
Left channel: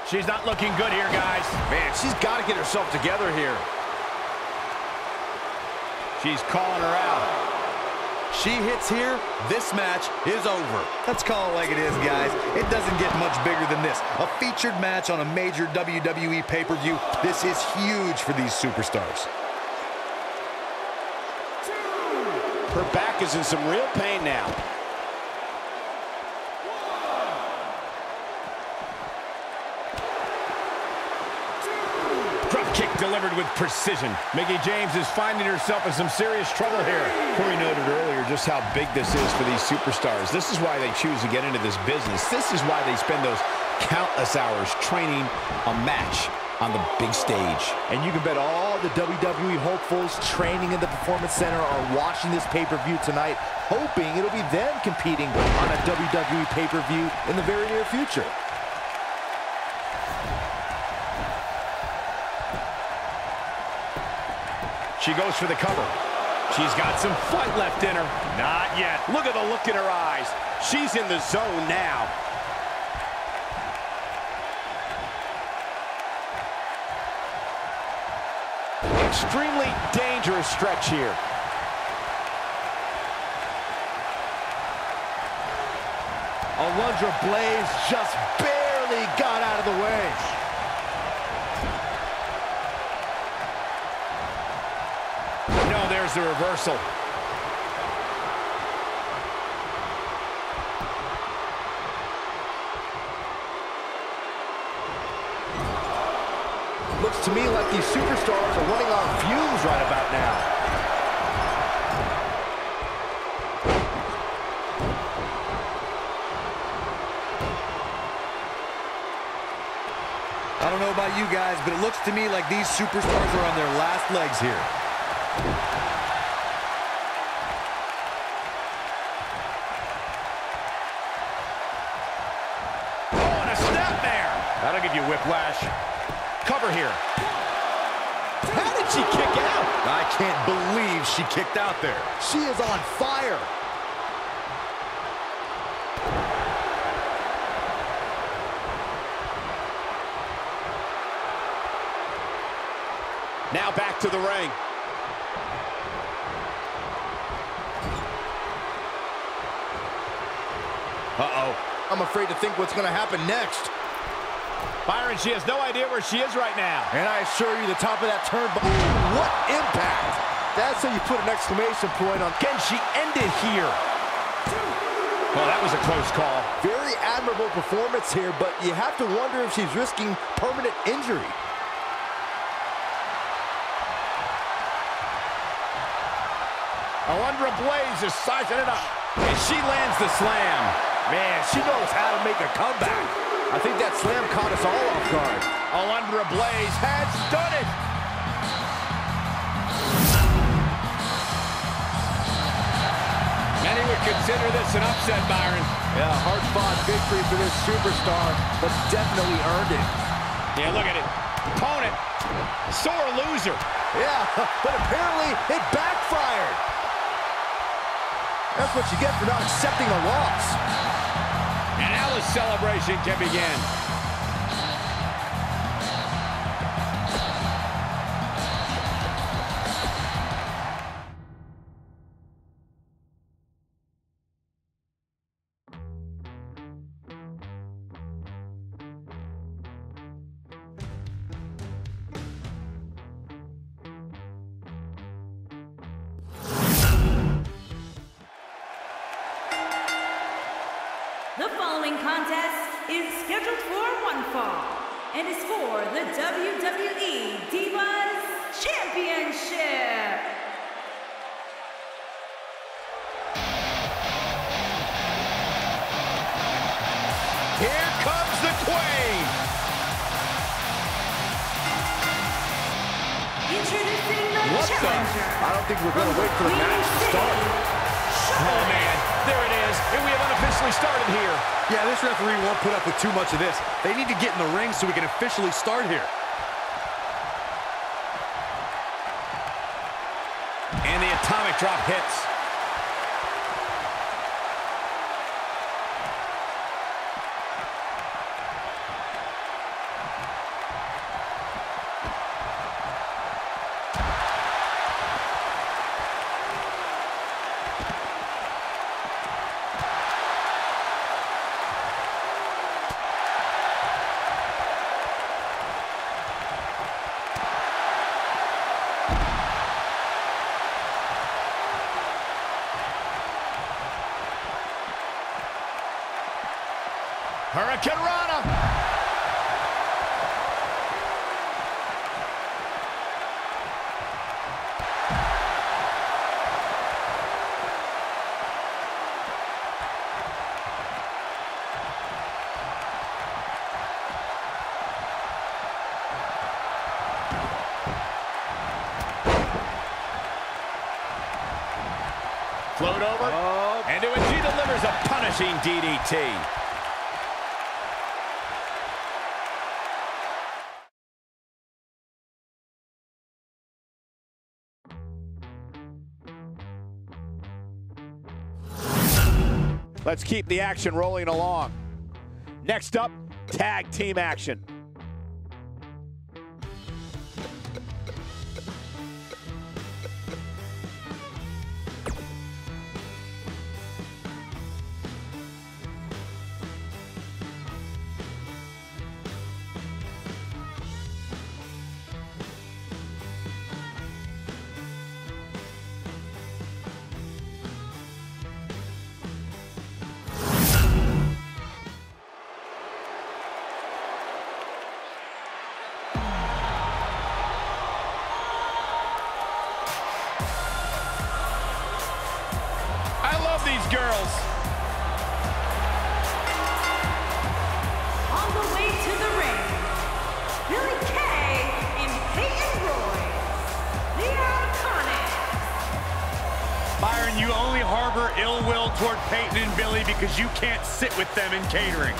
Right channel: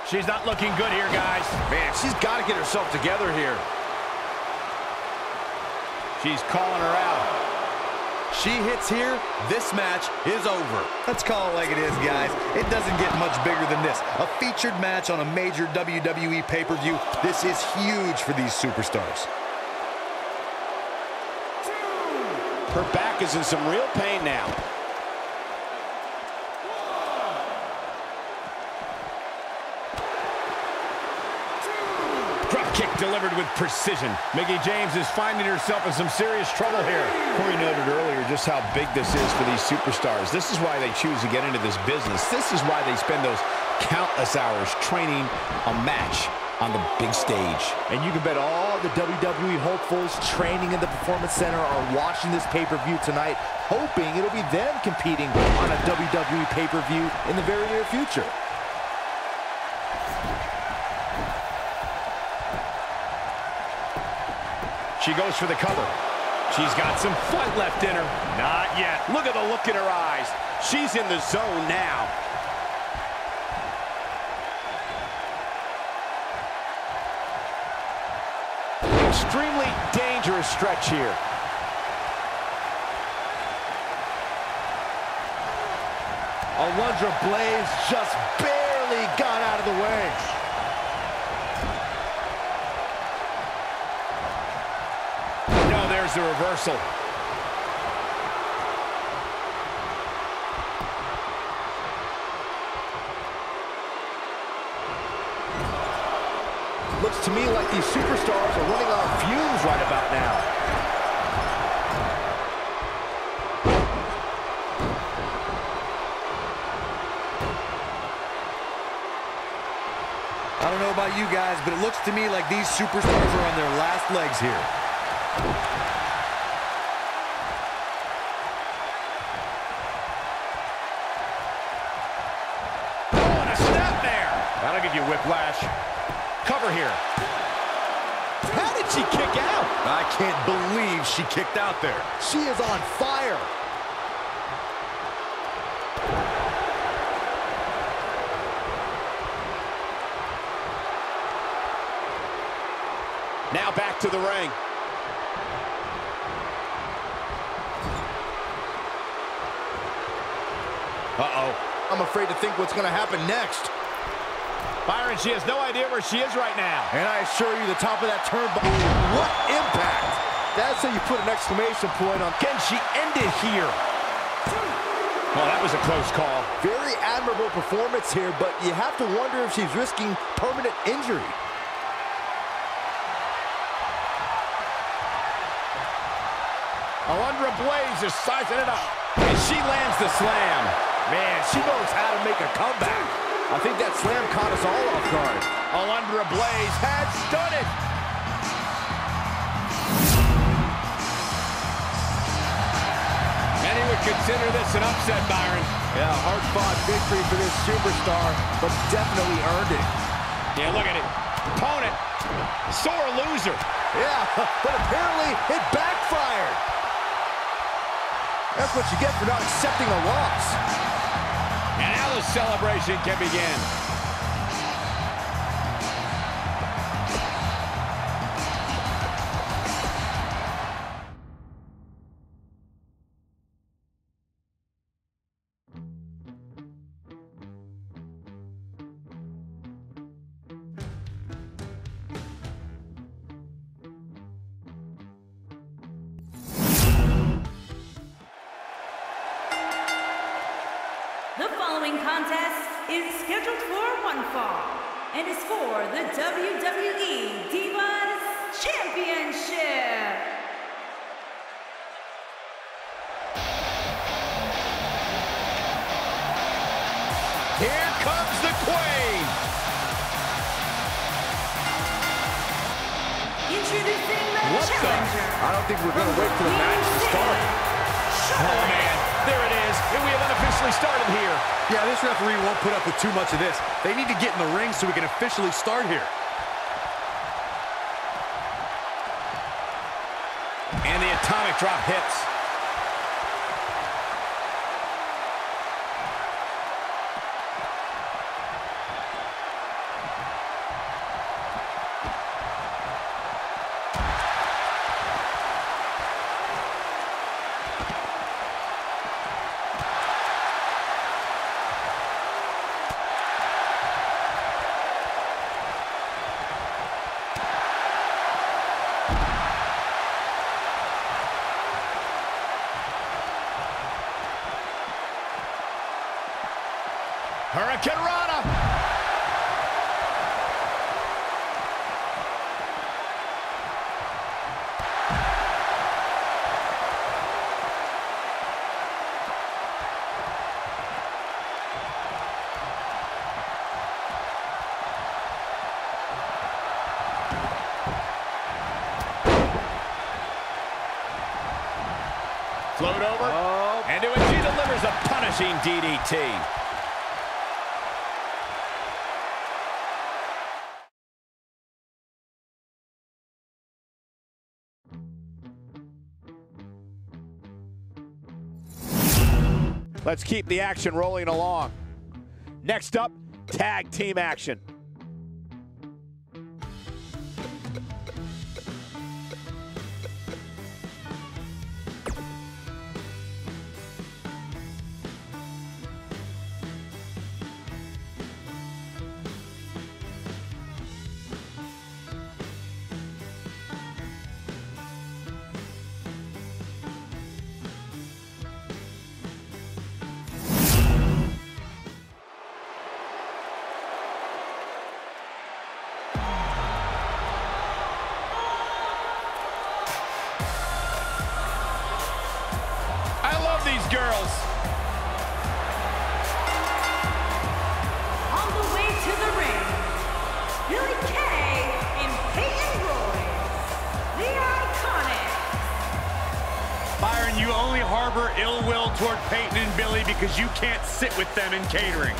She's not looking good here, guys. Man, she's got to get herself together here. She's calling her out. She hits here, this match is over. Let's call it like it is, guys. It doesn't get much bigger than this. A featured match on a major WWE pay-per-view. This is huge for these superstars. Her back is in some real pain now. Drop kick delivered with precision. Mickie James is finding herself in some serious trouble here. Corey noted earlier just how big this is for these superstars. This is why they choose to get into this business. This is why they spend those countless hours training a match on the big stage. And you can bet all the WWE hopefuls training in the Performance Center are watching this pay-per-view tonight, hoping it'll be them competing on a WWE pay-per-view in the very near future. She goes for the cover. She's got some fight left in her. Not yet. Look at the look in her eyes. She's in the zone now. Extremely dangerous stretch here. Alundra Blaze just barely got out of the way. No, there's the reversal. Looks to me like these superstars are running on fumes right about now. I don't know about you guys, but it looks to me like these superstars are on their last legs here. Oh, and a snap there. That'll give you whiplash. Cover here. How did she kick out? I can't believe she kicked out there. She is on fire. Now back to the ring. Uh-oh. I'm afraid to think what's going to happen next. Byron, she has no idea where she is right now. And I assure you, the top of that turnbuckle. What impact! That's how you put an exclamation point on. Can she end it here? Oh, that was a close call. Very admirable performance here, but you have to wonder if she's risking permanent injury. Alundra Blaze is sizing it up. And she lands the slam. Man, she knows how to make a comeback. I think that slam caught us all off guard. Alundra Blaze has done it. Many would consider this an upset, Byron. Yeah, hard-fought victory for this superstar, but definitely earned it. Yeah, look at it. Opponent, sore loser. Yeah, but apparently it backfired. That's what you get for not accepting a loss. And now the celebration can begin. The following contest is scheduled for one fall and is for the WWE Divas Championship. Here comes the Queen. Introducing the challenger. I don't think we're going to wait for the match to start. Oh, man. There it is. And we have unofficially started here. Yeah, this referee won't put up with too much of this. They need to get in the ring so we can officially start here. And the atomic drop hits. Hurricane Rana. Float over. Oh. And she delivers a punishing DDT. Let's keep the action rolling along. Next up, tag team action. These girls. On the way to the ring, Billy Kay and Peyton Royce, the Iconics. Byron, you only harbor ill will toward Peyton and Billy because you can't sit with them in catering.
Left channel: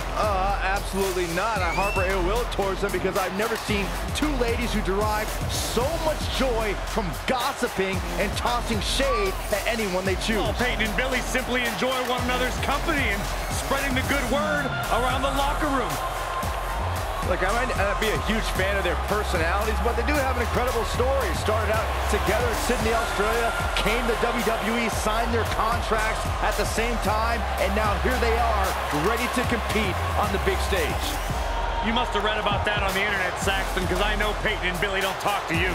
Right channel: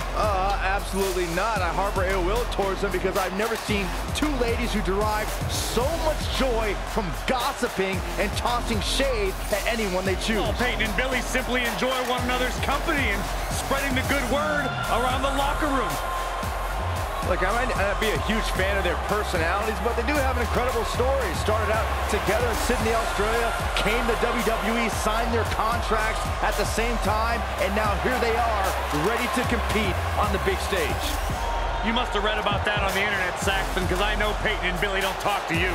Absolutely not. I harbor ill will towards them because I've never seen two ladies who derive so much joy from gossiping and tossing shade at anyone they choose. Well, Peyton and Billy simply enjoy one another's company and spreading the good word around the locker room. Look, I might not be a huge fan of their personalities, but they do have an incredible story. Started out together in Sydney, Australia, came to WWE, signed their contracts at the same time, and now here they are, ready to compete on the big stage. You must have read about that on the internet, Saxton, because I know Peyton and Billy don't talk to you.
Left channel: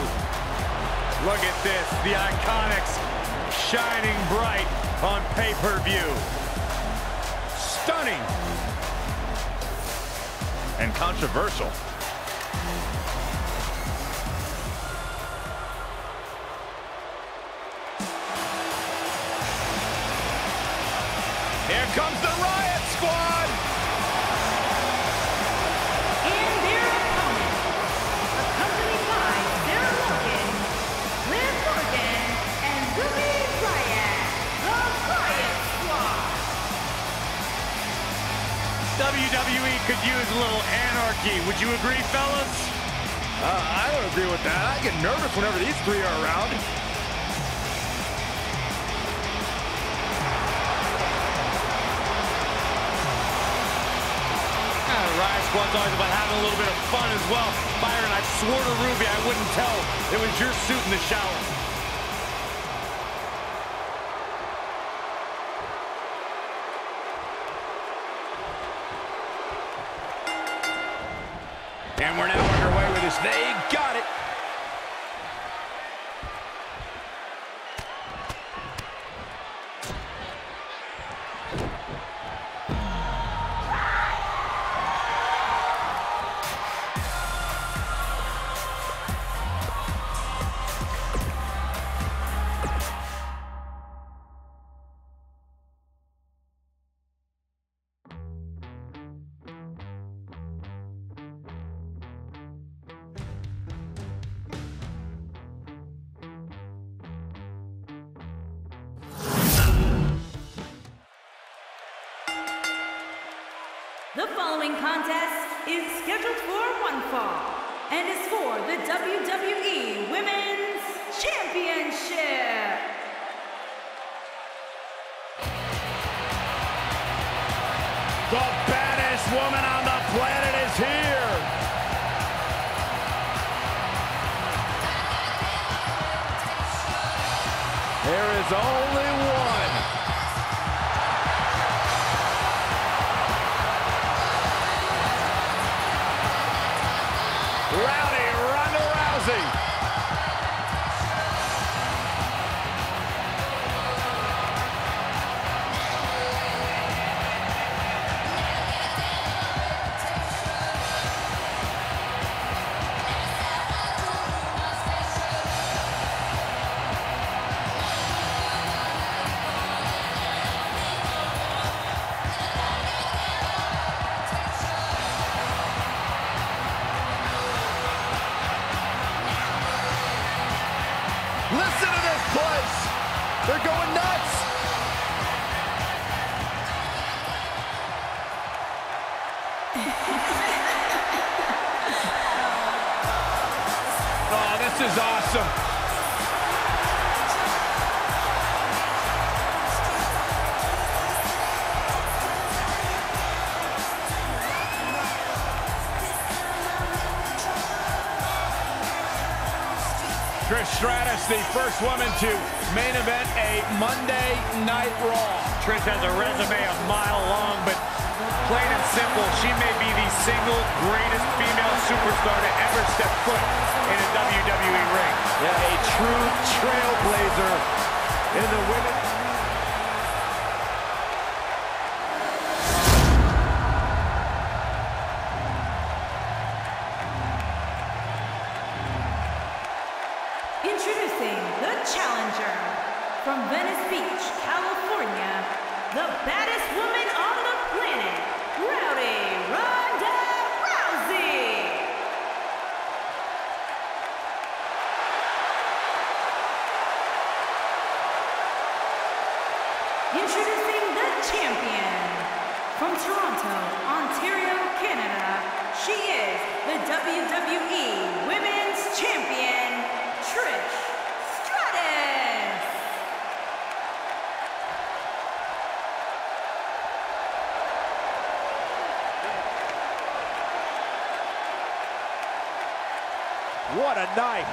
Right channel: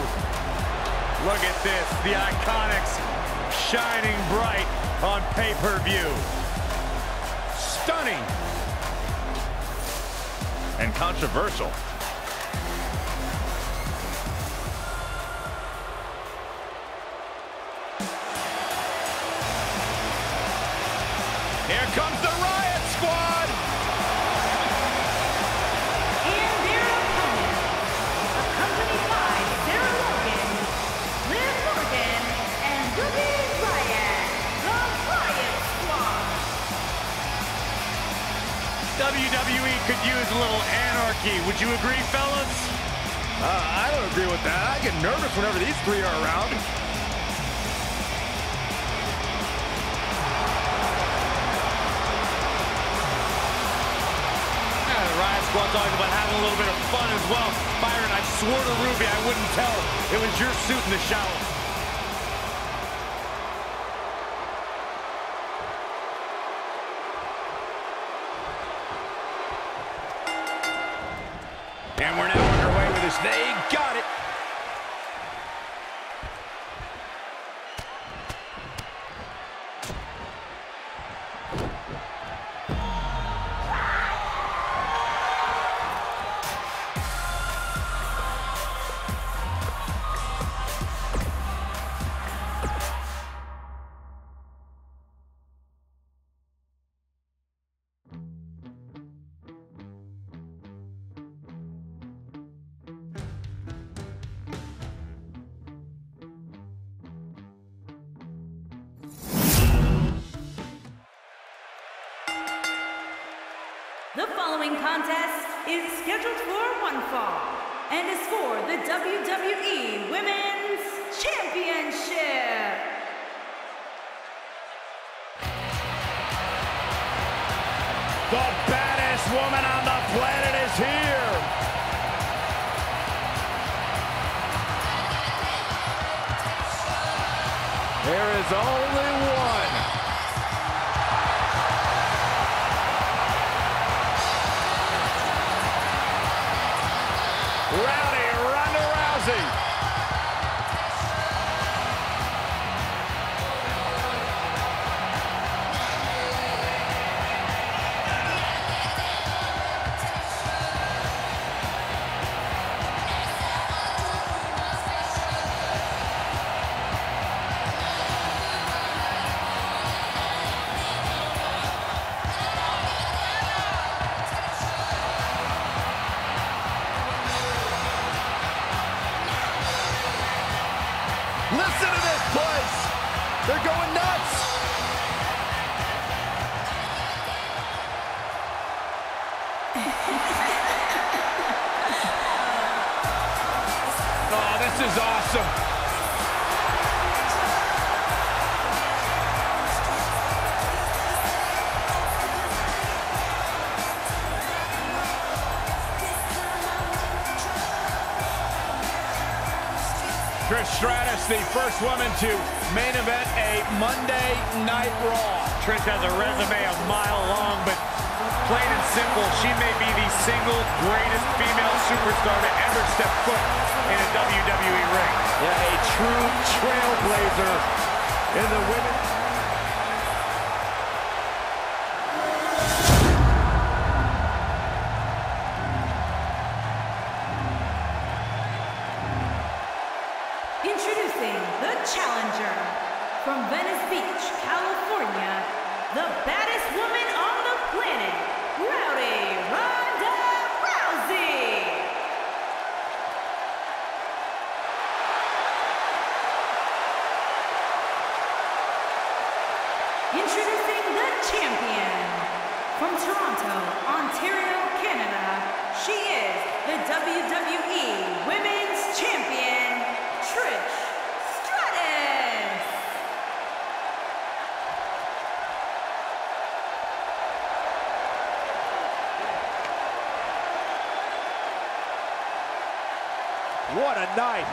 Look at this, the Iconics shining bright on pay-per-view. Stunning. And controversial. Here comes the Riot Squad. And their opponent, accompanied by Sarah Logan, Liv Morgan, and Ruby Riot, the Riot Squad. WWE could use a little anarchy. Would you agree, fellas? I don't agree with that. I get nervous whenever these three are around. The Riot Squad's always about having a little bit of fun as well. Byron, I swore to Ruby I wouldn't tell. It was your suit in the shower. And we're now underway with this. They got it. The following contest is scheduled for one fall and is for the WWE Women's Championship. The baddest woman on the planet is here. There is only one. Rowdy Ronda Rousey. Listen to this place. They're going nuts. Oh, this is awesome. Trish Stratus, the first woman to main event a Monday Night Raw. Trish has a resume a mile long, but plain and simple, she may be the single greatest female superstar to ever step foot in a WWE ring. Yeah, a true trailblazer in the women. Introducing the challenger from Venice Beach, California, the baddest woman on the planet, Rowdy Ronda Rousey. Introducing the champion from Toronto, Ontario, Canada, she is the WWE Women's Champion, Trish Stratus. What a night.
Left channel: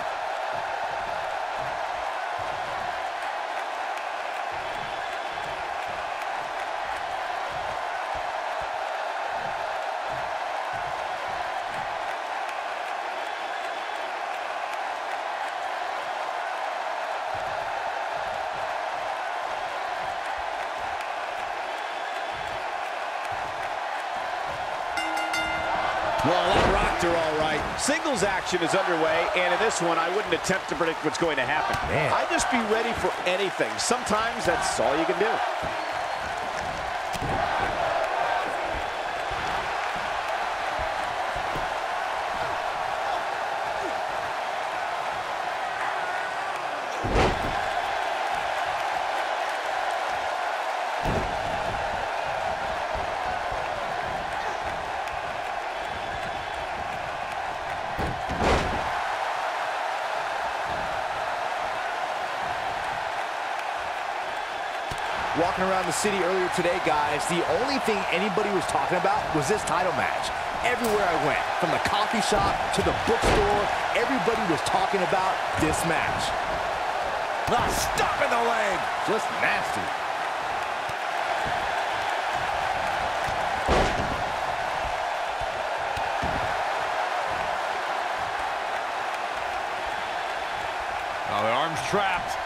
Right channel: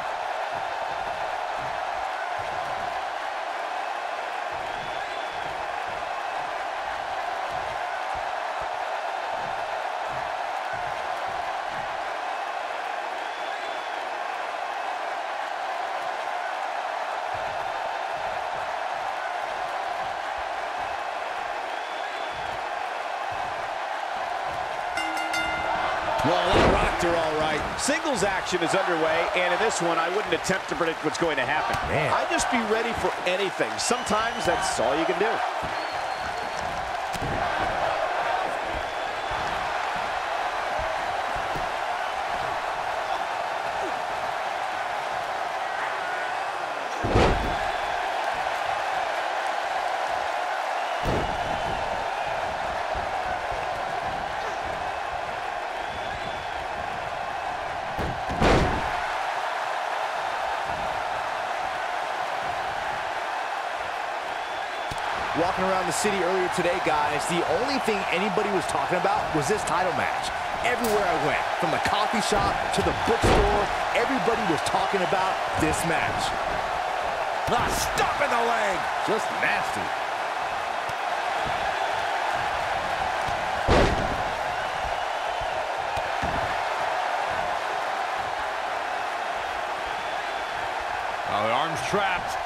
Well, that rocked her all right. Singles action is underway, and in this one, I wouldn't attempt to predict what's going to happen. Man. I'd just be ready for anything. Sometimes that's all you can do. Walking around the city earlier today, guys, the only thing anybody was talking about was this title match. Everywhere I went, from the coffee shop to the bookstore, everybody was talking about this match. Ah, stop in the leg. Just nasty. Oh, the arm's trapped.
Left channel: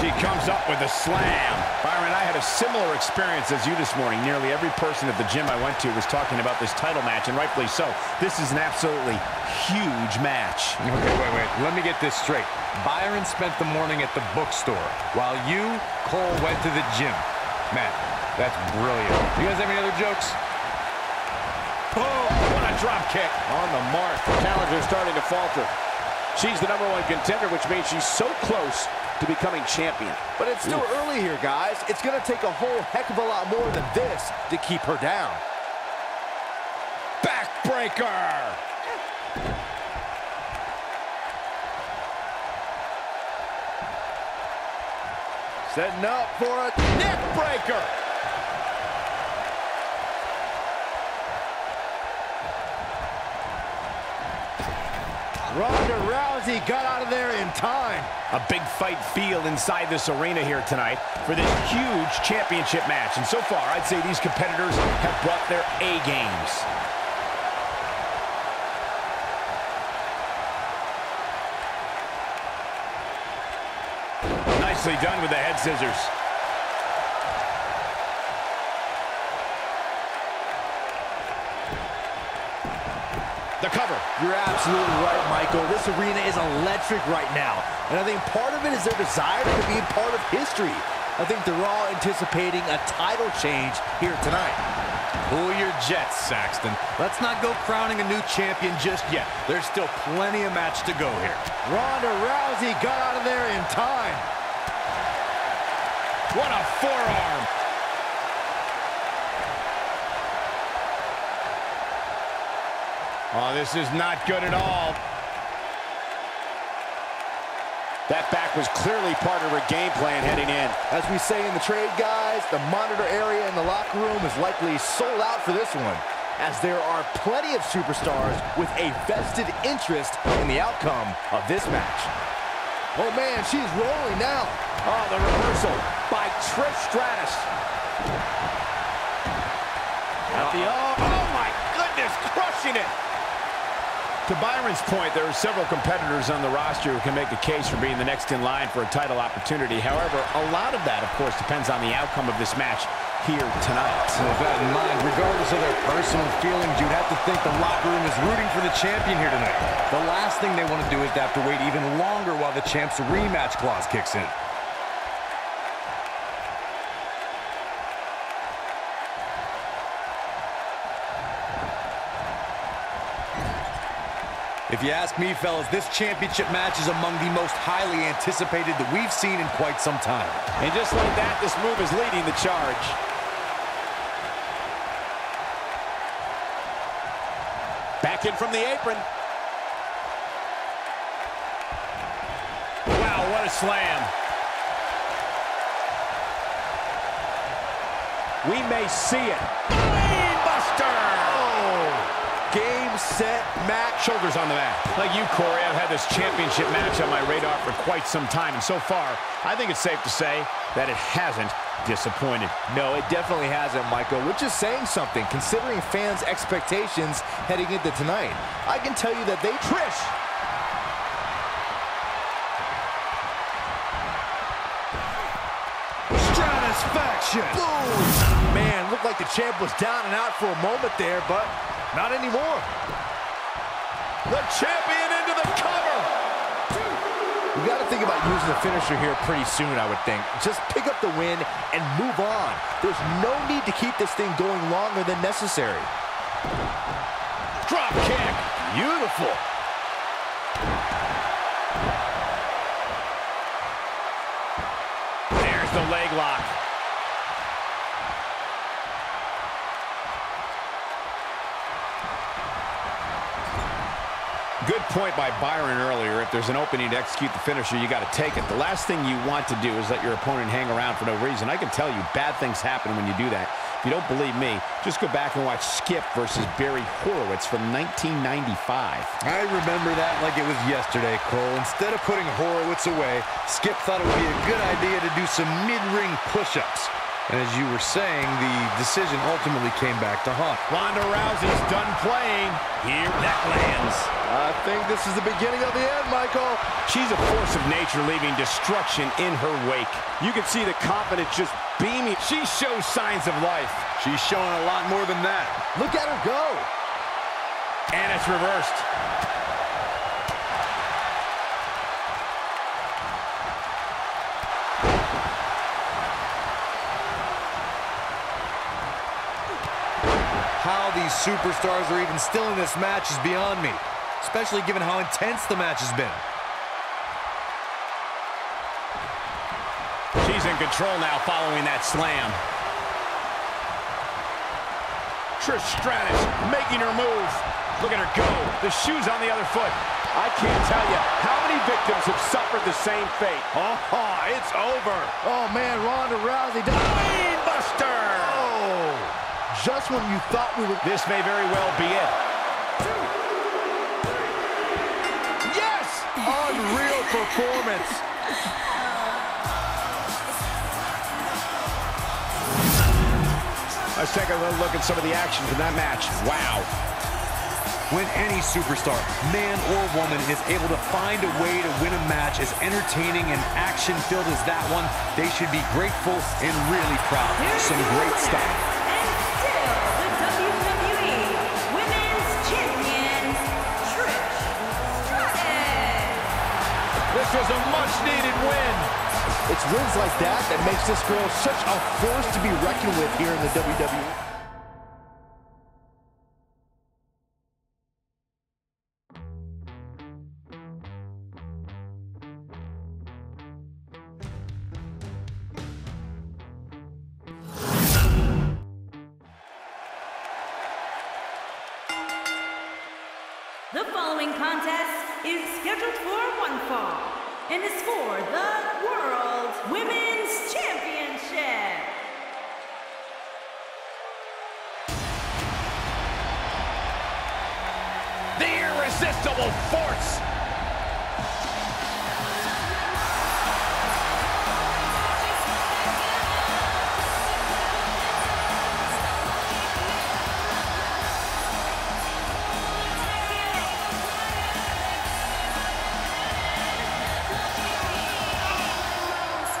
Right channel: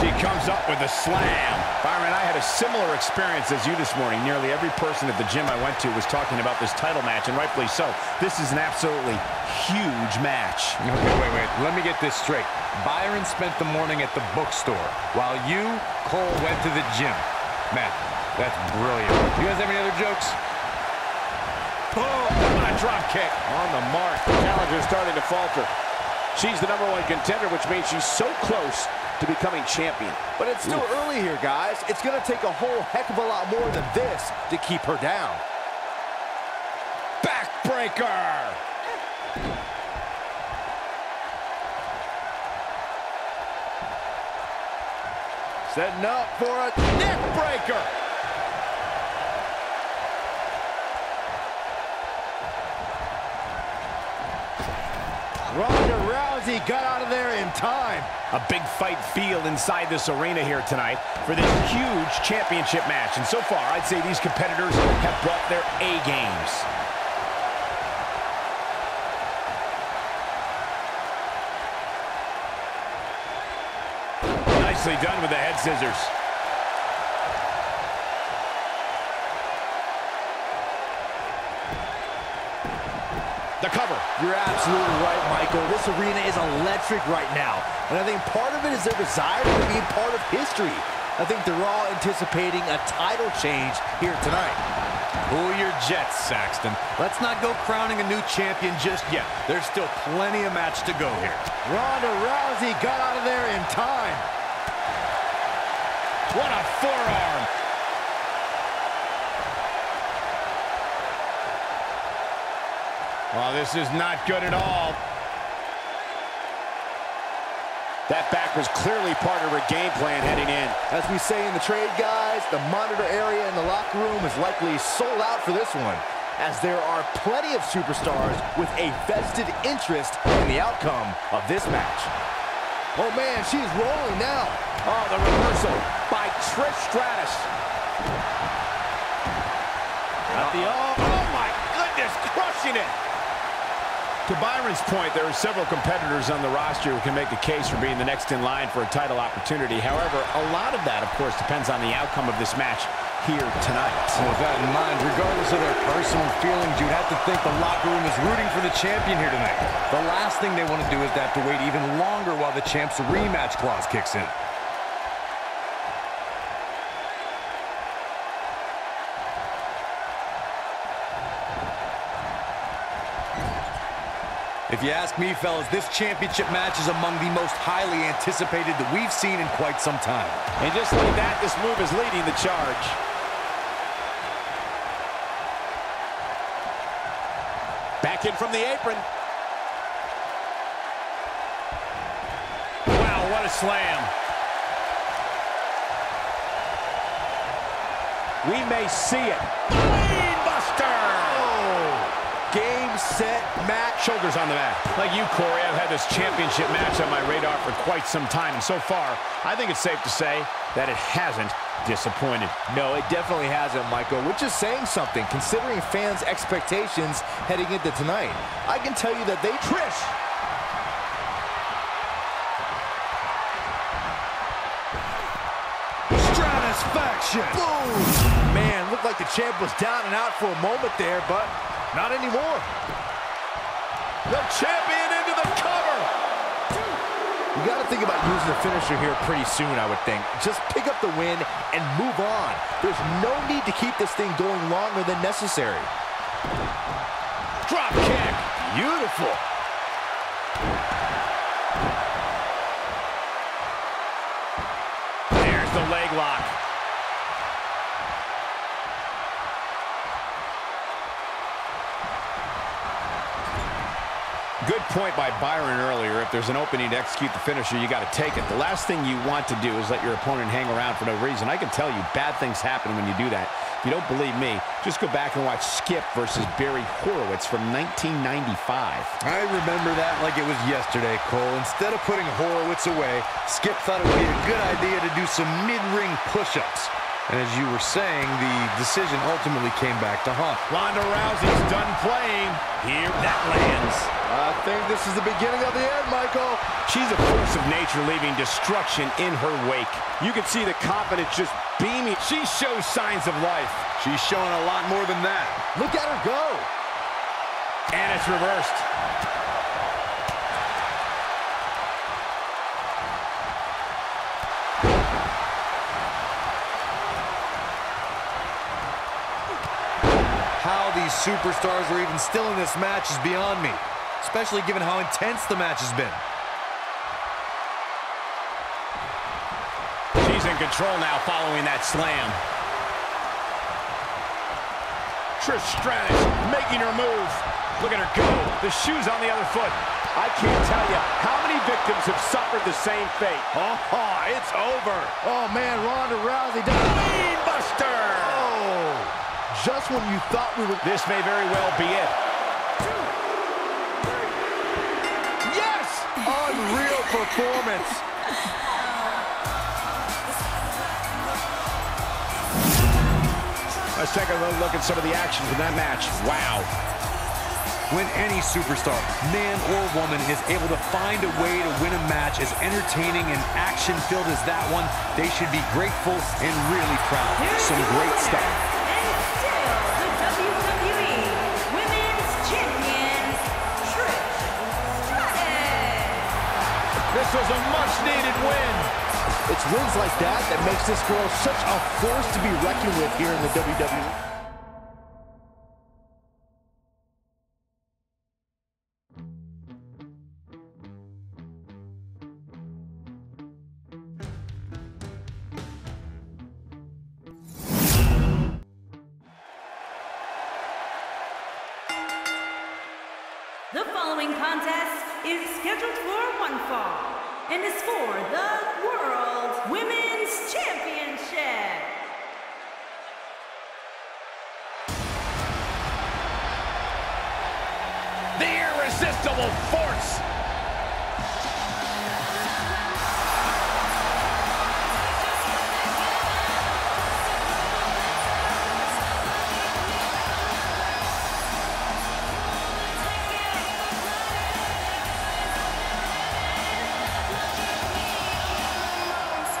She comes up with a slam. Byron, I had a similar experience as you this morning. Nearly every person at the gym I went to was talking about this title match, and rightfully so. This is an absolutely huge match. Okay, wait. Let me get this straight. Byron spent the morning at the bookstore, while you, Cole, went to the gym. Man, that's brilliant. You guys have any other jokes? Boom! What a drop kick. On the mark, the challenger's starting to falter. She's the #1 contender, which means she's so close to becoming champion. But it's still early here, guys. It's going to take a whole heck of a lot more than this to keep her down. Backbreaker. Setting up for a neck breaker. Ronda Rousey got out of there in time. A big fight feel inside this arena here tonight for this huge championship match. And so far, I'd say these competitors have brought their A games. Nicely done with the head scissors. The cover. You're absolutely right, Michael. This arena is electric right now. And I think part of it is their desire to be part of history. I think they're all anticipating a title change here tonight. Cool your jets, Saxton. Let's not go crowning a new champion just yet. There's still plenty of match to go here. Ronda Rousey got out of there in time. What a forearm. Oh, this is not good at all. That back was clearly part of her game plan heading in. As we say in the trade, guys, the monitor area in the locker room is likely sold out for this one, as there are plenty of superstars with a vested interest in the outcome of this match. Oh, man, she's rolling now. Oh, the reversal by Trish Stratus. Oh, my goodness, crushing it. To Byron's point, there are several competitors on the roster who can make a case for being the next in line for a title opportunity. However, a lot of that, of course, depends on the outcome of this match here tonight. And with that in mind, regardless of their personal feelings, you'd have to think the locker room is rooting for the champion here tonight. The last thing they want to do is to have to wait even longer while the champ's rematch clause kicks in. If you ask me, fellas, this championship match is among the most highly anticipated that we've seen in quite some time. And just like that, this move is leading the charge. Back in from the apron. Wow, what a slam. We may see it. Brainbuster! Oh! Game, set, match. Shoulders on the mat. Like you, Corey, I've had this championship match on my radar for quite some time, and so far, I think it's safe to say that it hasn't disappointed. No, it definitely hasn't, Michael, which is saying something, considering fans' expectations heading into tonight. I can tell you that they... Trish! Stratisfaction! Boom! Man, looked like the champ was down and out for a moment there, but not anymore. The champion into the cover! You got to think about using the finisher here pretty soon, I would think. Just pick up the win and move on. There's no need to keep this thing going longer than necessary. Drop kick! Beautiful. There's the leg lock. Good point by Byron earlier. If there's an opening to execute the finisher, you got to take it. The last thing you want to do is let your opponent hang around for no reason. I can tell you, bad things happen when you do that. If you don't believe me, just go back and watch Skip versus Barry Horowitz from 1995. I remember that like it was yesterday, Cole. Instead of putting Horowitz away, Skip thought it would be a good idea to do some mid-ring push-ups. And as you were saying, the decision ultimately came back to haunt. Ronda Rousey's done playing. Here, that lands. I think this is the beginning of the end, Michael. She's a force of nature, leaving destruction in her wake. You can see the confidence just beaming. She shows signs of life. She's showing a lot more than that. Look at her go. And it's reversed. How these superstars are even still in this match is beyond me, especially given how intense the match has been. She's in control now following that slam. Trish Stratus making her move. Look at her go. The shoe's on the other foot. I can't tell you how many victims have suffered the same fate. Oh, it's over. Oh, man, Ronda Rousey does. Brain buster. Oh, just when you thought we were... This may very well be it. Yes! Unreal performance. Let's take a little look at some of the action from that match. Wow. When any superstar, man or woman, is able to find a way to win a match as entertaining and action-filled as that one, they should be grateful and really proud. Some great stuff. And still the WWE Women's Champion, Trish Stratus. This was a much-needed win. It's wins like that that makes this girl such a force to be reckoned with here in the WWE. The following contest is scheduled for one fall and is for the World Women's Championship. The irresistible force.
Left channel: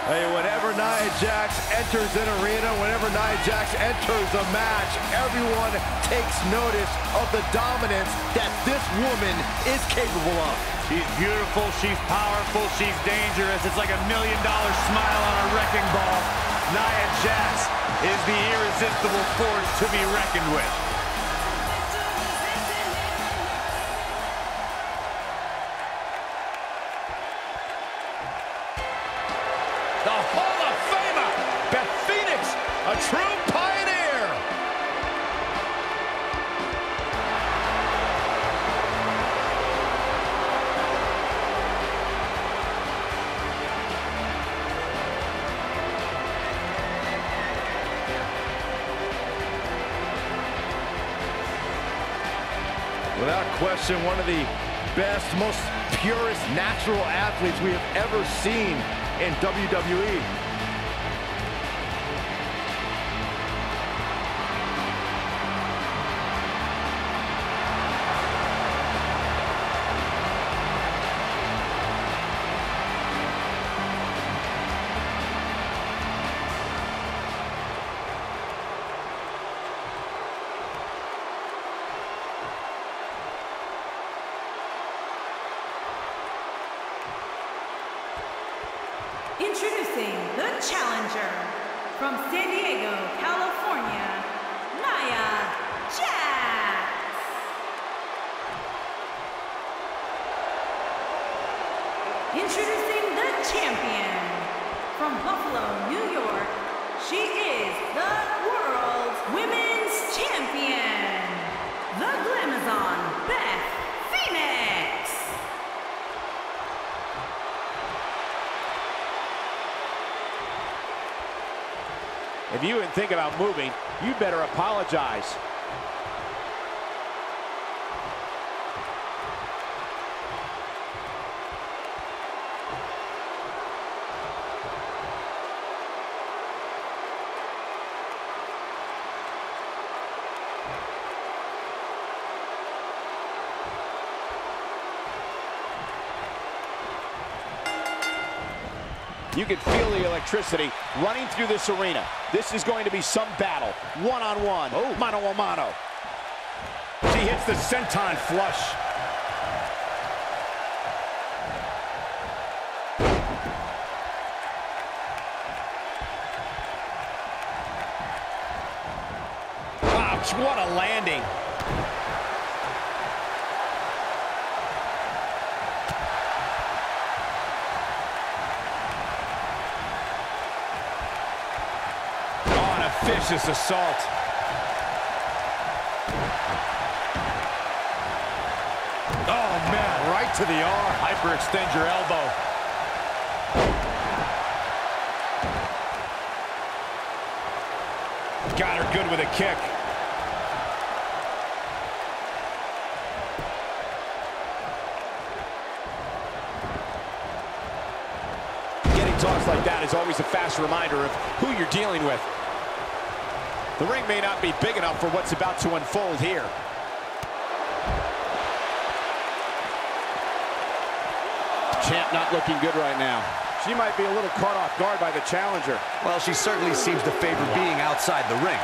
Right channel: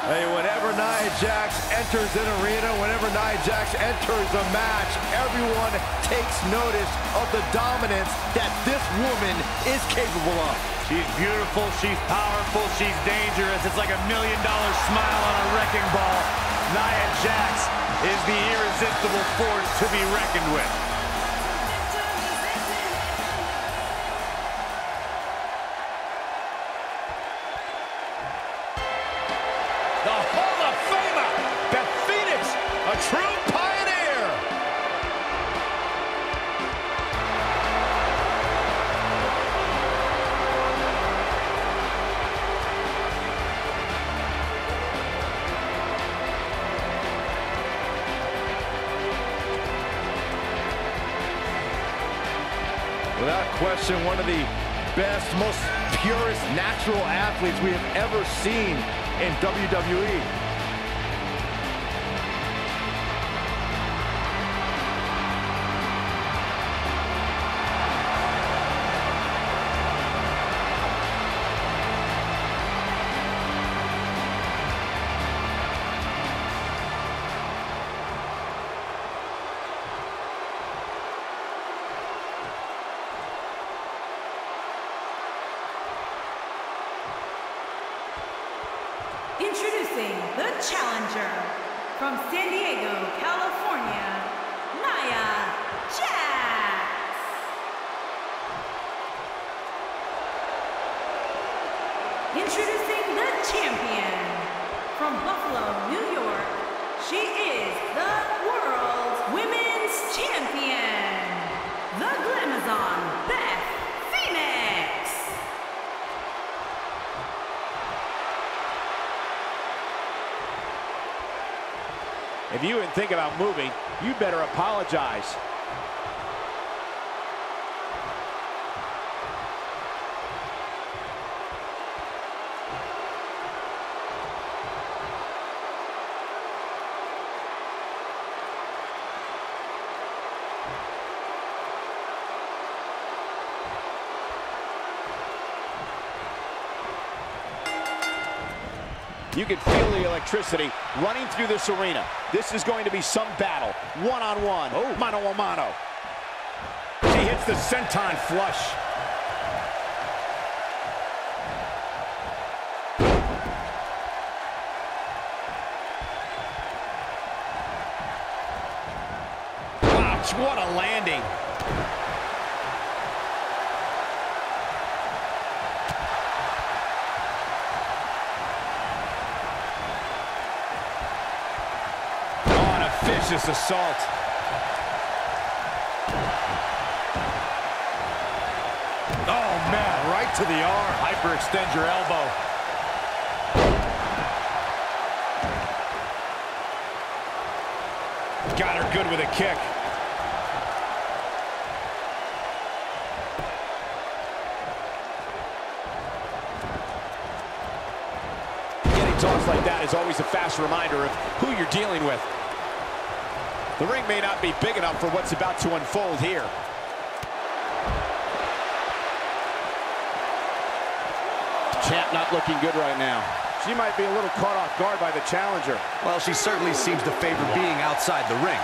Hey, whenever Nia Jax enters an arena, whenever Nia Jax enters a match, everyone takes notice of the dominance that this woman is capable of. She's beautiful, she's powerful, she's dangerous. It's like $1 million smile on a wrecking ball. Nia Jax is the irresistible force to be reckoned with. The Hall of Famer, Beth Phoenix, a true pioneer. Without question, one of the best, most purest natural athletes we have ever seen in WWE. Introducing the challenger from San Diego, California, Nia Jax. Introducing the champion from Buffalo, New York. She is the World Women's Champion, the Glamazon, Beth Phoenix. If you even think about moving, you'd better apologize. You can feel the electricity running through this arena. This is going to be some battle. One-on-one, mano-a-mano. She hits the senton flush. Ouch, what a landing. Vicious assault. to the arm. Hyperextend your elbow. Got her good with a kick. Getting tossed like that is always a fast reminder of who you're dealing with. The ring may not be big enough for what's about to unfold here. Champ not looking good right now. She might be a little caught off guard by the challenger. Well, she certainly seems to favor being outside the ring.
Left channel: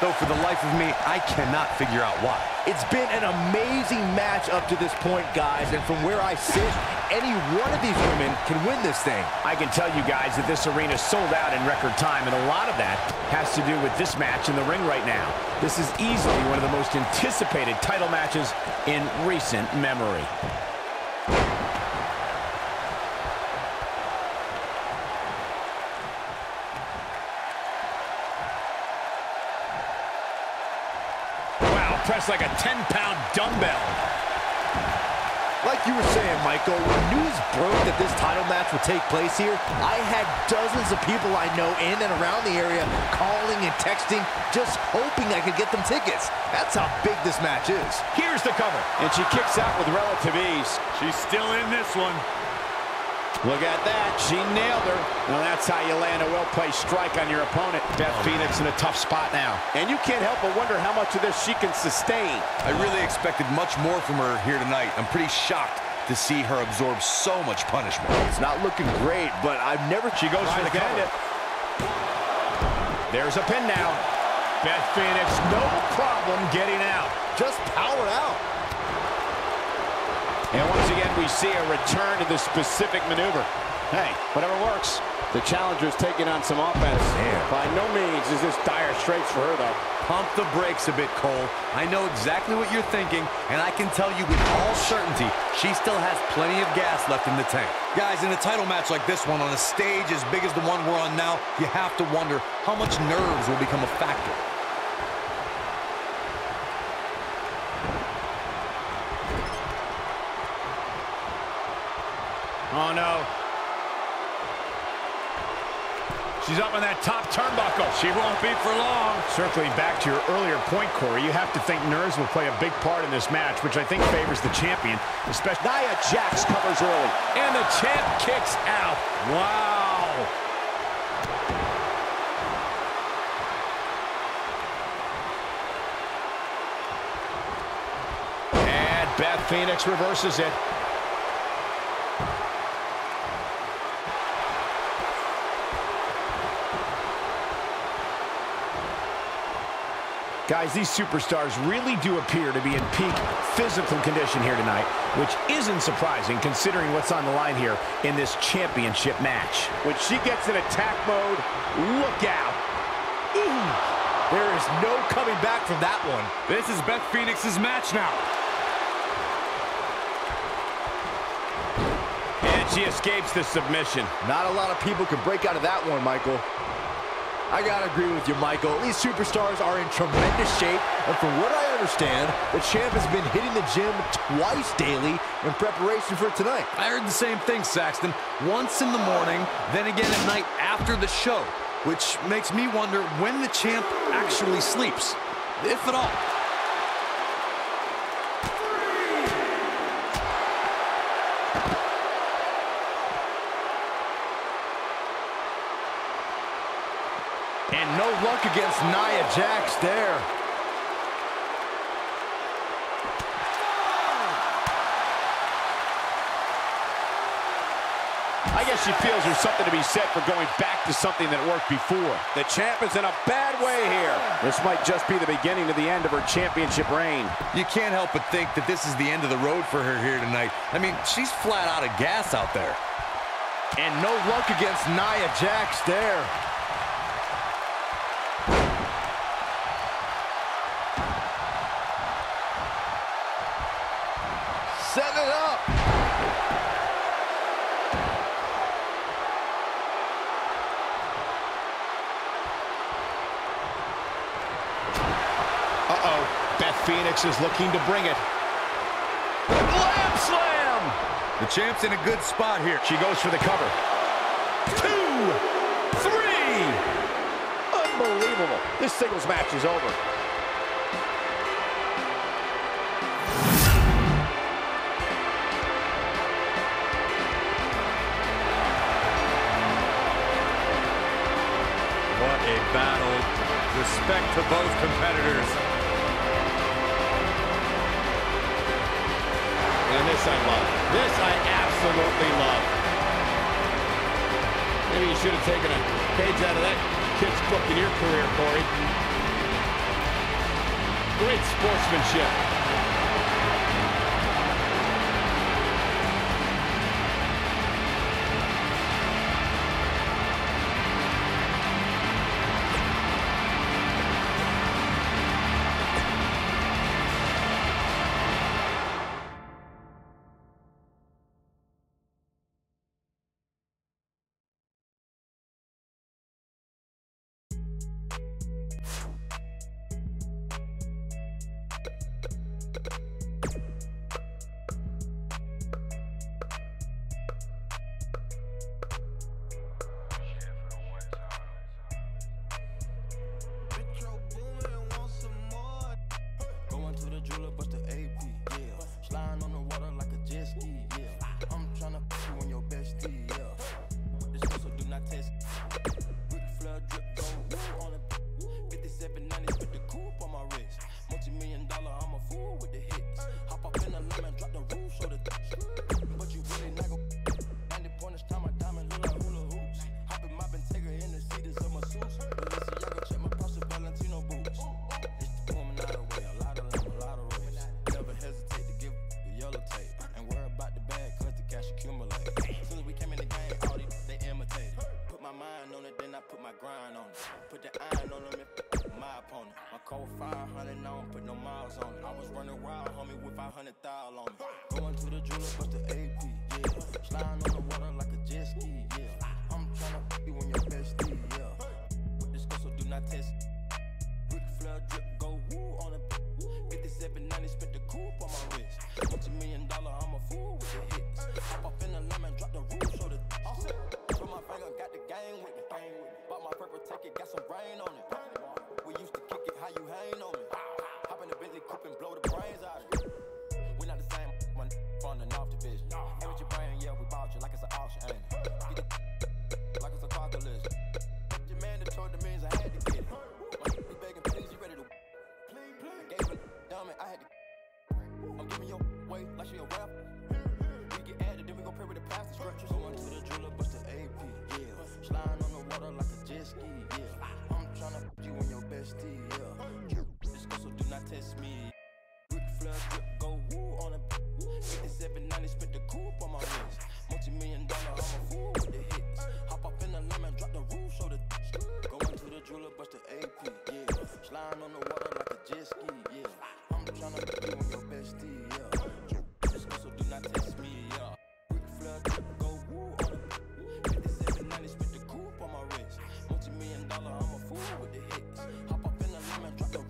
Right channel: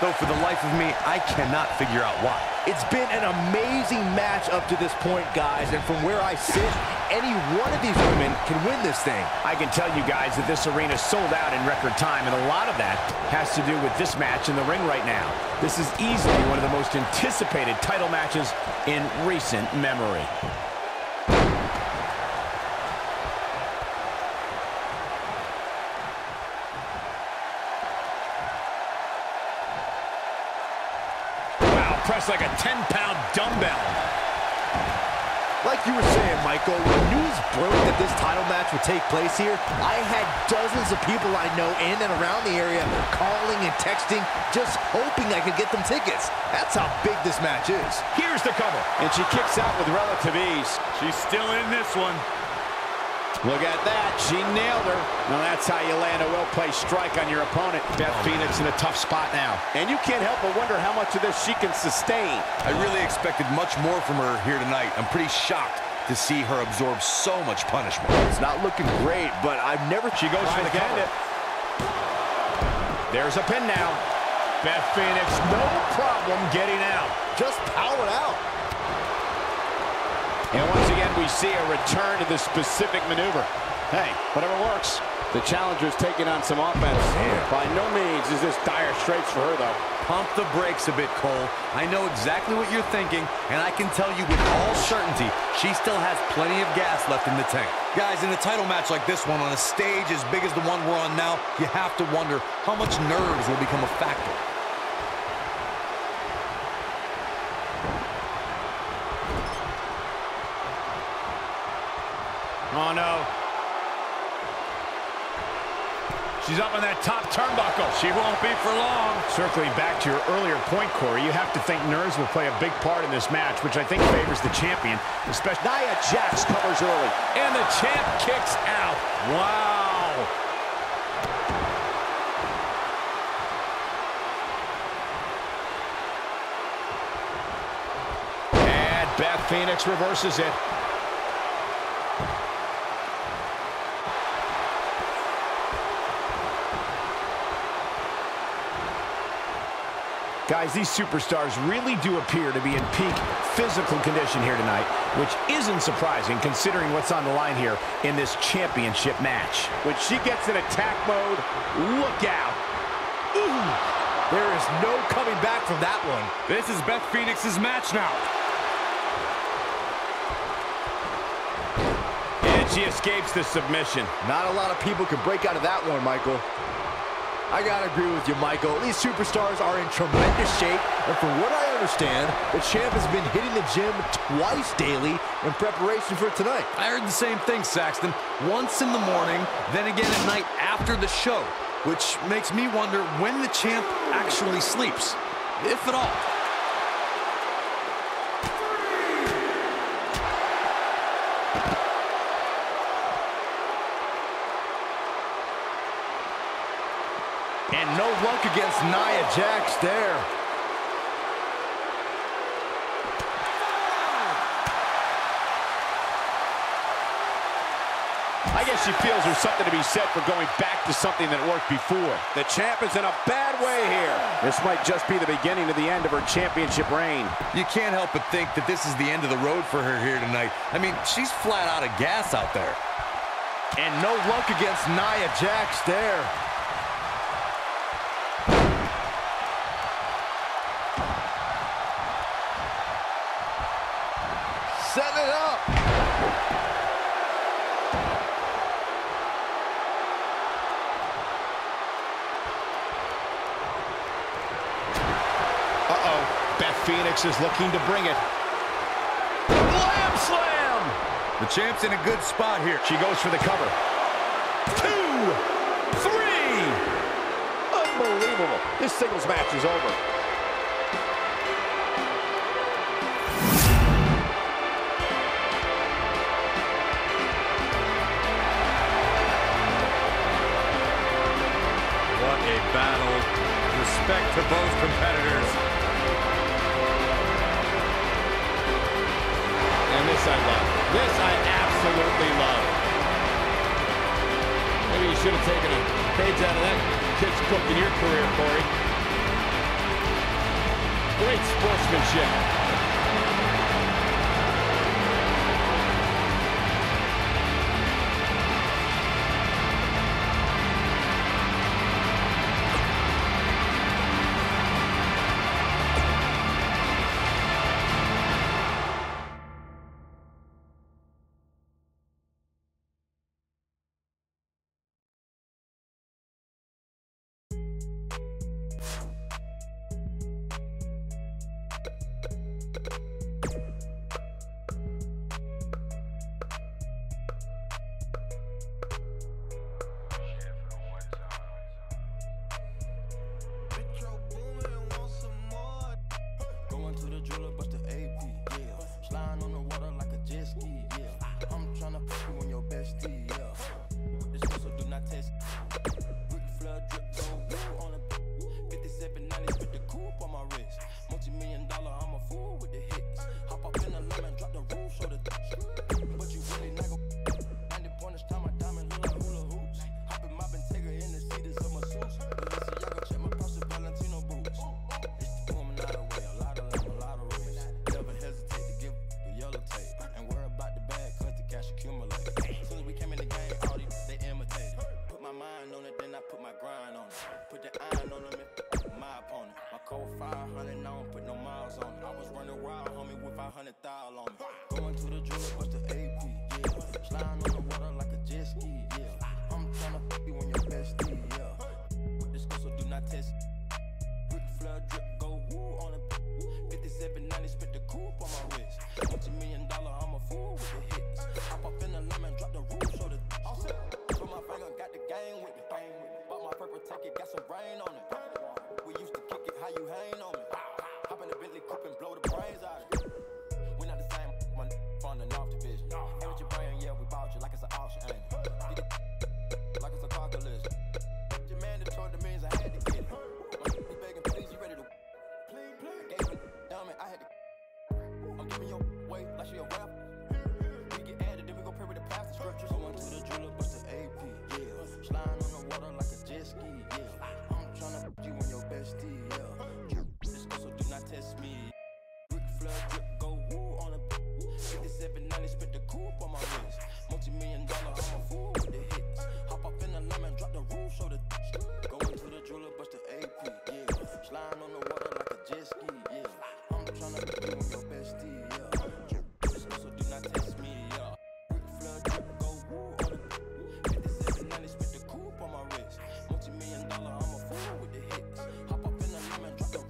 Though for the life of me, I cannot figure out why. It's been an amazing match up to this point, guys, and from where I sit, any one of these women can win this thing. I can tell you guys that this arena sold out in record time, and a lot of that has to do with this match in the ring right now. This is easily one of the most anticipated title matches in recent memory. Pressed like a 10-pound dumbbell. Like you were saying, Michael, when news broke that this title match would take place here, I had dozens of people I know in and around the area calling and texting, just hoping I could get them tickets. That's how big this match is. Here's the cover, and she kicks out with relative ease. She's still in this one. Look at that. She nailed her. Now that's how you land a well-placed strike on your opponent. Beth Phoenix in a tough spot now. And you can't help but wonder how much of this she can sustain. I really expected much more from her here tonight. I'm pretty shocked to see her absorb so much punishment. It's not looking great, but I've never... She goes for the cover. There's a pin now. Beth Phoenix, no problem getting out. Just powered out. And once again, we see a return to the specific maneuver. Hey, whatever works. The challenger's taking on some offense. Damn. By no means is this dire straits for her, though. Pump the brakes a bit, Cole. I know exactly what you're thinking, and I can tell you with all certainty, she still has plenty of gas left in the tank. Guys, in a title match like this one, on a stage as big as the one we're on now, you have to wonder how much nerves will become a factor. Oh, no. She's up on that top turnbuckle. She won't be for long. Circling back to your earlier point, Corey, you have to think nerves will play a big part in this match, which I think favors the champion, especially... Nia Jax covers early. And the champ kicks out. Wow. And Beth Phoenix reverses it. Guys, these superstars really do appear to be in peak physical condition here tonight, which isn't surprising considering what's on the line here in this championship match. When she gets in attack mode, look out. Ooh, there is no coming back from that one. This is Beth Phoenix's match now. And she escapes the submission. Not a lot of people can break out of that one, Michael. I gotta agree with you, Michael. These superstars are in tremendous shape, and from what I understand, the champ has been hitting the gym twice daily in preparation for tonight. I heard the same thing, Saxton. Once in the morning, then again at night after the show, which makes me wonder when the champ actually sleeps, if at all. And no luck against Nia Jax there. I guess she feels there's something to be said for going back to something that worked before. The champ is in a bad way here. This might just be the beginning of the end of her championship reign. You can't help but think that this is the end of the road for her here tonight. I mean, she's flat out of gas out there. And no luck against Nia Jax there. Setting it up. Uh-oh. Beth Phoenix is looking to bring it. Glam slam! The champ's in a good spot here. She goes for the cover. 2, 3. Unbelievable. This singles match is over. What a battle. Respect to both competitors. And this I love. This I absolutely love. Maybe you should have taken a page out of that kid's book in your career, Corey. Great sportsmanship. To the jeweler, bust the AP, yeah. Sliding on the water like a jet ski, yeah. I'm tryna put you on your bestie, yeah. This also do not test. Ric Flair drip, go woo on a 5790 with the coupe on my wrist. Multi-million-dollar, I'm a fool with the hits. Hop up in the lemon, drop the roof, show the but you really not gon' 90 pointers, time my diamond look like hula hoops. Hopping, mopping, take her in the seats of my suits. Balenciaga, check my purse, Valentino boots. It's the woman out of way, a lot of never hesitate to give the yellow tape. And worry about the bag, cause the cash accumulate. As soon as we came in the game, all these they imitated. Put my mind on it, then I put my grind on it. Put the iron on them and my opponent. My code 500, I don't put no miles on it. I was running wild, homie, with 500,000 on me. Going to the jeweler, bust the AP, yeah. Sliding on the water like a jet ski, yeah. I'm tryna put you on your bestie, yeah. With this go, so do not test. Ric Flair drip, go woo on a 5790, spent the coupe on my wrist. Multi-million-dollar, I'm a fool with the hits. Hop up in the lemon, drop the roof, show the all set. Put my finger, got the game with me. Bought my purple ticket, got some rain on it. We used to kick it, how you hang on me. Hop in the Bentley coupe and blow the brains out of it. We not the same, my from the North Division. Hey, with your brain, yeah, we bought you like it's an auction, ain't it? Get it like it's a car collision. Your man that told the millions, I had to get it. He begging, please, you ready to I gave him diamond, I had to. I'm giving your way like she a rapper. We get added, then we go pray with the pastor scriptures. Going to the jeweler, bust the AP, yeah. Sliding on the water like a jet ski, yeah. I'm tryna put you on your bestie, yeah. This go, so do not test me. Ric Flair drip, go woo on a 5790, spent the coupe on my wrist. Multi-million-dollar, I'm a fool with the hits. Hop up in the lemon, drop the roof, show the going to the jeweler, bust the AP, yeah. Sliding on the water like a jet ski, yeah. I'm tryna put you on your bestie, yeah. This go, so do not test me, yeah. Ric Flair drip, go woo on a 5790, spent the coupe on my wrist. Multi-million-dollar, I'm a fool with the hits. Hop up in the lemon, drop the